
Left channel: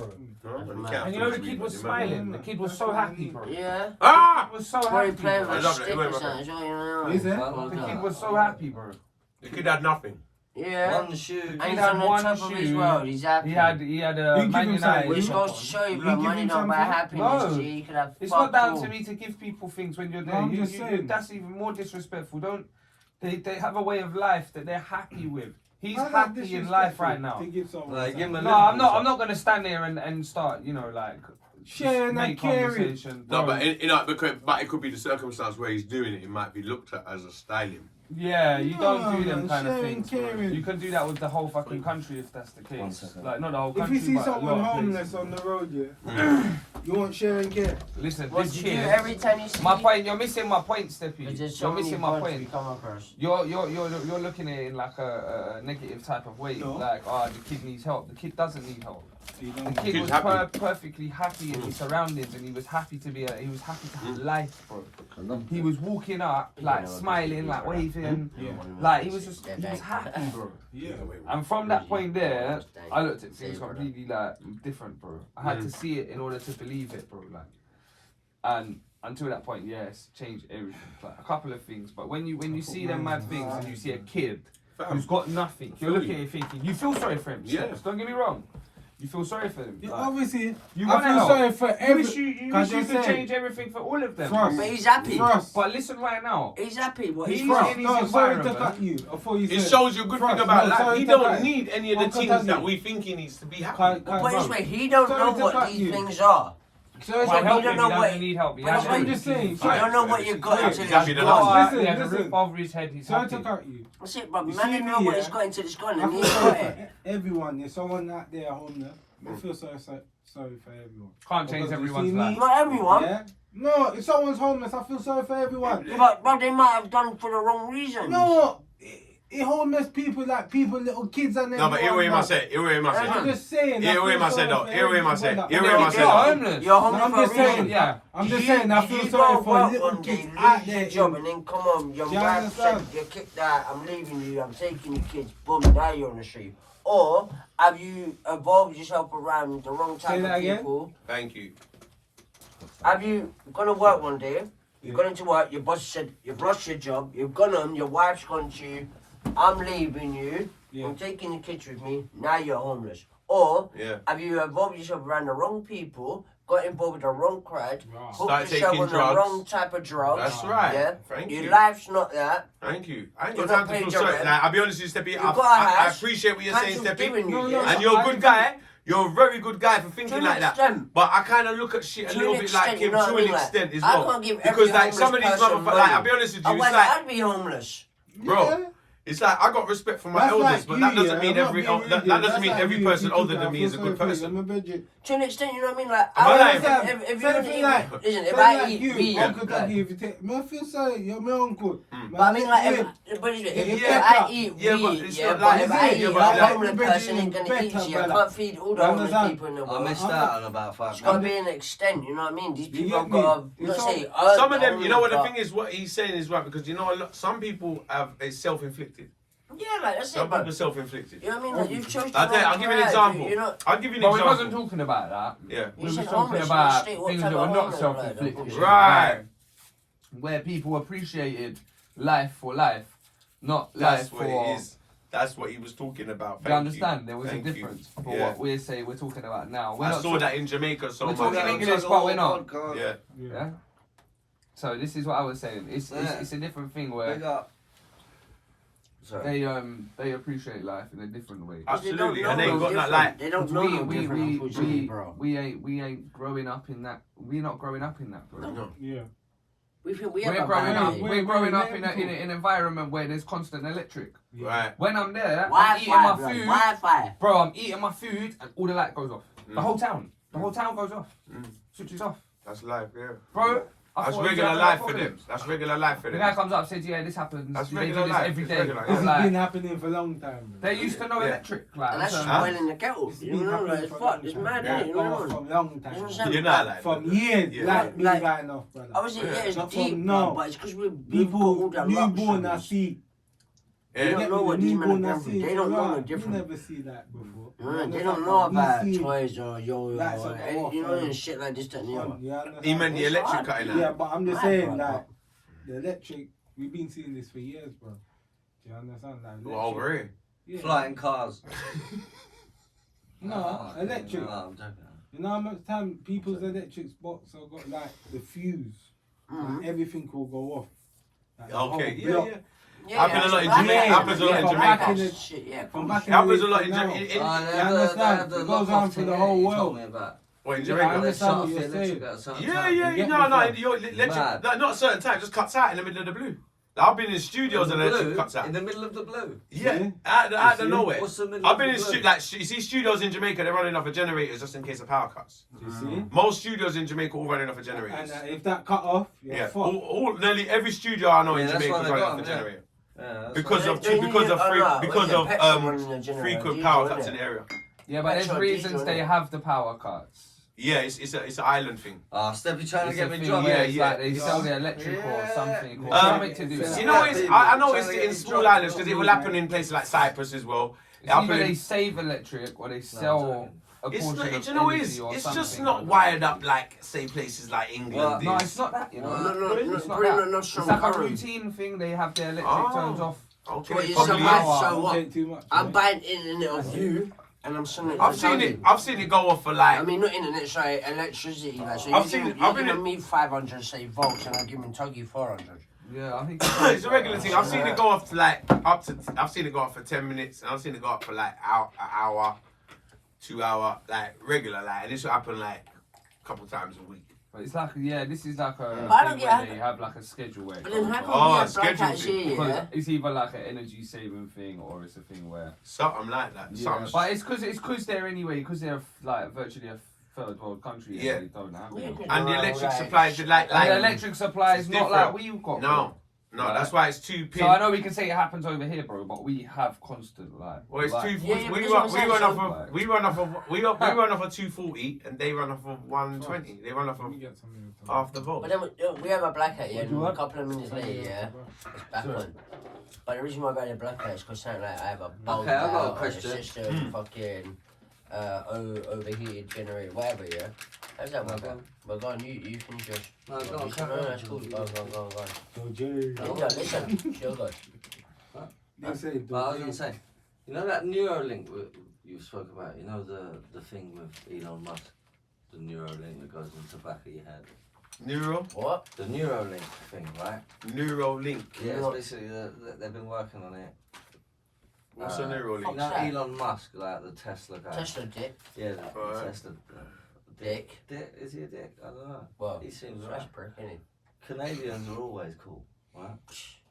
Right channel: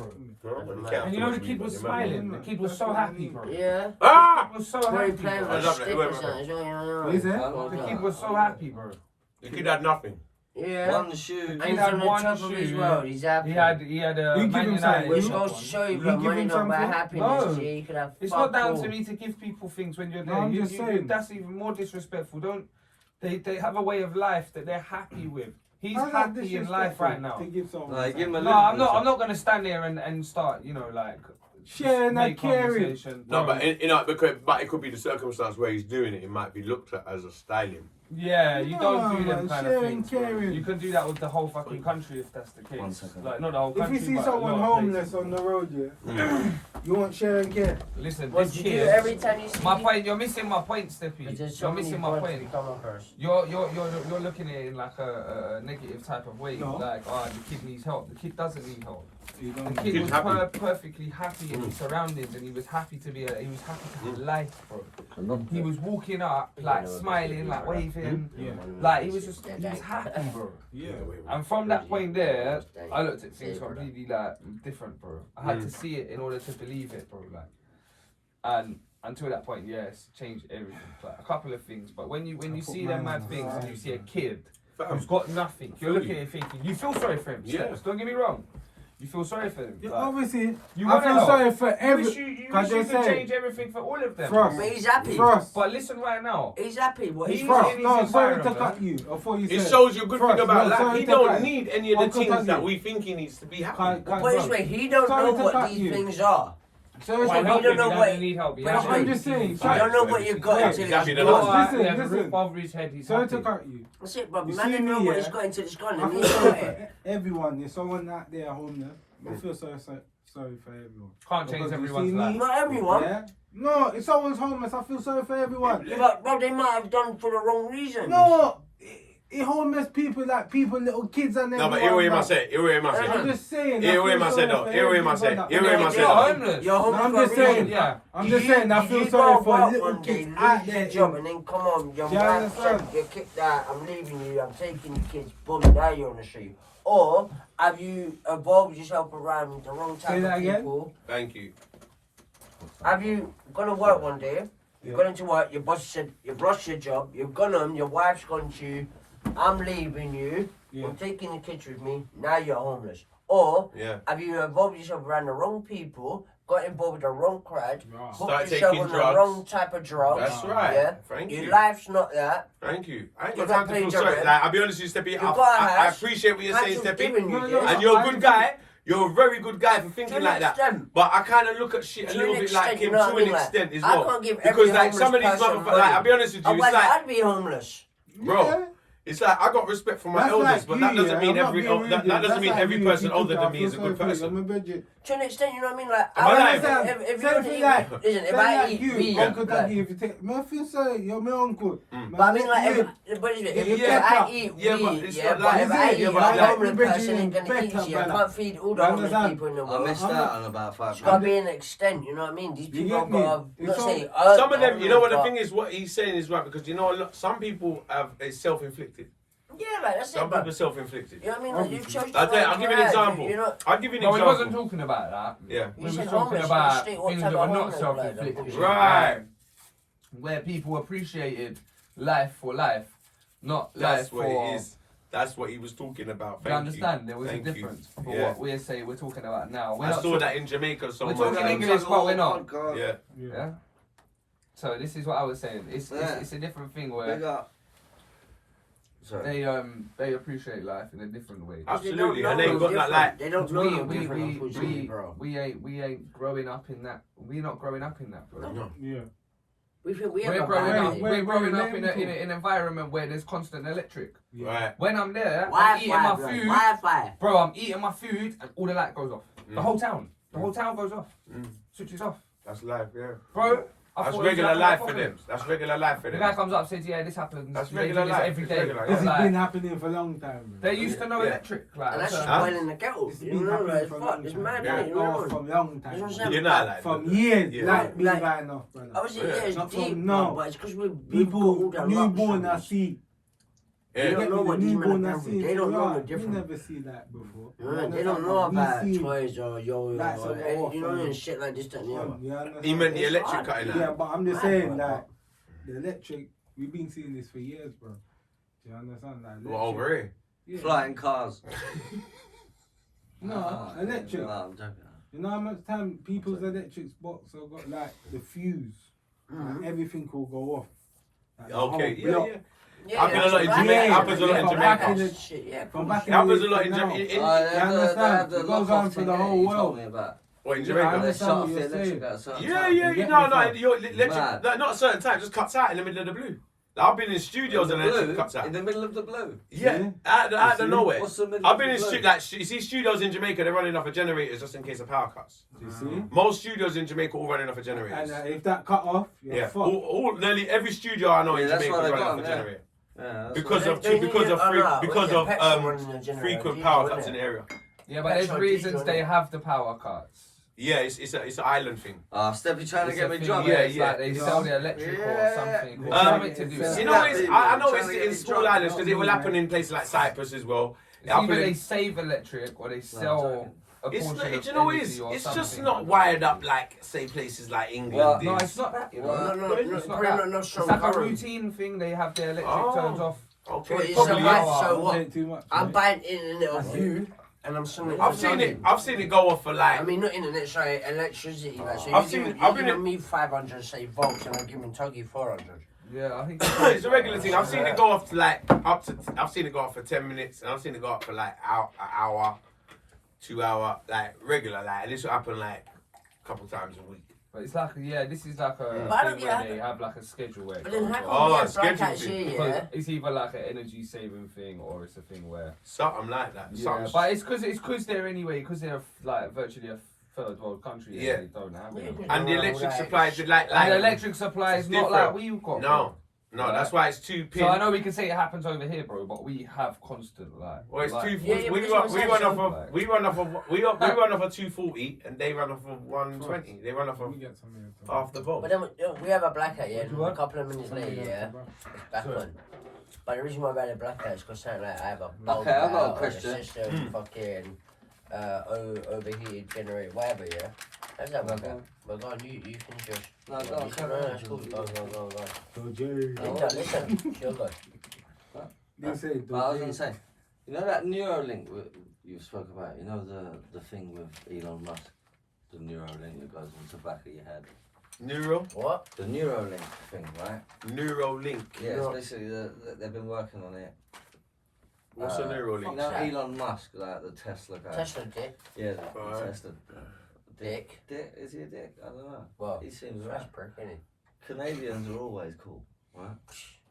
bro. And you know the kid was smiling. The kid was so happy, bro. Yeah. Ah! He was so Where he happy. playing Bro. with I a love it. stick Wait, or wait, something. Is it? The kid was so happy, bro. The kid had nothing. Yeah. One shoe. And He he's had on the one top of his shoe. world. He's happy. He had a You give Man him United. something. Which You goes to show you, you bro, give money him don't buy something? happiness. No. Yeah, you could have It's fuck not down all. to me to give people things when you're there. No, I'm just saying. That's even more disrespectful. Don't they have a way of life that they're happy with. He's How's that happy in life disrespectful right now. to give someone Like, give him a No, I'm not gonna stand there and start, like sharing make that caring. conversation. No, bro. but it could be the circumstance where he's doing it. It might be looked at as a styling. Yeah, you don't do No, them man, kind of sharing, things. caring. You can do that with the whole fucking country if that's the case. 1 second. Like not the whole If country. you see but a someone lot of homeless places. on the road, you want share and care. Listen, What this do you do kid. every time you see My me? point. You're missing my point, Steppy. Because there's so You're many missing my points point. we come across. You're looking at it in like a negative type of way. No. Like, the kid needs help. The kid doesn't need help. You The don't kid Kid's was happy. perfectly happy in his surroundings, and he was happy to be. He was happy to have life, bro. He was walking up, like smiling, like waving, Yeah. like he was happy, bro. Yeah. And from that point there, I looked at things completely like different, bro. I had to see it in order to believe it, bro. Like, and until that point, yes, changed everything. Like a couple of things, but when you see them mad things and you see a kid who's got nothing, you're looking at it thinking you feel sorry for him. Yeah. Steps, don't get me wrong. You feel sorry for them. Yeah, Like, obviously, you I wanna feel help. sorry for you every. wish you Cause could they say- change everything for all of them. Trust. But he's happy. Trust. But listen right now. He's happy. What He's he's Trust. in his No, sorry to environment. cut you. Before you It said. shows you a good Trust. thing about No, life. sorry He to don't cut. need any of I'll the cut things that you. we think he needs to be happy. Can't- Put it this bro. way, he don't Sorry know to what cut these you. things are. Sorry Why to help cut him? don't He know doesn't what- need help. He but has I'm to. just saying. I Sorry. don't know what you've got Yeah, until he's happy it's to gone. last. He has a Listen. roof over his head. He's Sorry happy. to cut you. That's it, bro. You Man see don't know me, what yeah? it's got until it's gone. I And feel he's sorry got it. for everyone. There's someone out there homeless. I feel sorry for everyone. Can't change Because you everyone's see me- life. Not everyone. Yeah? No, if someone's homeless, I feel sorry for everyone. But they might have done for the wrong reason. No, homeless people, like people, little kids and No, but hear what he must say. Hear what he must I'm say. just saying. Hear I what he feel must say, sorry though. for Hear what he must say. everyone. Hear what he must say, You're though. homeless. You're homeless I'm for a just saying. reason. Yeah. I'm just saying. I feel You sorry go for out little one day, kids lose out your there. job, and then come home, your Do you wife said, understand? you're kicked out, I'm leaving you, I'm taking the kids, boom, now you're on the street. Or have you evolved yourself around the wrong Say type that of again? people? Thank you. Have you gone to work one day? You've Yeah. gone into work, your boss said you've lost your job, you've gone home, your wife's gone to you, I'm leaving you, Yeah. I'm taking the kids with me, now you're homeless. Or Yeah. have you involved yourself around the wrong people, got involved with the wrong crowd, Right. hooked Start yourself taking on drugs. the wrong type of drugs? That's right. Yeah. Thank Your you. life's not that. Thank you. I ain't You got got time to paid feel your sorry. rent. Like, I'll be honest with you, Steppy. You got a I house. appreciate what you're saying, Council's Steppy. giving you No, this. no, And you're a I good agree. guy. You're a very good guy for To thinking an like that. extent. But I kind of look at shit a To little an bit like extent, him you know what to I an mean? Like, extent as I well. can't give every Because like some of homeless these person motherfuckers, like money. I'll be honest with you, it's Otherwise, like, I'd be homeless. bro, Yeah. it's like I got respect for my That's elders, like but you, that doesn't yeah. mean I'm not every being rude, that yeah. doesn't That's mean like every you, person if you older took than out, me is a feel good sorry for person. you. I'm a budget. To an extent, you know what I mean? Like, Am I lying? if you Same want to thing eat, like- listen, if Same I like eat you, meat, Uncle like, Daddy, if you take, man, I feel sorry, you're my uncle. but I Man, mean, like, you- but Yeah, if yeah, I eat yeah, meat, but it's yeah, not but like- if I yeah, eat, but like, like- a homeless person ain't gonna better, eat you. I brother. can't feed all the You homeless understand? people in the I world. missed out on about 5 It's gotta grand. be an extent, you know what I mean? These You people get have me? got to, It's not all- say, earn Some of them, you know what the but- thing is, what he's saying is right, because you know a lot, some people have a self-inflicted. Yeah, like, that's Some it, bro. people self-inflicted. You know what I mean? Like, you've chosen I'll give you an example. You know, I'll give you an But we wasn't example. talking about that. Yeah. We You were said talking homeless, about you state what things type that were of not homeless, self-inflicted. like, Right. Where people appreciated life for life, not That's life what for... it is. That's what he was talking about. Do you understand? There was Thank a you. difference for Yeah. what we're talking about now. We're I not saw talking- that in Jamaica so We're much. talking Yeah, English, but we're not. podcast. Yeah. Yeah. So this is what I was saying. Yeah. It's a different thing Big where up. Sorry. they appreciate life in a different way. Absolutely. They And don't they know got no that like. They don't know no different, unfortunately, bro. we ain't growing up in that. We're not growing up in that, bro. No. Yeah. We think we We're have a growing up. bad We're growing up growing in up. an environment where there's constant electric. Right. When I'm there, I'm eating Wi-Fi, my bro. food. Wi-Fi. Bro, I'm eating my food and all the light goes off. The whole town. The whole town goes off. Switches off. That's life, yeah. Bro, I That's thought it was regular like life no for problem. them. That's regular life for The guy them. comes up and says, yeah, this happens. That's They regular do this life. every It's day. regular, This yeah. has been happening for a long time. They used to know Yeah. electric. Like, And that's just so- boiling the kettle. It's You been know, happening like, for a fuck, long it's time. mad, Yeah. innit? You Going know? off from long That's what I'm time. saying. You're not like From that. years, Yeah. like been Like- going off, brother. Obviously, yeah, it's Not deep, from no. now. But it's because we've got all People, the newborn, I luxuries. see. They Yeah. don't know what these men newborn, are I going through. see. They don't know the You difference. never see that before. They don't know about We see- toys or yo-yo Like or some any, off, you know, and shit like this, that, and the other. You understand? He meant the It's electric hard. cutting Yeah, out. but I'm just Right, saying, bro. like, the electric, we've been seeing this for years, bro. Do you understand? Like, Well, electric- over here. Yeah. Flying cars. No, electric. No, I'm joking. You know how much time people's electric box have got, like, the fuse? Like, everything will go off. Like, the Okay, whole yeah, block. yeah. Yeah, Happens a lot in that's Jamaica. bad. Happens a lot in Yeah, Jamaica. back in the- Shit, yeah. From back It in happens the a lot day in to now. Jamaica. You understand? The It goes lock-off on for thing the that whole you told world. me about. Or in Yeah, I Jamaica. They understand shut what off the you're electric saying. at a certain Yeah, time. yeah, You get no, me, no, fam? your electric, Mad. not at a certain time, just cuts out in the middle of the blue. Like, I've been in studios In and the electric blue, cuts out. in the middle of the blue. Yeah, Yeah. out You of see? nowhere. What's the middle I've of been the in blue? you see studios in Jamaica, they're running off of generators just in case of power cuts. You see? Most studios in Jamaica all running off of generators. And if that cut off, you're Yeah, fucked. nearly every studio I know Yeah, in that's Jamaica why is they running got off a them, yeah. generator. Yeah, that's Because what- of frequent power cuts in the area. Yeah, but there's Petrol, reasons diesel, they innit? have the power cuts. Yeah, it's an island thing. Steppy trying to It's get a me thing drunk. where Yeah, it's yeah. like they sell the electric or Yeah. something. Or Um, something to do. you You know, I know it's Trying to get in me small drunk. islands because it will happen in places like Cyprus as well. It It's either happen they in- save electric or they I'm sell joking. a It's portion not, of do you know what it energy is? or It's something. just not wired up like, say, places like England. Well, No, is. it's not that. You know, No, it's not pretty that. not It's strong like a current. routine thing. They have their electric Oh. turns off. Okay, Well, it's probably. a is. vibe, is. so Don't what? take too much. I'm mate. buying internet off you, and I'm selling it. I've to seen Tony. it. I've seen it go off for like. I mean, not internet, sorry, electricity. Like, so I've you seen give, it- you I've been giving in- me 500, say volts, and I'm giving Tuggy 400. Yeah, I think It's a regular thing. I've seen it go off to like up to. I've seen it go off for 10 minutes, and I've seen it go up for like an hour, 2 hour, like regular, like. And this will happen like a couple times a week. But it's like, yeah, this is like a But I don't thing get where it. they have like a schedule where it But then goes how off. come Oh, we have schedule blackouts thing. here, Because yeah? it's either like an energy saving thing or it's a thing where. Something like that. Yeah, Something. but it's because they're anyway because they're like virtually a third world country. Yeah. And they don't have Yeah, it. 'cause And the they're electric all supply is like. And the electric supply is it's not different. like we've got. No, no, Right. that's why it's two pin. So I know we can say it happens over here, bro, but we have constant like. Well, it's like, 240. Yeah, we but run that's we what run I'm off saying. of we run off of we run off of 240 and they run off of 120. They run off Let of me get some here, Tom. half the volt. But then we have a blackout, yeah, What do and you a want? couple of minutes Some later, here, yeah, bro. it's back Sure. on. But the reason why I got a blackout is because something like I have a bulb Okay, I've got a out or the question. system, fucking overheated generator, whatever, yeah. How's that work out? But go on, you can just. No, go on, No, carry no, on. it's cool. Go. So, Jerry. Listen, sure, good. They say, But I was going to say, you know that Neuralink you spoke about, you know the thing with Elon Musk? The Neuralink that goes into the back of your head. What? The Neuralink thing, right? Neuralink. Yeah, it's basically, they've been working on it. What's a You Neuralink? know Elon Musk, like the Tesla guy? Tesla dick. Yeah, the Right. Tesla. Dick. Dick? Is he a dick? I don't know. Well, He seems fresh right. prick, innit? Canadians are always cool, right?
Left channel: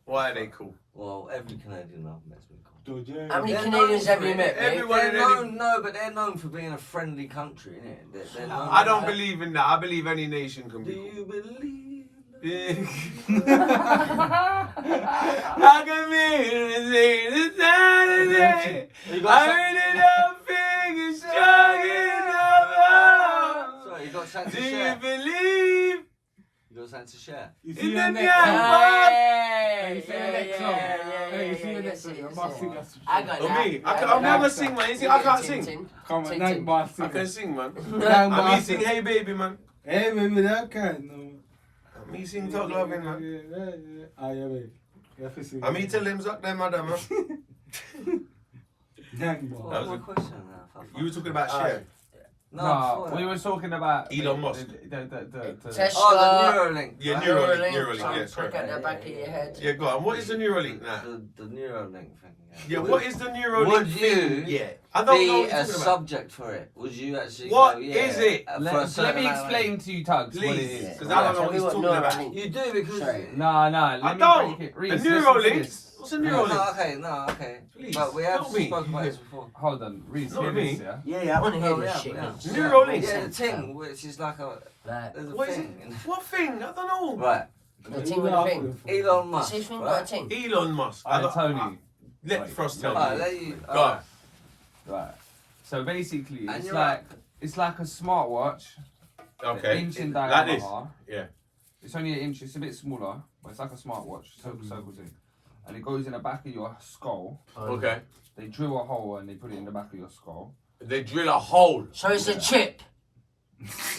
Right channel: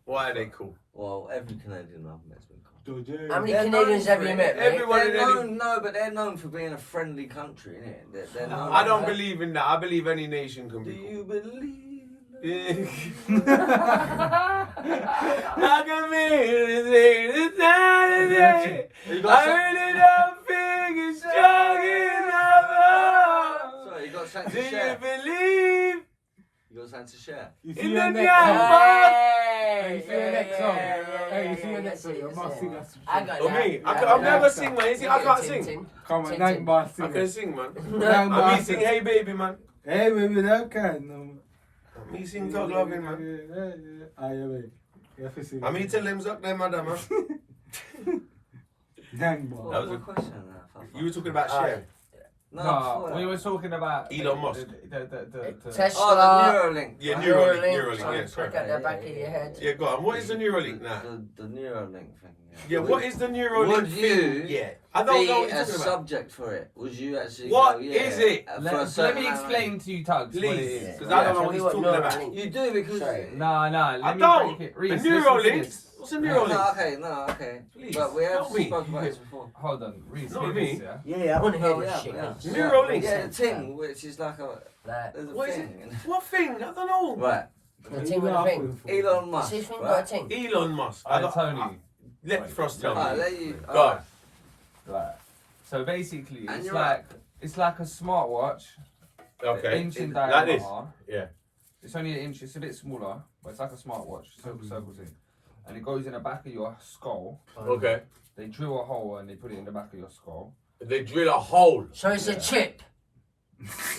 Why are they cool? Well, every Canadian I've met's been cool. So, Jerry. How many They're Canadians known have for you it. met, mate? Everyone They're in any- known, no, but they're known for being a friendly country, innit? They're known I for don't that. believe in that. I believe any nation can Do be cool. you believe? Yeah. I can be the Saturday. You got I really don't think it's strong enough. Sorry, you got something Do to you share? believe You got something to share? You in see your the next damn song? box? Hey, you see your next song? Hey, you see your next song? You must sing that. I got Oh, that. me? Yeah, I'm yeah. never sing, man. You see, I can't sing. Come on, Ting, nine ting. bar I sing. can sing, man. Nine I bar me sing sing. Hey Baby, man. Hey, baby, that kind. No. Me sing Talk Loving, man. Yeah. Ah, yeah, wait. You have to sing. I me tell them suck them, madam, man. Nine bar. What was my question now? You were talking about Cher. No, we were talking about Elon Musk. The Tesla. Oh, the Neuralink. Yeah, Neuralink. Neuralink, yeah, Look correct. at the back of your head. Yeah, go on. What is the Neuralink now? The Neuralink thing. Yeah, what is the Neuralink Would thing? you Yeah, I don't know be what you're a talking about. subject for it? Would you actually What go, yeah, is it? for a let certain me amount of explain to you, Tugs, what it Please, is. because I don't know Tell what me he's what talking Neuralink about. You do because... Sorry. Nah, I let me don't. break it. The Reece, listen to Neuralink? this. What's a Neuralink? No, okay. Please, But we have tell me. spoken about this before. Hold on, Reece, Not hear me. this, yeah? Yeah, I want to hear Oh, this yeah, shit. yeah. Neuralink. Yeah, the thing, which is like a... Like, There's a What is thing. it? What thing? I don't know. Right. the thing with the thing. Elon Musk, See, thing got a right? thing. Elon Musk. Tony. Let Frost tell Alright, me. let you... Go on. Right. So basically, And it's you're like a smartwatch. Okay. Inch in Like diameter. this. Yeah. It's only an inch. It's a bit smaller, but it's like a smartwatch. Circle thing. And it goes in the back of your skull. Okay. They drill a hole and they put it in the back of your skull. They drill a hole. So it's a chip.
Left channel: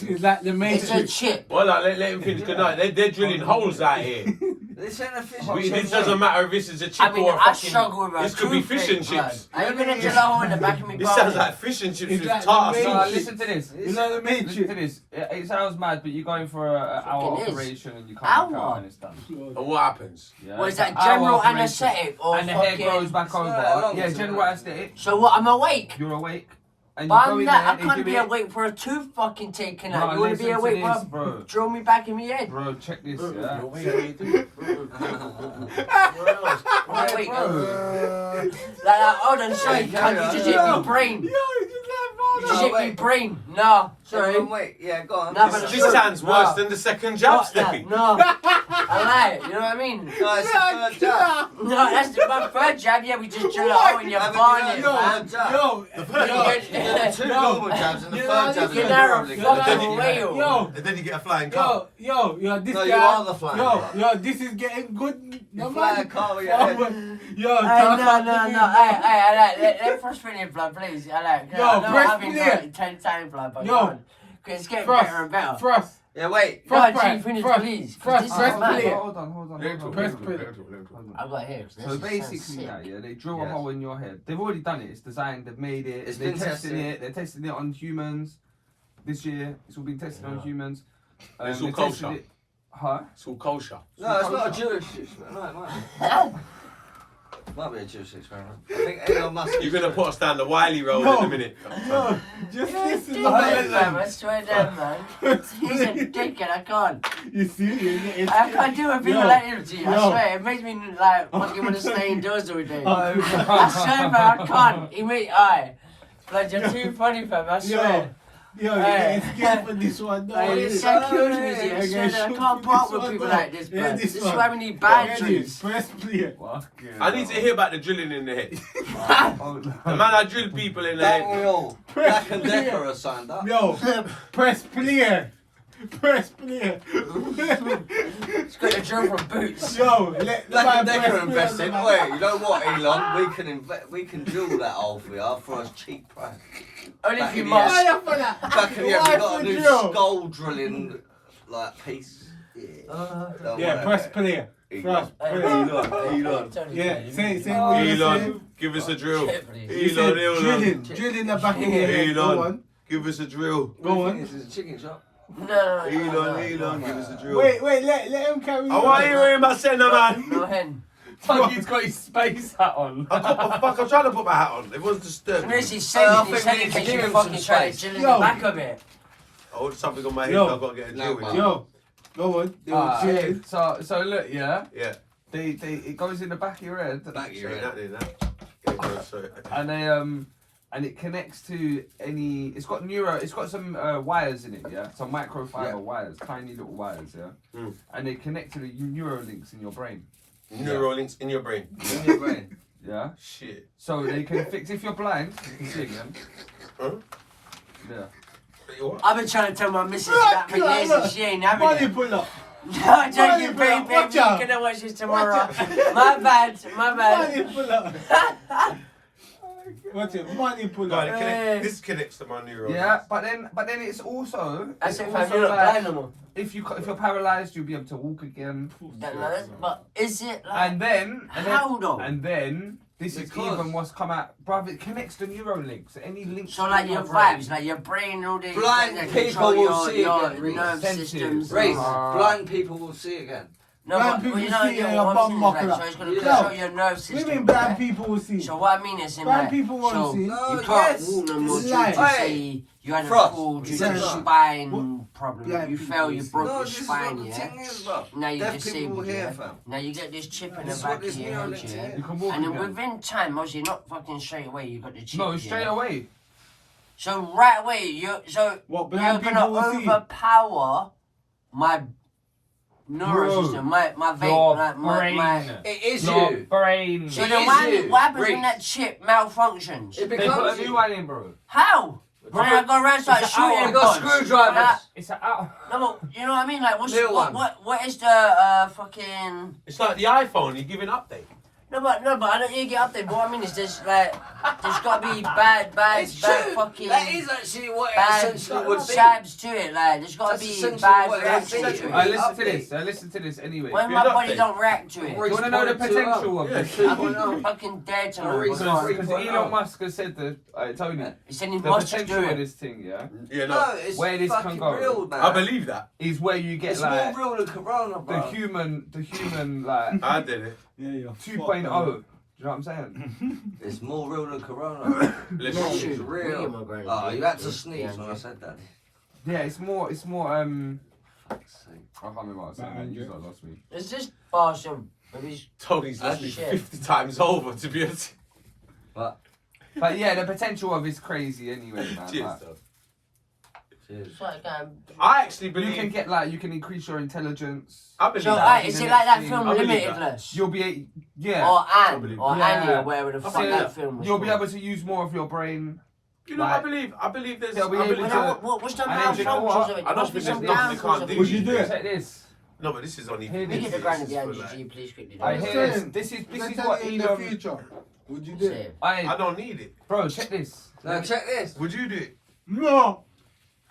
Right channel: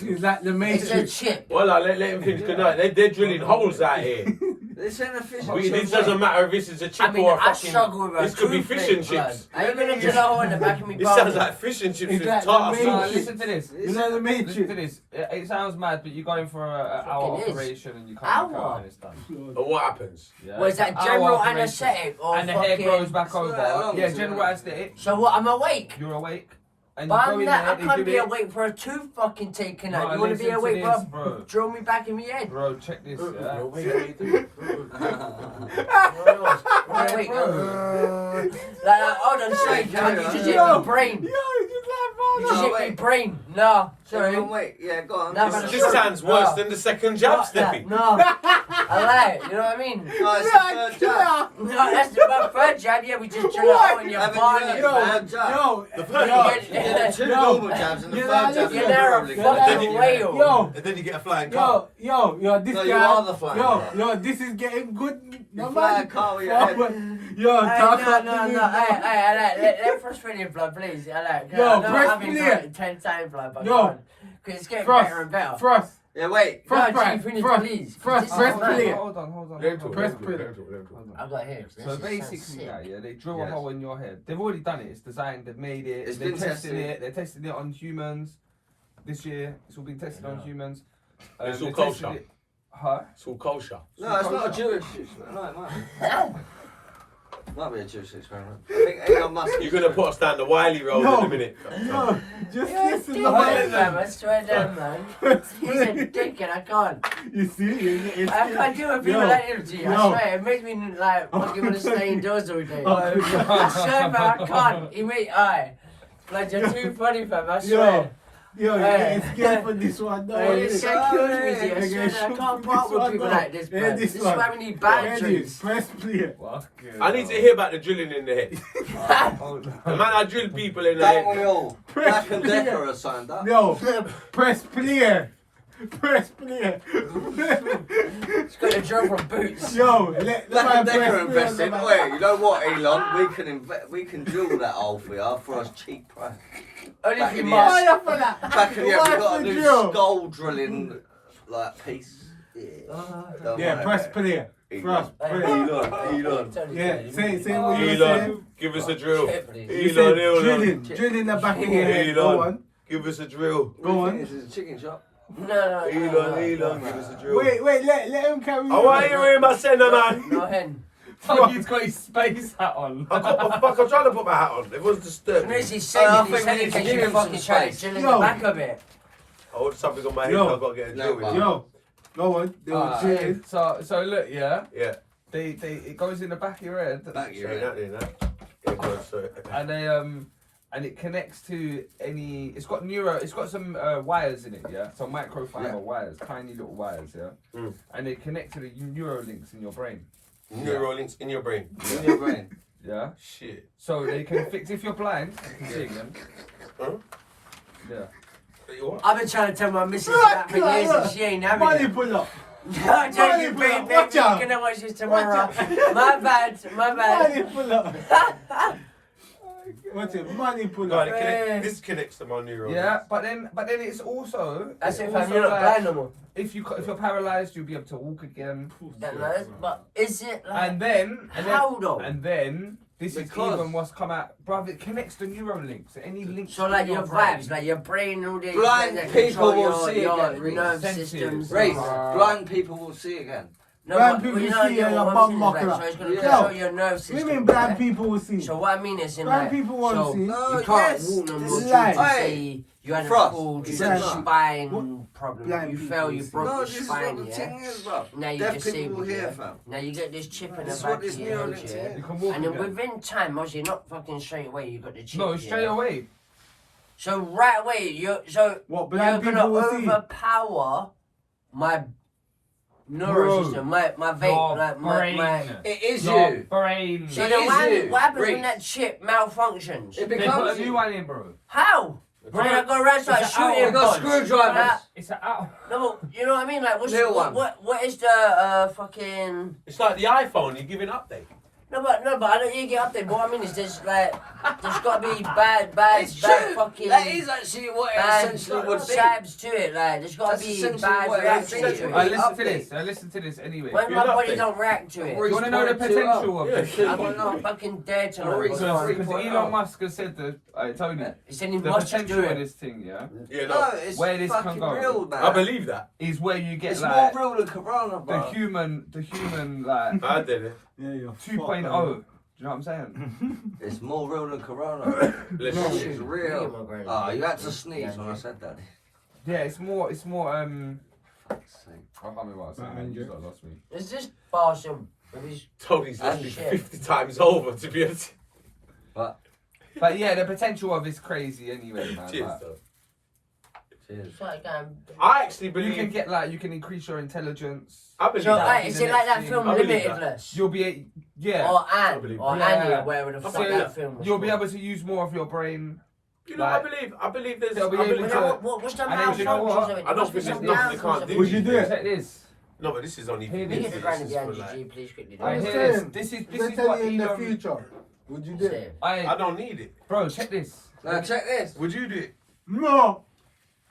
Is that the It's a Matrix? chip. Well, let him finish. Good night. They're drilling holes out here. This ain't a fish. This doesn't matter if this is a chip I mean, or a I fucking. struggle with a This could be fish and toothpick, blood. chips. Are you gonna drill a hole in the back of me? This sounds like fish and chips Is with that the tartar Matrix? No, sauce. listen to this. You know the Listen Matrix? to this. It sounds mad, but you're going for an hour Fucking is. operation and you come back Hour? out and it's done. And what happens? Yeah, What is it's that, an hour general operation. anaesthetic or And the hair fucking... grows back It's not over. that long, Yeah, is it? general anesthetic. So what, I'm awake? You're awake. And But you go I'm in not, I there, they can't do be it. awake for a tooth fucking taken No, out. You wanna be listen to awake this, for bro. drill me back in my head? Bro, check this, yeah? Wait, like, hold on, sorry, carry you on. just hit my brain. You just hit my wait. brain. No, sorry. Wait, yeah, go on. No, This, but this sounds worse than the second jab, Fuck that, Steppy. no. I lie, you know what I mean? No, it's the third jab. No, that's my third jab, yeah, we just drill a hole in your Haven't you barnet, done man. the jab? Yo, The first You get two Yo. normal jabs and the You third jab is You're a now a Neuralink. fucking then you- whale. yo, And then you get a flying car. yo, this No, guy. you are the flying car. Yo, this is getting good. You fly a car with your head. Yo, Hey, talk no, about no, the no, big- let Frost finish, blood, please. I like. Yo, I know press I've been play. trying 10 times, blood, but Yo. go on. 'Cause it's getting Frost, better and better. Frost, Yeah, wait. Frost, No, Frost, G, finish, Frost, please. Frost, This press is play. mad. Hold on. Press play. I've got here. This So is basically, sick. yeah, they drill Yes. a hole in your head. They've already done it. It's designed. They've made it. It's They're been testing tested. it. They're testing it on humans this year. It's all been tested on humans. It's all they tested kosher. it- Huh? It's all kosher. No, it's not a Jewish experiment. No, it might be. Might be a Jewish experiment. I think Elon Musk. You're gonna put us down the Wiley road No. in a minute. Yo, just listen to Dickhead, what man, I swear down, man. He's a dickhead, I can't. You see? I can't do with people Yo, like him, G. I yo. swear, it makes me like fucking want to stay indoors all day. Oh, I swear, man, I can't. He made, aye. Like, you're too funny, fam, I swear. Yo, you're Hey. getting scared for this one. No, Hey, it's so cute, Yeah, I swear, yeah, that I shoot can't for part this with one, people no. like this, Yeah, man. This is why we need bad Ready, drinks. press play. I need to hear about the drilling in the head. The man I drill people in the Don't head. we all? Black and Decker has signed up. Yo, press play. Press play. It's got a drill from Boots. Yo, let the Black man and Decker press invest play. in. Wait, you know what, Elon? We can drill that hole for you for a cheap price. Only Back if you in the must. Why for that? Back in the Why we've got a for new drill? skull drilling like piece. Don't Yeah, worry press about it. play. Press play. Elon. Yeah, say what you Elon, saying. give us a drill. You said Elon. drilling the back of your head. Go Elon, on. give us a drill. Go What do on. you think? This is a chicken shop. No. Elon, give us a drill. Wait, let him carry I want to hear him say no, man. No hen. Tuggy's got his space hat on. I'm trying to put my hat on. It wasn't disturbing. Where's me. he saying? I He think said we it need to because give you him fucking some trying to space. chill in Yo. the back of it. I want something on my head. Yo. I've got to get a No, drill with man. it. Yo, go on. They were drilling. So look, yeah, Yeah. it goes in the back of your head. Back of your Sorry, head. that. Yeah, go, sorry. And they and it connects to any. It's got some wires in it, yeah. Some microfiber Yeah. wires, tiny little wires, yeah. Mm. And they connect to the neurolinks in your brain, Neurolinks in your brain. In your brain. yeah. Shit. So they can fix if you're blind. You can see them. Huh? Yeah. You what? I've been trying to tell my missus that for years and she ain't having Money it. pull up. No, I'm telling you, Money, baby, bro, watch out. you're gonna watch this tomorrow. Watch My bad. Money pull up. What's it? Money pull God, up. this connects to my neurolinks. Yeah, but then it's also. That's it's if also I'm not like, blind no more. if you're paralyzed, you'll be able to walk again. But is it like And then how though? and then This is Because- even what's come out, bruv. It connects the Neuralink. So any links. So like your vibes, like your brain and all this. Blind like, people control will see your again, nerve Sensitive. systems. Reece, Ah. blind people will see again. No, Blind but, people you know, see yeah, your what bum I'm saying is, buckle like, up. so it's gonna Yeah. control your nerve What system. do you mean blind right? people will see? So what I mean is in Blind like, people won't so see. you No, can't yes, walk no this more is due life. to Hey, say you had a Frost, full due yeah. to spine problem. Blind You people fell, you will see. broke No, your this is what spine, the yeah. thing is, bro. Now you Deaf people disabled, here, yeah. fam. Now you get this chip in the This is back what of this your head, Neuralink yeah. is. You can walk And then again. within time, obviously not fucking straight away, you got the chip. No, straight yeah. away. So right away, you're What you're blind gonna people will see? overpower my neural Bro, system, my Your vein, like my. brain. It is Your you. brain. So It then is what, you, what happens when Reece. that chip malfunctions? It They put becomes a new you. one in, bro. How? Bro, I go around start it's an hour. shooting. You got guns. screwdrivers. It's a out. No, but you know what I mean? Like, Little one. what is the fucking? It's like the iPhone. You give an update. No, but I don't need to get up there. But what I mean is there's got to be bad It's true. fucking. That is actually what it bad essentially would be. jabs to it. Like, there's got That's to be essentially bad what it reactions is. to I it. listen to this. I listen to this anyway. When Give my an body update. don't react to it, Do you want to know the potential of this? I'm fucking dead to know. Reece, what's Reece. on. Because Elon Musk has said that, Tony, He said he the must potential do of it. this thing, yeah, Yeah, No, no. it's Where this can fucking go. real, man. I believe that. is where you get It's like more real than Corona, the bro. human like I did it. Yeah, yeah. 2.0. Do you know what I'm saying? It's more real than Corona. Bless This you. shit's real. Oh, you had to sneeze when I said that. Yeah, it's more Fuck's sake. I can't remember what I was saying. Batman Man, you jokes. lot lost me. It's just Barsham. He's Tony's listened shit. 50 times over, to be honest. But, But yeah, the potential of it's crazy anyway, man. Cheers, Like, though. cheers. it's like I actually you can believe. get like you can increase your intelligence. I believe So, that. is it like that film I believe that. Limitless? You'll be yeah. Or I Anne, believe or that. Annie, or wherever the fuck believe that that. film was. You'll be called. able to use more of your brain. You know, Like- I believe there's. They'll be I able believe to- that. What's the And then do you know what? malfunctions of it? I There don't must be think some there's nothing they downfalls can't of do. it. Would you do it? Check this. No, but this is only. Here it Can you is. get the This grind is behind for you, like- G, please quickly? I I'm hear saying, this is If this they is tell what you in the Elon. future, would you do it? Say. I don't need it. Bro, check this. Now check this. Would you do it? No.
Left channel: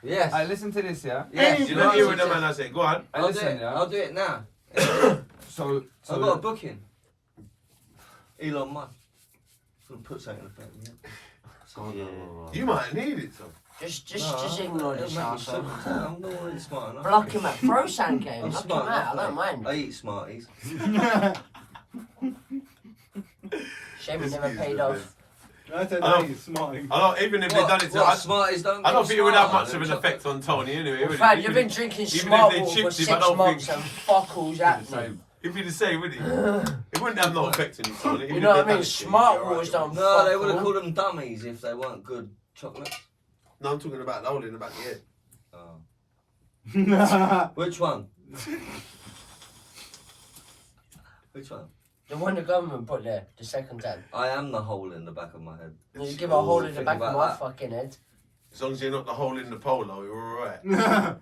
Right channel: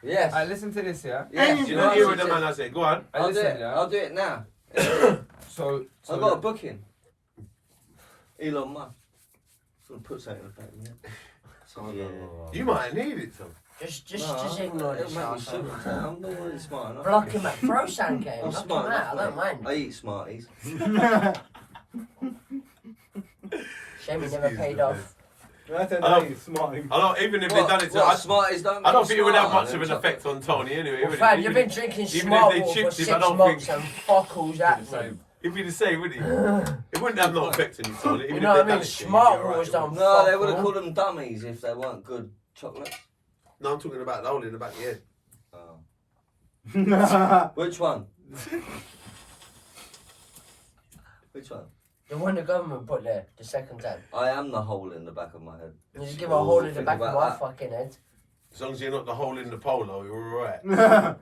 Yes. Listen to this, yeah. Yes. You know, hear what the man I say. Go on. I'll do Listen, it. yeah. I'll do it now. So I've got a booking. Elon Musk. I'm gonna put something in the back of my head. You might need it, though. Just No, ignore it'll this make me arsehole. super. I'm not really smart enough. Block him out. Throw Sankey. I'm Block him smart out. I enough. don't mind. I eat Smarties. Shame he This never is paid the off. best. I said, I hey, smart. I don't, even if they done it to What, us, Smarties don't I don't get think it would have smarter much of an than effect on Tony anyway. Well, would it? Fad, Even you've been if- drinking even if smart they water for chipped him, I 6 don't months think- and fuck all's happening. So, It'd be the same, wouldn't it? It wouldn't have no effect on you, Tony. You know what I mean? Smart water's done. No, they fuck would have all. called them dummies if they weren't good chocolates. No, I'm talking about the hole in the back of your head. Oh. Which one? Which one? The one the government put there, the second time. I am the hole in the back of my head. You just give a hole in the think back of about my that. fucking head. As long as you're not the hole in the polo, you're alright.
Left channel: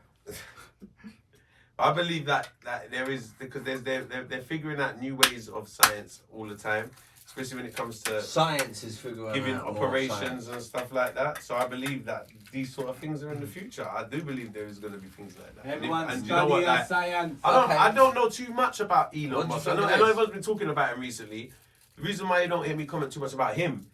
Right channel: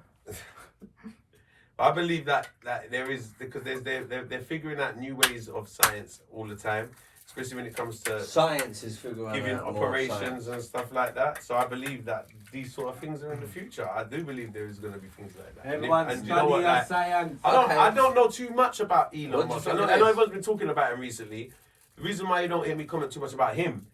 I believe that there is, because they're figuring out new ways of science all the time, especially when it comes to Science is figuring giving out more operations science. and stuff like that. So I believe that these sort of things are in the future. I do believe there is going to be things like that. Everyone and study you know what, your like, science. I don't know too much about What do Elon you Musk. I think know it is? everyone's been talking about him recently. The reason why you don't hear me comment too much about him,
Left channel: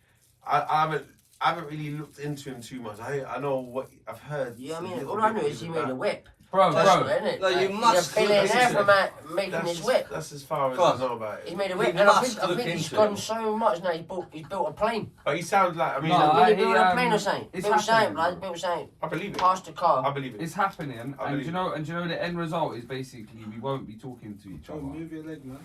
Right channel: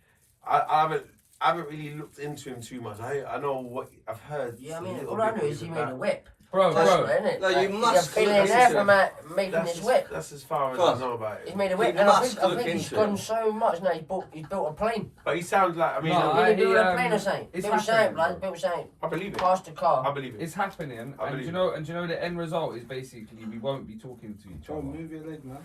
I haven't really looked into him too much. I know what I've heard. Yeah, I a mean, little all I bit know is he about- made a whip. bro, That's bro. right, innit? No, you Like, must He's a look billionaire into for making his whip. That's as far as Course. I know about He's it. made a whip, You and I must think look he's into gone it. so much now. He's built a plane. But he sounds like, I mean, No, Really built he, a plane or something. it's Built something, happening, like bro. built something. I believe it. Past the car. I believe it. It's happening, I and believe you know the end result is basically we won't be talking to each Oh, other. move your leg, man.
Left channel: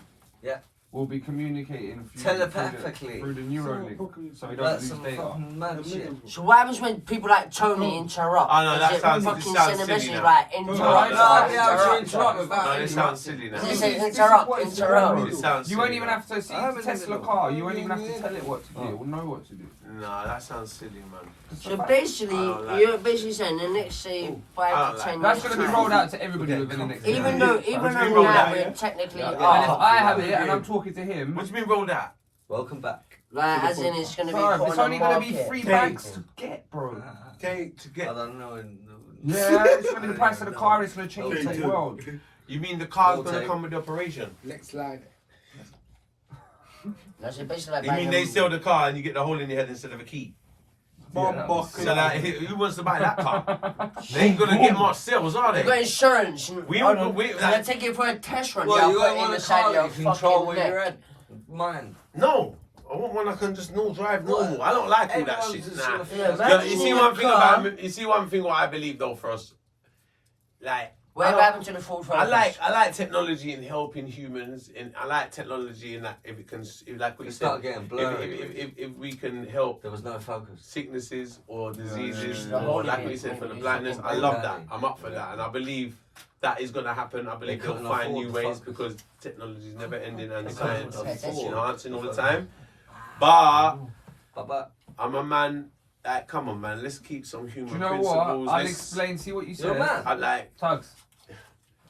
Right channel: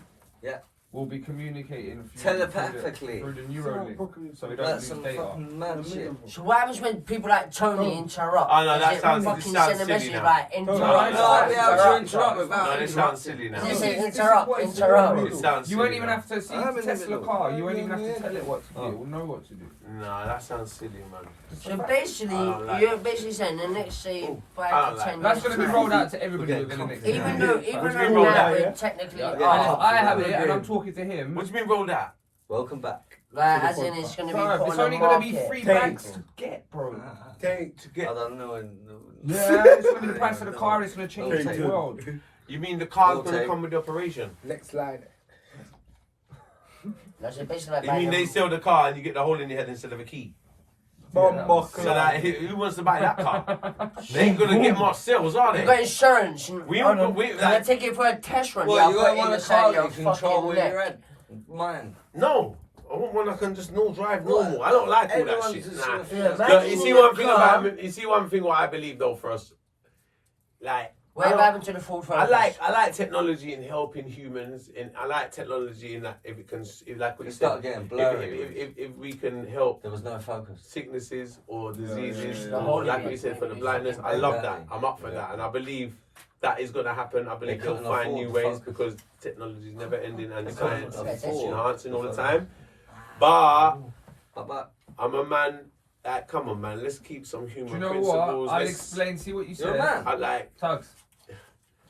We'll be communicating Telepathically. through the Neuralink, so we don't That's lose some data. fucking mad shit. So what happens when people like Tony interrupt? Oh, no, that Is it sounds- fucking this sounds send a silly message now. like No, interrupt? No, I'll be able to interrupt. interrupt No, without it sounds silly now. This is This is interrupt, what it's interrupt. about. It sounds You won't silly even now. have to see I the haven't Tesla even car. You looked. won't even have Yeah. to tell it what to do. Oh. It will know what to do. Nah, that sounds silly, man. So basically, I don't like you're that. basically saying the next say I 5 don't to like 10 That's years. going to be rolled out to everybody Okay, within the next Even year. though, What do you now mean roll out, we're yeah? technically Yeah, And yeah. if I have it and I'm talking to him, What do you mean rolled out? Welcome back. like as in it's gonna be bro, put it's on only the going to be market. 3 Take. bags to get, bro. Take. To I get, don't know. Yeah, it's going to be the price of the car. It's going to change Take the two. world. you mean the car's Roll going to tape. come with the operation? Next slide. That's it, basically like You mean they sell the car and you get the hole in your head instead of a key? Bomb So like, who wants to buy that car? They ain't gonna get much sales, are You got they? insurance. We Hold don't- on. we- Can I like- take it for a test run? Well, Yeah, you I'll don't put it want a inside car your that you control fucking with neck. your head. Mine. No. I want one I can just drive normal. I don't like all that Everyone's shit. just Nah. gonna feel Yeah, like- man. Look, you see one thing car. about you see one thing what I believe though for us. Like Whatever happened to the Ford Focus? I like technology in helping humans, and I like technology in that if it can, if like what you It said, started getting blurry. if we can help There was no focus. sicknesses or diseases, yeah. or like what you said for the blindness, I love that. I'm up for Yeah. that, and I believe that is going to happen. I believe They they'll couldn't find afford new the ways focus. because technology is never ending and They science couldn't is afford enhancing all the the time. But But I'm a man. Like, come on, man. Let's keep some Do human you know principles. what? I'll Let's- explain. See what you you're a said. man. I like Tugs.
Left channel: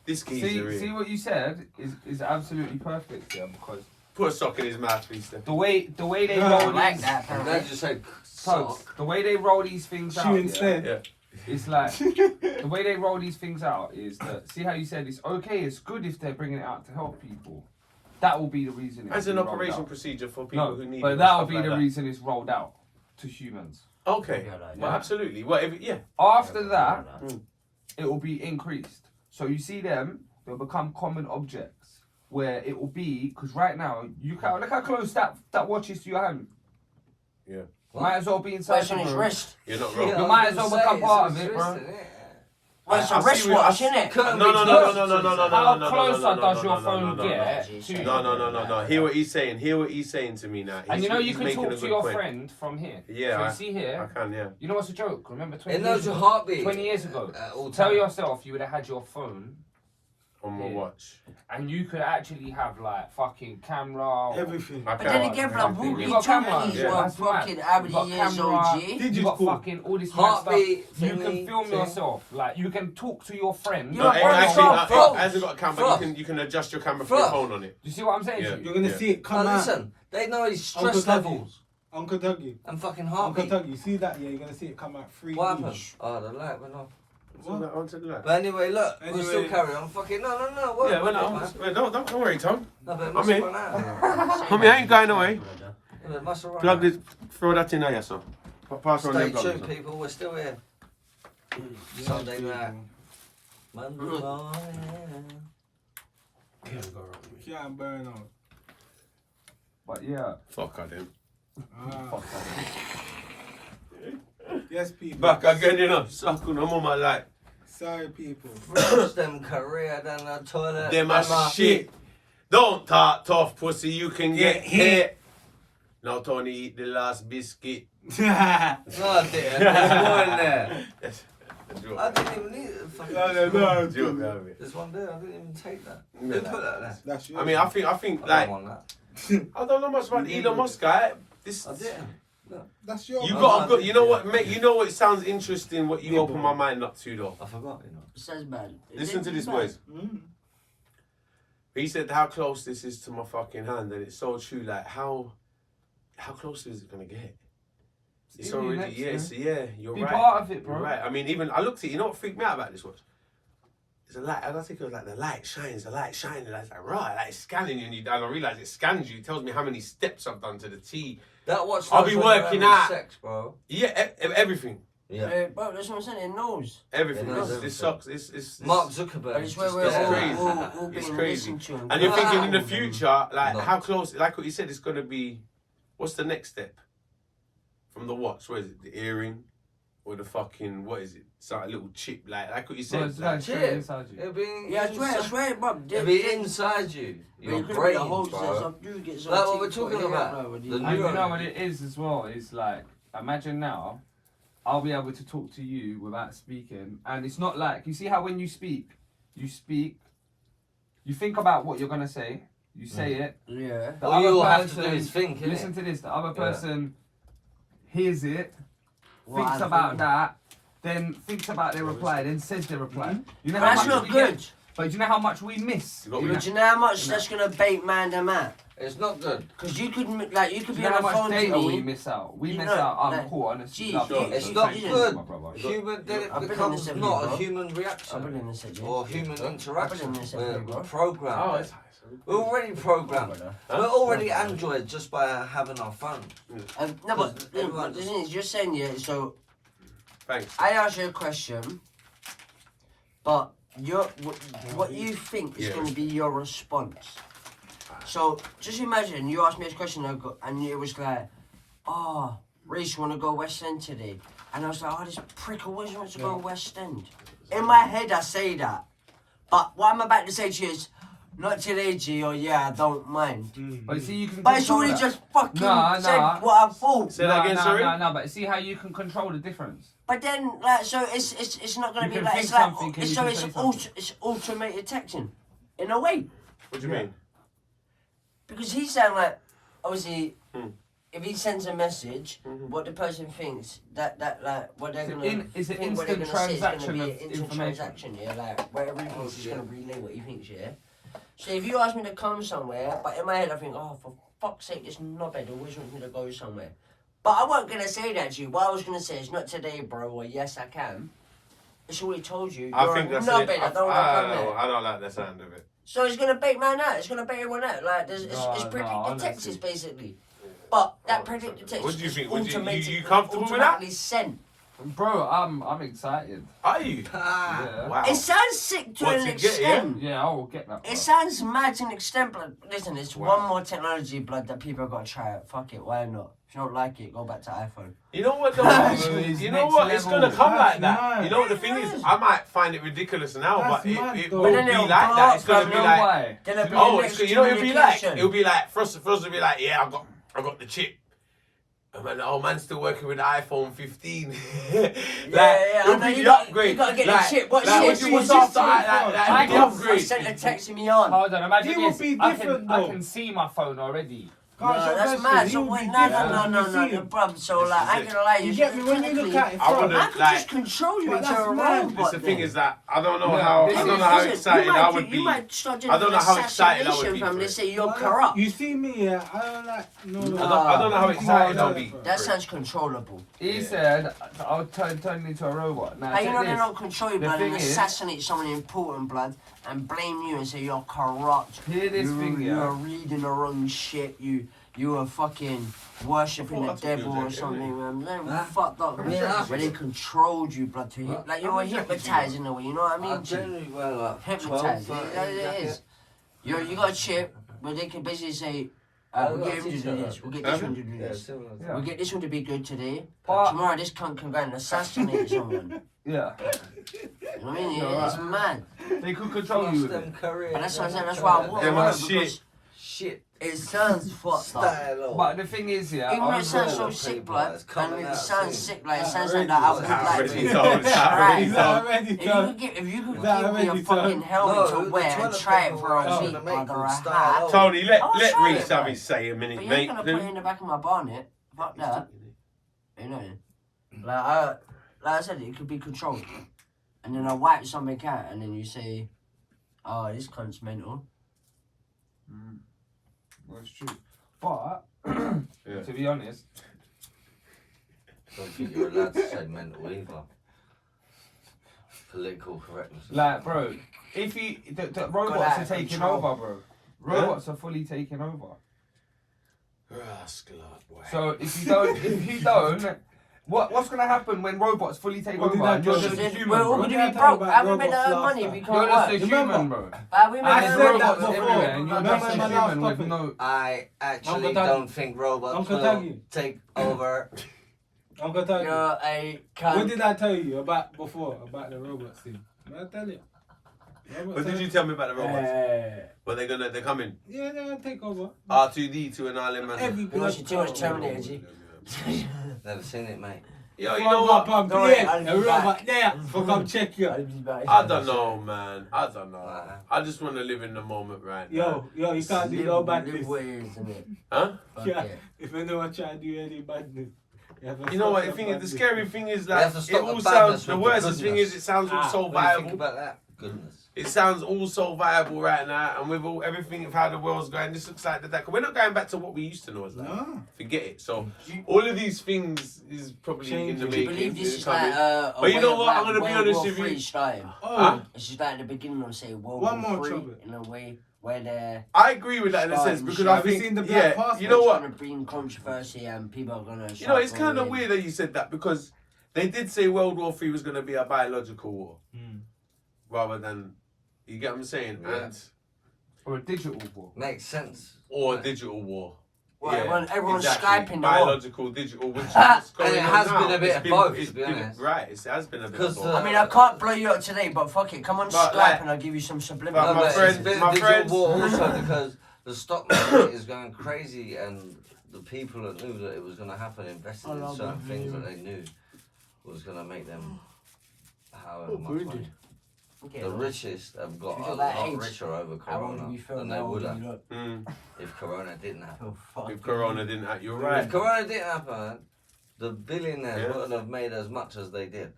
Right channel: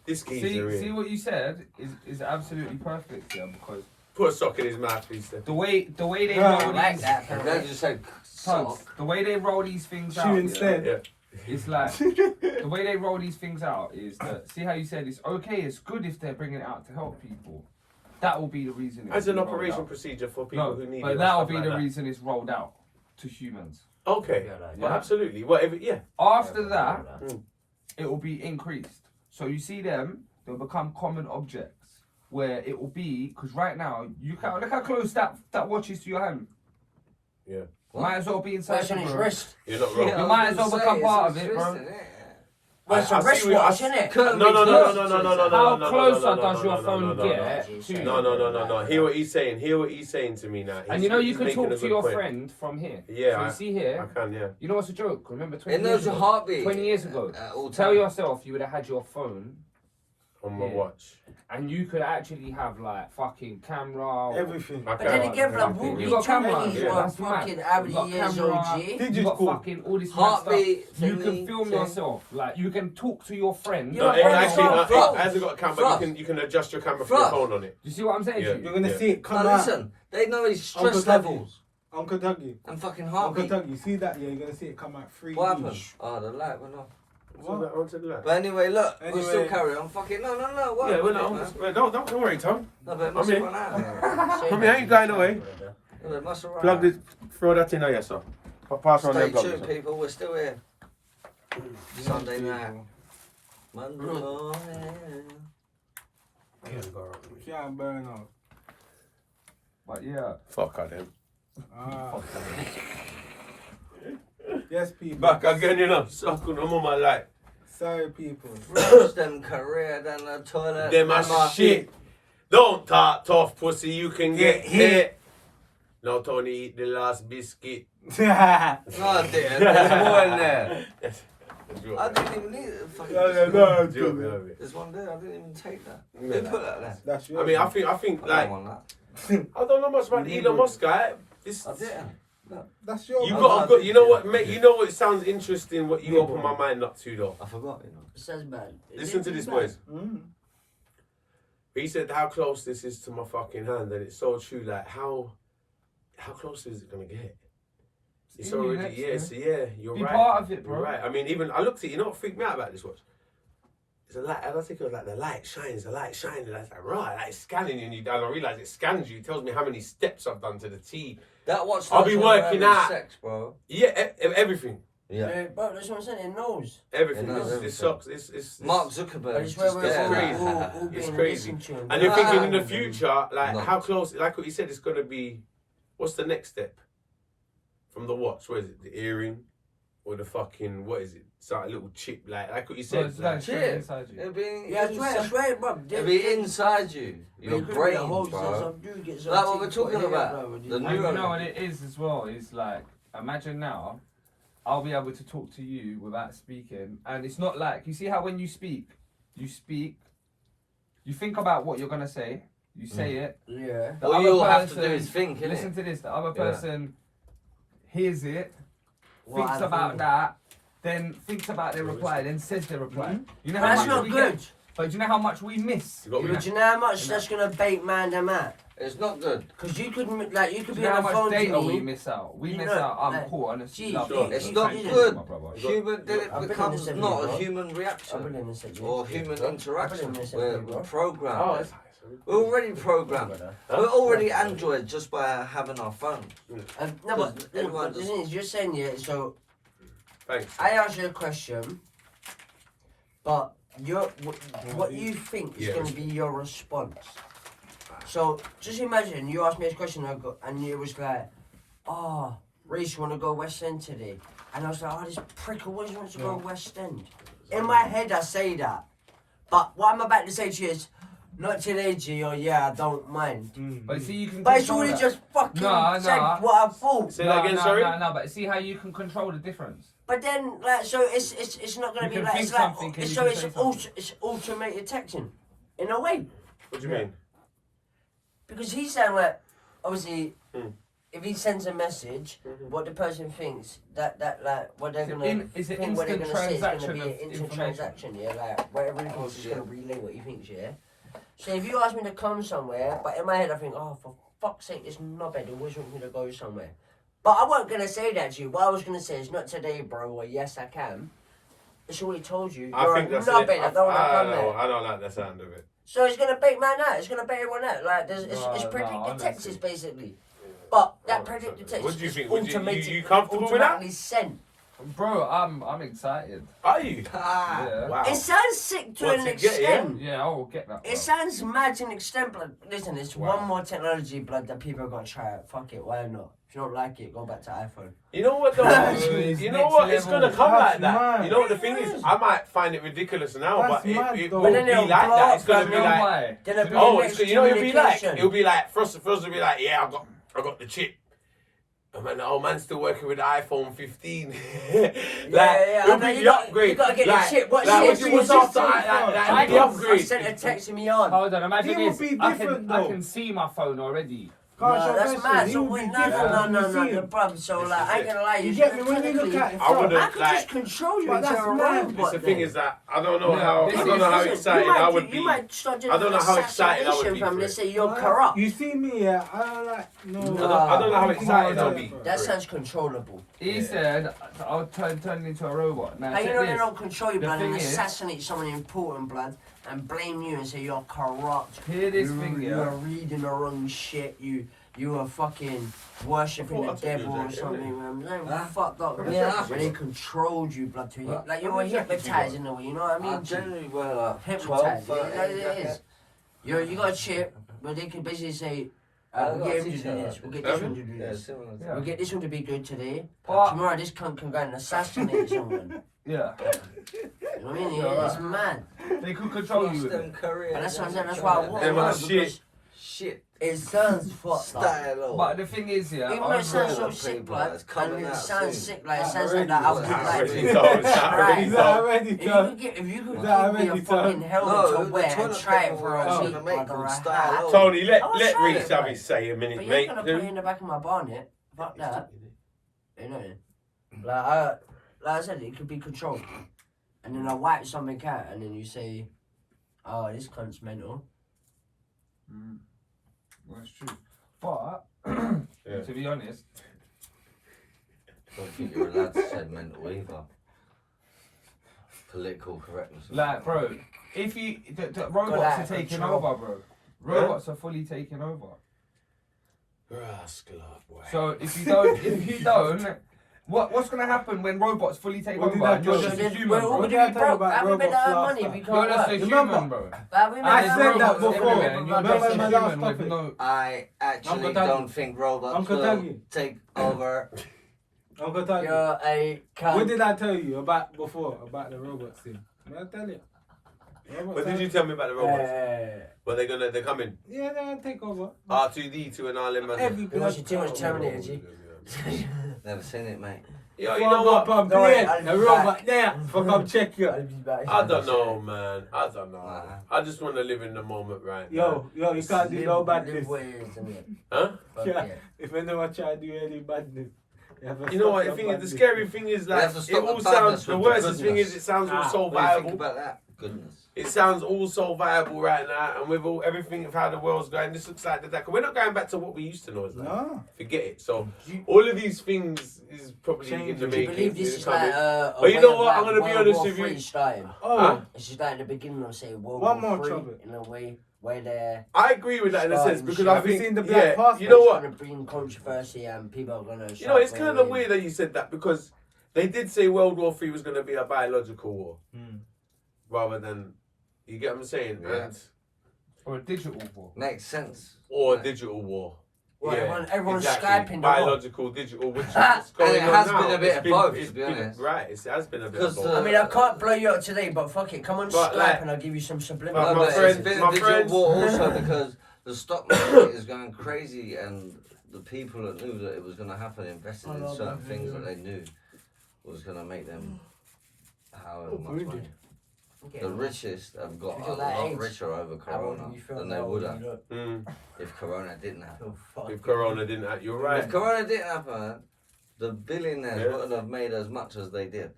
this geezer. See here. what you said is absolutely perfect, yeah. Because Put a sock in his mouth, please. Steph. the way they No, roll like these that. I'm glad you said Tugs, sock. the way they roll these things out, Shoe yeah, instead. Yeah. it's like the way they roll these things out is that, see how you said it's okay, it's good if they're bringing it out to help people. That will be the reason. As an rolled operation out. procedure for people No, who need it. but or that'll stuff be like the that. reason it's rolled out to humans. Okay. Yeah, like Well, that. absolutely. Whatever. Yeah. After that, Mm. it will be increased. So you see them, they'll become common objects where it will be, because right now, you can look how close that watch is to your hand. Yeah. Might as well be inside What's on your his room. wrist? You're not wrong. Yeah, You I might was as well gonna become say, part it's of it, wrist, bro. isn't it? Well, it's I a see what- wristwatch, isn't it? Couldn't No, be no, close no, no, to no, it. no, no, How no, no, closer no, no, does no, your no, phone no, no, get to you? No. Hear what he's saying. Hear what he's saying to me now. And you know you he's can making talk a to good your point. friend from here. Yeah, So I- you see I here, can, yeah. you know what's a joke? Remember 20 It years knows your ago? heartbeat. 20 years ago. All Tell time. yourself you would have had your phone On my Yeah. watch. and you could actually have like fucking camera. Everything. I But then can. again, like, Everything. Ruby You got camera, Tunney yeah. was That's mad. fucking You how many got years camera. old, G? You got Digital. fucking all this mad Heartbeat. stuff. You can thingy film thing. yourself. Like you can talk to your friend. You're No, a actually, phone. it hasn't got a camera. Frost. You can adjust your camera for your Frost. phone on it. Do you see what I'm saying Yeah. to you? You're gonna Yeah. see it come Now out. listen, they know his Uncle stress Dougie. levels Uncle Dougie. and fucking Uncle heartbeat. Dougie. See that? Yeah, you're gonna see it come out 3D. What happened? Oh, the light went off. What? I want to do that. But anyway, look, we'll still Anyway. carry on. Fucking no. What Yeah, what well, man? no, wait, don't worry, Tom. No, but it I'm must here. have run out. Homie, I ain't going away. No, but it must have run Plug out. this, throw that in there, sir. Pass on Stay the tuned, people. We're still here. Sunday night, Monday morning. Can't burn out. But yeah. Fuck out them. Ah. Yes, people. Back again, you know. Suck on them on my life. Sorry, people. Frost them career down the toilet. Them a shit. Don't talk tough, pussy. You can get hit. Now Tony eat the last biscuit. No, I didn't. There's more in there. Joke, I man. didn't even need it. Fucking Joke, man. There's one there. I didn't even take that. Yeah. Who put that there? That's your I mean, I think I like don't want I don't know much about Elon Musk, guy. This that. I didn't. That's your you Oh, got I a good. did, You know yeah. what, mate? You know what? It sounds interesting. What you Yeah, open bro. my mind up to, though. I forgot, you know. Says bad. Listen to this, boys. Mm. He said how close this is to my fucking hand, and it's so true. Like how close is it gonna get? It's in your already next, yeah. You're Be right. part of it, bro. You're right. I mean, even I looked at it. You know what freaked me out about this watch? It's a light. I don't think it was like the light shines. Like it's like right, like it's scanning you, and you. And I realize it scans you. It tells me how many steps I've done to the T. That watch. I'll be knows when you're working having out. Sex, bro. Yeah, everything. Yeah. Bro, that's what I'm saying. It knows. Everything. It knows This everything. sucks. It's Mark Zuckerberg. But is it's where just we're there. crazy. all It's being crazy. listened to. And you're thinking in the Ah. future, like No. how close? Like what you said, it's gonna be. What's the next step? From the watch, what is it? The earring, or the fucking what is it? It's like a little chip, like what you So said. it's like, like Chip. straight inside you. It'll be Yeah, I swear, bro. It'll be inside you. Your brain, bro. Like what we're talking about. The And neuro- you know what it is as well? Is like, imagine now, I'll be able to talk to you without speaking. And it's not like, you see how when you speak, you think about what you're going to say, you say it. Yeah. The All other you'll have to person- do is think, innit? Listen to this, the other Yeah. person hears it, What thinks I about think. that, then thinks about their reply, then says their reply. You know But how that's much not we good. get, but do you know how much we miss? You got But do you know how much that's gonna bait man them out? It's not good. Because you could Do be you know how on the much phone to data we me. miss out? We You miss know, out. I'm like, poor, honestly. gee, love sure. you. It's Thank not you, good. my brother. Human, then I've it been in becomes this not every a bro. human I've been reaction in this every or day. human I've been in interaction. this We're every day, bro. programmed. Oh, it's We're already programmed. We're already Android just by having our phone. No, but Everyone the just- thing is, you're saying, yeah, so Thanks. I asked you a question, but what you think is Yeah. going to be your response. So just imagine you asked me this question and it was like, oh, Reece, want to go West End today? And I was like, oh, this prick always wants to go West End. In my head, I say that. But what I'm about to say to you is, not today, G, or yeah, I don't mind. But you see, you can But it's control already that. just fucking No, said no. what I thought. Say that again, sorry? No, but see how you can control the difference. But then, like, so it's not going You to be can like, think it's like, something and you so can it's say something. it's automated texting, in a way. What do you mean? Because he's saying like, obviously, Hmm. if he sends a message, what the person thinks that like what they're It's gonna an it's an think, what they're instant gonna say is gonna transaction be an of instant information. transaction, yeah. Like where everyone's just gonna relay what he thinks, yeah. So if you ask me to come somewhere, but in my head I think, oh, for fuck's sake, this knobhead always wants me to go somewhere. But I wasn't gonna say that to you. What I was gonna say is not today, bro, or yes I can. It's already told you. I You're think a that's it. knobhead. I don't like that. I don't like that sound of it. So it's gonna bait man out. It's gonna bait everyone out. Like it's predicted honestly. texts basically. But that Oh, predicted sorry. text. What do you is think? Would you automatic- comfortable with that? automatically sent. Bro, I'm excited. Are you? Ah. Yeah. Wow. It sounds sick to What, an to get, yeah? extent. Yeah, I will get that. It sounds mad to an extent, but listen, it's Wow. one more technology, blood, that people have got to try it. Fuck it, why not? If you don't like it, go back to iPhone. You know what though? It's You know next what? It's level. gonna come That's like that. mad. You know what the thing is? I might find it ridiculous now, That's but mad, it though. will But then be it'll like blow that. up, It's gonna You be know like, why? Then it'll be oh, the it's next you know, it'll be like, communication. it'll be like, first will be like, yeah, I got the chip. And man, the old man's still working with the iPhone 15. Like, yeah, it'll and be then the you got- upgrade. you gotta get the like, chip. What like, chip? what's after like I the upgrade? sent a text to me on. Hold on, imagine He would this. be I different, can, I though. can see my phone already. Can't No, show that's that mad. shit. He So would wait, be no, different no, when no, you no, see no, him. bruv. So This like, is I ain't it. gonna lie. You get me when you look at it I from. wouldn't I could like. just control you But into that's a mad. robot. This the thing then. is that I don't know No, how this I don't know how Listen, excited you might I get- would be. You might start doing I don't know how excited I would assassination be from for they it. say you're corrupt. You see me, yeah, I don't like, no. I don't know how excited I'll be. That sounds controllable. He Yeah. said, I'll turn into a robot. Now, Hey, you check know they this. don't control you, The blood, and thing is- assassinate someone important, blood, and blame you and say you're corrupt. Hear this thing, yeah. You're reading the wrong shit. You are fucking worshipping Oh, the I told you devil or that, something, man. Huh? Fucked up. Yeah. When they controlled you, blood, to What? like you were hypnotized in a way. You know what I I mean? generally wear like 12, Hypnotized. 13 Yeah, it jacket. is. You got a chip, but they can basically say, I've we'll got get a him to do t-shirt. this. We'll get this one to do Yeah, this. similar. Yeah. We'll get this one to be good today. But- Tomorrow this cunt can go and assassinate someone. Yeah. You know what I mean? No, It's right. mad. They could control Plus you with them it. careers. But that's what I'm saying. That's why I want Them one are because shit. Shit. it sounds fucked up. Style. But the thing is, yeah, Even though it I'm sounds good. so People, sick, blood, it's coming and it out sounds soon. sick, like it That sounds like that. I already would done. like Already to done. try. Already Is done. that already If done? you could give me a already fucking done? helmet No, to the wear and toilet try it paper for a was week, gonna make like them a style hat. over. Tony, let I was let trying Reece it, have bro. his say a But minute, you mate. ain't gonna put it in the back of my bonnet. Fuck that. You know. Like I said, it could be controlled. And then I wipe something out, and then you say, "Oh, this cunt's mental." That's true. But, Yeah. to be honest, I don't think you're allowed to say mental either. Political correctness. like, bro, if you, the robots out are of taking control. over, bro. Robots are fully taking over. Rascal, boy. So if you don't, what's gonna happen when robots fully take What over? did I And you're do? just a We're human, all bro. What did I gonna be tell you broke. about How we made robots our last money if time? we You're can't just a work? Remember? human, bro. How we made I our said money that if we before. can't Everywhere, and you're work? Remember just a my last human with topic? no. I actually Uncle Taggy. don't think robots Uncle will Taggy. take over. Uncle Tony, You're a what cunt. did I tell you about before, about the robots thing? Did I tell you? What did you tell me about the robots? Well, they're coming. Yeah, they're gonna take over. R2D2 and all them. Every You watching too much Terminator, G. Never seen it, mate. Yo, you know what? Pump, Don't worry, yeah, I'll be a robot back. there for come check you. I don't know, man. I don't know. Nah. I just want to live in the moment right now. Yo, you can't do no badness. Huh? Yeah, if anyone try to do any badness, You know what? The thing is, the scary thing is We have that to it stop all the sounds. badness The with the worst thing goodness. is, it sounds all so What do you think viable. about that? Goodness. It sounds all so viable right now, and with all everything of how the world's going, this looks like that. We're not going back to what we used to know as like. No. Forget it. So all of these things is probably in the Changing. Do you making. believe this It's is coming. like a But you way know of, what? like, I'm gonna be World honest War with you. III starting? Oh, Huh? It's just like in the beginning of say World One War more III trumpet. in a way. where they're I agree with that in a sense because I Have you think, seen the Black Passport? you know what? going to bring controversy and people are going to. You know, it's kind of weird that you said that because they did say World War III was going to be a biological war rather than, you get what I'm saying? Yeah. And, Or a digital war. Makes sense. or a digital war. Well, everyone's exactly. Skyping. Biological, digital, which is And going it on has now. been a bit It's of been- both, it's to be been- honest. Right, it has been a bit of Because, both. I mean, I can't blow you up today, but fuck it. Come on But, Skype like- and I'll give you some But subliminal. No, my but friends- it's been my a digital friends- war also because the stock market is going crazy and the people that knew that it was going to happen invested in certain things that they knew was going to make them however much money. Okay, The richest have got You a feel that lot age? richer over how would Corona you feel than they now would when have you look? if Corona didn't happen. If Corona didn't happen, you're right. If Corona didn't happen, the billionaires Yeah. wouldn't have made as much as they did.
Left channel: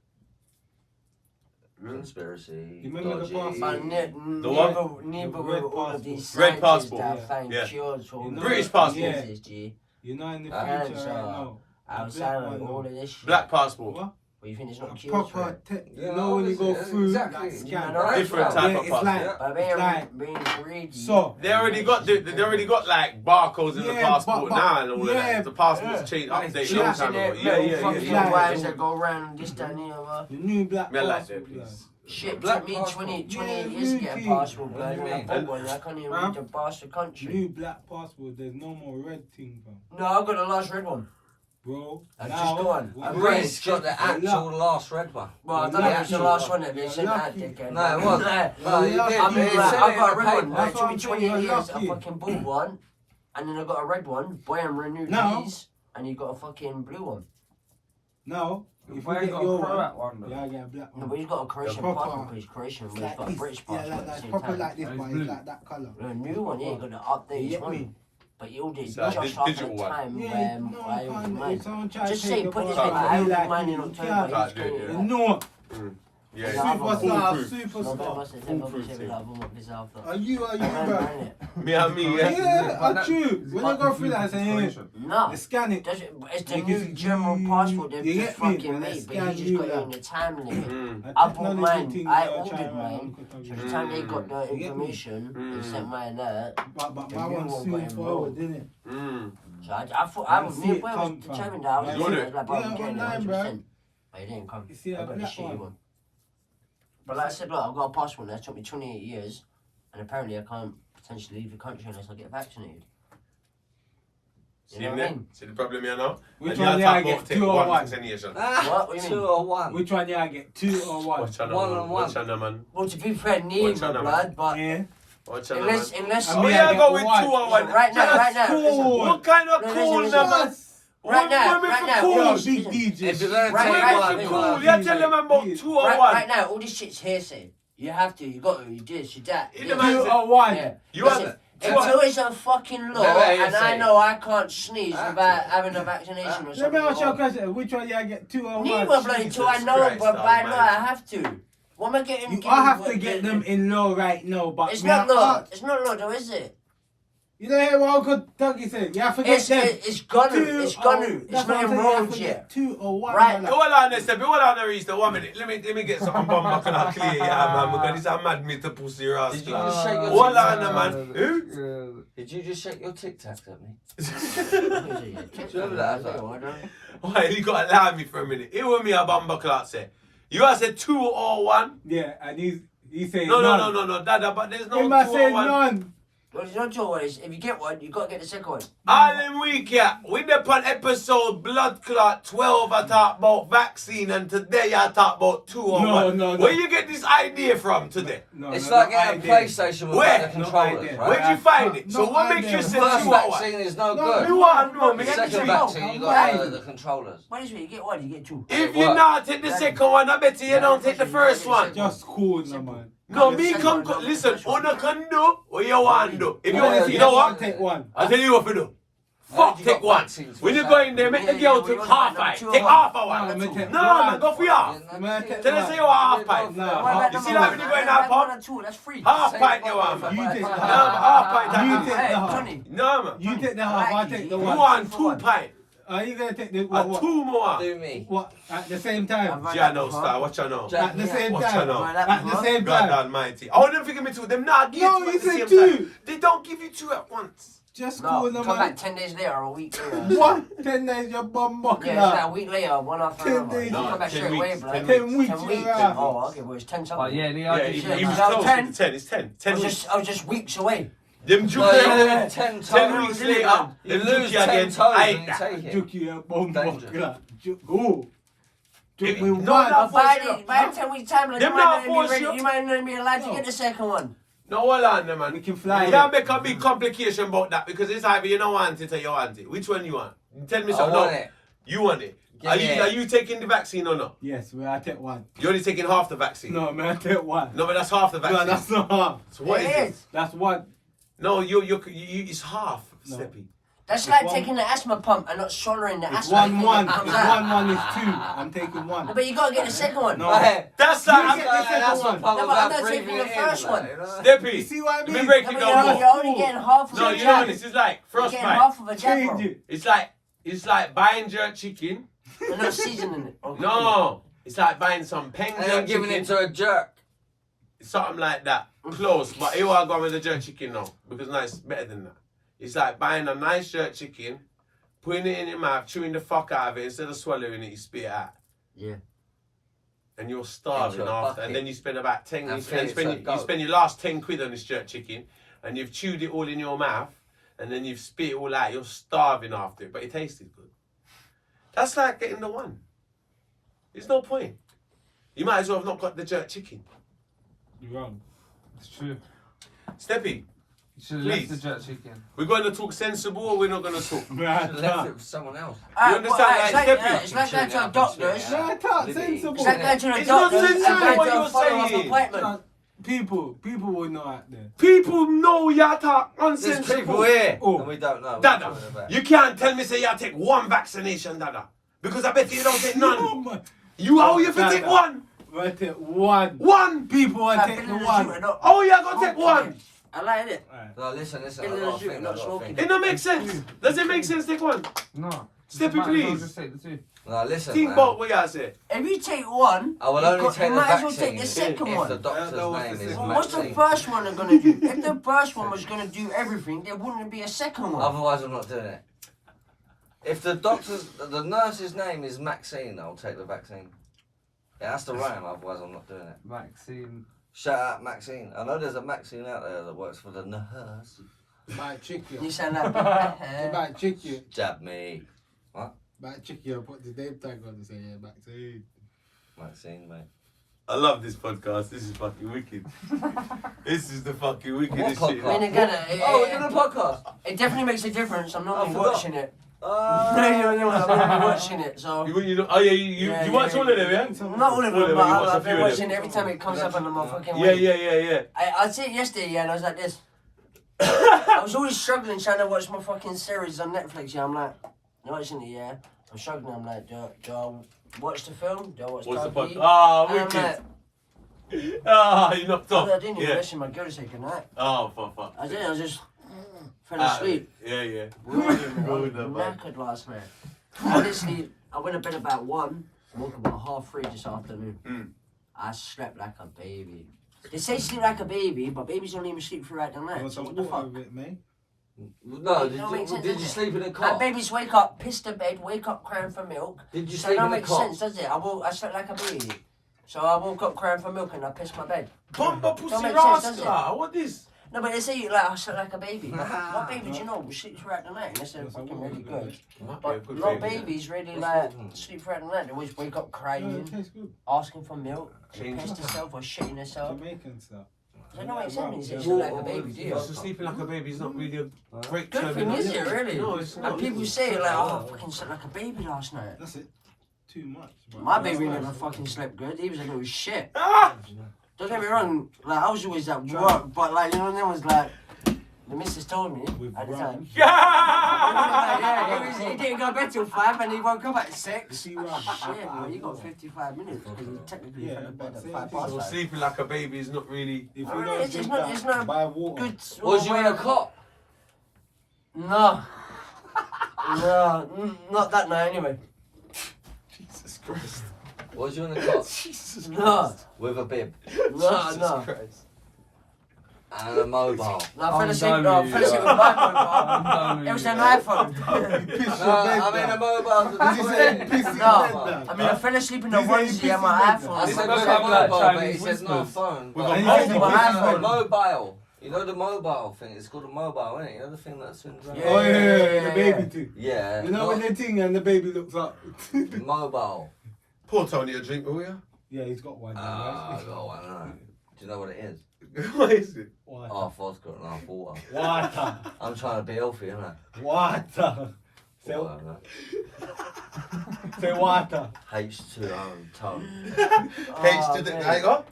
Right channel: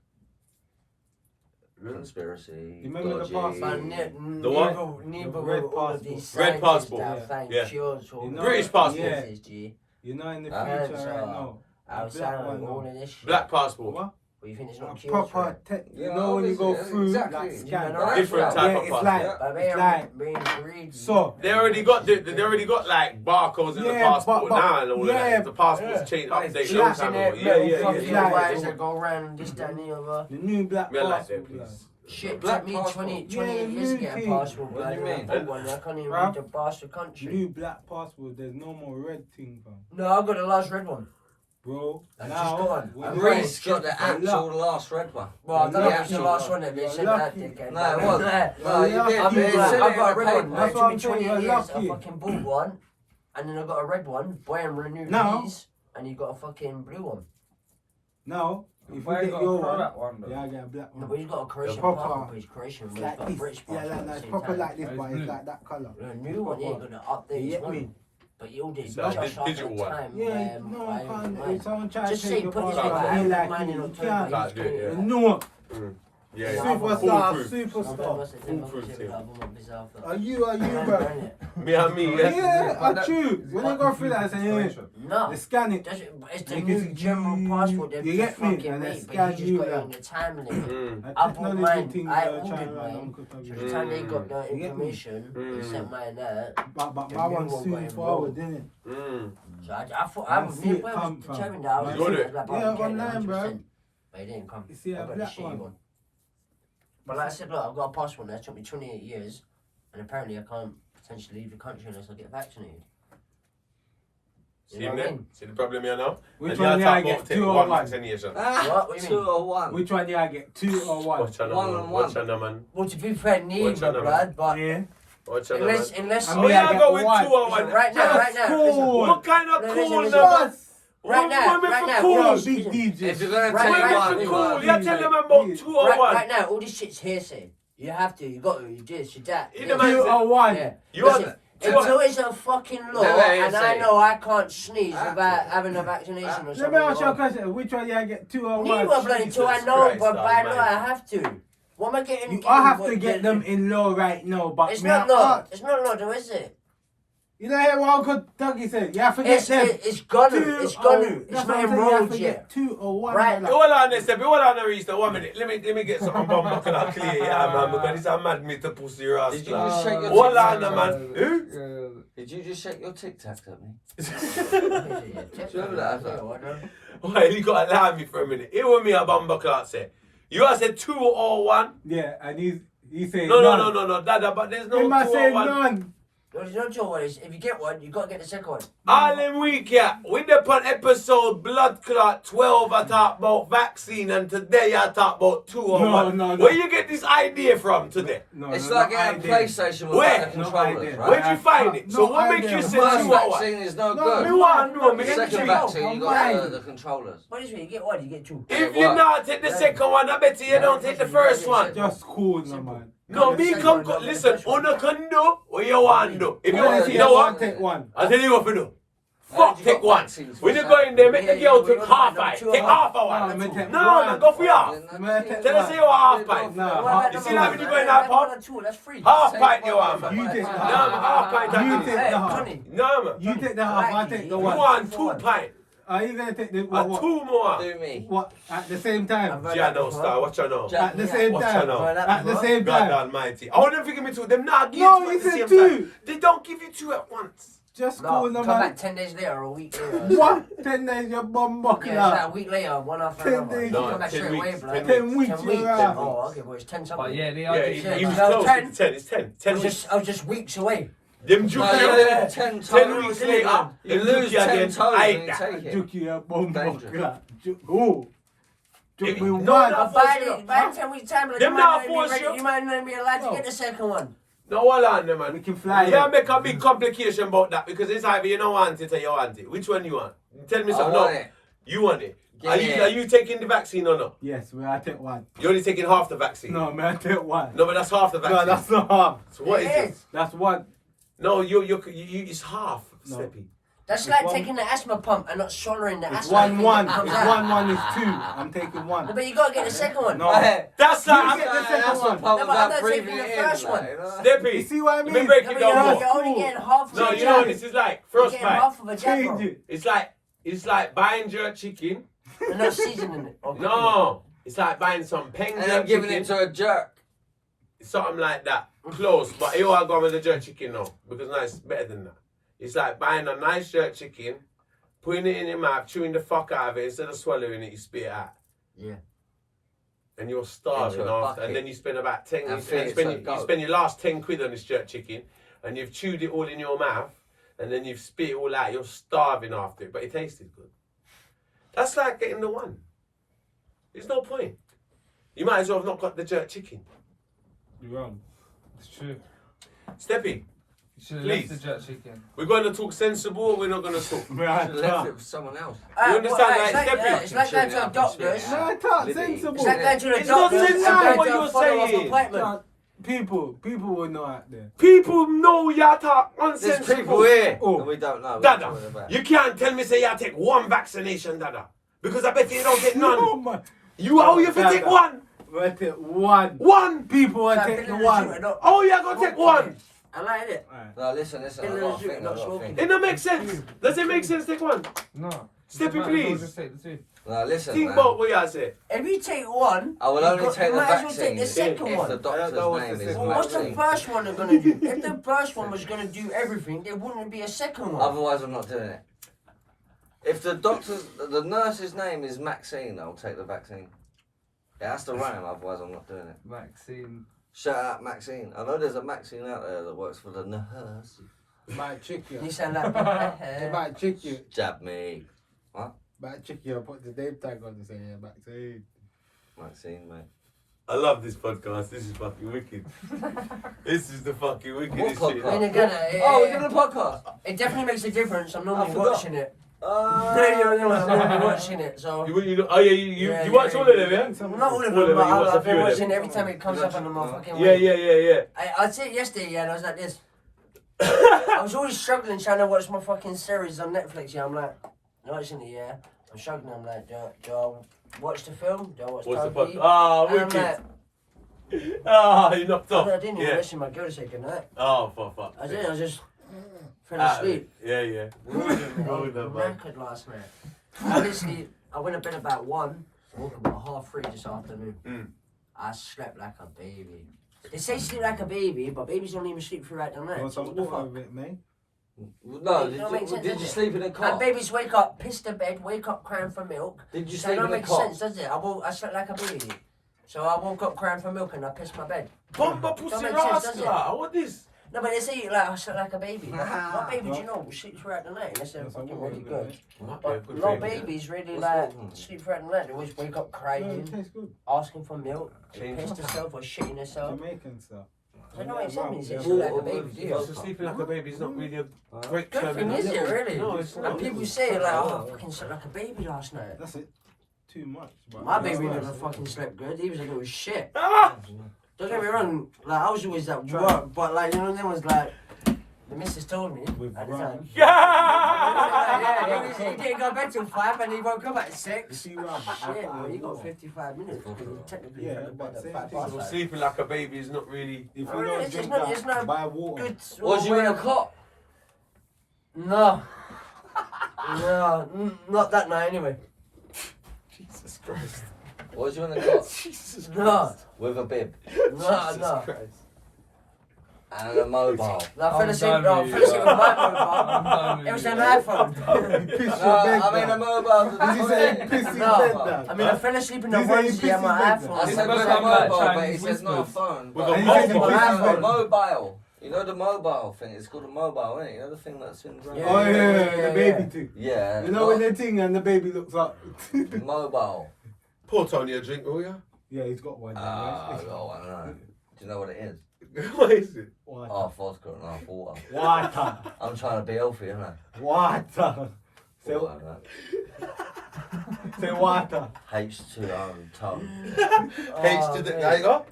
Conspiracy, You remember the dodgy. passport? The what? Neither The will red all of passport. these Red scientists passport. that find Yeah. cures for all You know- the British passport. diseases, G. You know, in the I future, heard right now, Outside black of one, all no. of this shit. Black passport. what? Well, you think it's A not cures for proper, it? you know, when you go obviously, through, exactly. like, scan. No, no, Different no. type Yeah, of it's passport. like, Yeah. But it's like, so, They already got like barcodes in the Yeah, passport but- now and all yeah, of that. The passport's yeah. changed, Like, update yeah. long time ago. Yeah. It's like- Wires that go around this, that, and the other. the new black Me I like passport, that piece. Shit, Black took me passport. 20 Yeah, years to get a new passport. What do you blood, mean? I bought one, I can't even Bruv. read the bastard country. new black passport, there's no more red thing, fam. No, I got the last red one. Bro, I now, just got one. we- I'm Reece got the You're actual last red one. Well, I don't know if it's the You're last one that they You're sent out. lucky. dickhead. No, it wasn't. No, you You're did. lucky, It bro. said I've it got a in the red one. paper. That's It took what me I'm 20 saying, you're years. I lucky. fucking bought one, and then I got a red one. Boy, I'm renewed Now- these, and you got a fucking blue one. Now, if you Why get got your a one, Croat one though? yeah, I get a black No, one. but he's got a Croatian proper- passport, but he's Croatian, but It's he's like got a this, British yeah, passport. like at the that, same proper time. like this, It's but blue. it's like that colour. A new one, yeah, got to update You his get one. me? But you'll do So just this after digital one. time Yeah, when no, I I can't. mine. If someone tries Just to say, take your put this passport, like, I I feel like like mine in you October. can't. Can't do it, You yeah. know, Yeah, superstar, Foolproof. superstar. Are you, bro? Me and me, yeah. Yeah, I true. When I go through that, I say, yeah, No, they scan it. it's the You new can- general passport they've you just get me? fucking And they made, but scan you just you got it like- in the time limit. Mm. A I bought technology mine, thing, I try ordered around mine, Uncle Tommy. so the time they got the You get me? information, they sent mine there. But The my new one's one soon got forward, involved. didn't it? Mm. So I thought, I I see it was come from- determined that I was You going got to it? like, Yeah, I'm getting it online, bro. 100%. But it didn't come. You see I that got the black shitty one? one. But like I said, look, I've got a passport now. It took me 28 years, and apparently I can't potentially leave the country unless I get vaccinated. You know what I mean? See the problem here now? Which And one the yeah I attack get? won't take 2 or one 1? vaccination. What do you mean? 201. Which one yeah I get? 2 or 1? Watch out, One man. on one. Watch out, man. Well, to be fair, neither, What's your number? blood, but Yeah. Watch out, man. unless I Oh, mean, yeah, I go get with one. 201. right now, Cool. What kind of No, cool listen, number? Just Right now, Women right for now, cool. Yo, listen, big listen. If you're DJ. going to Right, take right, one, Women you for cool. got Yeah, tell them about Yeah. 201. Right now, all this shit's hearsay. You have to, you got to, you this, you that. In Yeah. the man- 2 or 1. Yeah. You Listen, want until it's a fucking law, Never and I hearsay. know I can't sneeze Ah. without having a vaccination or Let me something. ask you a question. Which one yeah I get? 2 or 1? Neither bloody two, I Jesus know, Christ, but by man. law I have to. What am I getting? I have to get them in law right now, but It's me not and law. Art- It's not law, though, is it? You know hear what Uncle Dougie said? You have to get It's them. it's gonna. 2 It's or- gonna. that's It's what not I'm saying, you have enrolled to yet. get 2 or 1. Right. brother. Hold on, Step. Hold on, Reece. 1 minute. Let me get something bomb back and clear, yeah, man. Because this a mad me to pussy your ass. Did you just shake your Hold tic on, tac? man. Who? Did you just shake your tic tac at me? Do you remember that? Why you gotta allow me for a minute? It was me a bumper clock say. You have said 2 or 1. Yeah, and he said No, none. Dada, but there's no He 2 must or say 1. none. Well, there's no choice. If you get one, you gotta get the second one. All them week, yeah. We did on episode Blood Clot 12, I talk about vaccine, and today I talk about 2 or 1. No. Where you get this idea from today? No, It's no, like no getting a idea. PlayStation with Where? the No controllers, idea. right? Where'd you find it? No So what makes idea. you The say first 2 or 1? vaccine is no No, good. Me want to know, me The get second you. vaccine, you got Right. the controllers. What is it? You get one, you get two. If It you work. not take the second one, I bet you don't take the first one. Just cool, no man. No, me come, listen, Una can do what you want to do. If you want to, you know what? Take one. I'll tell you what to do. Fuck, you take got one. vaccines When for you go in there, make the Yeah, girl we take got half number pint. two Take or half a No, one. me take No, one. man, go for y'all. Tell us say you want half pint. No, You see that when you go in half One pint? or two, that's free. Half Same pint you one, want, man. You take No, half. man, half pint. You I take can the half. Honey. No, man. You take the half, I take the You one. want 2 pint. Are you gonna take the And what? 2 more. Do me. What at the same time? Jano star, watch I know. At the same Watch time. I know. At the same God time. almighty. I wouldn't give me 2. Them not give No, you 2 you at the said same 2. time. They don't give you 2 at once. Just No, call them come man. back 10 days later or a week later. What? 10 days your bum buckler. Yeah, it's like a week later, one after 10 another. days. You No, come back 10 straight weeks, away, bro. 10 10 weeks. 10 weeks. you're out. Oh, okay, well, it's 10 something. Oh yeah, they Yeah, are. he was So close. 10. It's 10. It's 10. 10 weeks. I was just weeks away. Them No, juke you you. lose 10 10 toes. weeks later, You them lose juke 10 again. toes Aye, when you take it. Juke your bum Dangerous. buckler. Go. Juke If- me no, one. no. By 10 weeks time, like, Them you now might not force be ready- you. you might not be allowed to No. get the second one. No, hold on, man. We can fly. You can't make a big complication about that because it's either you don't want it or you want it. Which one you want? Tell me I something. want No, it. you want it. Give Are me you, it. are you taking the vaccine or not? Yes, well, I take one. You're only taking half the vaccine. No, man, I take one. No, but that's half the vaccine. No, that's not half. So what is It it? is. That's one. No, you it's half, No. Steppy. That's It's like one- taking the asthma pump and not swallowing the It's asthma. 1-1. Comes It's out. 1-1 is 2. I'm taking one. But you gotta get the second one. No. Hey, That's You like get the second that's one. what pump No, but I'm without not taking breathing the it in. first like, one. you know? Steppy. You see what I Let mean? me break No, it but down you're more. only getting half of No, the you know jab. what this is like. You're First getting bite. half of a jab, Change bro. it. It's like buying jerk chicken. They're not seasoning it. Okay. No, it's like buying some peng And jerk then giving chicken. it to a jerk. Something like that. Close, but you are going with the jerk chicken now because now it's better than that. It's like buying a nice jerk chicken, putting it in your mouth, chewing the fuck out of it instead of swallowing it. You spit it out, Yeah. and you're starving Into a after. And bucket. then you spend about 10. And You feed it to a you goat. spend your last 10 quid on this jerk chicken, and you've chewed it all in your mouth, and then you've spit it all out. You're starving after it, but it tasted good. That's like getting the one. There's no point. You might as well have not got the jerk chicken. You're wrong. It's true. Steppy, You should have Please. left the jerk chicken. we're going to talk sensible or we're not going to talk? Man, Should have left it for someone else. You understand It's that? like, Step it's like going to a doctor's. Yeah. Man, talk Liberty. sensible. It's like going to a It's not doctor's sensible and going what to a you're follow-up saying. appointment. Talk- People will know out there. People know you talk There's unsensible. people here, Oh. and we don't know. what Dada, we're talking about. you can't tell me say you take one vaccination, Dada. Because I bet you don't take No, none. man. You how you fi take Dada. one? I take one. One? People will Like, take Billy the one. Shooter, not- Oh, you gonna take one? I like it. Alright. No, listen, I Billy the got a Shooter, thing, I not got a smoking. thing. It don't make sense. Does it make sense take one? No. Steppy, You might as well please. Just take the two. No, listen, Think man. about what you say. If you take one, I will you only got- take you the might as well vaccine take the second if one. the doctor's That was name the is second What's the Maxine. first one gonna do? If the first one was gonna do everything, there wouldn't be a second one. Otherwise, I'm not doing it. If the nurse's name is Maxine, I'll take the vaccine. It has to rhyme, otherwise I'm not doing it. Vaccine. Shout out Maxine. I know there's a Maxine out there that works for the nurse. Might trick you. You sound like They might trick you. Jab me. Might trick you. Put the name tag on and say, yeah, Maxine. Maxine, mate. I love this podcast. This is fucking wicked. This is the fucking wickedest What shit. podcast? When again, Oh, we're doing a podcast. it definitely makes a difference. I'm normally forgot. watching it. No, I'm normally watching it. So You know, oh yeah, you watch all of them, yeah? not all of All them, of them, but you watch a I've few been of watching them. it every time it comes up on my fucking. Yeah, week. yeah. I see it yesterday, yeah, and I was like this. I was always struggling trying to watch my fucking series on Netflix. Yeah, I'm like, watching it, yeah. I'm struggling. I'm like, do I watch the film? Do I watch What's the TV? fuck? Ah, And I'm wicked. like, Ah, you knocked I off. didn't even Yeah. listen to my girl to say goodnight. Oh, for fuck. I did. I just fell Ah, asleep. Yeah. I was Good, man. knackered last night. Honestly, I went to bed about 1, woke up about 2:30 this afternoon. Mm. I slept like a baby. They say sleep like a baby, but babies don't even sleep throughout the night. Want So some what the water fuck? with it, mate? No, It don't make sense, did you does it? sleep in a And cot? babies wake up, piss the bed, wake up crying for milk. Did you So sleep that in a makes cot? sense, does it? I slept like a baby. So I woke up crying for milk and I pissed my bed. Bumper pussy Don't make sense, does rascal. What this? No, but they say like I slept like a baby. What baby do you know will sleep throughout the night unless they're fucking really good. But a lot of babies really like sleep throughout the night. They always wake up No, it crying, tastes good. asking for milk, Change piss themselves or shitting themselves. Jamaican stuff. That don't make sense when you say Yeah, sleep like a well, baby, do you? So sleeping like a baby is not really a great Good term. thing, is it really? No, it's And not. people say like, oh, I fucking slept like a baby last night. That's it. Too much. Bro. My That's baby nice. never fucking slept good. He was a little shit. Ah! Don't get me wrong, like I was always at work, but like you know, there was like the missus told me With at the rum. time. Yeah! He didn't go to bed till 5 and he woke up at You 6. see rum. Shit, well, you got 55 minutes because he technically Yeah, fell to bed but at same 5 thing. past So 5. sleeping like a baby is not really. If Oh, you don't it's drink not- that, it's not buy water. Good. Was you in a cot? No. No, not that night anyway. Jesus Christ. What was you on the clock? Jesus No. Christ. With a bib No, Jesus no. Christ. and a mobile. No, I fell I'm asleep. done No, I with fell you, asleep with yeah. my I'm mobile. done with It was you, an yeah. iPhone. Piss your No, bed I mean a down. mobile. Did you say piss his No. bed down? I mean, I fell asleep in the These ain't onesie on my pissy beds. iPhone. I It's said got with a some, like, mobile, but he Chinese said not a whispers. phone. With but- a And he said he mobile. pissed his A bed. mobile. You know the mobile thing? It's called a mobile, isn't it? You know the thing that swings around? Oh yeah, the yeah, baby yeah. thing. Yeah. You know when they ting and the baby looks up. Mobile. Pour Tony a drink, will you? Yeah, he's got one. Ah, Now, I got one, I know. Do you know what it is? What is it? Water. Half vodka and half water. Water. I'm trying to be healthy, isn't I? Water. Say, Water, right? say water. H2O tone. H2O. There you go.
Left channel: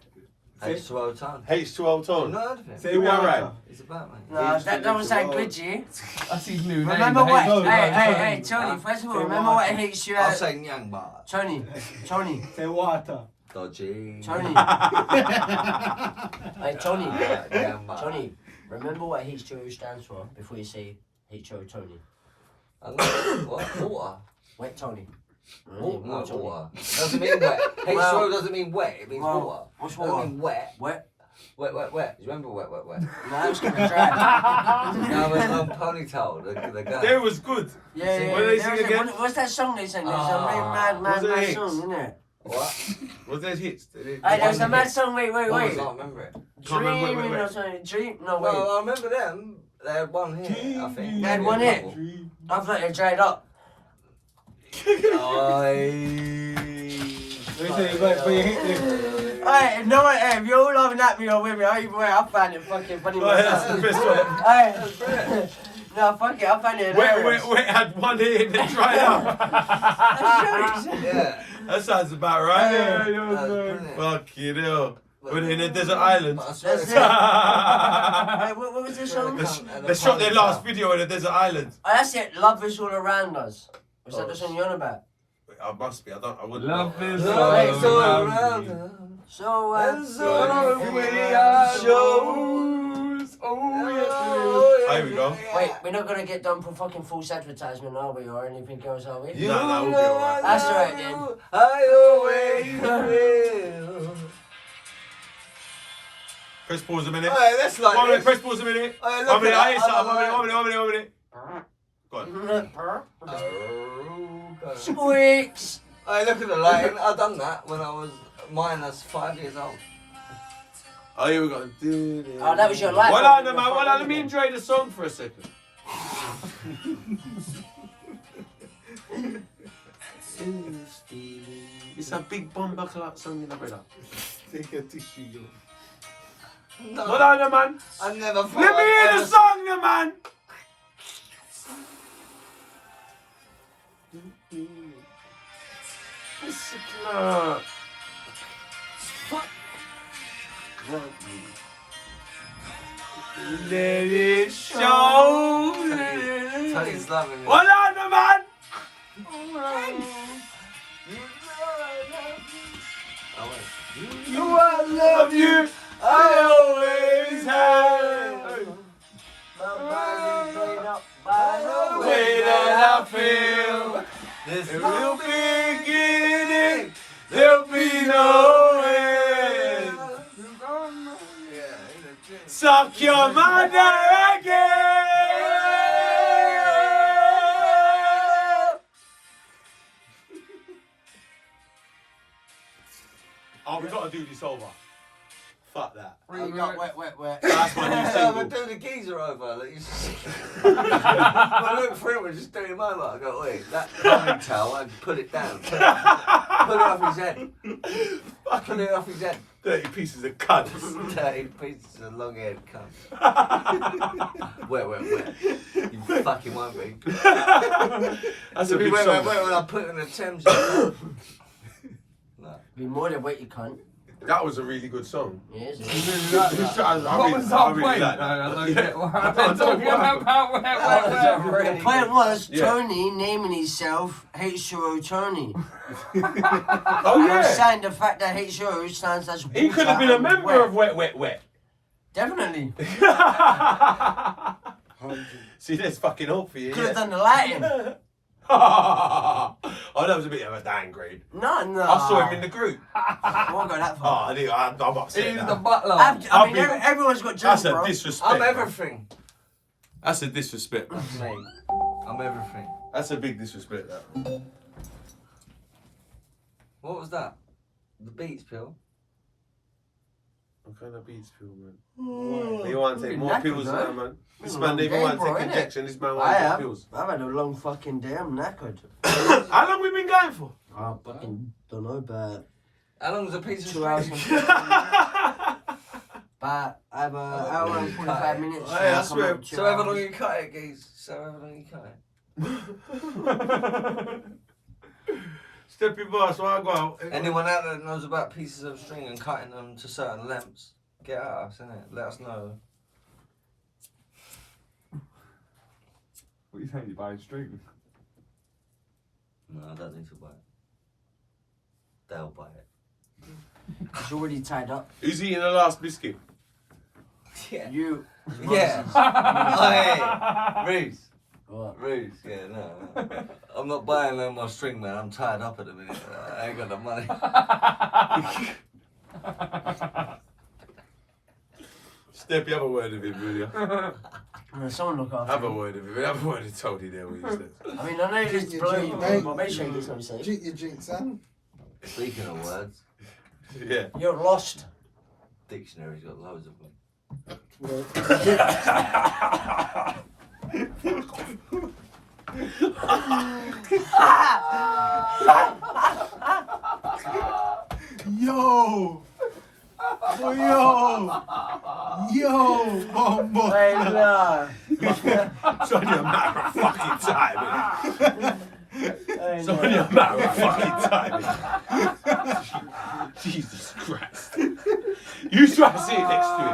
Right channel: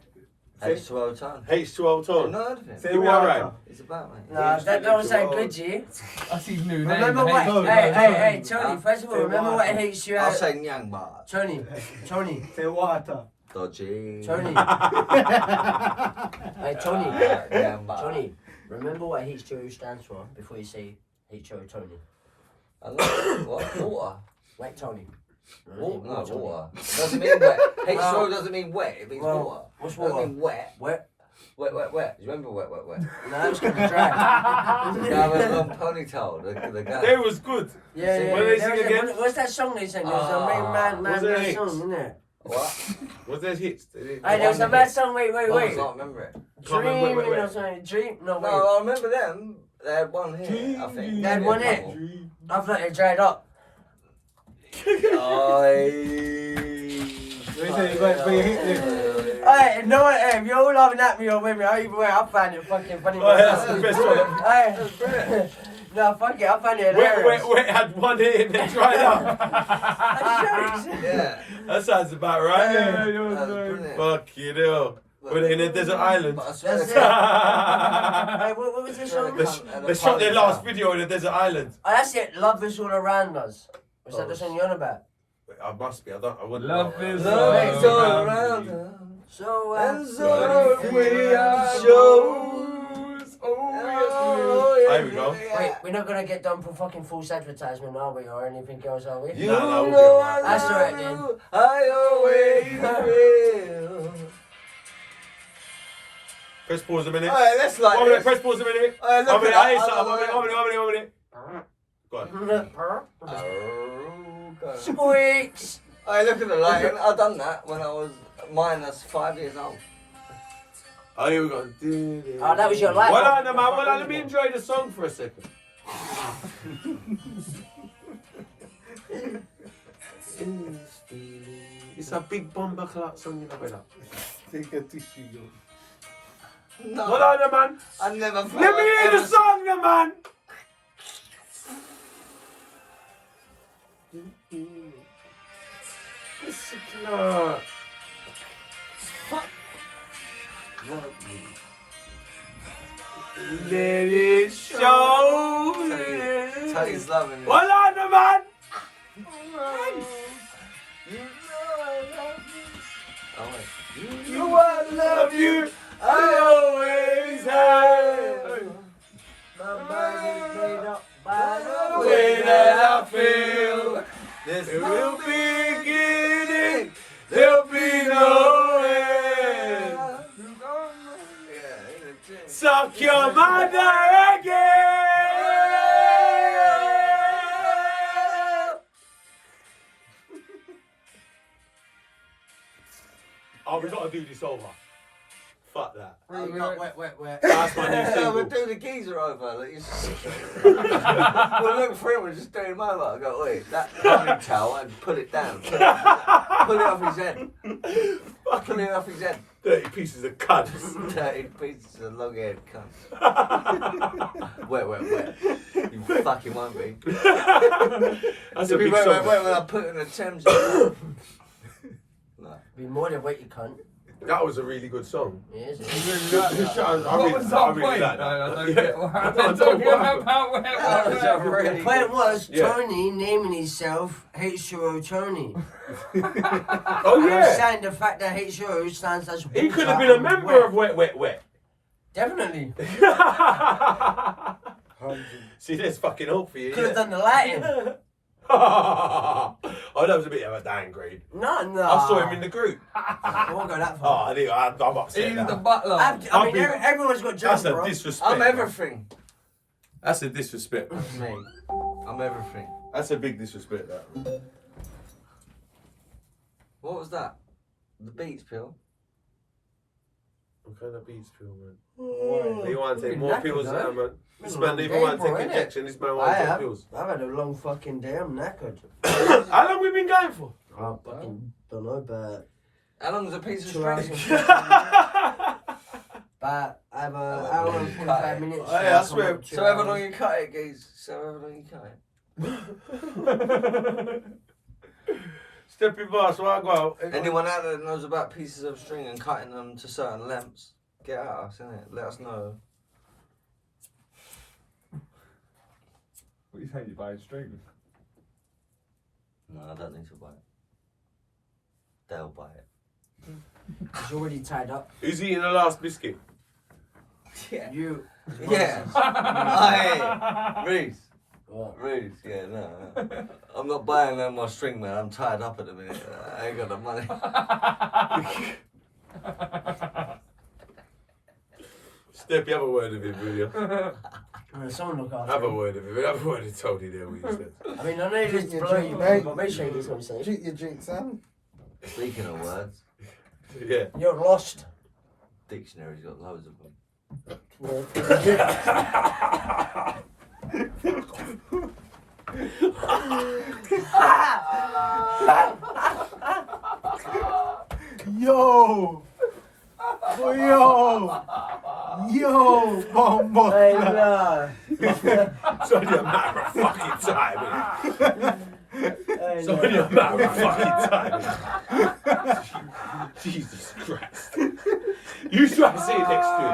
H2O tone. H2O You tone. know heard of it? Say Give me a water. rhyme. It's about, mate. No, that was like Bridgie. That's his new name. Remember what? Hey, Hey, go. Tony. First of all, Say remember water. what HU I'll had. say Nyang bar. Tony. Say water. Dodgy. Tony. Hey, Tony. Nyang bar. Tony. Remember what H2O stands for before you say H2O Tony. I know. What? Water. Wait, Tony. Water. No, Tony. water. It doesn't mean wet. H2O doesn't mean wet. It means Well, water. what's It doesn't water? mean wet. Wet. Wet. Do you remember wet? No, it's gonna dry. Yeah, with a long ponytail. The guy. That was good. Yeah, Sing- yeah. What do they There sing was a- again? What's that song they sang? It was Ah. a Was it mad hits? song, wasn't it? What? Was there hits? Hey, there was a mad song. Wait. What was that? I remember it. Can't remember, wait. Dreaming or something. Dream. No, wait. No, I remember them. They had one here, I think. They had one here. here? I thought it dried up. But you hit this. Hey, no, hey, if you're all laughing at me or with me, either way, I find it fucking funny Oh, that's myself. the best one. Hey, no, fuck it, I find it hilarious. Wet had one hit and then dried up. That's jokes. Yeah. That sounds about right. Yeah, Brilliant. Fuck you know. Were they in a desert island? But I swear That's to it. God, Hey, what was this song? They shot their last video in a desert island. Oh, that's it, Love Is All Around Us. Was that the song you're on about? I must be. I wouldn't. Love know. is Love is all all around around you. us. So, And so so we are shows. Oh, Here we go. Wait, we're not gonna get done for fucking false advertisement, are we? Or anything else, are we? You No, we'll be know alright. I That's love alright then. you. I always will. Press pause a minute. Alright, let's like 1 minute. this. Press pause a minute. Alright, 1 look minute. at I that. hate something. 1 minute. Go on. Squeaks! Alright, look at the lighting. I done that when I was minus 5 years old. Oh, here we go. Oh, that was your light. Well on, man. Well on. Let me enjoy the song for a second. It's a big bomber clock song, you know, brother. Take a tissue, yo. No, Well on, man. I never thought Let me I'd hear the ever- song, then, man. It's a clock. Let it show. Tony's loving it. Well on, man. You know I love you. I always have. My body's made up by The the way that I feel. There's There'll be beginning. There'll be no end. Suck your mother again. Oh, we gotta do this over. Fuck that. Wait. That's my new We'll single. do the geezer over. Like, well, look, friend was just doing him over. I go, wait, that ponytail, and pull it down. Pull it off his head. Pull it off his head. 30 pieces of cunts. 30 pieces of long haired cunt. Wet. You fucking won't be. That's a big Wait, song. when I put in a Thames. No. Be more than wait, you cunt. That was a really good song. Yes. What was I that really point? like that. I don't get what I happened. don't know Talking what about where. The point was Yeah. Tony naming himself H2O Tony. Oh, And I'm yeah. saying the fact that H2O stands as He could have water been a and member wet. of Wet. Definitely. See, there's fucking hope for you. Could have Yeah. done the lighting. Oh, that was a bit of a downgrade. No. I saw him in the group. I won't go that Oh, far. I'm upset He's now. the butler. I mean, everyone's got dreams, That's a bro. disrespect. I'm bro. everything. That's a disrespect. That's me. I'm everything. That's a big disrespect, that. What was that? The Beats pill? What kind of beats pill, man? You want to take Been more knackered, pills man. now, man. This Been man a didn't long even want day, to bro, take innit? injection. This man I wants to take have. pills. I've had a long fucking day. I'm knackered. How long we been going for? I fucking don't know, but How long is a piece of 2 hours string? and 15 but I have an hour and 45 minutes. Oh, yeah, I so swear. I'm 2 So however long hours. you cut it, geez. So however long you cut it. Steppy boss, why I go out? Anyone out there that knows about pieces of string and cutting them to certain lengths, get at us, innit? Let us know. What are you saying? You buy a string? No, I don't need to buy it. They'll buy it. It's already tied up. Who's eating the last biscuit? Yeah. You. Yeah. Oh, hey. Reece. What? Reece, yeah, no. I'm not buying no more string, man. I'm tied up at the minute. I ain't got the money. Steppy, have a word of him, will you? Someone look after Have a me. word of him. Have a word of Tony there, what you said. I mean, I know you just blow you, Hey. but make sure you do what I'm saying. Drink your drink, Sam. Speaking of words, Yeah. You're lost. dictionary's got loads of them. Well, Yo! Boy, yo, bombo. Hey, nah. It's only a matter of fucking time, innit? Hey, It's nah. only a matter of fucking time. innit? Jesus Christ. You try to sit next to him.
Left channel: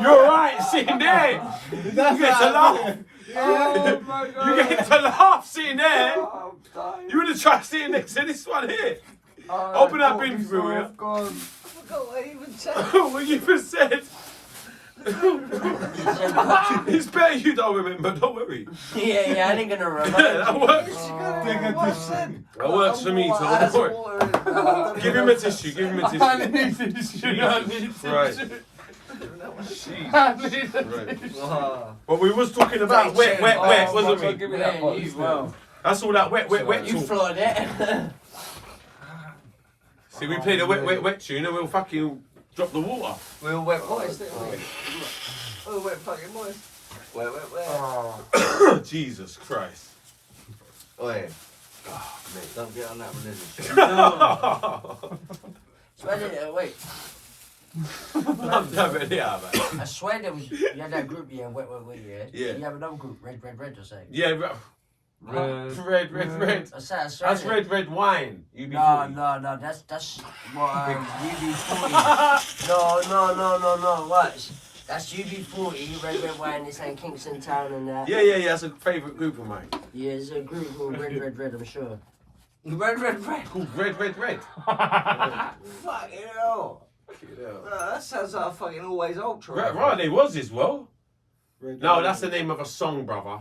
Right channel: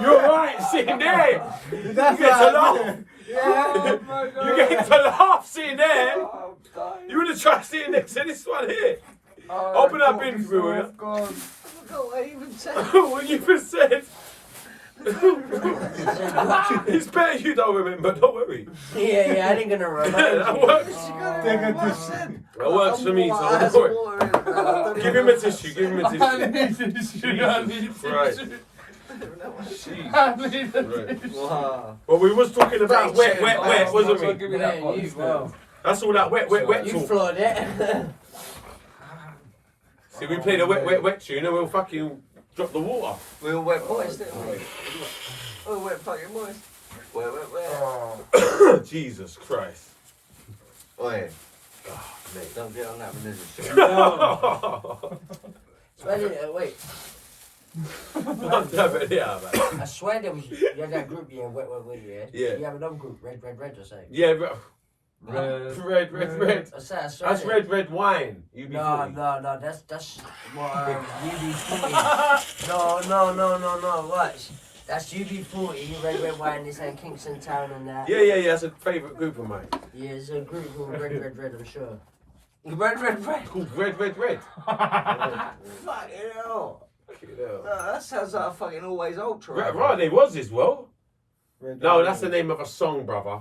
You're right, sitting there. You get to laugh. Oh my God. You get to laugh sitting there. Oh, I'm dying. You would have tried sitting next to this one here. Oh, Open that God, bin he's for me, so will ya? off guard. I forgot what I even said. What you just said. It's better you don't remember, don't worry. Yeah, I ain't gonna run. That works. Take a tissue. That works for me, so don't worry. Give him a tissue, give him a I tissue. need tissue. I need Right. tissue. Jeez. I need a Right. tissue. Wow. But we was talking about wet, Oh, wasn't we? Give me that Yeah, box, you, then. bro. That's all that wet You talk. floored it. See, we played a wet tune and we'll fucking drop the water. We all wet boys, didn't we? We all wet fucking boys. Wet. Oh. Jesus Christ. Oi, Oh, mate. don't get on that religion shit. Wait. I'm never there, man. I swear there was. You had that group, yeah, wet, yeah. Yeah. You have another group, red or something. Yeah, bro. Red. Red. I swear. That's red wine. No, that's what UB40. No. Watch. That's UB40, red wine. They say Kingston Town and that. Yeah. That's a favourite group of mine. Yeah, it's a group called red. I'm sure. Red. Called Red. Fucking hell. No, that sounds like a fucking Always Ultra. Right, there was as well. red, No, red, that's the red. name of a song, brother.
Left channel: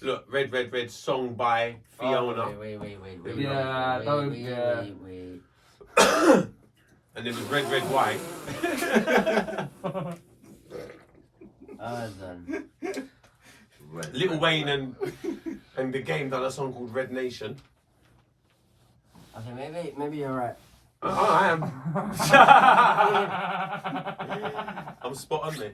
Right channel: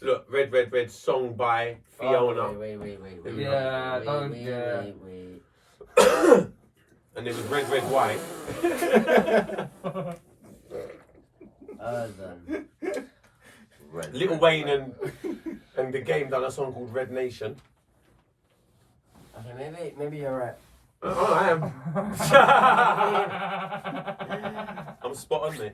Look, Red, song by Fiona. Oh, wait. Yeah, Wait. And there was Red, White. Done. Lil Wayne and the Game done a song called Red Nation. Okay, maybe you're right. Oh, I am. I'm spot on, mate.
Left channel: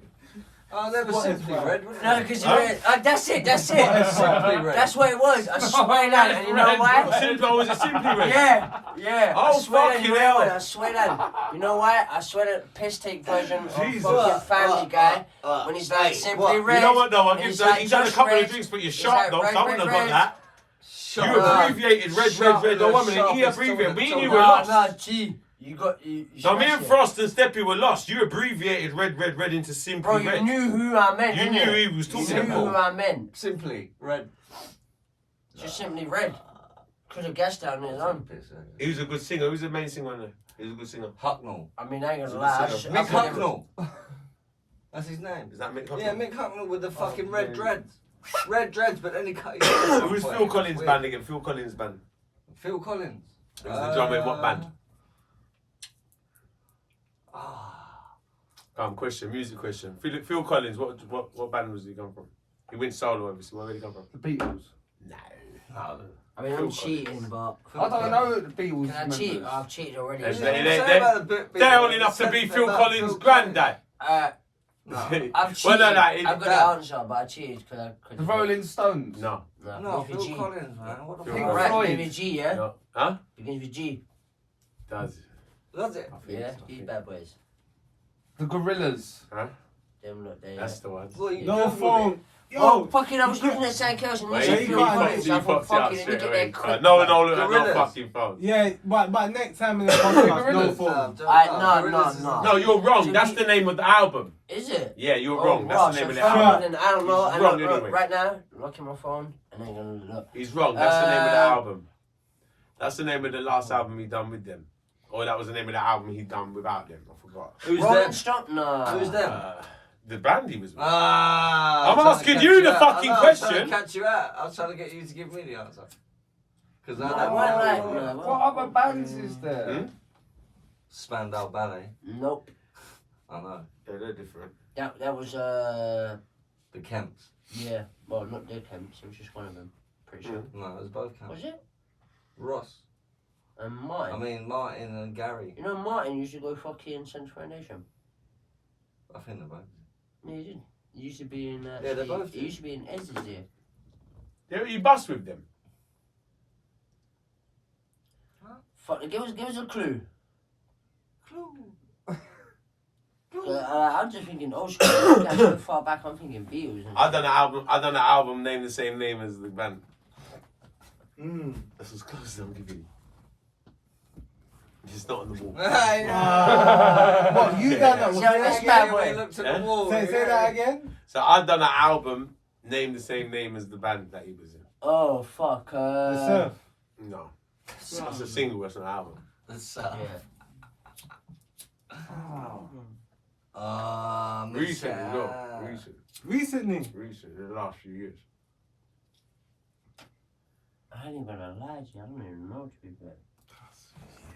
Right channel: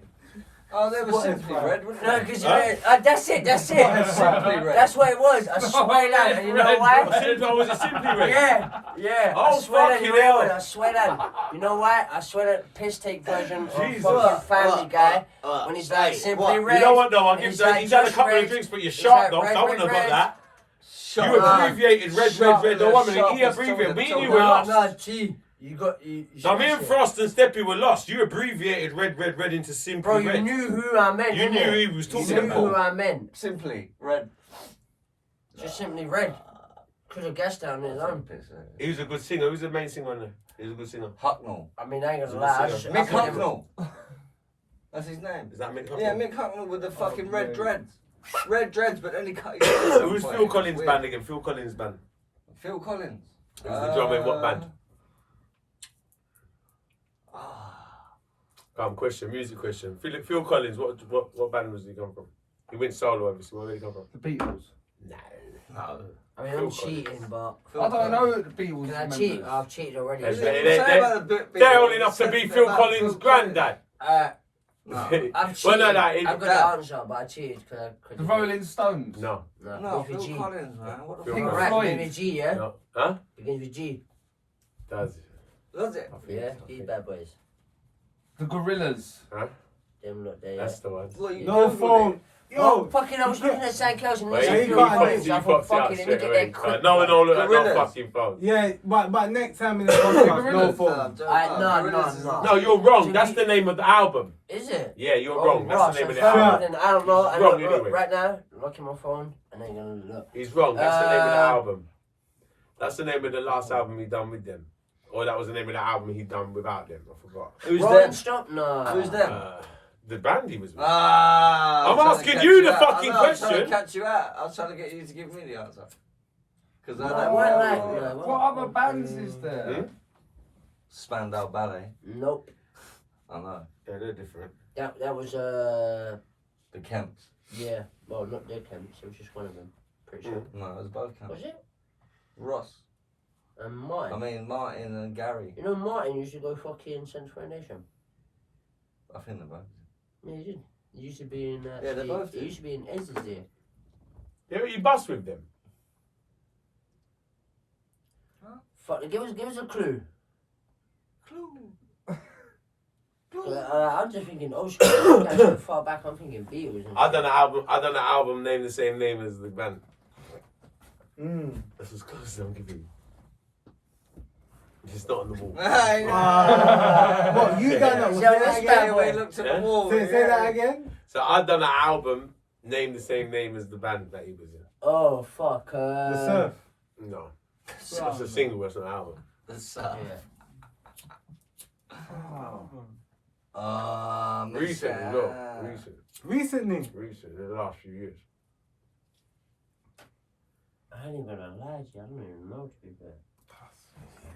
Oh, they were What Simply is Red, wasn't No, they? because Huh? that's it. Simply Red. That's what it was. I swear that. And you know why? Was it Simply Red? Yeah. Oh, I swear that. fucking You know hell. what? I swear that. You know why? I swear that piss take version of Jesus. fucking Family Guy when he's like simply red. You know what, though? and he's like, He's had a just couple red. of drinks, but you're He's sharp, like, though. red, I wouldn't have got red. that. Shut You up. abbreviated Red. No, one minute. He abbreviated. Me and you were lost. No, G. You got. No, me and Frost and Steppy were lost. You abbreviated red into Simply Bro, you Red. knew who I meant. You didn't knew you? he was talking You knew who about. I meant. Simply Red. Just simply red. Could have guessed that on his own. He was a good singer. Who's the main singer on there? He was a good singer. Hucknell. I mean, I ain't gonna lie. I just- I Mick think it was- Hucknell. That's his name. Is that Mick Hucknall? Yeah, Mick Hucknall with the fucking red dreads. Red dreads, but then he cut his Who's Phil Collins' band again? Phil Collins' band. Phil Collins. Who's the drummer in what band? Question, music question. Phil Collins, what band was he come from? He went solo, obviously. Where did he come from? The Beatles. No. I mean, I'm cheating, but I don't know the Beatles. can I cheat? I've cheated already. They're old enough to be Phil Collins' granddad. I've Well, cheated. no, I've got the answer, but I cheated because I couldn't. The Rolling Stones. No. No, Begins with Phil G. Collins, man. What the Phil fuck? Collins. Right, Floyd. begins with G, yeah? No. Huh? Begins with G. Does it? Does it? I think Yeah, so, I G think. bad boys. The Gorillas. Huh? Them look there, yeah. That's the one. Well, you No Googled phone. it. Oh, Yo, fucking, I was looking at Sam Kells and Well, he you said can't Phil do Collins. You I thought, fucked it up fucking, let me straight get away. that quick. No, look at no Gorillas. fucking phone. yeah, but next time in the podcast, no phone. No. No, you're wrong. That's the name of the album. Is it? Yeah, you're Oh, wrong. That's the right, name of so the fuck album. then, I don't know. He's I wrong look, anyway. Right now, looking my phone and I'm gonna look. He's wrong. That's the name of the album. That's the name of the last album he done with them. Or that was the name of the album he done without them. I forgot. Who's Rolling them? Stone? No. Who's them? The band he was with. I'm I'm asking you the fucking I'm trying question. to catch you out. I was trying to get you to give me the answer. Because I No, don't why know. not? What other bands is there? Hmm? Spandau Ballet. Nope. I know. Yeah, they're different. That was The Kemps. yeah. Well, not their camps. It was just one of them. Pretty sure. No, it was both Kemps. Was it? Ross. And mine. I mean, Martin and Gary. You know, Martin used to go fucking Central Foundation. I think they're both. Yeah, he did. He used to be in. Yeah, they both He did. used to be in Ez's there. Yeah, you bust with them. Fuck, give us a clue. Clue. I'm just thinking old school. That's so far back. I'm thinking Beatles. And I done an album named the same name as the band. That's as close as I'm giving you. It's not on the wall. What, you done that? Yeah, Say that that's again? bad. We looked at Yeah? the wall. Say that again? So I done an album named the same name as the band that he was in. Oh fuck. The surf. No. That's a single, that's not an album. The sun. Yeah. Recently, no. Recently. Recent, in the last few years. I ain't even gonna lie to you. I don't even know to be fair.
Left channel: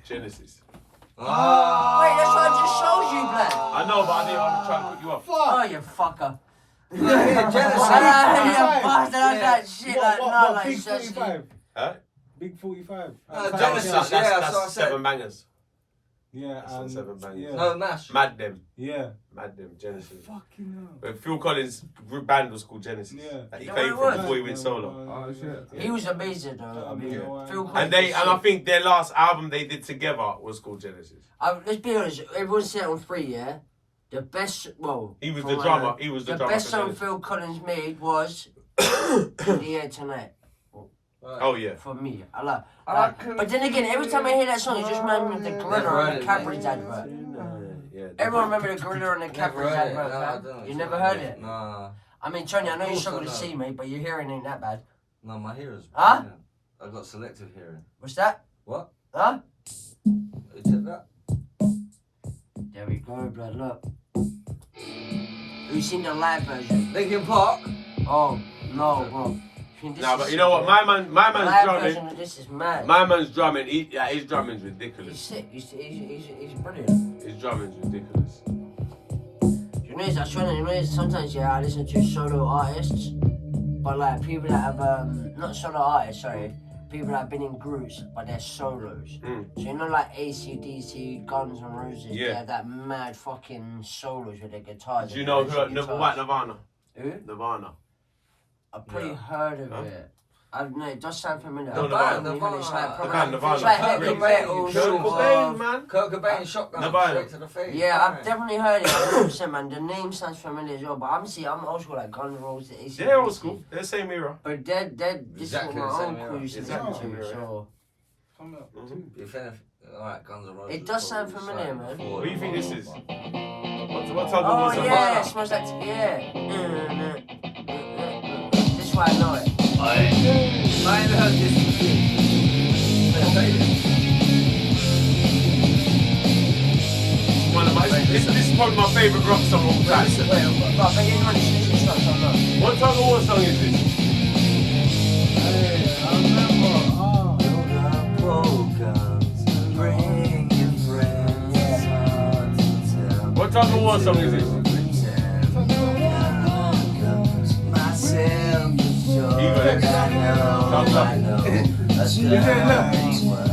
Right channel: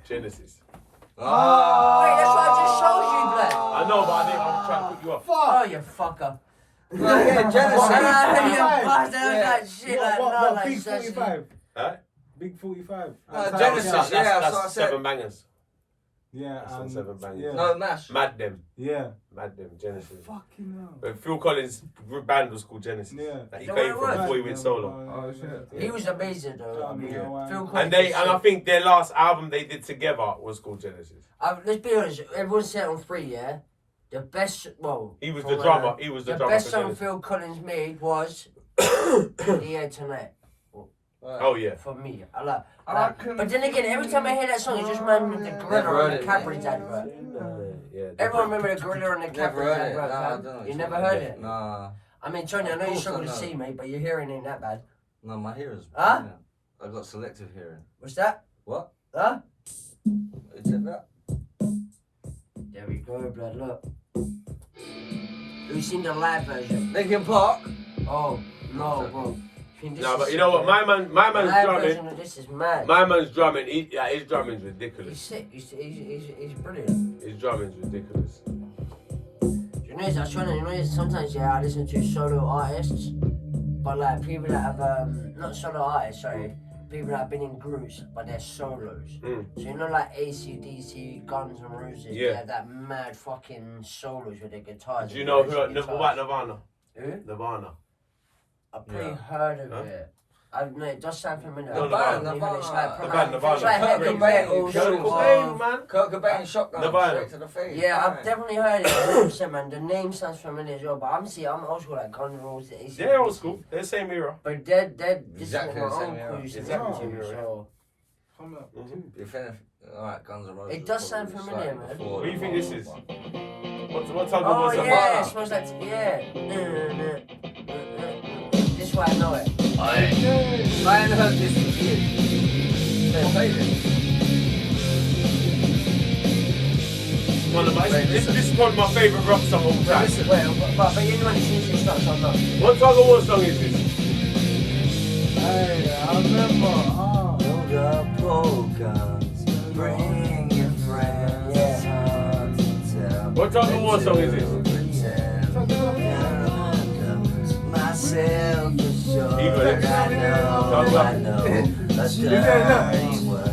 Genesis. Wait, that's what I just showed you, Black. I know, but I'm trying to put you off. Oh, you fucker. Yeah, Genesis. That shit like no, What, like Big seriously. 45? Huh? Big 45. Genesis, That's yeah, that's what I said. 7 bangers. Yeah, That's on 7 bangers. yeah. No, Mash. Mad Them. Yeah. Mad Them, Genesis. Fucking hell. But Phil Collins' band was called Genesis. Yeah. That he Is that came what it from was? before he went solo. Oh, shit. He was amazing though. I mean, Yeah. Phil Collins And was I sick. think their last album they did together was called Genesis. Let's be honest, everyone's set on 3, yeah? The best, well... He was for the one, drummer. He was the The drummer best for song Genesis. Phil Collins made was In the Air Tonight, Oh yeah. for me. I like I but then again, every time I hear that song, it just reminds me of the Never Gorilla heard and the it, Cadbury's advert. Yeah. Everyone remember the Gorilla and the Never Cadbury's heard it. No, advert, I man? don't know. You never heard it? Nah. I mean, Tony, I know Of you course struggle I to know. see, mate, but your hearing ain't that bad. No, my hearing's. Huh? Yeah. I've got selective hearing. What's that? What? Huh? Who said that? There we go, blood, look. Who's seen the live version? Linkin Park. Oh, no, bro. No, but you know what? My man's live drumming. version of this is mad. My man's drumming. His drumming's He's ridiculous. sick. He's brilliant. His drumming's ridiculous. You know, I swear, you know, sometimes yeah, I listen to solo artists, but like people that have not solo artists, sorry, people that have been in groups, but they're solos. Mm. So you know, like AC/DC, Guns N' Roses, Yeah. they have that mad fucking solos with their guitars. Do you and know electric who? guitars. What Nirvana? Who? Nirvana. I've probably Yeah. heard of Huh? it. I don't know, it does sound familiar. No, The band, Nirvana. It's like The proper- band, Nirvana. it's like Kurt heavy, Cobain, old Kurt school, Cobain, man. Kurt Cobain shotgun Nirvana. straight to the face. Yeah, I've Bang. definitely heard it 100%, man. The name sounds familiar as well, but I'm old school, like Guns N' Roses, AC/DC. They're old school. They're the same era. But they're this Exactly is what the my same era. uncle used to Exactly listen the to, same so... Come up. If anything, alright, Guns N' Roses. It does sound probably familiar, slightly man. before What do you think this is? Nirvana. What type of Oh was yeah, Nirvana. it smells like This is why I know it. I ain't heard this in years. They played it. One of but this is probably my favourite rock song of all time. But you know what this starts on now. What Tuggawar song is this? Hey, I remember. Load up programs, bring your friends. It's hard to tell. What Tuggawar song is this? Myself for sure. You got it. I know. A dirty word.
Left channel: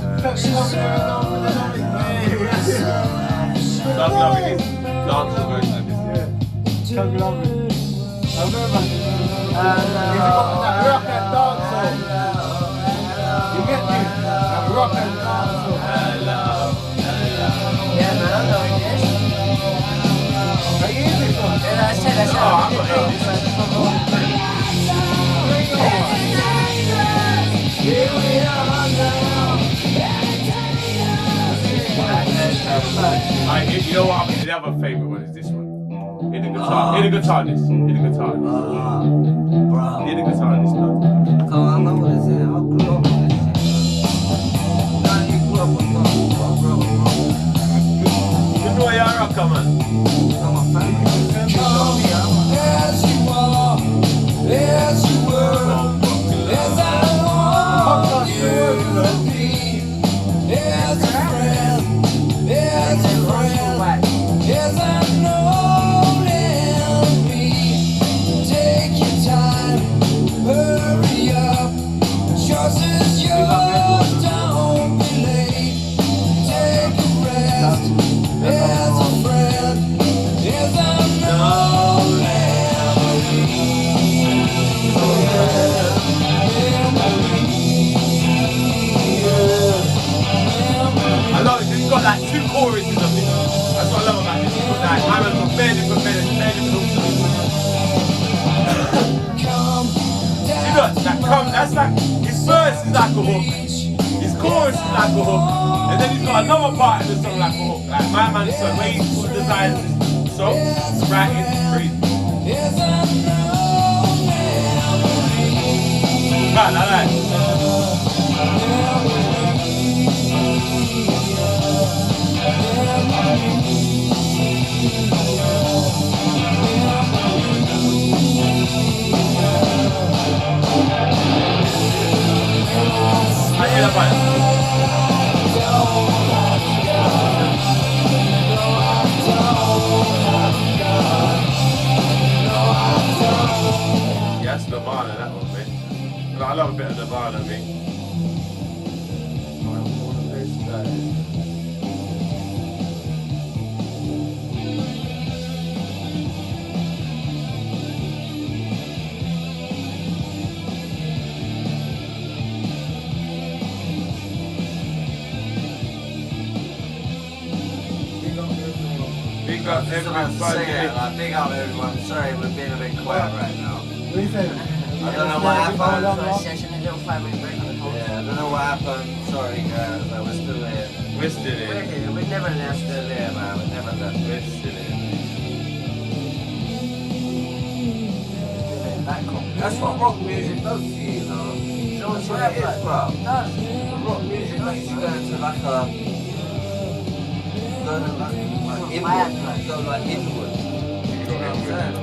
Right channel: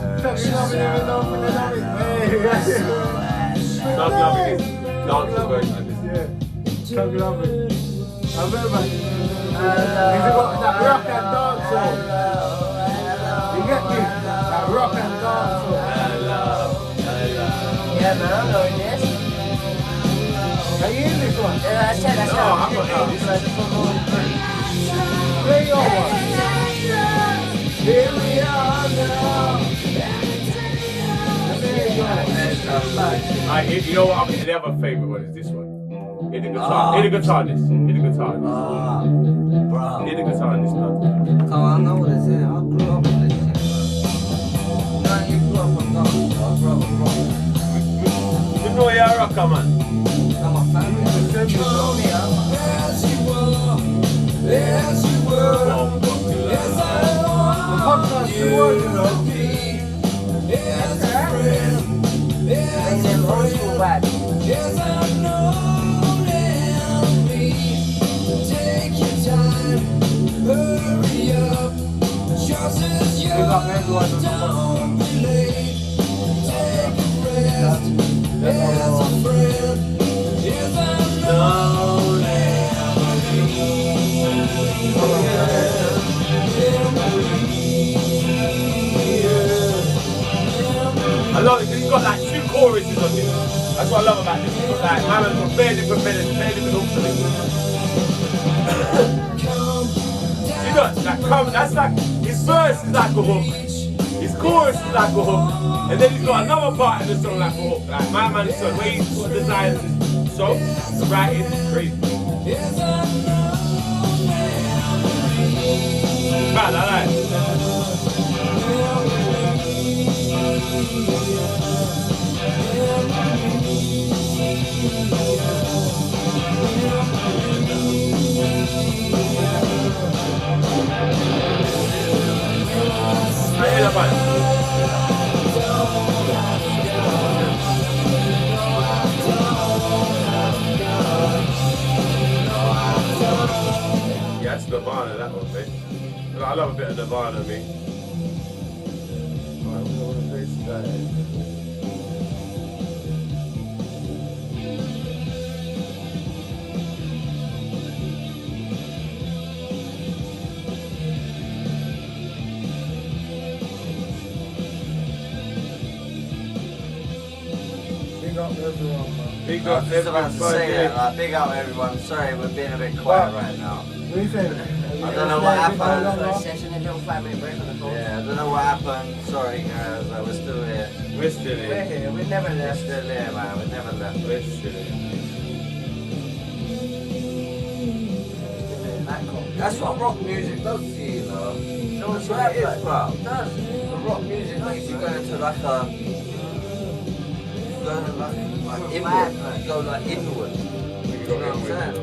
Dog Love it is. Dance is going like this. Tug Love It. I remember. Is it got that rock and dance song? You get me? That rock and dance song. Yeah, man, I know this. Are you in this one? Yeah, I said No, I'm not in this. Play your one. Here we are now. You know what? The other favourite one is this one. Hit the guitar. Hit the guitar. This. Hit the guitar. Bro. Hit the guitar. This. Come on, I know what this is. I grew up with this shit, man. No, you grew up with dance, bro. I grew up with rock. You know you're a rocker, man. I'm a fan. You know me, I'm a Yes, you are. Yes, you were. Yes, I want you. Yes, a friend. Yes, a friend. Yes, I'm known me. Take your time. Hurry up. Just as you're don't be late. Take a rest. Yes, a friend. Yes, I'm known I love it. It's got like two choruses of it. That's what I love about this. It's got like, man, got barely hook to it. You know, that's like, his verse is like a hook. His chorus is like a hook. And then he's got another part of the song like a hook. Like my man's song, where he designed the song, the writing, crazy. Right, like that. I hear that one. Yeah, that's Nirvana, that one, mate. I love a bit of Nirvana, mate. Big up I was about to say everybody. that, big up everyone. Sorry, we're being a bit quiet right now. What are you saying? I don't know what happened. Session and little 5 minute break on the phone. Yeah, I don't know what happened. Sorry guys, we're still here. We're still We're here. here, we never We're left. still here, man. We never left. We're still here. That's what rock music does to you, though. That's what it is, bro. Rock music makes you go into like a, inward, go like inward. You know what I'm saying?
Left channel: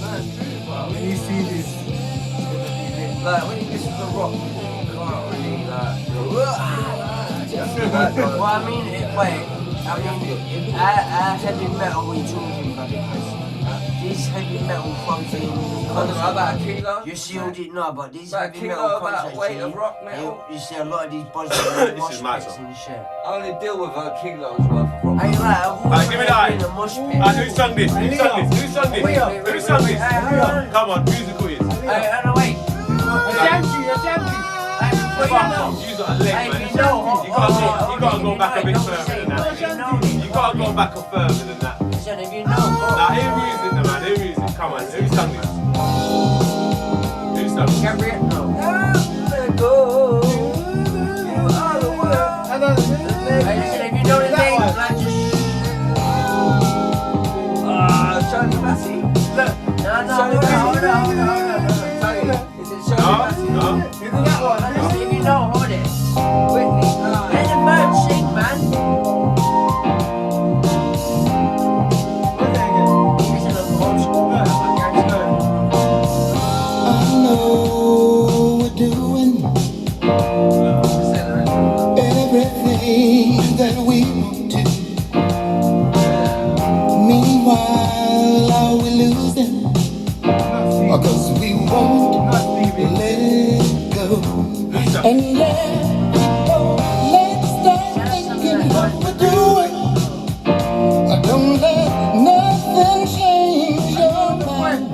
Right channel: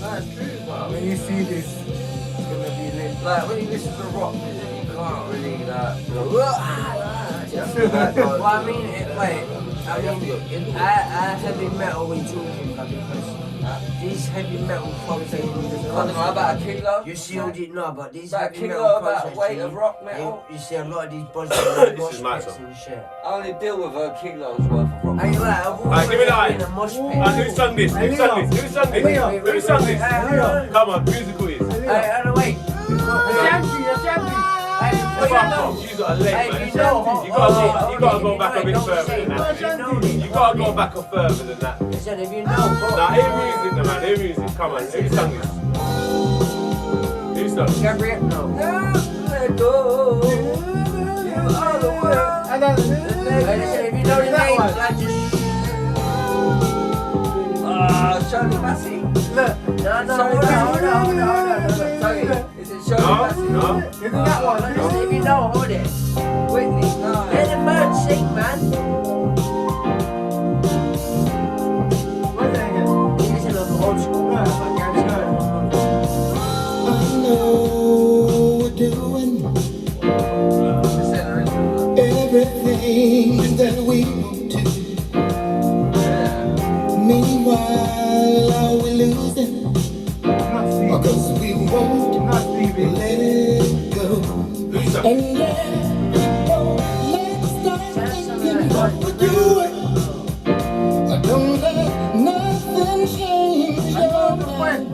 That's true, bro. When you see this, it's gonna be lit. Like when you listen to rock music, you can't really like go. Well, I mean, heavy metal we talking about because these heavy metal concerts. I don't know about a kilo. You see all these, no, but these About a heavy kilo, metal about concerts. weight of rock metal. You see a lot of these buzzers This and mosh is my pits song. and shit. I only deal with a kilo's worth of rock. I ain't like, I've always give me that. been a mosh pit. Who sung this? Who sung this? Who sung this? Who sung this? Come on, musical is. Wait. Fuck off, you got a leg, man. You gotta go back a bit further than that. You gotta go back a further than that. Listen, if you know, Nah, hear music, man. Hear music. Come on, who sung this? Who sung this? Gabriel, no. Let go. You are the one. Listen, if you know the name, like just. Shirley Massey. No, hold on. Is it Shirley Massey? No. Isn't that one? Listen, if you know, hold it. Whitney. Let the bird sing, man. And yeah, oh, let's start thinking what we're doing. Don't let nothing change your mind.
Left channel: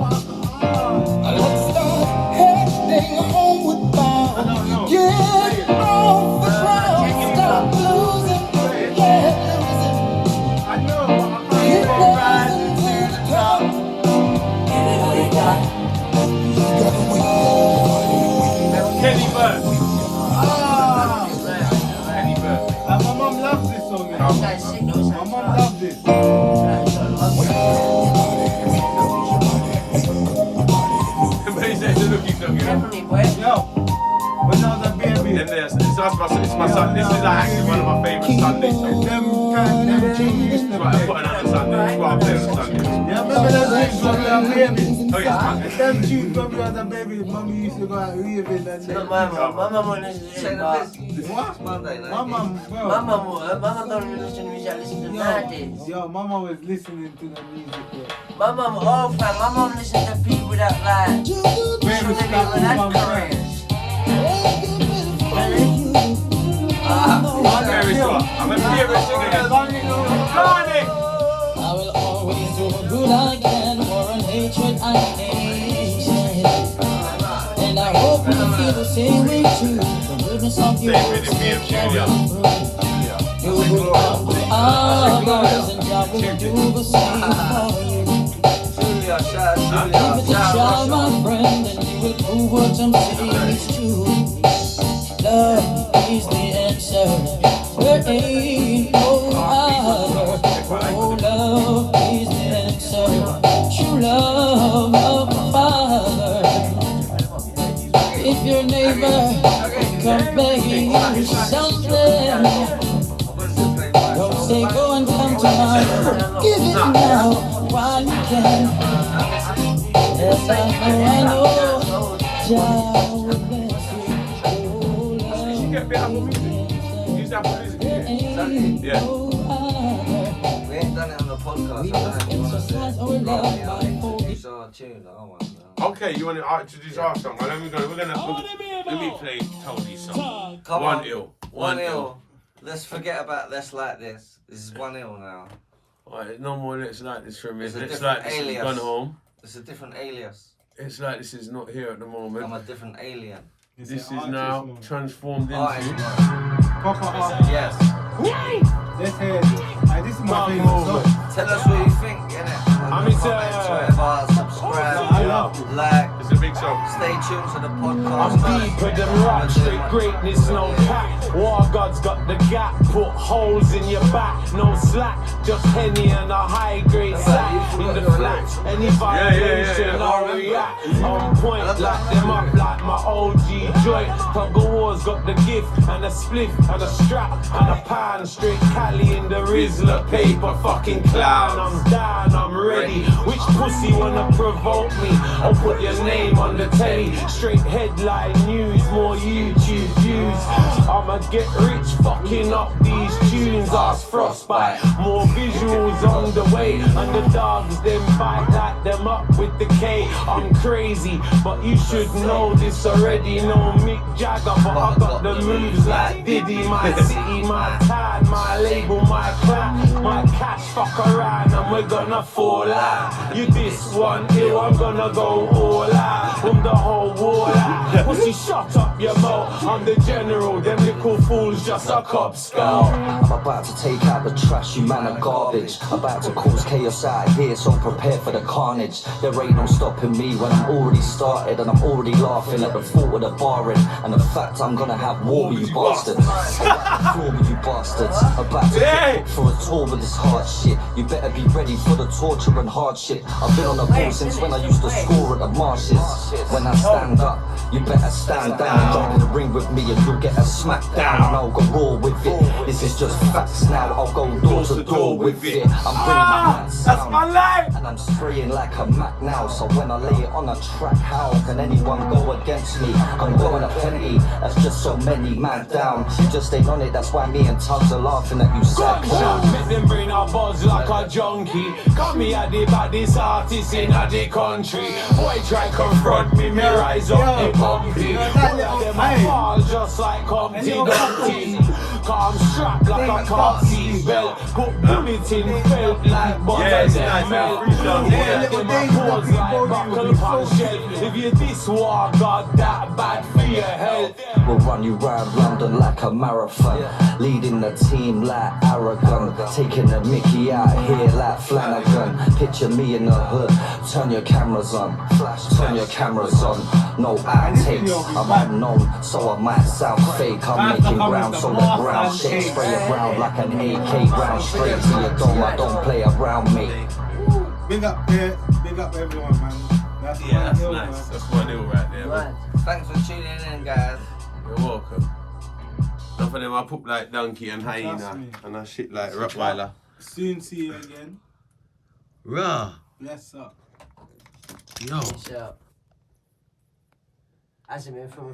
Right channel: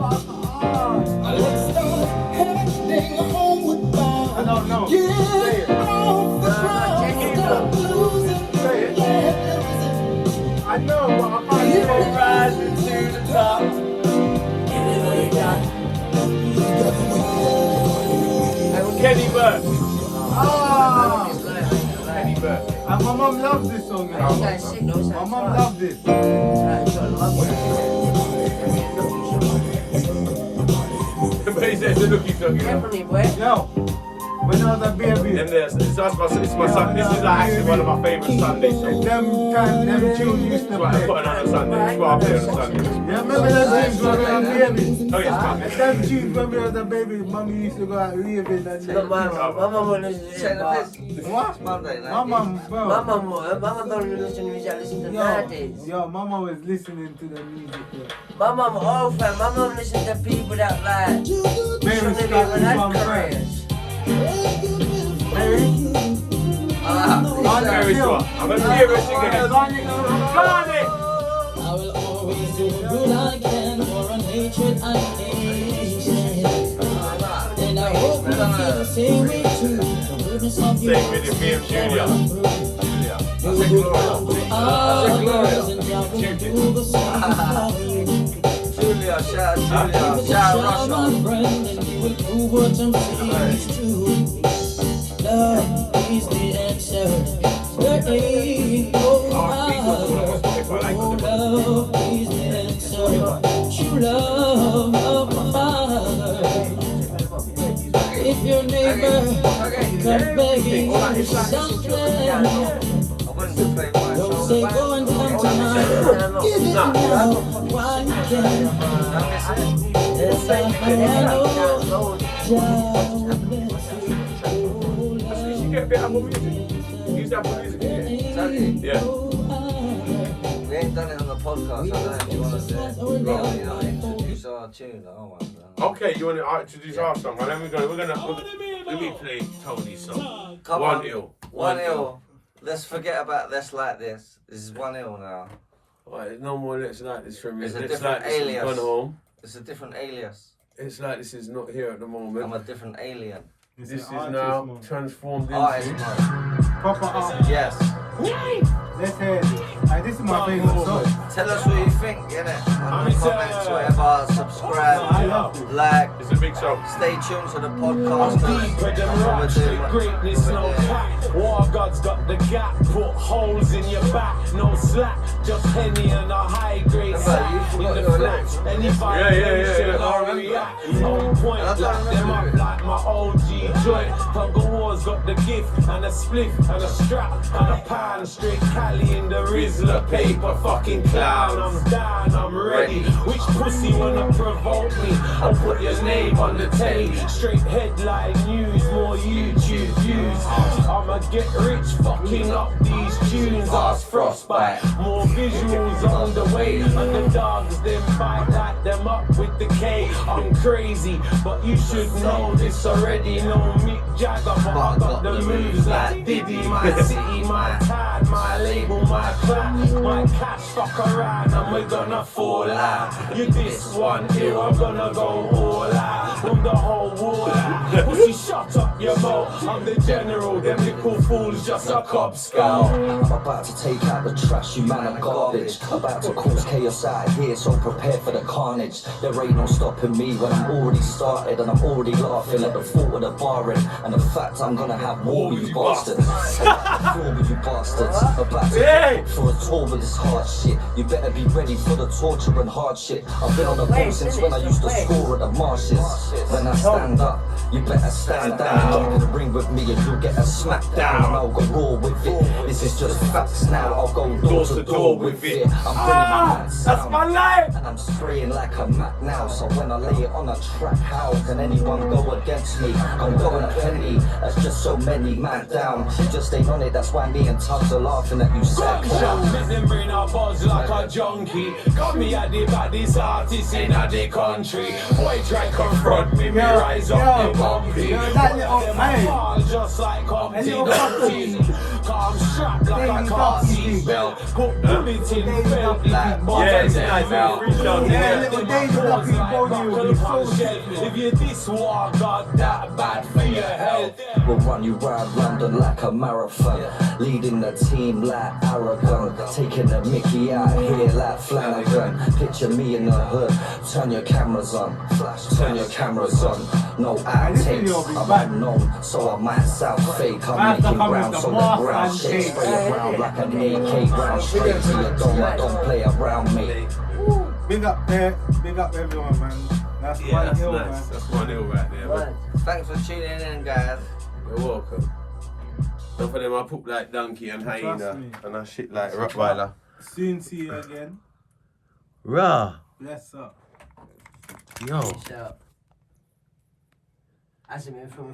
Let's start heading homeward bound. Get off the ground, stop losing. I know, but I can't say Rising to the top. Kenny Burke. Kenny Burke. My mum loves this song. You know? My mum loves it. But he said it's a looking song, you know. Definitely, boy. Yo, when I was a baby. And it's my son. This is like actually one of my favourite Sunday songs. Them tunes used to Right, I play. put it on Sunday. That's what I play on Sunday. Yeah, remember them tunes when we were babies? Oh yes, man. And them tunes when we were a baby, mummy used to go out raving and Look, my mum wouldn't listen to Check it, the but piss. What? It's Monday My night. mum, bro. my mum don't even listen to music, I listen to nowadays. Yo, mama was listening to the music. Bro. My mum old fan, my mum listens to people that like Very shouldn't even special have one, careers. Very sure. I'm a favorite singer. Blimey! I will always do good I can for a hatred and nation. And I hope you feel the same way too. The goodness of you. Same with the PM Junior. You will come to others and God will do the same for you. Julia, shout out Give it a Julia. shot, Shout my out friend, and you will prove what I'm saying is true. Love is the answer. There ain't no other. Oh, love is the answer. True love of the Father. If your neighbor comes begging you something, I wanted to play my don't say go and come tomorrow. Give it now while you can. Yes, I know. Jah will bless you. You get a bit of Apple Music. Use Apple Music. Yeah. We ain't done it on the podcast. I don't know if you want to do it. Rather, you know, introduce our tune. I don't want to. Okay, you want to introduce our song? Well, then let me play Tony's song. Come One on. ill. 1-0. Let's forget about Let's Like This. This is 1-0 now. Alright, there's no more Let's Like This from me. It's a Let's different Like This has alias. gone home. It's a different alias. It's like this is not here at the moment. I'm a different alien. This is now transformed Artist into. mode. Proper art. Yes. Let's hear this. This is my favorite song. Tell us what you think, innit? On the comments, whatever. Subscribe, I love it. like. It's a big song. Stay tuned to the I'm podcast. deeper than rock, straight greatness, no cap. War God's got the gap, put holes in your back, no slack. Just Henny and a high grade sack in the flats. Any vibration, I'll react. On point, lock them up like my OG joint. Tuggawar's got the gift and a spliff and a strap and a pan. Straight Cali in the Rizzler paper, fucking clown. I'm down, I'm ready. Which pussy wanna provoke me? I'll put your name on the telly. Straight headline news, more YouTube views. I'ma get rich, fucking up these tunes. Ask Frostbite, more visuals on the way. Underdogs, them bite like them up with the K. I'm crazy, but you should know this already. No Mick Jagger, but I got the moves like Diddy. My city, my tide, my label, my clan, my cash. Fuck around and we're gonna fall out. You this one here, I'm gonna go all out. From the whole war out. Pussy, shut up your mouth. I'm the general, them little fools just a cop scout. I'm about to take out the trash, you man are garbage. About to cause chaos out here, so prepare for the carnage. There ain't no stopping me when I'm already started, and I'm already laughing at the thought of the barring and the fact I'm gonna have war with you bastards. War with you bastards. About to get for a tour with this hard shit. You better be ready for the torture and hardship. I've been on the road since when I used to score at the marshes. When I stand up, you better stand down. Jump in the ring with me and you'll get a smack down. I'll go raw with it. This is just facts now, I'll go door to door with it. I'm bringing my hands That's my life. and I'm spraying like a Mac now. So when I lay it on a track, how can anyone go against me? I'm going a penny, that's just so many man down. You just ain't on it, that's why me and Tubbs are laughing at you sad clown. Make them bring our buzz like a junkie. Got me at the baddest artist in the country. Boy try confront me, me rise up and bumpy. Them I fall just like Humpty Dumpty. Come strapped like a car seat belt. Put bullets in felt like Yeah, it's nice. If you this war, God, that bad for your health. We'll run you round London like a marathon, leading the team like Aragon, taking the Mickey out here like Flanagan. Picture me in the hood, turn your cameras on, turn your cameras on. No outtakes, I'm unknown, so I might sound fake. I'm making ground so the ground shakes, spray it round like an AK round straight to your dome. I don't play around me. Big up there, big up everyone, man. That's Yeah, that's hill, nice. man. That's 1-0 right there, man. Thanks for tuning in, guys. You're welcome. Enough of them I put like donkey and Trust hyena me. and I shit like Rottweiler. Soon see you again. Rah. Bless up. Yo. So, hasn't been from